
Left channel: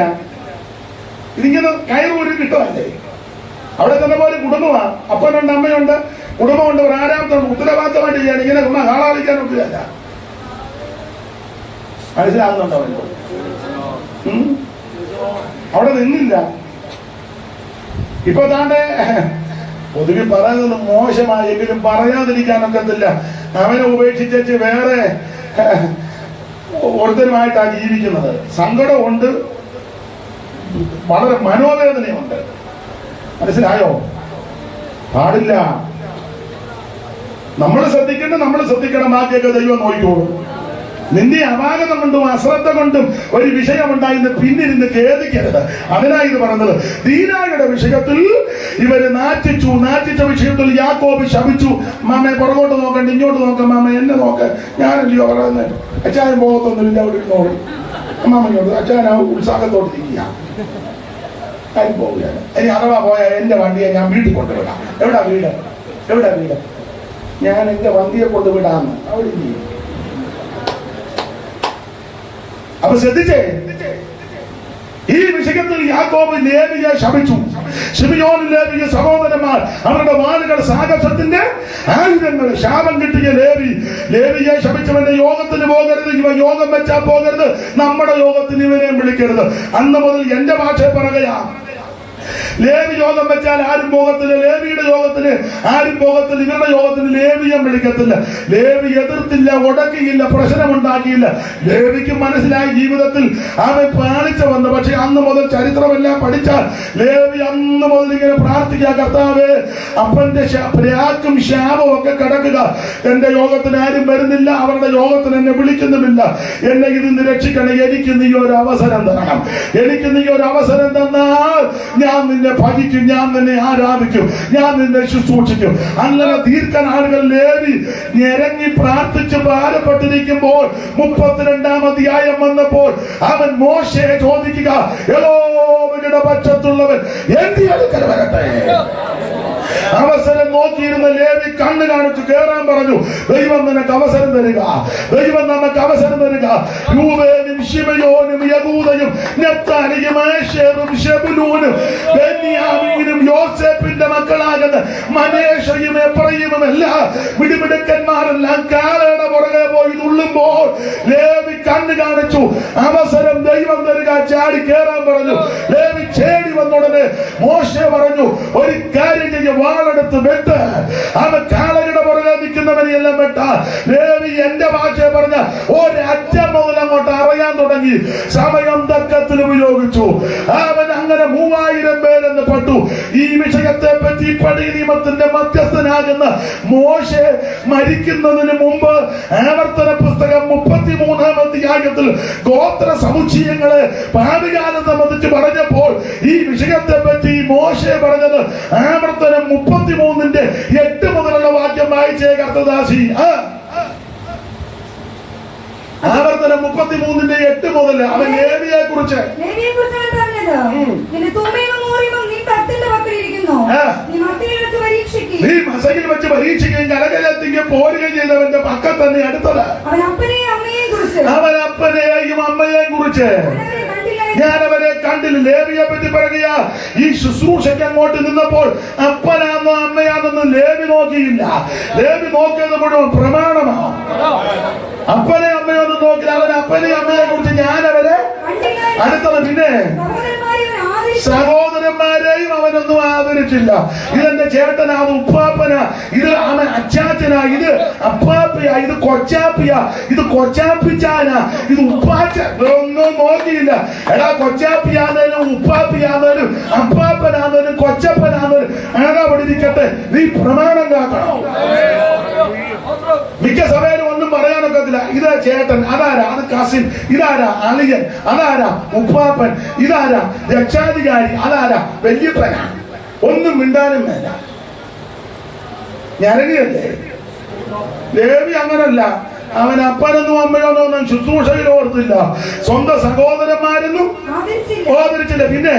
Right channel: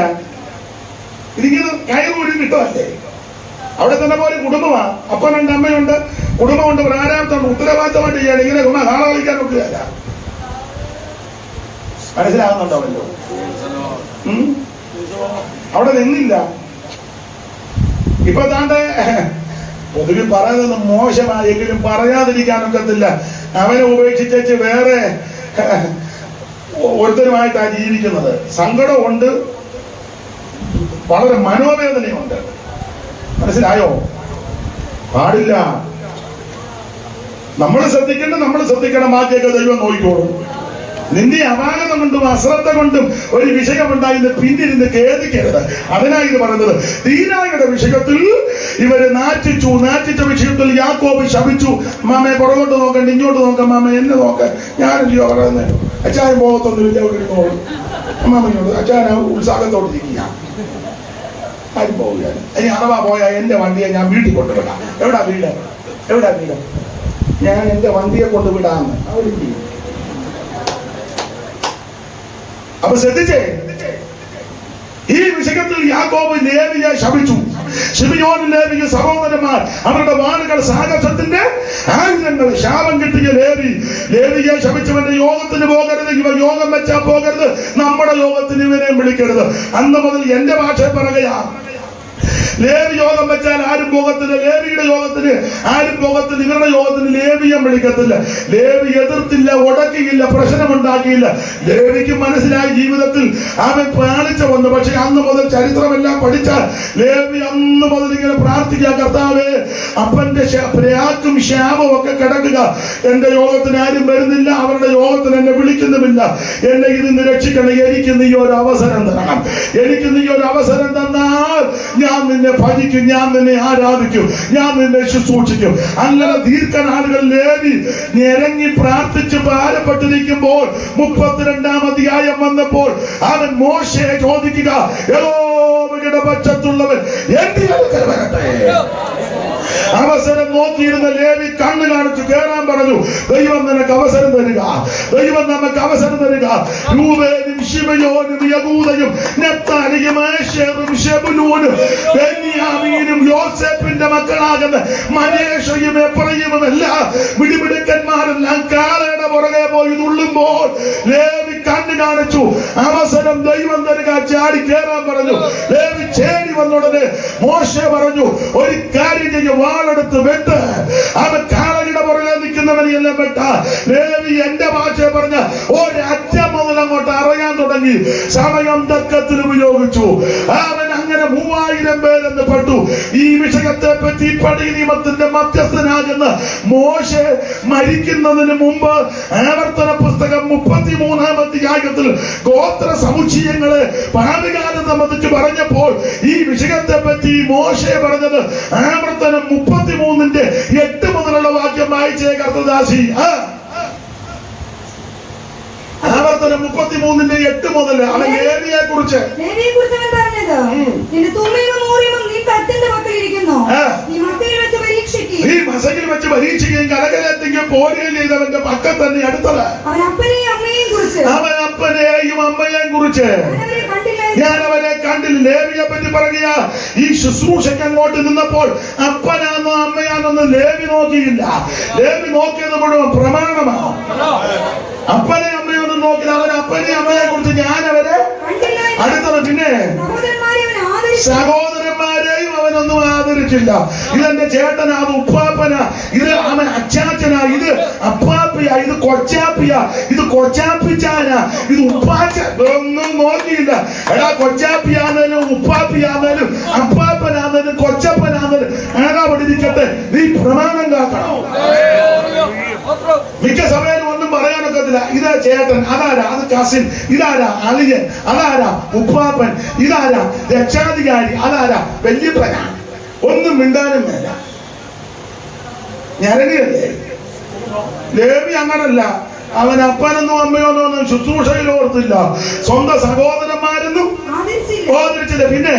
ഇതിങ്ങനെ കയറുകൂടി വിട്ടതല്ലേ? അവിടെ തന്നെ പോലെ കുടുംബമാ. അപ്പനുണ്ട്, അമ്മയുണ്ട്, കുടുംബമുണ്ട്, പ്രാരാബ്ദമുണ്ട്. ഉത്തരവാദിത്തമായിട്ട് ചെയ്യണം. ഇങ്ങനെ ഹാളാളിക്കാൻ ഒക്കുകയല്ല. മനസ്സിലാകുന്നുണ്ടോ? അവിടെ നിന്നില്ല. ഇപ്പൊ താണ്ടെ പൊതുവിൽ പറയുന്നത് മോശമായെങ്കിലും പറയാതിരിക്കാനൊക്കത്തില്ല. അവനെ ഉപേക്ഷിച്ചു വേറെ ഒരുത്തരുമായിട്ടാണ് ജീവിക്കുന്നത്. സങ്കടമുണ്ട്, വളരെ മനോവേദനയുണ്ട്. മനസ്സിലായോ? പാടില്ല. നമ്മൾ ശ്രദ്ധിക്കണം. ബാക്കിയൊക്കെ ദൈവം നോക്കിക്കോളും. നിന്റെ അപാകതം കൊണ്ടും അശ്രദ്ധ കൊണ്ടും ഒരു വിഷയമുണ്ടായിന്ന് പിന്നിരുന്ന് ഖേദിക്കരുത്. അതിനായി ഇത് പറഞ്ഞത്. ദീനായുടെ വിഷയത്തിൽ ഇവര് നാറ്റിച്ച വിഷയത്തിൽ യാക്കോബ് ശപിച്ചു. മാമയെ പുറകോട്ട് നോക്കണ്ട, ഇങ്ങോട്ട് നോക്കാം. മാമ എന്നെ നോക്ക, ഞാനെല്ലോ പറയുന്നത്. അച്ചായൻ പോകത്തൊന്നുമില്ല. ഒരു നോക്കി അമ്മാമനോട് അച്ചായൻ ആ ഉത്സാഹത്തോട്ട് ഇരിക്കുക. ആരും പോവുകയാണ്. ഇനി അഥവാ പോയാൽ എന്റെ വണ്ടിയെ ഞാൻ വീട്ടിൽ കൊണ്ടുവിടാം. എവിടാ വീട്? ഞാൻ എന്റെ വണ്ടിയെ കൊണ്ടുവിടാന്ന് അവര് ചെയ്യും. അപ്പൊ ശ്രദ്ധിച്ചേ, ഈ വിഷയത്തിൽ യാക്കോബ് ലേവിയെ ശപിച്ചു. ശിമിയോനും ലേവിയും സഹോദരന്മാർ അവരുടെ വാളുകൾ സാഹസത്തിന്റെ ആയുധങ്ങൾ. ശാപം കിട്ടിയ ലേവിയെ ശപിച്ചവന്റെ യോഗത്തിന് പോകരുത്. ഇവ യോഗം വെച്ചാൽ പോകരുത്. നമ്മുടെ യോഗത്തിന് ഇവരെ വിളിക്കരുത്. അന്ന് മുതൽ എന്റെ ഭാഷ പറയുകയാ, ലേവി യോഗം വെച്ചാൽ ആരും പോകത്തില്ല, ലേവിയുടെ യോഗത്തിന് ആരും പോകത്തില്ല, ഇവരുടെ യോഗത്തിന് ലേവിയം വിളിക്കത്തില്ല. ലേവി എതിർത്തില്ല, ഉടക്കിയില്ല, പ്രശ്നമുണ്ടാക്കിയില്ല. ലേവിക്ക് മനസ്സിലായി ജീവിതത്തിൽ അവൻ പാലിച്ചു വന്നു. പക്ഷെ അന്ന് മുതൽ ചരിത്രമെല്ലാം പഠിച്ചാൽ ലേവി അന്ന് മുതൽ ഇങ്ങനെ പ്രാർത്ഥിക്കുക, കർത്താവേ അപ്പന്റെ പ്രാക്കും ശാപവും ഒക്കെ കിടക്കുക, എന്റെ യോഗത്തിന് ആരും വരുന്നില്ല, അവരുടെ യോഗത്തിന് എന്നെ വിളിക്കുന്നുമില്ല, എന്നെ ഇതിന് രക്ഷിക്കണം, എനിക്ക് നീ ഒരു അവസരം തരണം, എനിക്ക് നീ ഒരു അവസരം തന്നാൽ ഞാൻ നിന്നെ ഭജിക്കും, ഞാൻ നിന്നെ ആരാധിക്കും, ഞാൻ നിന്നെ ശുശ്രൂഷിക്കും. അങ്ങനെ ദീർഘനാളുകൾ ലേവി ഞെരങ്ങി പ്രാർത്ഥിച്ച് ഭാരപ്പെട്ടിരിക്കുമ്പോൾ 32-ാം അധ്യായം വന്നപ്പോൾ അവൻ മോശയെ ചോദിക്കുക, യഹോവയുടെ പക്ഷത്തുള്ളവൻ എന്റെ അടുക്കൽ വരട്ടെ. അവസരം നോക്കിയിരുന്ന ലേവി കണ്ണു കാണിച്ച് കേറാൻ പറഞ്ഞു. ദൈവം നിനക്ക് അവസരം തരിക, ദൈവം നമുക്ക് അവസരം തരിക. രൂബേനും ശിമയോനും യഹൂദയും നഫ്താലിയും ആശേറും ശെബൂലൂനും ബെന്യാമീനും യോസേഫിന്റെ മക്കളാകുന്ന മനേഷയും എഫ്രയീമും എല്ലാം മിടുമിടുക്കന്മാരെല്ലാം കാളയുടെ പുറകെ പോയി തുള്ളുമ്പോൾ ലേവി കണ്ണു കാണിച്ചു. അവസരം ദൈവം തരിക, ചാടി കേറാൻ പറഞ്ഞു. ലേവി ചേടി വന്നുടനെ മോശെ പറഞ്ഞു, ഒരു കാര്യം ചെയ്യ, വാളെടുത്ത് വെട്ട്. അവൻ കാളയുടെ പുറകെ നിൽക്കുന്നവനെല്ലാം വെട്ട. ലേവി എന്റെ ഭാഷ പറഞ്ഞ ഒരറ്റം മുതൽ അങ്ങോട്ട് അറിയാൻ തുടങ്ങി. സമയം തക്കത്തിൽ ഉപയോഗിച്ചു. അവൻ അങ്ങനെ 3000 പേരെന്ന് പെട്ടു. ഈ വിഷയത്തെ പറ്റി പഴയ നിയമത്തിന്റെ മധ്യസ്ഥനാകുന്ന മോശെ മരിക്കുന്നതിന് മുമ്പ് ആവർത്തന പുസ്തകം 33-ാം അധ്യായത്തിൽ ഗോത്ര സമുച്ചയങ്ങളെ ഭാവികാലം സംബന്ധിച്ച് പറഞ്ഞപ്പോൾ ഈ വിഷയത്തെ പറ്റി മോശെ പറഞ്ഞത് ആവർത്തനം 33-ന്റെ 8 മുതലുള്ള വാക്യം വായിച്ചേ കർത്തദാസി. ആവർത്തനം 33-ന്റെ 8 മുതൽ അവൻ ലേവിയെ കുറിച്ച് നീ മസകിൽ വെച്ച് പരീക്ഷിക്കുകയും കലകലത്തിക്കും പോരുകയും ചെയ്തവന്റെ പക്കം തന്നെ അടുത്തത്. അവൻ അപ്പനെയും അമ്മയെയും കുറിച്ച് ഞാൻ അവരെ കണ്ടില്ല. ലേവിയെ പറ്റി പറയുക, ഈ ശുശ്രൂഷയ്ക്ക് അങ്ങോട്ട് നിന്നപ്പോൾ അപ്പനാന്നോ അമ്മയാണെന്ന് ലേവി നോക്കിയില്ല. ലേവി നോക്കിയത് മുഴുവൻ പ്രമാണമാണ്. അപ്പനെ അമ്മയൊന്നും നോക്കില്ല. അവൻ അപ്പനെ അമ്മയെ കുറിച്ച് ഞാൻ അവരെ അടുത്തത്. പിന്നെ സഹോദരന്മാരെയും അവനൊന്നും ആദരിച്ചില്ല. ഇതെന്റെ ചേട്ടനാ, അത് ഉപ്പാപ്പനാ, ഇത് അവൻ അച്ചാച്ചനാ, ഇത് അപ്പാപ്പിയാ, ഇത് കൊച്ചാപ്പിയാ, ഇത് കൊച്ചാപ്പിച്ചാനാ, ഇത് ഉപ്പാച്ച, ഒന്നും നോക്കിയില്ല. എടാ കൊച്ചാപ്പിയാന്നേലും ഉപ്പാപ്പിയാന്നേലും അപ്പാപ്പനാന്നേലും കൊച്ചപ്പനാന്നേലും ഏതാ പഠിക്കട്ടെ, നീ പ്രമാണം കാക്കണം. മിക്ക സമയം ഒന്നും പറയാനൊക്കത്തില്ല. ഇതാ ചേട്ടൻ, അതാരാ, അത് കസിൻ, ഇതാരാ അളിയൻ, അതാരാ ഉപ്പാപ്പൻ, ഇതാരാ രക്ഷാധികാരി, അതാരാ വല്യപ്പനാ. ഒന്നും മിണ്ടാനും വേണ്ട. ഞരടിയല്ലേ ലേവി? അങ്ങനല്ല. അവൻ അപ്പനെന്നും അമ്മയോന്നൊന്നും ശുശ്രൂഷയിൽ ഓർത്തില്ല. സ്വന്തം സഹോദരന്മാരെന്നും ഓർത്തില്ല. പിന്നെ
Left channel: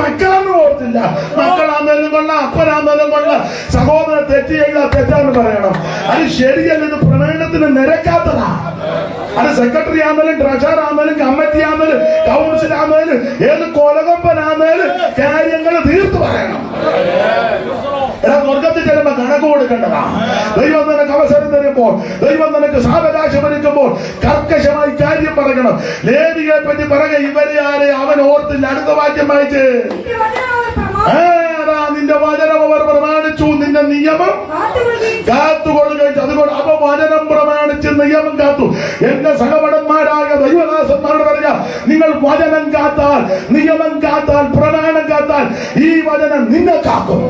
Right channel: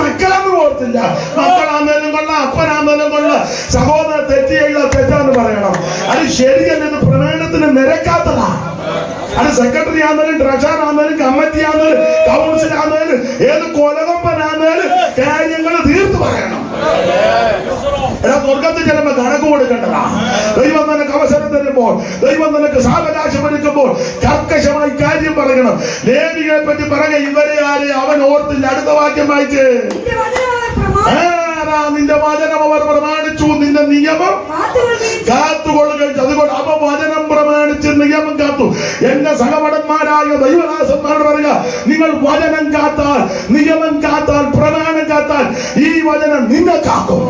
മക്കളെന്നും ഓർത്തില്ല. മക്കളാന്നേലും കൊള്ളാം, അപ്പനാന്നേലും കൊള്ളാം. സഹോദരൻ തെറ്റ് ചെയ്ത തെറ്റാന്ന് പറയണം. അത് ശരിയല്ല. ഇത് പ്രമേയത്തിന് നിരക്കാത്തതാ. അത് സെക്രട്ടറി ആണെങ്കിലും ട്രഷറർ ആണെങ്കിലും കമ്മിറ്റി ആണെങ്കിലും കൗൺസിൽ ആണെങ്കിലും ഏത് കൊലകൊമ്പനാണെങ്കിലും കാര്യങ്ങൾ തീർത്തു പറയണം. എടാ സ്വർഗത്തിൽ ചെല്ലുമ്പോ കണക്ക് കൊടുക്കേണ്ടതാ. ദൈവം നിനക്ക് അവസരം തരുമ്പോൾ, ദൈവം നിനക്ക് സാവകാശം ഒരുക്കുമ്പോൾ കർക്കശമായി കാര്യം പറയണം. ലേവികളെ പറ്റി പറയുക, ഇവരെ ആരെ അവൻ ഓർത്തില്ല. അടുത്ത വാക്യം വായിച്ച്, നിന്റെ വചനം അവർ പ്രമാണിച്ചു, നിന്റെ നിയമം കാത്തുകൊള്ളുകയും. അതുകൊണ്ട് അപ്പൊ വചനം പ്രമാണിച്ച് നിയമം കാത്തു. എന്റെ സഹപടന്മാരായ ദൈവദാസന്മാർ പറയുക, നിങ്ങൾ വചനം കാത്താൽ, നിയമം കാത്താൽ, പ്രമാണം കാത്താൽ ഈ വചനം നിന്നെ കാക്കും.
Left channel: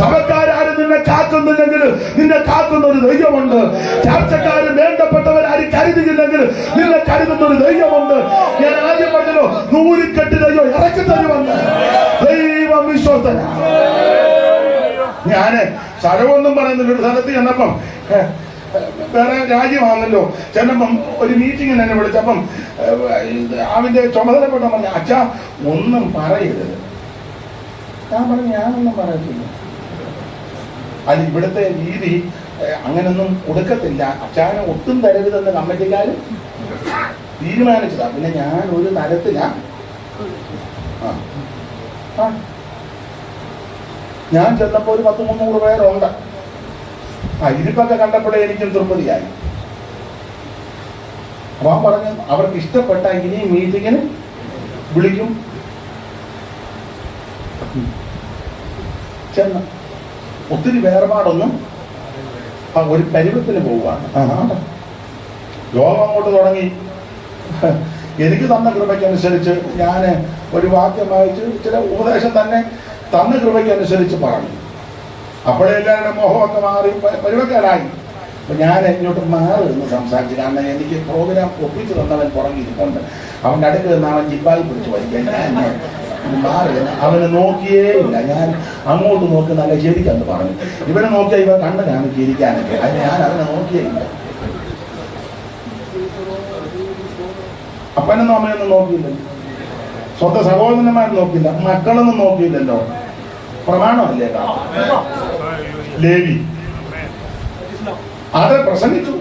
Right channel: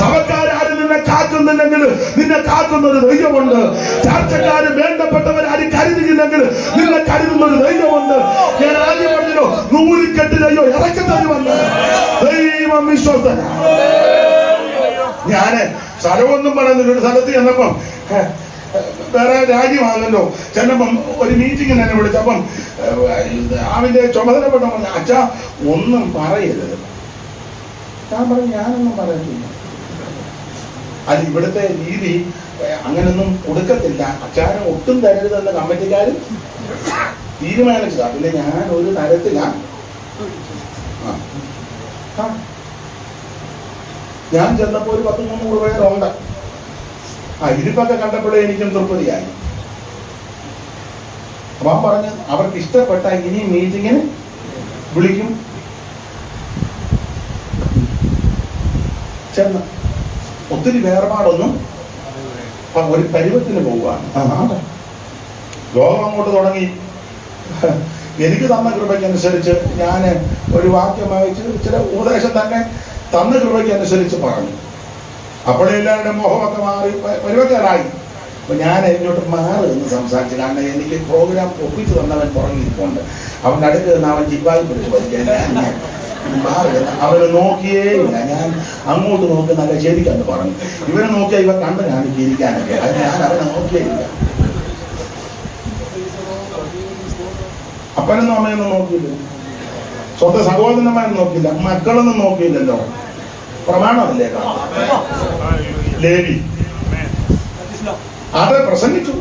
സഭക്കാരും നിന്നെ കാക്കുന്നില്ലെങ്കിൽ നിന്നെ കാക്കുന്ന ഒരു ദൈവമുണ്ട്. ചർച്ചക്കാരും വേണ്ടപ്പെട്ടവരാരും കരുതുന്നില്ലെങ്കിൽ നിന്നെ കരുതുന്ന ഒരു ദൈവമുണ്ട്. ഞാൻ ആദ്യം പറഞ്ഞല്ലോ, നൂലിക്കെട്ട് ദൈവം ഇറക്കി തരുമുണ്ട്. ദൈവം വിശ്വസ്തനാ. ഞാന് സ്ഥലമൊന്നും പറയുന്നില്ല. ഒരു സ്ഥലത്ത് ചെന്നപ്പം വേറെ രാജ്യമാണല്ലോ, ചെന്നപ്പം ഒരു മീറ്റിങ്ങിന് എന്നെ വിളിച്ചപ്പം അവന്റെ ചുമതലപ്പെട്ട പറഞ്ഞു, അച്ഛാ ഒന്നും പറയരുത്. ഞാൻ പറഞ്ഞു, ഞാനൊന്നും പറയുന്നില്ല. അത് ഇവിടുത്തെ രീതി അങ്ങനൊന്നും കൊടുക്കത്തില്ല, അച്ഛാനെ ഒട്ടും തരരുതെന്ന് കമ്മിറ്റിക്കാർ തീരുമാനിച്ചതാ. പിന്നെ ഞാൻ ഒരു തരത്തിലാണ്. ഞാൻ ചെന്നപ്പോൾ ഒരു 100-300 പേരുണ്ട്. ഇരിപ്പൊക്കെ കണ്ടപ്പോഴേ എനിക്കും തൃപ്തിയായി. അപ്പൊ പറഞ്ഞു, അവർക്ക് ഇഷ്ടപ്പെട്ട ഇനി മീറ്റിങ്ങിന് വിളിക്കും. ചെന്ന് ഒത്തിരി വേർപാടൊന്നും ഒരു പരുവത്തിന് പോവുകയാണ്. യോഗം അങ്ങോട്ട് തുടങ്ങി. എനിക്ക് തന്ന കൃപയ്ക്കനുസരിച്ച് ഞാൻ ഒരു വാക്യം വായിച്ച് ചില ഉപദേശം തന്നെ തന്ന കൃപയ്ക്കനുസരിച്ച് പറഞ്ഞു. അപ്പോഴെല്ലാവരുടെ മോഹമൊക്കെ മാറി പരുവക്കാരായി. അപ്പൊ ഞാൻ ഇങ്ങോട്ട് മാറി നിന്ന് സംസാരിച്ചു. കാരണം എനിക്ക് പ്രോഗ്രാം ഒപ്പിച്ച് തന്നവൻ പുറകിരിപ്പുണ്ട്. അവൻ്റെ അടുത്ത് നിന്ന് അവൻ ജിബായി പിടിച്ച് വലിക്കാൻ മാറി. അവന് നോക്കിയേ ഇല്ല. ഞാൻ അങ്ങോട്ട് നോക്കി നല്ല ശരിക്കാന്ന് പറഞ്ഞു. ഇവനെ നോക്കിയാൽ ഇവ കണ്ണ് കാണിക്കിരിക്കാനൊക്കെ. അത് ഞാൻ അവനെ നോക്കിയേ ഇല്ല. അപ്പനൊന്നും അമ്മയൊന്നും നോക്കിയില്ലല്ലോ, സ്വന്തം സഹോദരന്മാരും നോക്കിയില്ല, മക്കളൊന്നും നോക്കിയില്ലല്ലോ. പ്രമാണമല്ലേ ലേവി അത് പ്രസംഗിച്ചു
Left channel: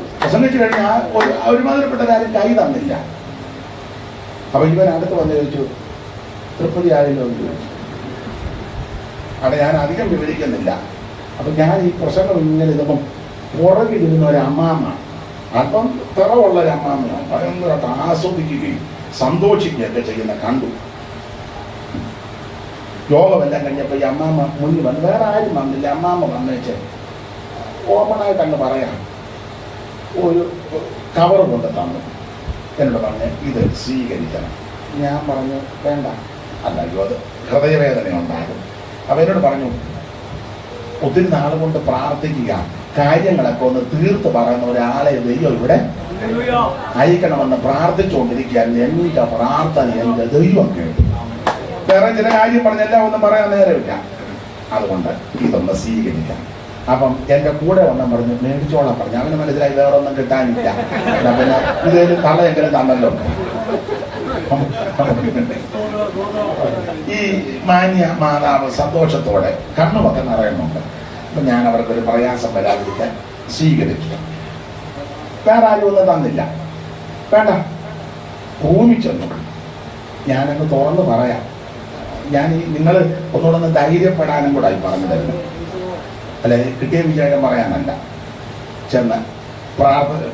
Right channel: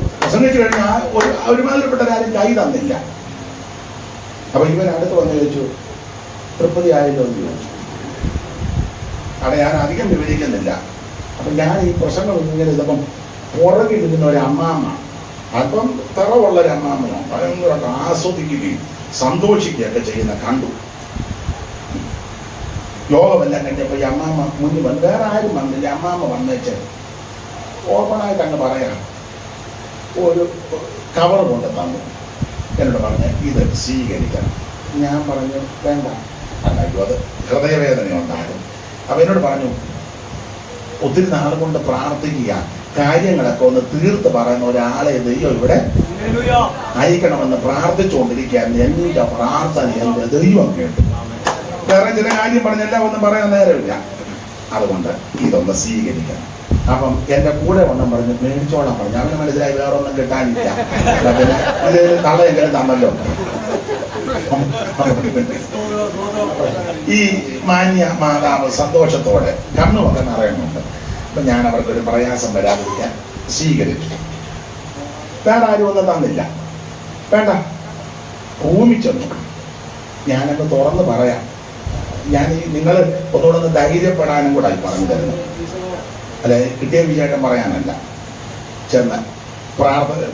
കഴിഞ്ഞാൽ ഒരുമാതിരിപ്പെട്ട കാര്യം കൈ തന്നില്ല. അപ്പൊ ഇവൻ അടുത്ത് വന്ന് ചോദിച്ചു, തൃപ്തി ആയല്ലോ എന്ന് ചോദിച്ചു. കാരണം ഞാൻ അധികം വിവരിക്കുന്നില്ല. അപ്പൊ ഞാൻ ഈ പ്രസംഗം ഇങ്ങനെ ഇതപ്പം പുറകിലിരുന്ന ഒരു അമ്മാമ്മ, അല്പം തറവുള്ള ഒരു അമ്മാമ്മയാണ്, ഭയങ്കരമായിട്ട് ആസ്വദിക്കുകയും സന്തോഷിക്കുകയൊക്കെ ചെയ്യുന്ന കണ്ടു. യോഗമെല്ലാം കഴിഞ്ഞപ്പോൾ ഈ അമ്മാമ്മ മുന്നിൽ വന്നു. വേറെ ആരും വന്നില്ല. അമ്മാമ്മ വന്നേച്ച് ഓപ്പണായിട്ട് അങ്ങ് പറയാം, ഒരു കവർ കൊണ്ട് തന്നു. എന്നോട് പറഞ്ഞ് ഇത് സ്വീകരിക്കണം. ഞാൻ പറഞ്ഞു വേണ്ട. അല്ലായോ അത് ഹൃദയവേദന ഉണ്ടാകും. അപ്പൊ എന്നോട് പറഞ്ഞു, ഒത്തിരി നാൾ കൊണ്ട് പ്രാർത്ഥിക്കുക, കാര്യങ്ങളൊക്കെ ഒന്ന് തീർത്ത് പറയുന്ന ഒരാളെ ദൈവം ഇവിടെ അയക്കണമെന്ന് പ്രാർത്ഥിച്ചുകൊണ്ടിരിക്കുകയാണ്. എന്റെ പ്രാർത്ഥന എന്റെ ദൈവം കേട്ടു. വേറെ ചില കാര്യം പറഞ്ഞെല്ലാം ഒന്നും പറയാൻ നേരമില്ല. അതുകൊണ്ട് ഇതൊന്ന് സ്വീകരിക്കണം. അപ്പം എന്റെ കൂടെ വണ്ണം പറഞ്ഞു മേടിച്ചോളാൻ പറഞ്ഞു. അവന് മനസ്സിലായി വേറെ ഒന്നും കിട്ടാനില്ല. ഇതിൽ തള്ളയെങ്കിലും തന്നല്ലോ. ഈ മാന്യ മാതാവ് സന്തോഷത്തോടെ കണ്ണുമൊക്കെ നിറയുന്നുണ്ട്. അപ്പൊ ഞാൻ അവർക്കൊരു പ്രയാസം വരാതിരിക്കാൻ സ്വീകരിച്ചു. വേറെ ആരും ഒന്നും തന്നില്ല. വേണ്ട. റൂമിൽ ചെന്നു. ഞാനൊക്കെ തുറന്ന് പറയാം. ഞാൻ ഈ നിങ്ങൾ ഒന്നുകൂടെ ധൈര്യപ്പെടാനും കൂടെ ആയി പറഞ്ഞു തരുന്നത്. അല്ലെ കിട്ടിയ വിജയം പറയാനല്ല. ചെന്ന്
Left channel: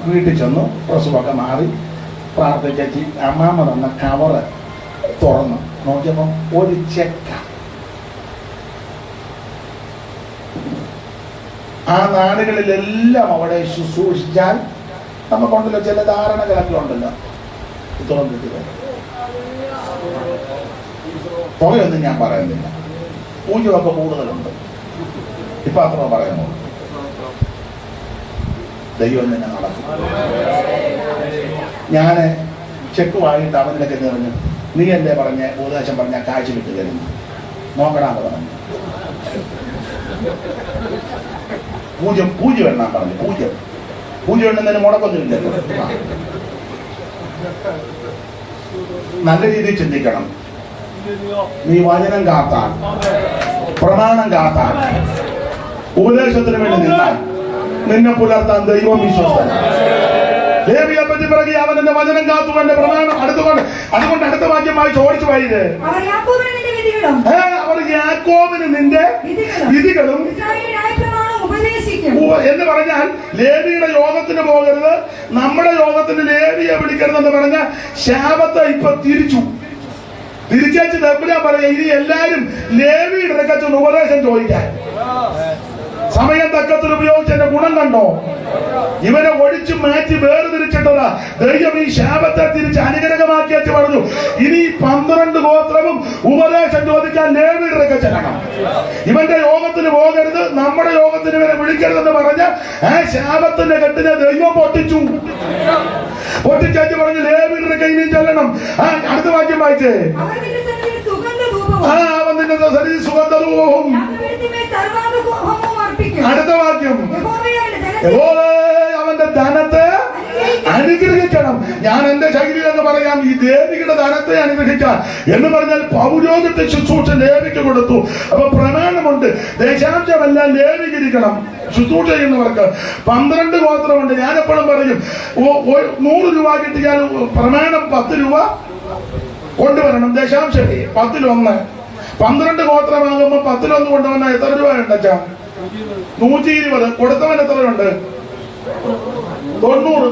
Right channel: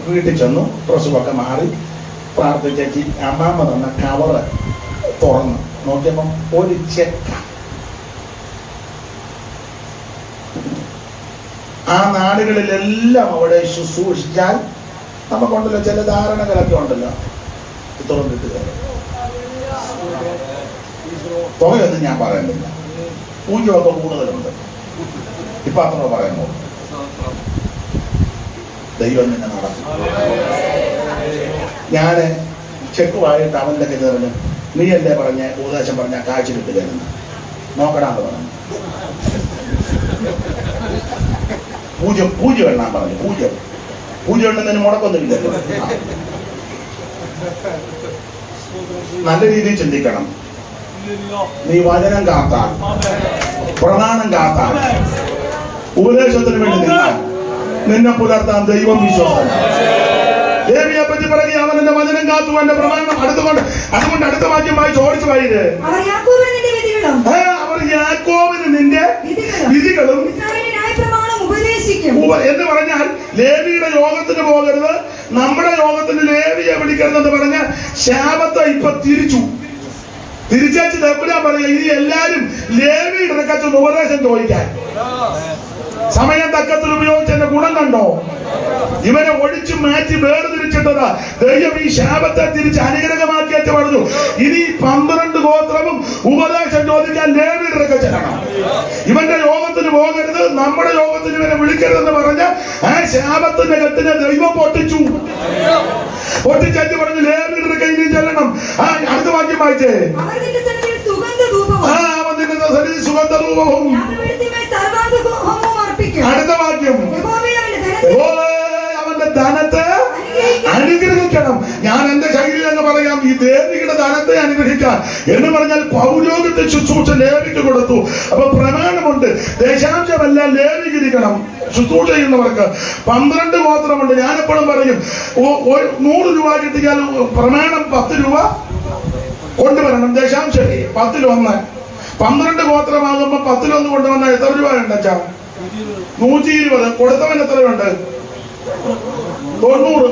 വീട്ടിൽ ചെന്നു. പ്രസവമൊക്കെ മാറി പ്രാർത്ഥിച്ചേച്ചി അമ്മാമ്മ തന്ന കവറ് തുറന്നു നോക്കിയപ്പോ ഒരു ചെക്ക. ആ നാടുകളിലെല്ലാം അവിടെ ശുശ്രൂഷിച്ചാൽ നമുക്കുണ്ടല്ലോ ചില ധാരണകളൊക്കെ ഉണ്ടല്ലോ. തുറന്നിട്ട് തുകയൊന്നും ഞാൻ പറയുന്നില്ല. പൂജ്യമൊക്കെ കൂടുതലുണ്ട്. ഇപ്പൊ അത്ര പറയുന്നു. ദൈവം തന്നെ നടക്കും. ഞാന് ചെക്കുമായിട്ട് അവൻ്റെ ഒക്കെ പറഞ്ഞു, നീ എന്നെ പറഞ്ഞ് ഉപദേശം പറഞ്ഞ കാഴ്ച കിട്ടുകയായിരുന്നു, നോക്കണമെന്ന് പറഞ്ഞു. പൂജ്യം എണ്ണാൻ പറഞ്ഞു. പൂജ്യം എണ്ണുന്നതിന് മുടക്കൊന്നുമില്ല. നല്ല രീതിയിൽ ചിന്തിക്കണം. നീ വചനം കാത്താൽ, പ്രമാണം കാത്താൽ, ഉപദേശത്തിന് വേണ്ടി നിന്നാൽ നിന്നെ പുലർത്താൻ ദൈവം വിശ്വസ്തൻ. ദേവിയെ പറ്റി പറയുക, അവൻ എന്റെ വചനം കാത്തു, എന്റെ പ്രമാണം. അതുകൊണ്ട് അടുത്ത വാക്യം വായിച്ച് ഓടിച്ചു വായത്, അവർ യാക്കോബിന് നിന്റെ വിധികളും എന്ന് പറഞ്ഞാൽ ലേവിയുടെ യോഗത്തിന് പോകരുത്, നമ്മുടെ യോഗത്തിന് ലേവിയെ വിളിക്കരുതെന്ന് പറഞ്ഞ ശാപത്തെ ഇപ്പൊ തിരിച്ചു എപ്പോഴാ പറയാ, ഇനി എല്ലാരും ലേവിയുടെ ഇടക്കച്ചൊന്ന് ഉപദേശം ചോദിക്കാൻ. സമയം തക്കത്തിൽ ഉപയോഗിച്ചതിന്റെ ഗുണം കണ്ടോ? ഇവരെ ഒഴിച്ചു മാറ്റി വേർതിരിച്ചിട്ടതാ ദൈവം. ഈ ശാപത്തെ തിരിച്ച് അനുഗ്രഹമാക്കി വെച്ച് പറഞ്ഞു, ഇനി 12 ഗോത്രവും ഉപദേശം ചോദിക്കാൻ ലേവിയുടെ ഇടക്ക ചെല്ലണം. ഇവന്റെ യോഗത്തിന് പോകരുത്, നമ്മുടെ യോഗത്തിന് ഇവരെ വിളിക്കരുതെന്ന് പറഞ്ഞ ആ ശാപത്തിന്റെ കെട്ടിനെ ദൈവം പൊട്ടിച്ചു പറഞ്ഞു ലേവിയുടെ ഇടക്ക ഇനി ചെല്ലണം. അടുത്ത വാക്യം വായിച്ചേ. അവൻ നിന്റെ സന്നിധി സുഗന്ധധൂപവും. അടുത്ത വാക്യം, അവന്റെ ധനത്തെ അനുഗ്രഹിക്കണം. ഞാൻ എന്റെ ശൈലിയിൽ എന്ന് പറയാം, ഈ ദേവിയുടെ ധനത്തെ അനുഗ്രഹിക്കാൻ എന്ന് പറഞ്ഞാൽ പൗരോഹിത്യ ശുശ്രൂഷ ലേവിക്ക് കൊടുത്തു. അപ്പൊ പ്രമാണമുണ്ട്, ദേശാംശമെല്ലാം ലേവിക്കിരിക്കണം. ശുശ്രൂഷ ചെയ്യുന്നവർക്ക് 12 ഗോത്രമുണ്ട്. ഞാനെപ്പോഴും പറയും, 100 രൂപ കിട്ടിയാൽ പ്രമാണം 10 രൂപ കൊണ്ടുവരണം. ദശാംശം 10-1. 12 ഗോത്രമാകുമ്പോ 10-1 കൊണ്ടുവന്നാൽ എത്ര രൂപ ഉണ്ടച്ചാ? 120. കൊടുത്തവൻ എത്രയുണ്ട്? 90.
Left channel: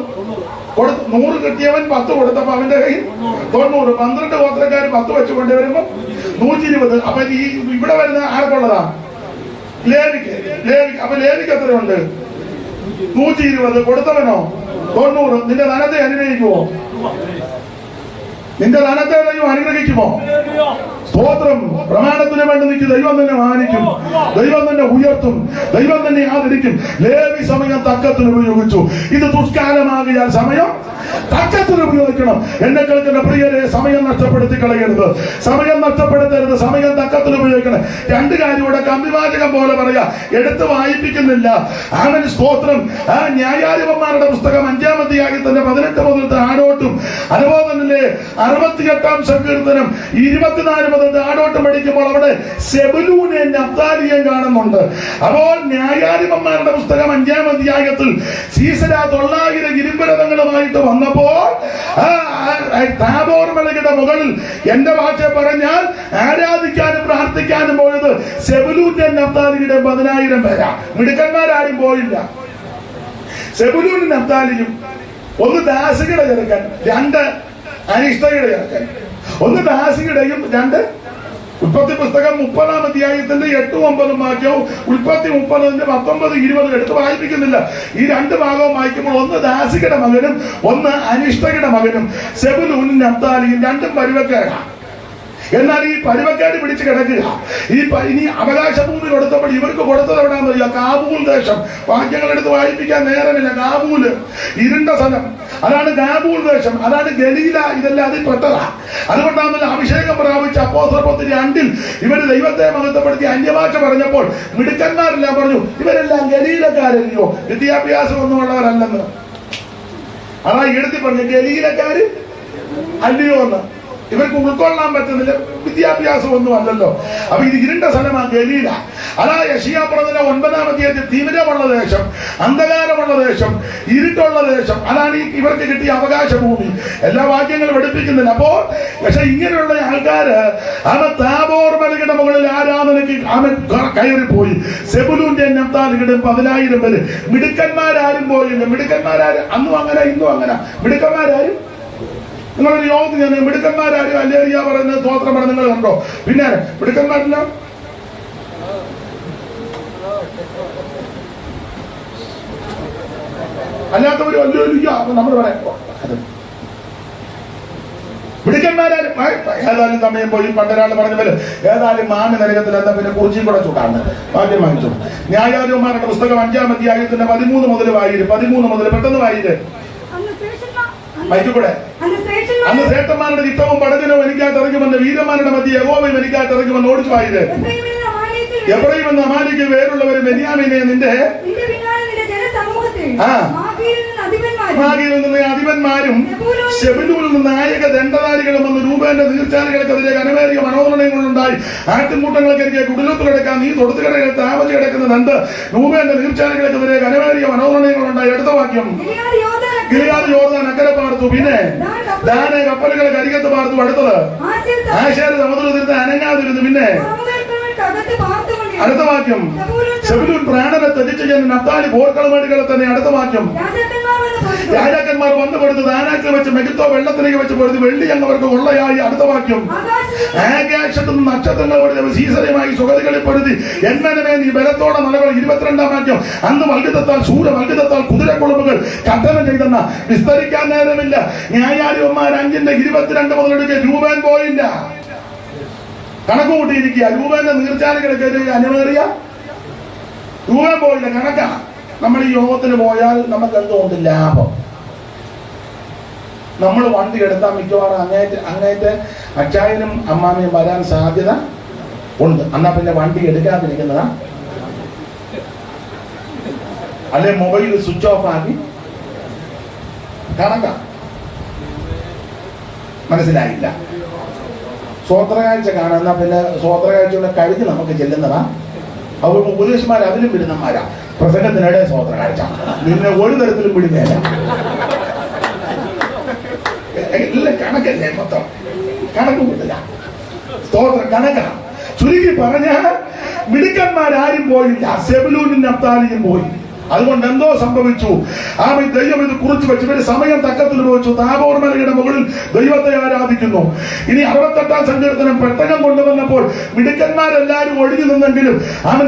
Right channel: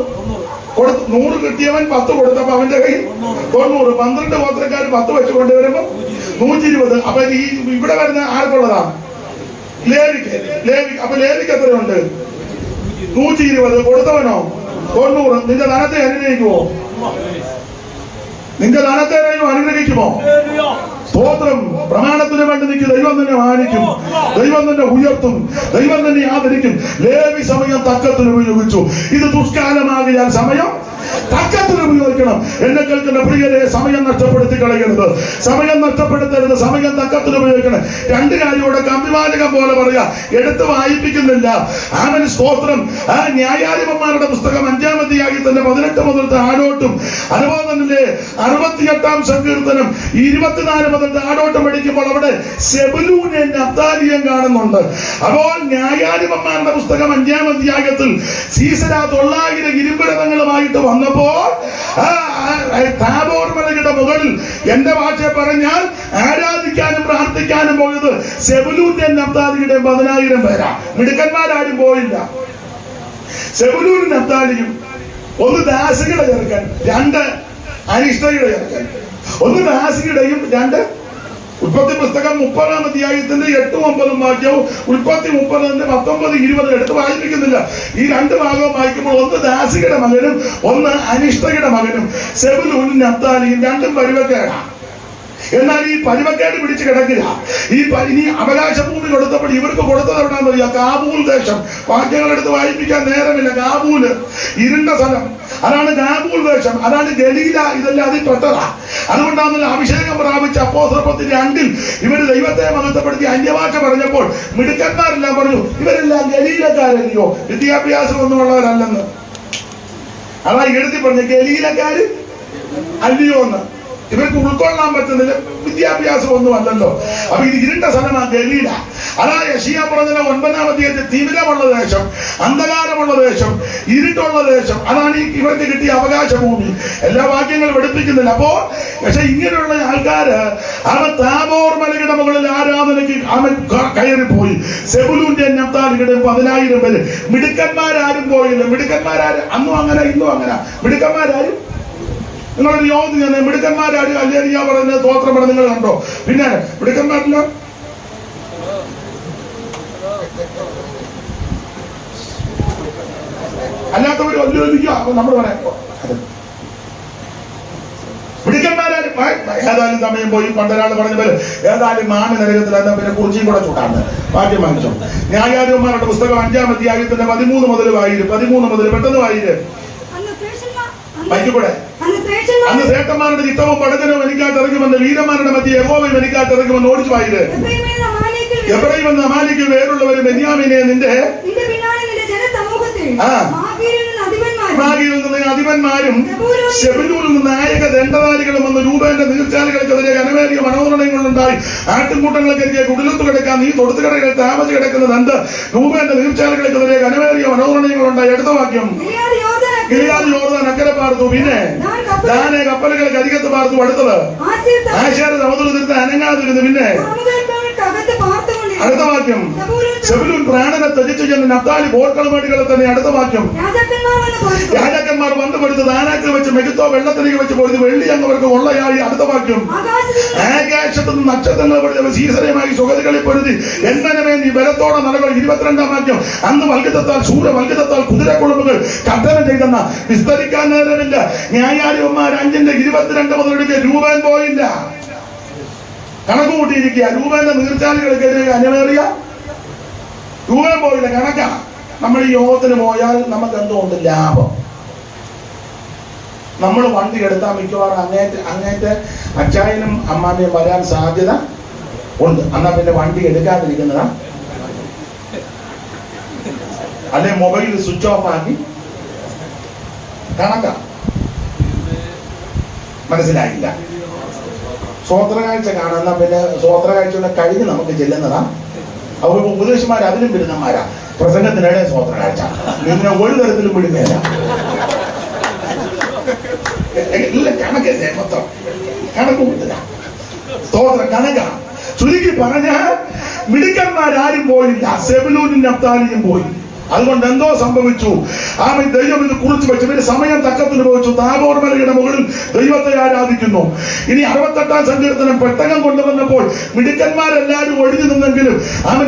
100 കിട്ടിയവൻ 10 കൊടുത്തപ്പോ അവന്റെ കയ്യിൽ 90. 12 ഗോത്രക്കാർ 10 വെച്ച് കൊണ്ടുവരുമ്പോ 120. അപ്പൊ ഈ ഇവിടെ വരുന്ന ആർക്കുള്ളതാ? അപ്പൊ ലേവിക്ക് എത്രയുണ്ട്? 120. കൊടുത്തവനോ 90. നിന്റെ ധനത്തെ അനുഗ്രഹിക്കുമോ? നിന്റെ ധനത്തെ അനുഗ്രഹിക്കുമോ? സ്തോത്രം. പ്രമാണത്തിന് വേണ്ടി നിനക്ക് ദൈവം തന്നെ മാനിക്കും, ദൈവം തന്നെ ഉയർത്തും, ദൈവം തന്നെ ആദരിക്കും. ലേവി സമയം തക്കത്തിന് ഉപയോഗിച്ചു. ഇത് ദുഷ്കാലമാകിയാൽ സമയം തക്കത്തിന് ഉപയോഗിക്കണം. എന്നെ കേൾക്കുന്ന പ്രിയരെ, സമയം നഷ്ടപ്പെടുത്തി കളയരുത്, സമയം നഷ്ടപ്പെടുത്തരുത്, സമയം തക്കത്തിന് ഉപയോഗിക്കണം. രണ്ട് കാര്യം ഇവിടെ കമ്പിവാചകം പോലെ പറയാ, എടുത്ത് വായിപ്പിക്കുന്നില്ല. അവന് സ്തോത്രം. ആ ന്യായാധിപന്മാരുടെ പുസ്തകം 5-ാം അധ്യായത്തിന്റെ 18 മുതൽ താഴോട്ടും, അതുപോലെ തന്നെ 68-ാം സങ്കീർത്തനം 24 മുതൽ താഴോട്ടും പഠിക്കുമ്പോൾ അവിടെ സെബൂലൂനെ നഫ്താലിയെയും കാണുന്നുണ്ട്. അപ്പോൾ ന്യായാധിപന്മാരുടെ പുസ്തകം 5-ാം അധ്യായത്തിൽ സീസര 900 ഇരുമ്പരഥങ്ങളുമായിട്ട് വന്നപ്പോൾ താബോർ മലയുടെ മുകളിൽ എന്റെ ഭാഷ പറഞ്ഞാൽ ആരാധിക്കാനും പ്രാർത്ഥിക്കാനും പോയത് സെബൂലൂന്റെ നഫ്താലിയുടെ 10,000 പേരാ. മിടുക്കന്മാരാരും പോയില്ല. സെബൂലൂനും നഫ്താലിയും ഒന്ന് ദാസികളുടെ ചേർക്കാൻ, 2 അനിഷ്ടയുടെ ചേർക്കാൻ. ഒന്ന് ദാസിയുടെയും 2 ഉൽപ്പത്തി പുസ്തകം 30-ാം അധ്യായത്തിന്റെ 8-9 വാക്യവും ഉൽപ്പത്തി 30-ന്റെ 19-20 എടുത്ത് വായിപ്പിക്കുന്നില്ല. ഈ 2 ഭാഗവും വായിക്കുമ്പോൾ ഒന്ന് ദാസികയുടെ മകനും ഒന്ന് അനിഷ്ടയുടെ മകനും സെബൂലൂനും നഫ്താലിയും 2 പരുവക്കേടാണ്. എന്നാൽ ഈ പരുവക്കേട് പിടിച്ച് കിടക്കുക. ഇനി അവകാശ ഭൂമി കൊടുത്തപ്പോൾ ഇവർക്ക് കൊടുത്തത് എവിടെയാണെന്ന് അറിയാം? കാബൂൽ ദേശം. വാക്യങ്ങളെടുത്ത് വായിപ്പിക്കാൻ നേരമില്ല. കാബൂല്, ഇരുണ്ട സ്ഥലം, അതാണ് കാബൂൽ ദേശം, അതാണ് ഗലീല. ഇതെല്ലാം അതിൽ പെട്ടതാ. അതുകൊണ്ടാണല്ലോ അഭിഷേകം പ്രാപിച്ച അപ്പോസ്തലർ 2-ൽ ഇവര് ദൈവത്തെ മഹത്വപ്പെടുത്തി അന്യഭാഷ പറഞ്ഞപ്പോൾ മിടുക്കന്മാരെല്ലാം പറഞ്ഞു, ഇവരെല്ലാം ഗലീലക്കാരല്ലയോ, വിദ്യാഭ്യാസം ഒന്നും ഉള്ളവരല്ലെന്ന്. അതാ എഴുതി പറഞ്ഞു, ഗലീലക്കാര് അല്ലയോ എന്ന്. ഇവർക്ക് ഉൾക്കൊള്ളാൻ പറ്റുന്നില്ല, വിദ്യാഭ്യാസം ഒന്നും അല്ലല്ലോ. അപ്പൊ ഇത് ഇരുണ്ട സ്ഥലമാണ് ഗലീല. അതാ യെശയ്യാ പറഞ്ഞ 9-ാം അധ്യായത്തിൽ തിമിരമുള്ള ദേശം, അന്ധകാരമുള്ള ദേശം, ഇരുട്ടുള്ള ദേശം, അതാണ് ഇവർക്ക് കിട്ടിയ അവകാശ ഭൂമി. എല്ലാ വാക്യങ്ങളും പഠിപ്പിക്കുന്നില്ല. അപ്പോ പക്ഷെ ഇങ്ങനെയുള്ള ആൾക്കാര് അവൻ താബോർ മലയുടെ മുകളിൽ ആരാധനയ്ക്ക് അവൻ കയറിപ്പോയി. സെബൂലൂന്റെ നഫ്താലിയുടെ 10,000 പേര്. മിടുക്കന്മാരാരും പോയില്ല. മിടുക്കന്മാരാരും അന്നും അങ്ങനെ ഇന്നും അങ്ങനെ. മിടുക്കന്മാരാരും നിങ്ങളൊരു യോഗം ഞാൻ മിടുക്കന്മാരാരും അല്ലേറിയ പറയുന്ന സ്തോത്രം പറഞ്ഞ നിങ്ങൾ കണ്ടോ? പിന്നെ മിടുക്കന്മാരില്ല. അല്ലാത്തവരും അല്ലേറിയ നമ്മൾ പറയാം. മിടുക്കന്മാരാരും ഏതായാലും സമയം പോയി. പണ്ടൊരാൾ പറഞ്ഞ പോലെ ഏതായാലും മാമി നരകത്തിൽ എന്താ പിന്നെ കുറിച്ചിയും കൂടെ ചൂടാണ്ട് ഭാഗ്യം വാങ്ങിച്ചു. ന്യായാധിപന്മാരുടെ പുസ്തകം 5-ാം അധ്യായത്തിന്റെ 13 മുതൽ വായിര്. 13 മുതൽ പെട്ടെന്ന് വായിര്. മൈക്കൂടെ അന്ന് ശ്രേഷ്ഠന്മാരുടെ ചിത്തവും പടജനവും എനിക്കായിട്ട് ഇറങ്ങുമെന്ന്, വീരന്മാരുടെ മധ്യ യഹോവയും എനിക്കായിട്ട് ഇറങ്ങുമെന്ന് ഓടിച്ചു വായിര്. എബ്രയീം എന്ന അമാലേക്കിൽ വേറുള്ളവരും ബെന്യാമീനെ നിന്റെ മാഗിയിൽ നിന്ന് അധിപന്മാരും സെബൂലൂനിൽ നിന്ന് നായക ദണ്ഡധാരികളും വന്ന് രൂപേന്റെ നീർച്ചാലുകൾക്കെതിരെ കനമേറിയ മനോധരണങ്ങളുണ്ടായി. ആട്ടിൻകൂട്ടങ്ങൾക്കെതിരെ കുടിലത്ത് കിടക്കാൻ നീ തൊടുത്തുകടകളിൽ താമസിച്ച് കിടക്കുന്നത് എന്ത്? രൂപേന്റെ നീർച്ചാലുകൾക്കെതിരെ കനമേറിയ മനോധരണങ്ങളുണ്ടായി. അടുത്ത വാക്യം, ഗിലെയാദ് യോർദാൻ അക്കരെ പാർത്തു, പിന്നെ ദാനെ കപ്പലുകളെ കരികത്ത് പാർത്തു. അടുത്തത് ആശേർ സമുദ്രത്തിൽ അനങ്ങാതിരുന്നു. പിന്നെ അടുത്ത വാക്യം, സെബൂലൂൻ പ്രാണനെ ത്യജിച്ചു ചെന്ന് നഫ്താലി പോർക്കളമേടുകളെ തന്നെ. അടുത്ത വാക്യം, രാജാക്കന്മാർ വന്നു പൊരുത് ദാനത്തിൽ വെച്ച് മെഗിത്തോ വെള്ളത്തിലേക്ക് വെച്ച് പൊരുത് വെള്ളി അങ്ങവർക്ക് കൊള്ളയായി. അടുത്ത വാക്യം, ആകാശത്ത് നിന്ന് നക്ഷത്രങ്ങൾ പൊരുതി സീസരമായി സുഗതികളിൽ പൊരുതി എന്മനമേ നീ ബലത്തോടെ നടകൾ. 22-ാം വാക്യം, അന്ന് വൽഗിതത്താൽ ശൂരവൽഗിതത്താൽ കുതിരക്കുളമ്പുകൾ കഥനം ചെയ്തെന്ന വിസ്തരിക്കാൻ നേരമില്ല. ന്യായാധിപന്മാർ 5-ന്റെ 22 മുതലെടുക്കുക. രൂപൻ പോയില്ല, കണക്ക് കൂട്ടിയിരിക്കുക. രൂപന്റെ നീർച്ചാലുകൾക്കെതിരെ അനിവേറിയ രൂപൻ പോയില്ല, കണക്കാണ്. നമ്മൾ ഈ യോഗത്തിന് പോയാൽ നമുക്ക് എന്തുകൊണ്ട് ലാഭം? നമ്മൾ വണ്ടി എടുത്താൽ മിക്കവാറും അങ്ങേറ്റ അച്ചായനും അമ്മാമ്മയും വരാൻ സാധ്യത ഉണ്ട്. എന്നാ പിന്നെ വണ്ടി എടുക്കാതിരിക്കുന്നതാ. അല്ലെ മൊബൈൽ സ്വിച്ച് ഓഫ് ആക്കി കണക്കാ. മനസ്സിലായില്ല? സ്വോത്രകാഴ്ച കാണുന്ന പിന്നെ സ്വോത്രകാഴ്ചയുടെ കഴിഞ്ഞ് നമുക്ക് ചെല്ലുന്നതാ. അവർക്ക് ഉപദേശന്മാർ അതിലും വരുന്നമാരാ. പ്രസംഗത്തിനിടെ സ്വോത്രകാഴ്ച പിന്നെ ഒരു തരത്തിലും വിടുകയല്ല. ഇല്ല, കണക്കല്ലേ മൊത്തം, കണക്ക് കൂട്ടുക. സ്തോത്രം കണക്കാണ്. ചുരുക്കി പറഞ്ഞാൽ മിടുക്കന്മാരാരും പോയില്ല. സെബൂലൂനും നഫ്താലിയും പോയി. അതുകൊണ്ട് എന്തോ സംഭവിച്ചു. ദൈവം ഇത് കുറിച്ച് വെച്ച് ഇവര് സമയം തക്കത്തിൽ ഉപയോഗിച്ചു. താബോർ മലയുടെ മുകളിൽ ദൈവത്തെ ആരാധിക്കുന്നു. ഇനി 68-ാം സങ്കീർത്തനം പെട്ടകം കൊണ്ടുവന്നപ്പോൾ മിടുക്കന്മാരെല്ലാരും ഒഴിഞ്ഞു നിന്നെങ്കിലും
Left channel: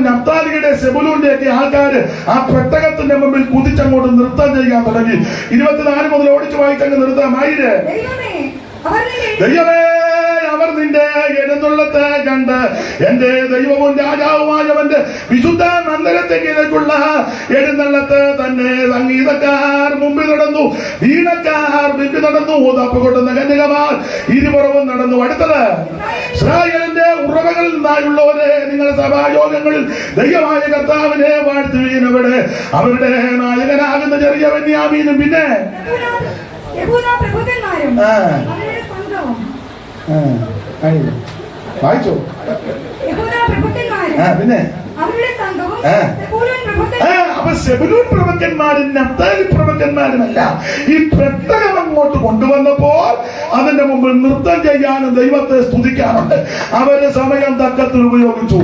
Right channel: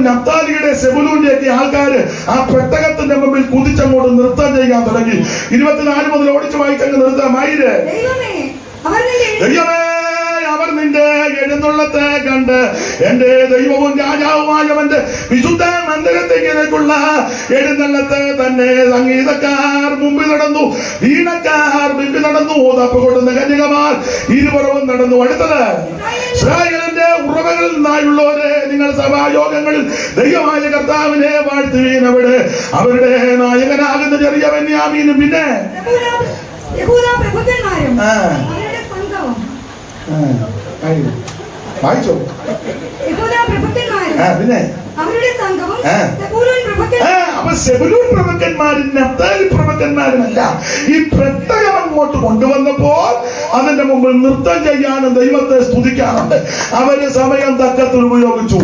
നഫ്താലിയുടെ സെബുലൂന്റെയൊക്കെ ആൾക്കാര് ആ പെട്ടകത്തിന്റെ മുമ്പിൽ കുതിച്ചങ്ങോട്ട് നൃത്തം ചെയ്യാൻ തുടങ്ങി. 24 മുതൽ ഓടിച്ചു വായിക്കങ്ങ് നൃത്തമായിര്. ദൈവമേ, അവർ നിന്റെ എഴുന്നള്ളത്തെ കണ്ട് എന്റെ ദൈവവും രാജാവുമായവന്റെ വിശുദ്ധ മന്ദിരത്തേക്കുള്ള എഴുന്നള്ളത്തെ തന്നെ സംഗീതക്കാർ മുമ്പിൽ നടന്നു, വീണക്കാർ മുമ്പിൽ നടന്നു, തപ്പ് കൊണ്ടുന്ന കന്യകമാർ ഇരുപുറവും നടന്നു. അടുത്തത് ഇസ്രായേലിന്റെ ഉറവകളിൽ നിന്നായുള്ളവരെ, നിങ്ങൾ സഭായോഗങ്ങളിൽ ദൈവമായ കർത്താവിനെ വാഴ്ത്തുവീൻ. അവിടെ അവരുടെ നായകനാകുന്ന ചെറിയ ബെന്യാമീനും പിന്നെ വായിച്ചോ പിന്നെ അപ്പൊ സെബുലൂൻ പ്രഭുക്കന്മാരും നഫ്താലി പ്രഭുക്കന്മാരുമല്ല. ഈ പെട്ടകം അങ്ങോട്ട് കൊണ്ടുവന്നപ്പോൾ അതിന്റെ മുമ്പിൽ നൃത്തം ചെയ്യാനും ദൈവത്തെ സ്തുതിക്കാനുണ്ട്. അവര് സമയം തക്കത്തിൽ ഉപയോഗിച്ചു.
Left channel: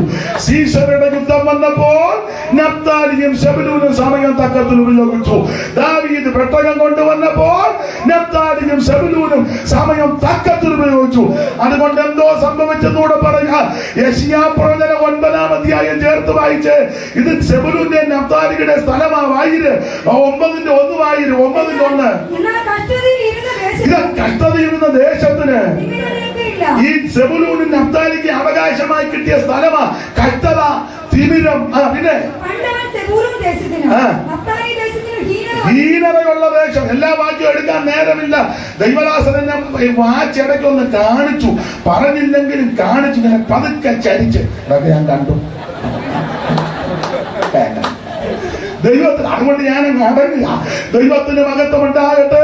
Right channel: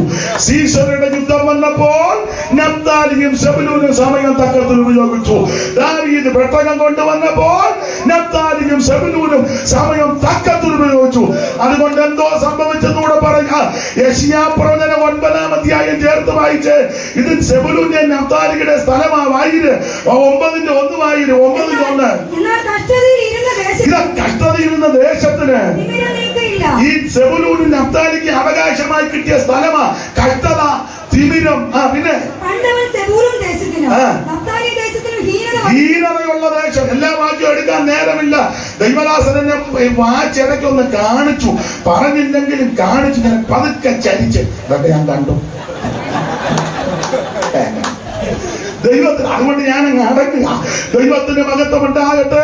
സീസറുടെ യുദ്ധം വന്നപ്പോൾ നഫ്താലിയും സെബുലൂനും സമയം തക്കത്തിൽ ഉപയോഗിച്ചു. ദാവീദ് പെട്ടകം കൊണ്ടുവന്നപ്പോൾ നഫ്താലിയും സെബുലൂനും സമയം തക്കത്തിൽ ഉപയോഗിച്ചു. അതുകൊണ്ട് എന്തോ സംഭവിച്ചെന്നൂടെ പറഞ്ഞ യെശയ്യാ പ്രവചനം 9-ാം അധ്യായം ചേർത്ത് വായിച്ച് ഇത് സെബുലൂന്റെ നഫ്താലിയുടെ സ്ഥലമാവായിര്. 9-1 വായിര്. 9-1 ഇത് കഷ്ടതയിരുന്ന ദേശത്തിന് ഈ സെബുലൂനും നഫ്താലിക്ക് അവകാശമായി കിട്ടിയ സ്ഥലമാ. കഷ്ടത, തിമിരം. പിന്നെ ഹീനതയുള്ള ദേശം. എല്ലാ വാക്യം എടുക്കാൻ നേരമില്ല. ദൈവദാസനെ വാച്ചിടയ്ക്കൊന്ന് കാണിച്ചു, പറഞ്ഞില്ലെങ്കിലും കാണിച്ചു, ഇങ്ങനെ പതുക്കെ ചരിച്ച് ഇതൊക്കെ ഞാൻ കണ്ടു ദൈവത്തിന്. അതുകൊണ്ട് ഞാൻ അടങ്ങുക. ദൈവത്തിന് മഹത്വം ഉണ്ടാകട്ടെ.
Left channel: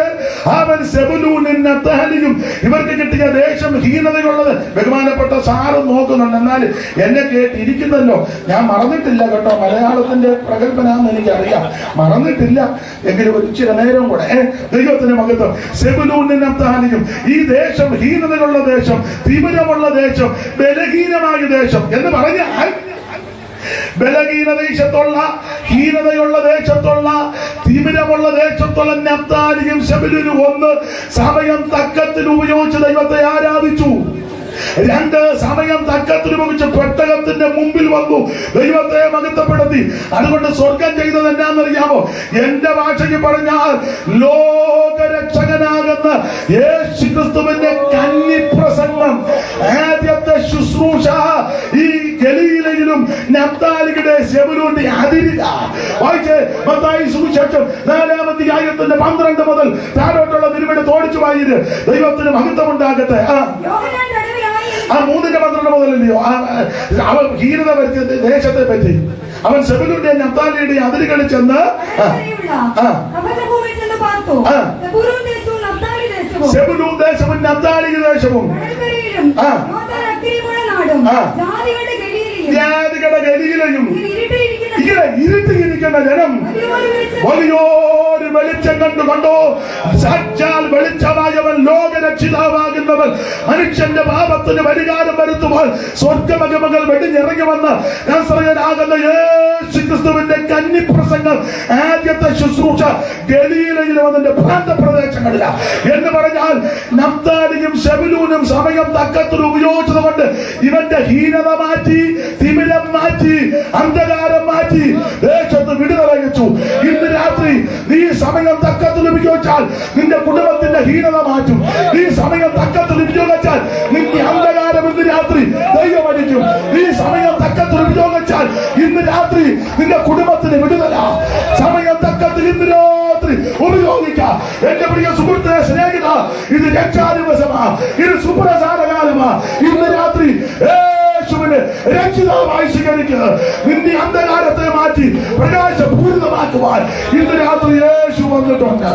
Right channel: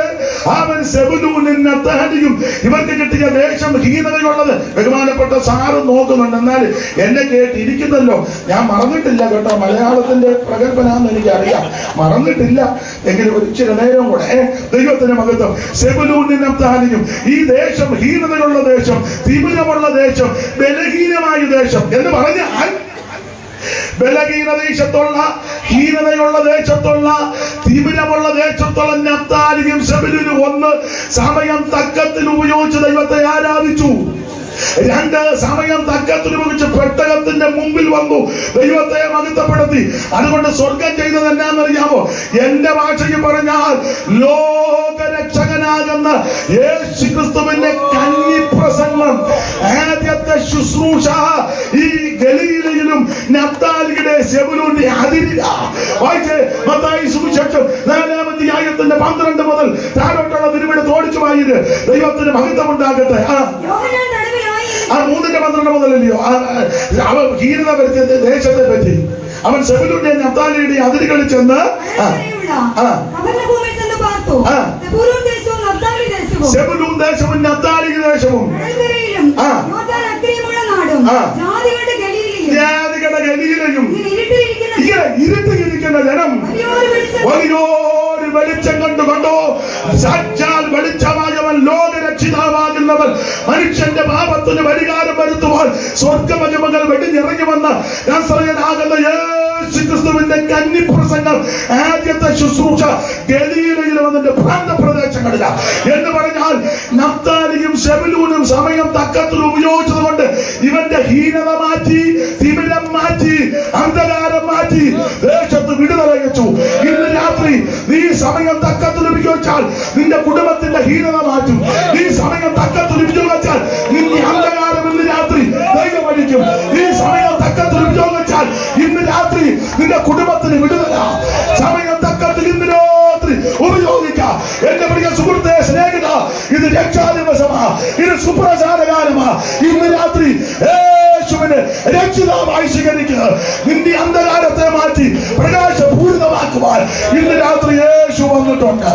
അവൻ സെബുലൂനും നഫ്താലിയും ഇവർക്ക് കിട്ടിയ ദേശം ഹീനതയുള്ളത്. ബഹുമാനപ്പെട്ട സാറ് നോക്കുന്നുണ്ട്. എന്നാൽ എന്നെ കേട്ടിരിക്കുന്നല്ലോ. ഞാൻ മറന്നിട്ടില്ല കേട്ടോ. മലയാളത്തിന്റെ പ്രഗത്ഭനാന്ന് എനിക്കറിയാം, മറന്നിട്ടില്ല. എങ്കിലും ഒരു ചില നേരം കൂടെ ദൈവത്തിന് മഹത്വം. സെബുലൂനും നഫ്താലിയും ഈ ദേശം ഹീനതയുള്ള ദേശം, തിമിരമുള്ള ദേശം, ബലഹീനമായ ദേശം എന്ന് പറഞ്ഞാൽ ബലഹീന ദേശത്തുള്ള, ഹീനതയുള്ള ദേശത്തുള്ള, തിമിരമുള്ള ദേശത്തുള്ള നഫ്താലിയും സെബുലൂനും ഒന്ന് സമയം തക്കത്തിൽ ഉപയോഗിച്ച് ദൈവത്തെ ആരാധിച്ചു. 2 സമയം തക്കത്തിൽ ഉപയോഗിച്ച് പെട്ടകത്തിന്റെ മുമ്പിൽ വന്നു, ദൈവത്തെ മഹത്വപ്പെടുത്തി. അതുകൊണ്ട് സ്വർഗം ചെയ്തത് എന്നാന്നറിയാമോ? എന്റെ ഭാഷയ്ക്ക് പറഞ്ഞാൽ ലോകരക്ഷകനാകുന്ന യേശുക്രിസ്തുവിന്റെ കന്നിപ്രസംഗം, ആദ്യത്തെ ശുശ്രൂഷ ഈ ഗലീലയിലും നഫ്താലിയുടെ സെബുലൂന്റെ അതിരില്ല. വായിച്ച് മത്തായി സുവിശേഷം 4-ാം അധ്യായത്തിന്റെ 12 മുതൽ താഴോട്ടുള്ള തിരുവെടുത്ത് ഓടിച്ചു വായിര്. ദൈവത്തിന് മഹത്വം ഉണ്ടാകട്ടെ. 3-12 മുതലല്ലയോ അവൻ ഹീനത വരുത്തിയ ദേശത്തെ പറ്റി. അവൻ സെബുലൂന്റെ നഫ്താലിയുടെ അതിരുകളിൽ ചെന്ന് സെബുലൂൻ ദേശവും നഫ്താലി ദേശവും ജാതികളുടെ ഗലീലയും ഇങ്ങനെ ഇരുട്ടിയിരിക്കുന്ന ജനം വലിയൊരു വെളിച്ചം കണ്ടോ. സാക്ഷാൽ വെളിച്ചമായവൻ, ലോകരക്ഷിതാവാകുന്നവൻ, മനുഷ്യന്റെ പാപത്തിന് പരിഹാരം വരുത്തുവാൻ സ്വർഗമഹിമകൾ വെടിഞ്ഞിറങ്ങി വന്ന നസറേയനാകുന്ന യേശുക്രിസ്തുവിന്റെ കന്നിപ്രസംഗം, ആദ്യത്തെ ശുശ്രൂഷ ഗലീലയിലും അതിന്റെ പ്രാന്തപ്രദേശങ്ങളില എന്ന് പറഞ്ഞാൽ നഫ്താലിയും സെബുലൂനും സമയം തക്കത്തിൽ ഉപയോഗിച്ചത് കൊണ്ട് ഇവന്റെ ഹീനത മാറ്റി, തിമിരം മാറ്റി, അന്ധകാരം മാറ്റി, ദേശത്ത് വിടുതല വെച്ചു. ഇന്ന് രാത്രി നീ സമയം തക്കത്തിൽ ഉപയോഗിച്ചാൽ നിന്റെ കുടുംബത്തിന്റെ ഹീനത മാറ്റും. ഈ സമയം തക്കത്തിൽ ഉപയോഗിച്ചാൽ നിന്റെ അന്ധകാരം ഇന്ന് രാത്രി ദൈവം അടിക്കും. ഈ സമയം തക്കത്തിൽ ഉപയോഗിച്ചാൽ ഇന്ന് രാത്രി നിന്റെ കുടുംബത്തിന് വിടുതല. സമയം തക്കത്തിൽ ഇന്ന് രാത്രി ഉപയോഗിക്കാം. എന്റെ പ്രിയ സുഹൃത്തെ, സ്നേഹിത, ഇത് രക്ഷാദിവസമാ, ഇത് സുപ്രസാദകാലമാ. ഇന്ന് രാത്രി യേശുവിനെ രക്ഷിതാവായി സ്വീകരിക്കുക. നിന്റെ അന്ധകാരത്തെ മാറ്റി പ്രകാശപൂരിതമാക്കുവാൻ ഇന്ന് രാത്രി യേശു വന്നിട്ടുണ്ട്.